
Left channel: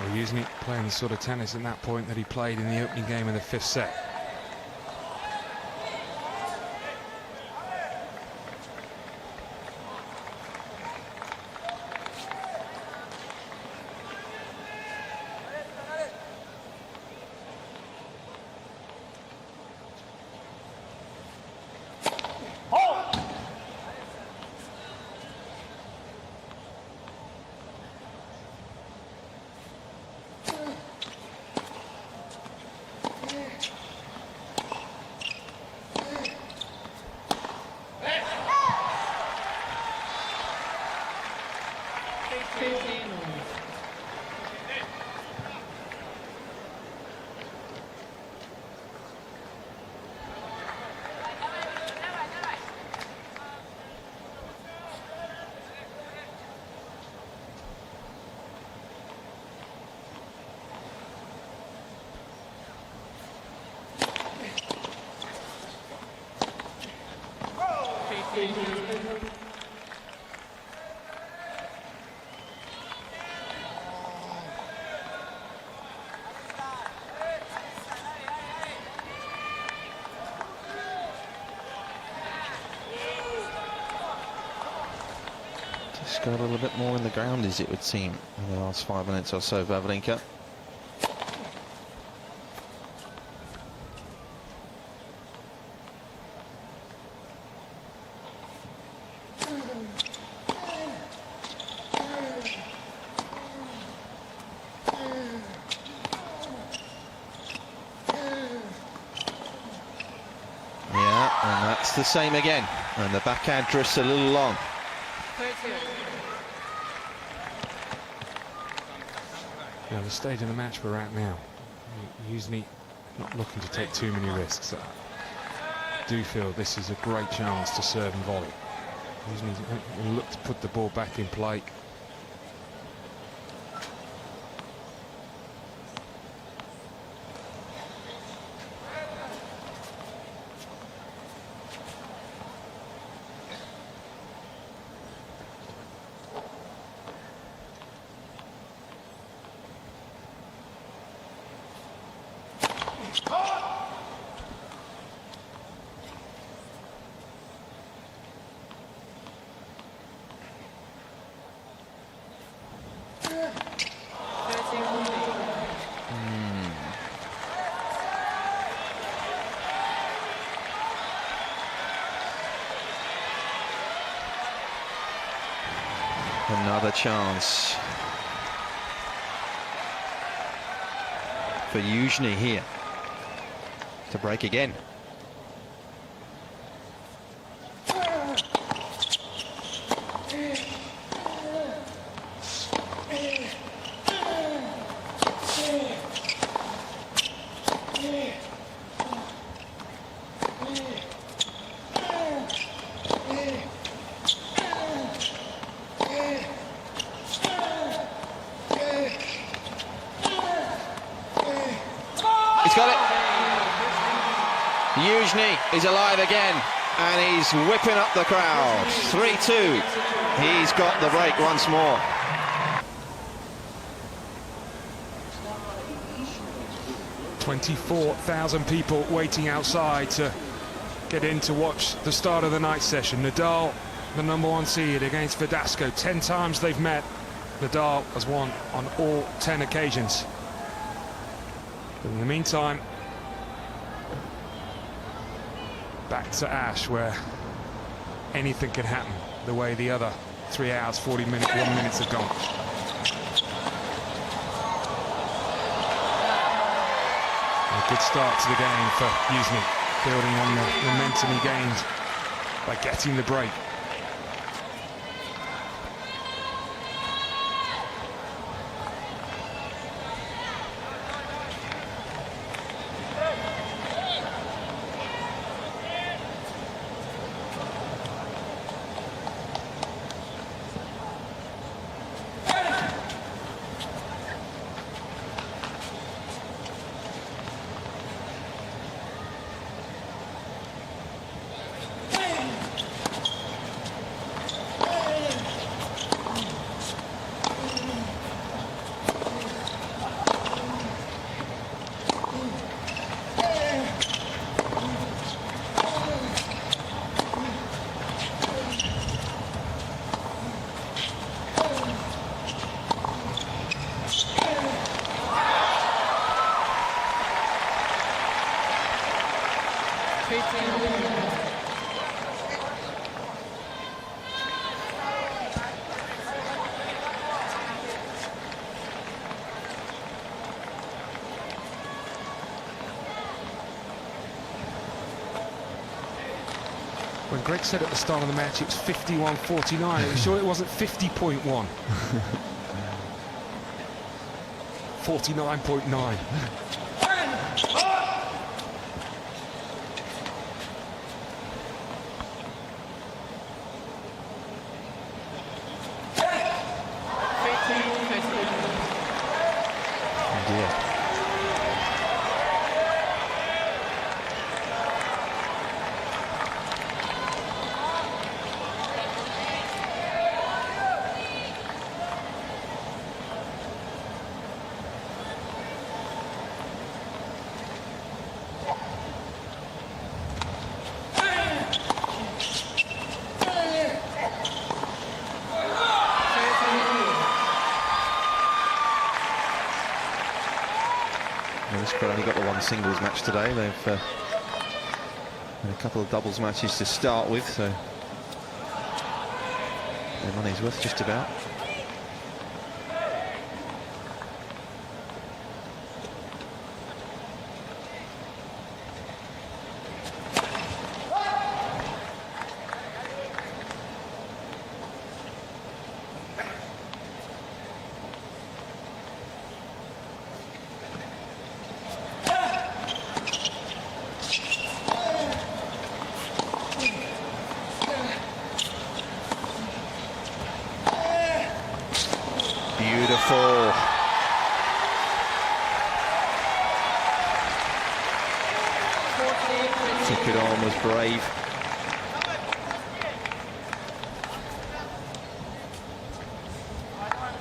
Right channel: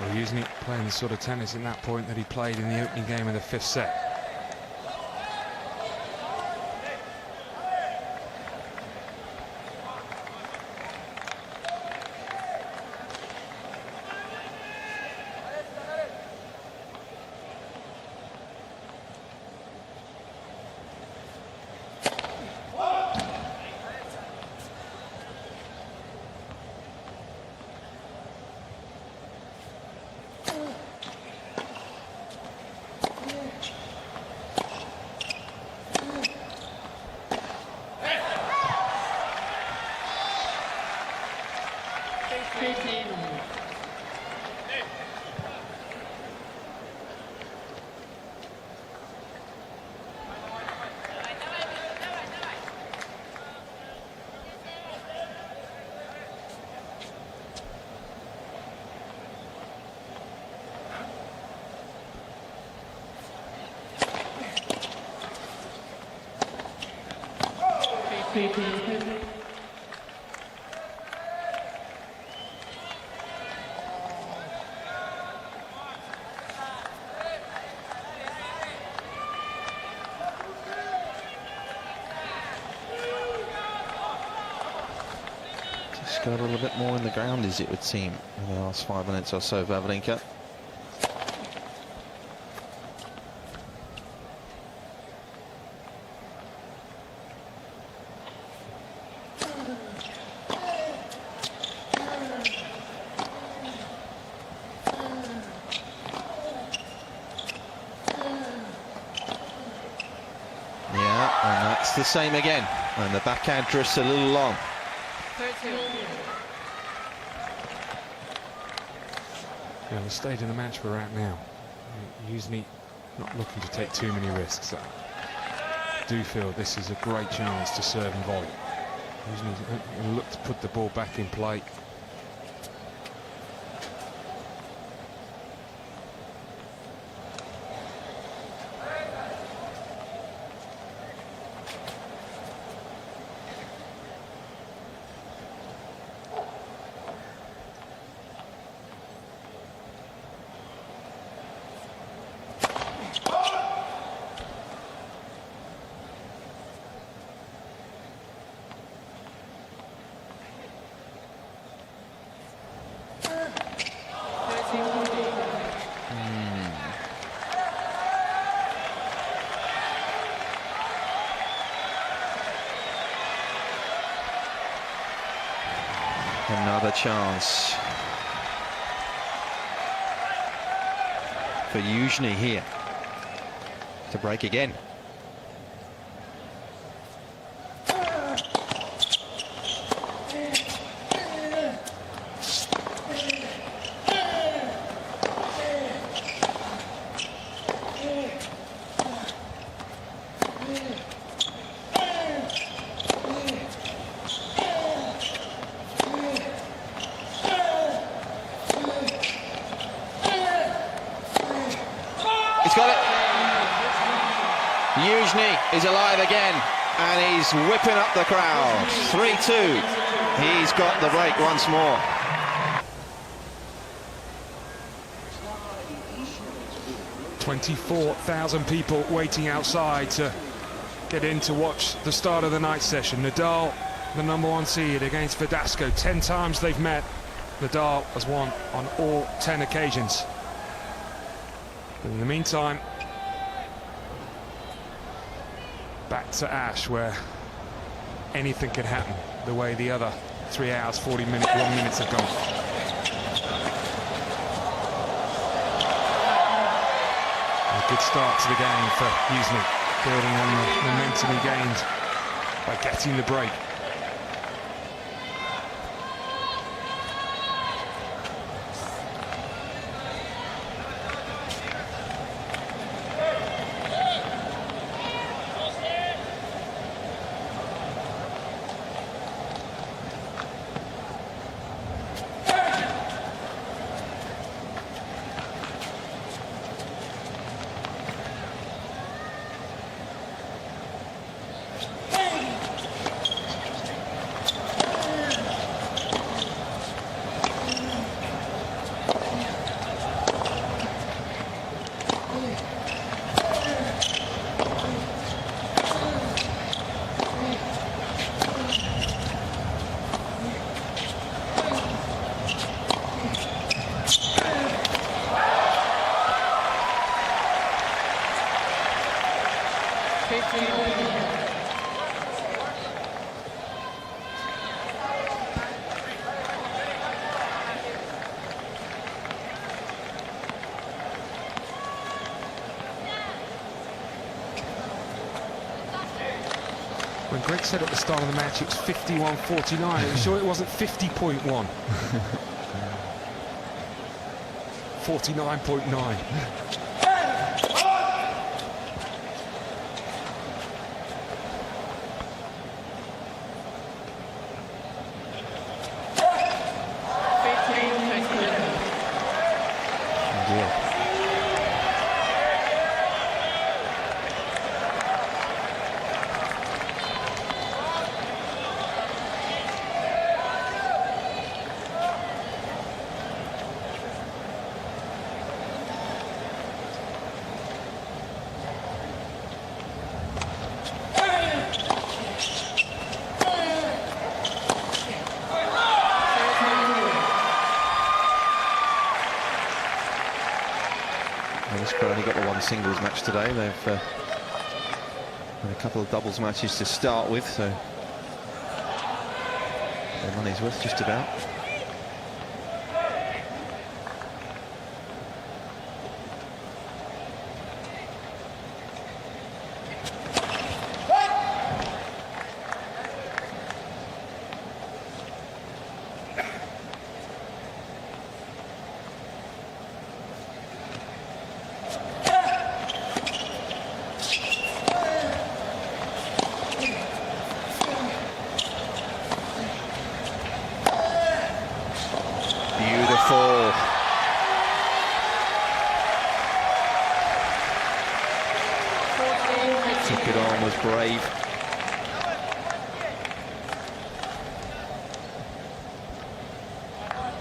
Well, Youzhny playing the sort of tennis in that point that he played in the opening game of the 5th set. Just got a little bit more in the ground, as it would seem, in the last 5 minutes or so, Wawrinka. Yeah, and that's the same again. And the backhand just a little long. 30. Yeah, the stage of the match we're at now, Youzhny not looking to take too many risks. I do feel this is a great chance to serve and volley. Youzhny's going to look to put the ball back in play. Another chance for Youzhny here to break again. He's got it. Youzhny is alive again, and he's whipping up the crowd. 3-2. He's got the break once more. $24,000 people waiting outside to get in to watch the start of the night session. Nadal, the #1 seed, against Verdasco. 10 times they've met. Nadal has won on all 10 occasions. But in the meantime, back to Ash, where anything can happen, the way the other 3 hours, 1 minutes have gone. A good start to the game for Youzhny, building on the momentum he gained by getting the break. When Greg said at the start of the match it was 51-49, are you sure it wasn't 50.1? 49.9. Yeah. Well, this crowd only got the one singles match today. They've had a couple of doubles matches to start with, so their money's worth just about. Beautiful. Took it on, was brave.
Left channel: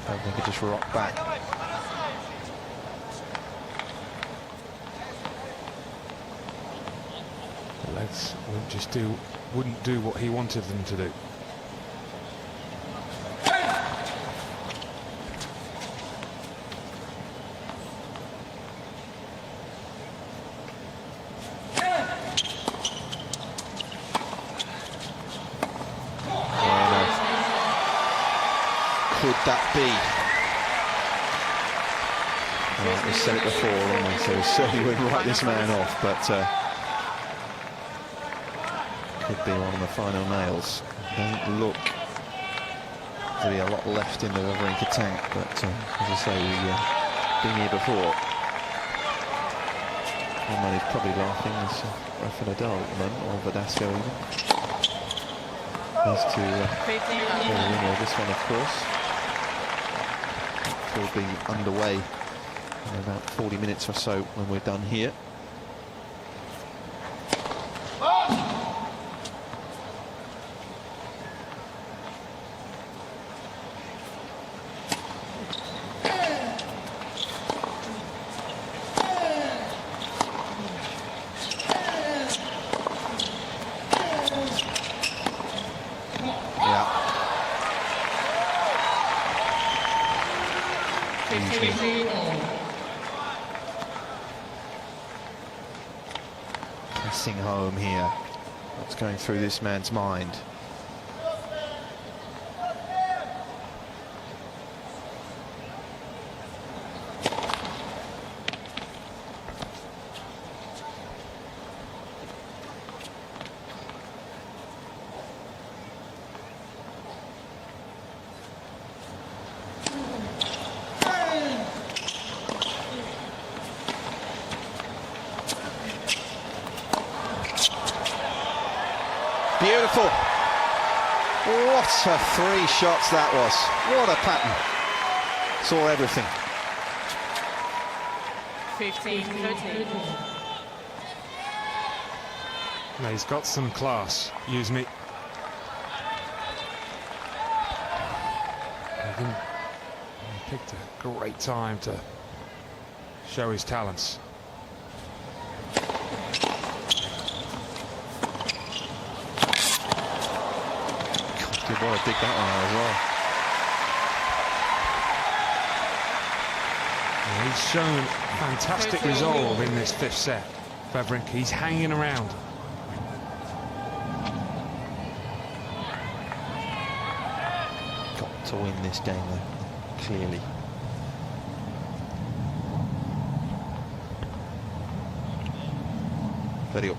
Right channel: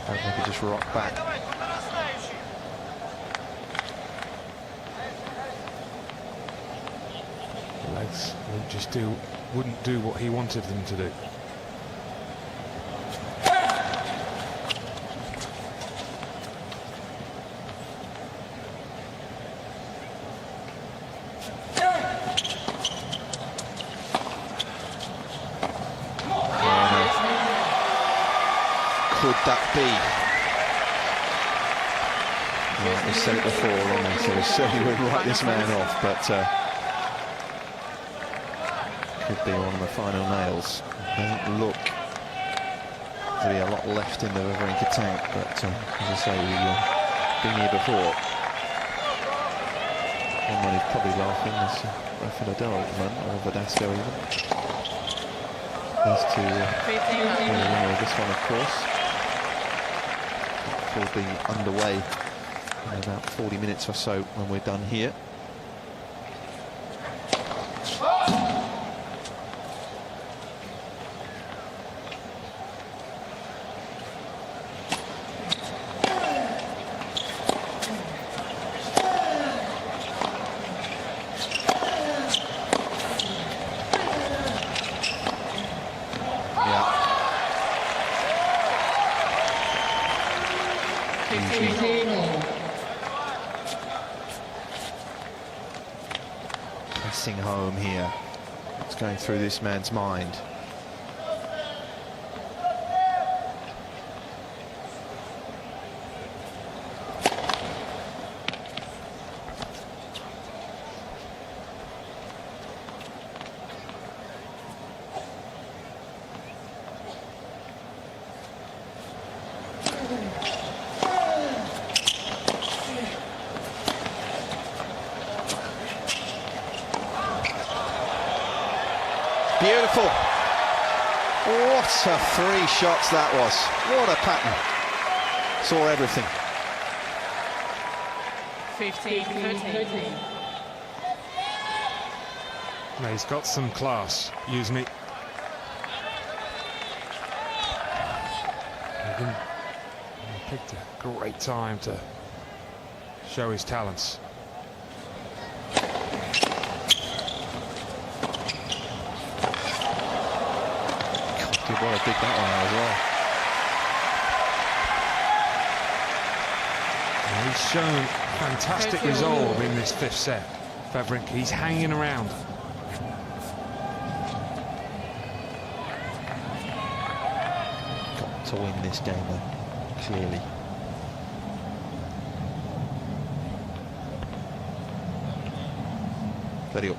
I think they could just rock back. The legs wouldn't do what he wanted them to do. Could that be? Well, we said it before, haven't we? So we certainly wouldn't write this man off, but could be one of the final nails. Doesn't look to be a lot left in the Wawrinka tank, but as I say, we've been here before. One man who's probably laughing is Rafa Nadal at the moment, or Verdasco even. Those two the winner of this one, of course. Will be underway in about 40 minutes or so when we're done here. Pressing home here. What's going through this man's mind? Beautiful. What a 3 shots that was. What a pattern. Saw everything. 15-13. No, he's got some class, Youzhny. He picked a great time to show his talents. Good boy, dig that one out as well. Yeah, he's shown fantastic resolve in this 5th set. Wawrinka, he's hanging around. Got to win this game though, clearly. Very up.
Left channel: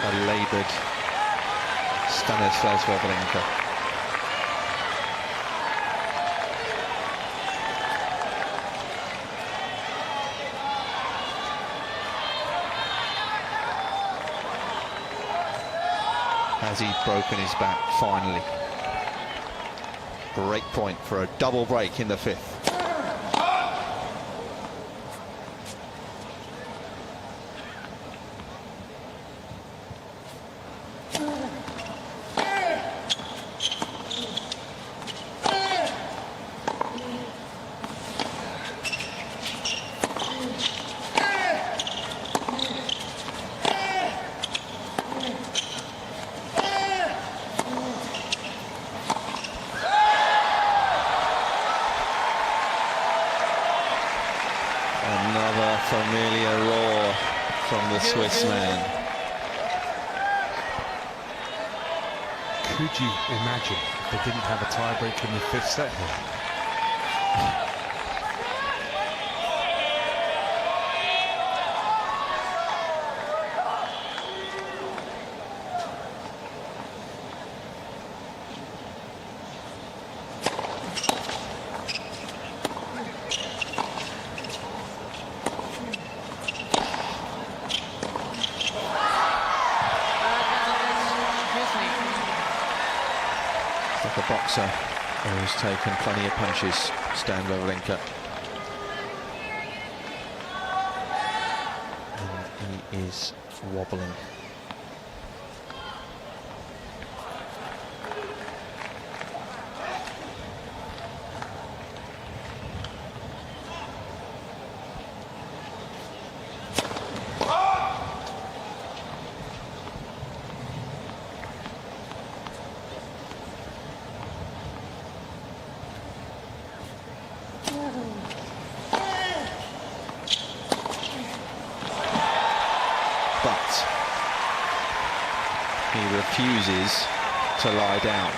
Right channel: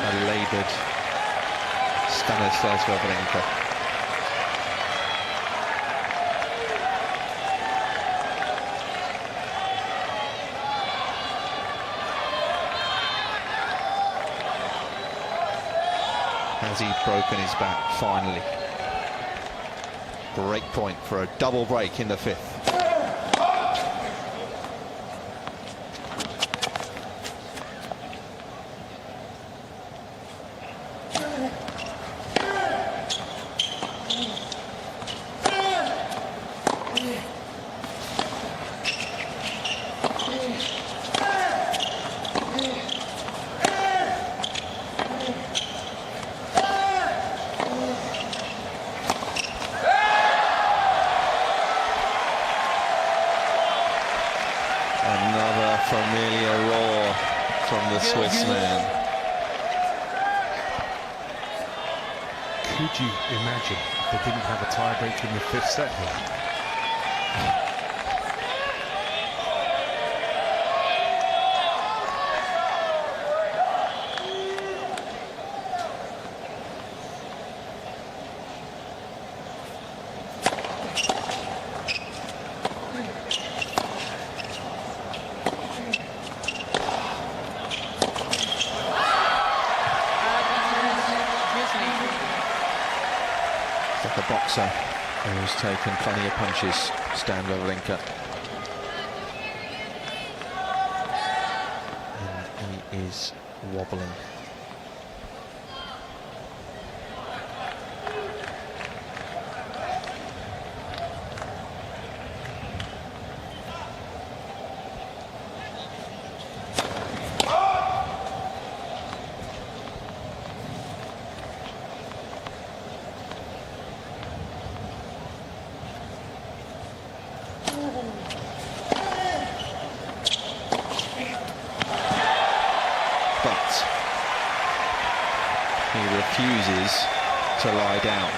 A laboured Stanislas Wawrinka. Has he broken his back finally? Great point for a double break in the 5th. Another familiar roar from the Swiss man. Could you imagine if they didn't have a tiebreak in the 5th set here? It's like a boxer who's taken plenty of punches, Stan Wawrinka. And he is wobbling. But he refuses to lie down.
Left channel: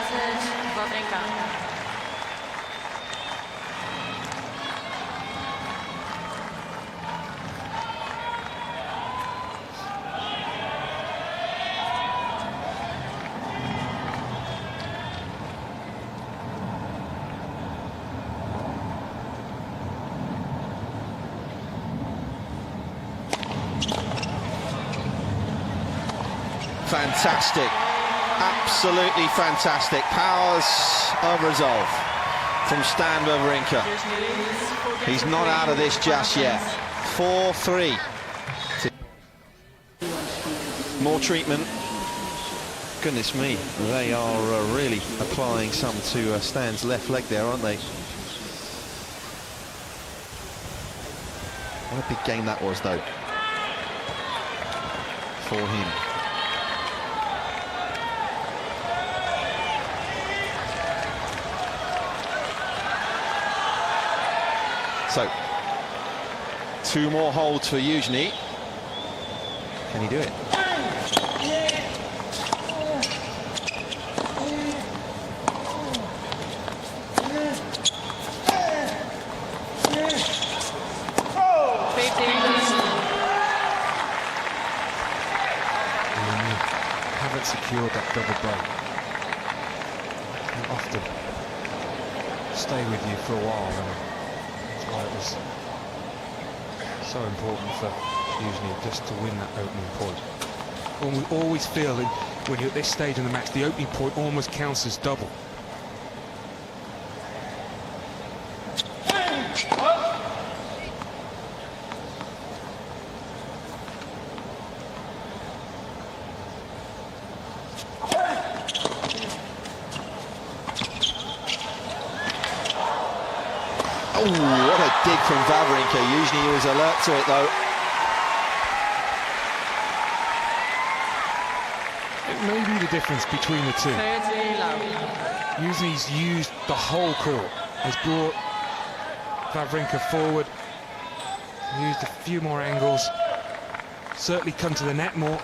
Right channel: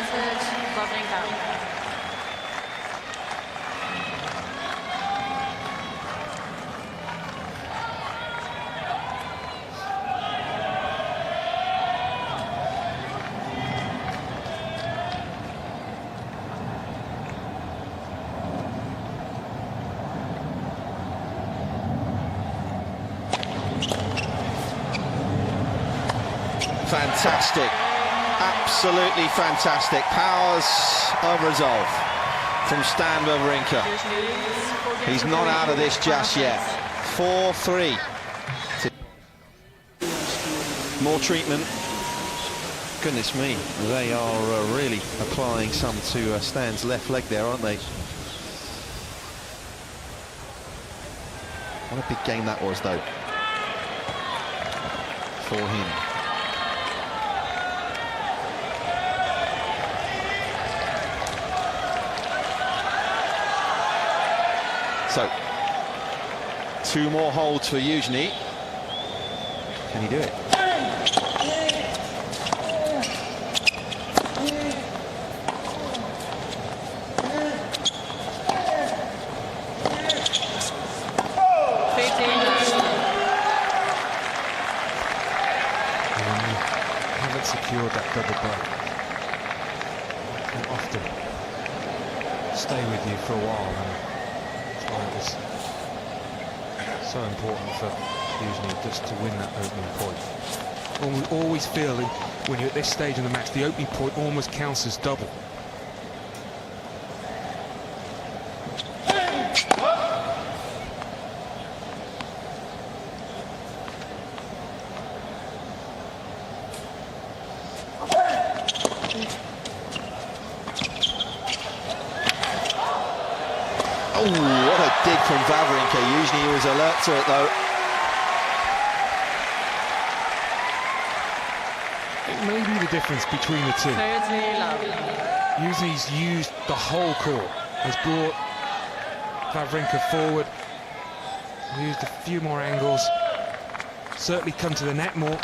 advantage, Wawrinka. Fantastic, absolutely fantastic. Powers of resolve from Stan Wawrinka. He's not out of this just yet. 4-3. More treatment. Goodness me, they are really applying some to Stan's left leg there, aren't they? What a big game that was, though, for him. So, 2 more holds for Youzhny. Can he do it? When you haven't secured that double break, it can often stay with you for a while, and that's why it was so important for Youzhny just to win that opening point. And we always feel that when you're at this stage in the match, the opening point almost counts as double. Oh, what a dig from Wawrinka. Usually he was alert to it, though. It may be the difference between the two. Youzhny's used the whole court, has brought Wawrinka forward, used a few more angles, certainly come to the net more.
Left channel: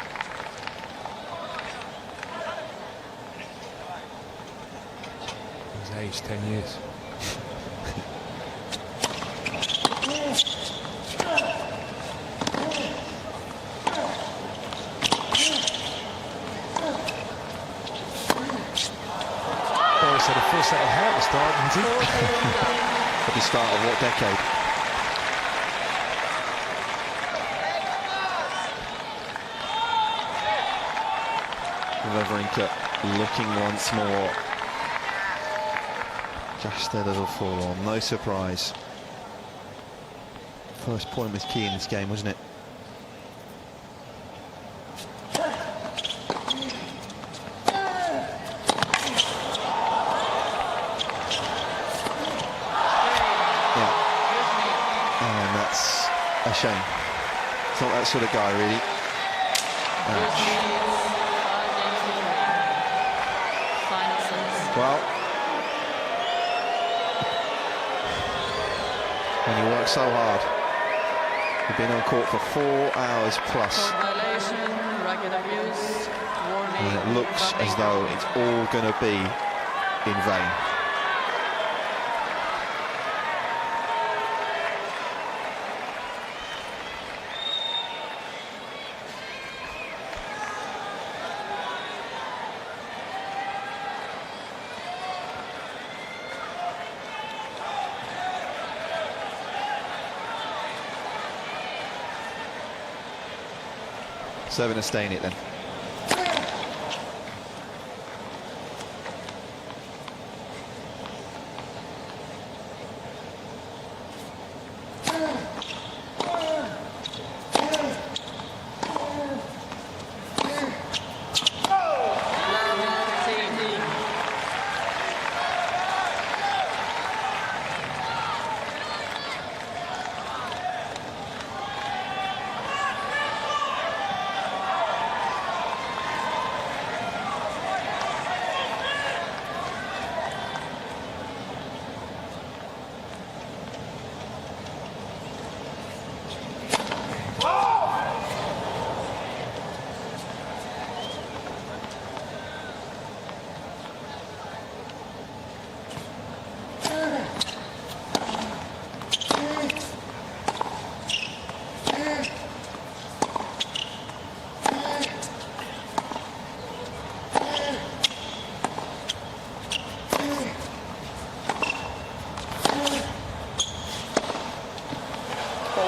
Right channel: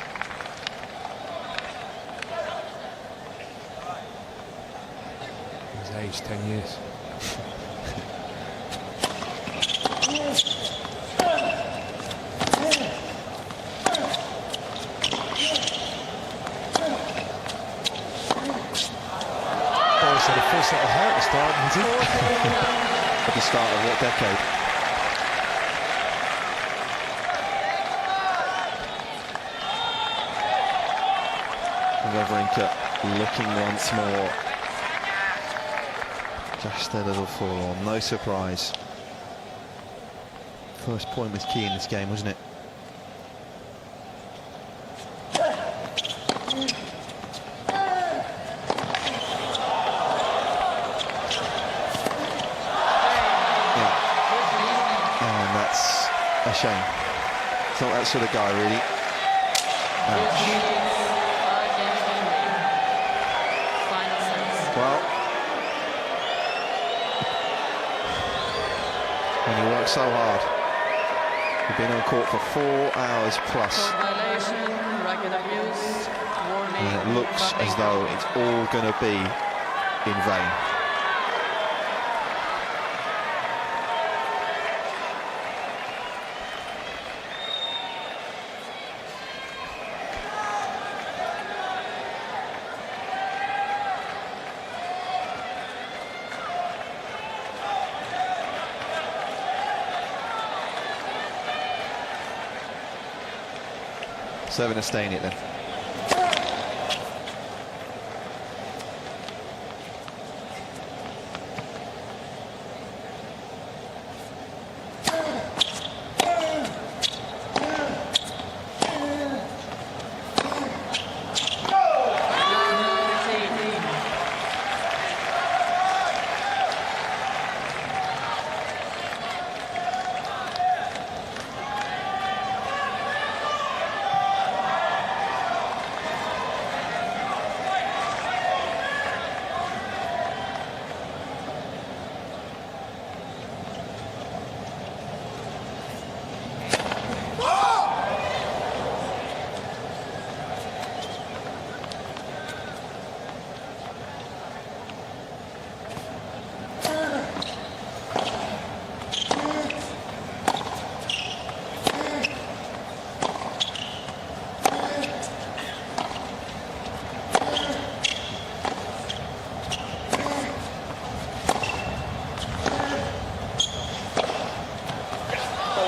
He's aged 10 years. Boris had a full set of hair at the start, didn't he? At the start of what decade? Wawrinka looking once more. Just a little forlorn, no surprise. First point was key in this game, wasn't it? A shame. It's not that sort of guy, really. Ouch. Well, when you work so hard, you've been on court for 4 hours plus. And it looks as though it's all going to be in vain. Serving a stain it then.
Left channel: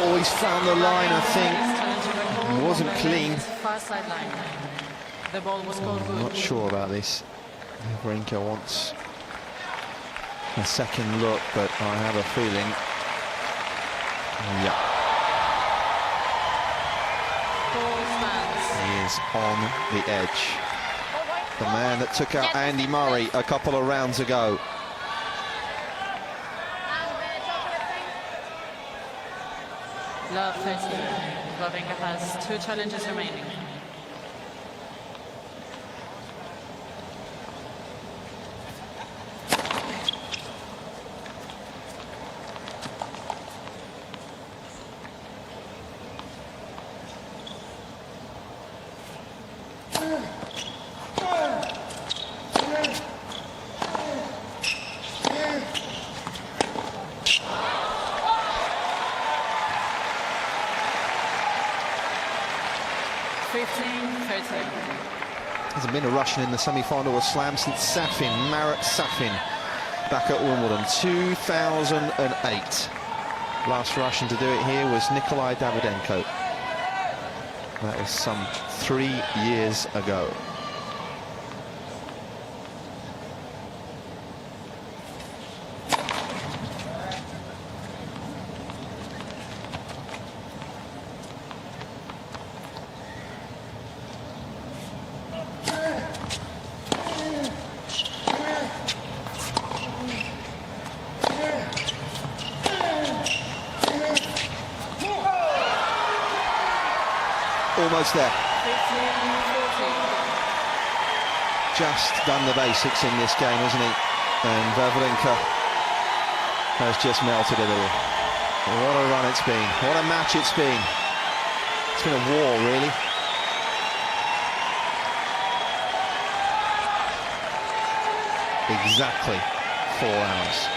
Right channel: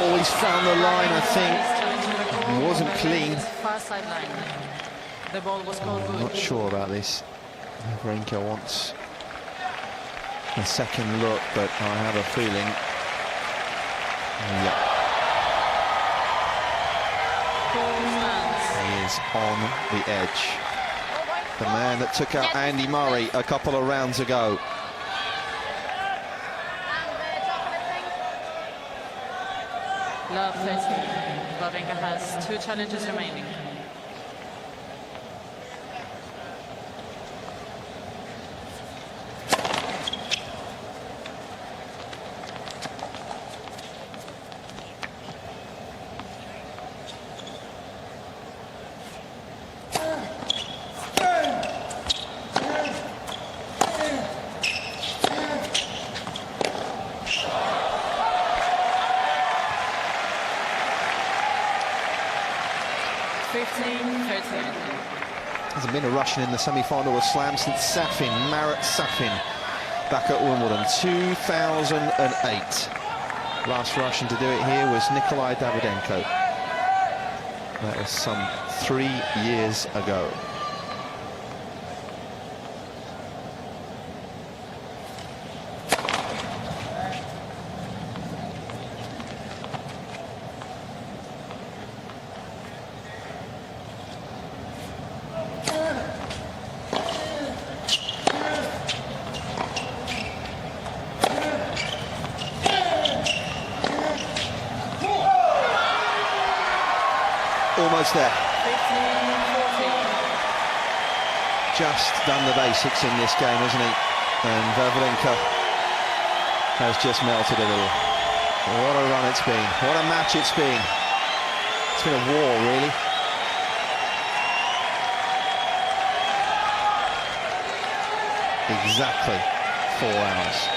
Oh, he's found the line, I think. Wasn't clean. Far sideline. The ball was called good. I'm not sure about this. Wawrinka wants a second look, but I have a feeling. Yeah. Ball stands. He is on the edge. The man that took out Andy Murray a couple of rounds ago. And the chocolate thing. Love 13. Wawrinka has 2 challenges remaining. Hasn't been a Russian in the semi-final of Slam since Marat Safin, back at Wimbledon, 2008. Last Russian to do it here was Nikolai Davydenko. That was some 3 years ago. Almost there. 15-14. Just done the basics in this game, hasn't he? And Wawrinka has just melted a little. What a run it's been. What a match it's been. It's been a war, really. Exactly 4 hours.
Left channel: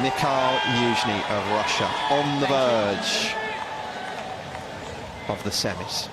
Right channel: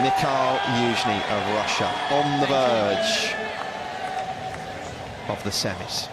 Mikhail Youzhny of Russia on the verge of the semis.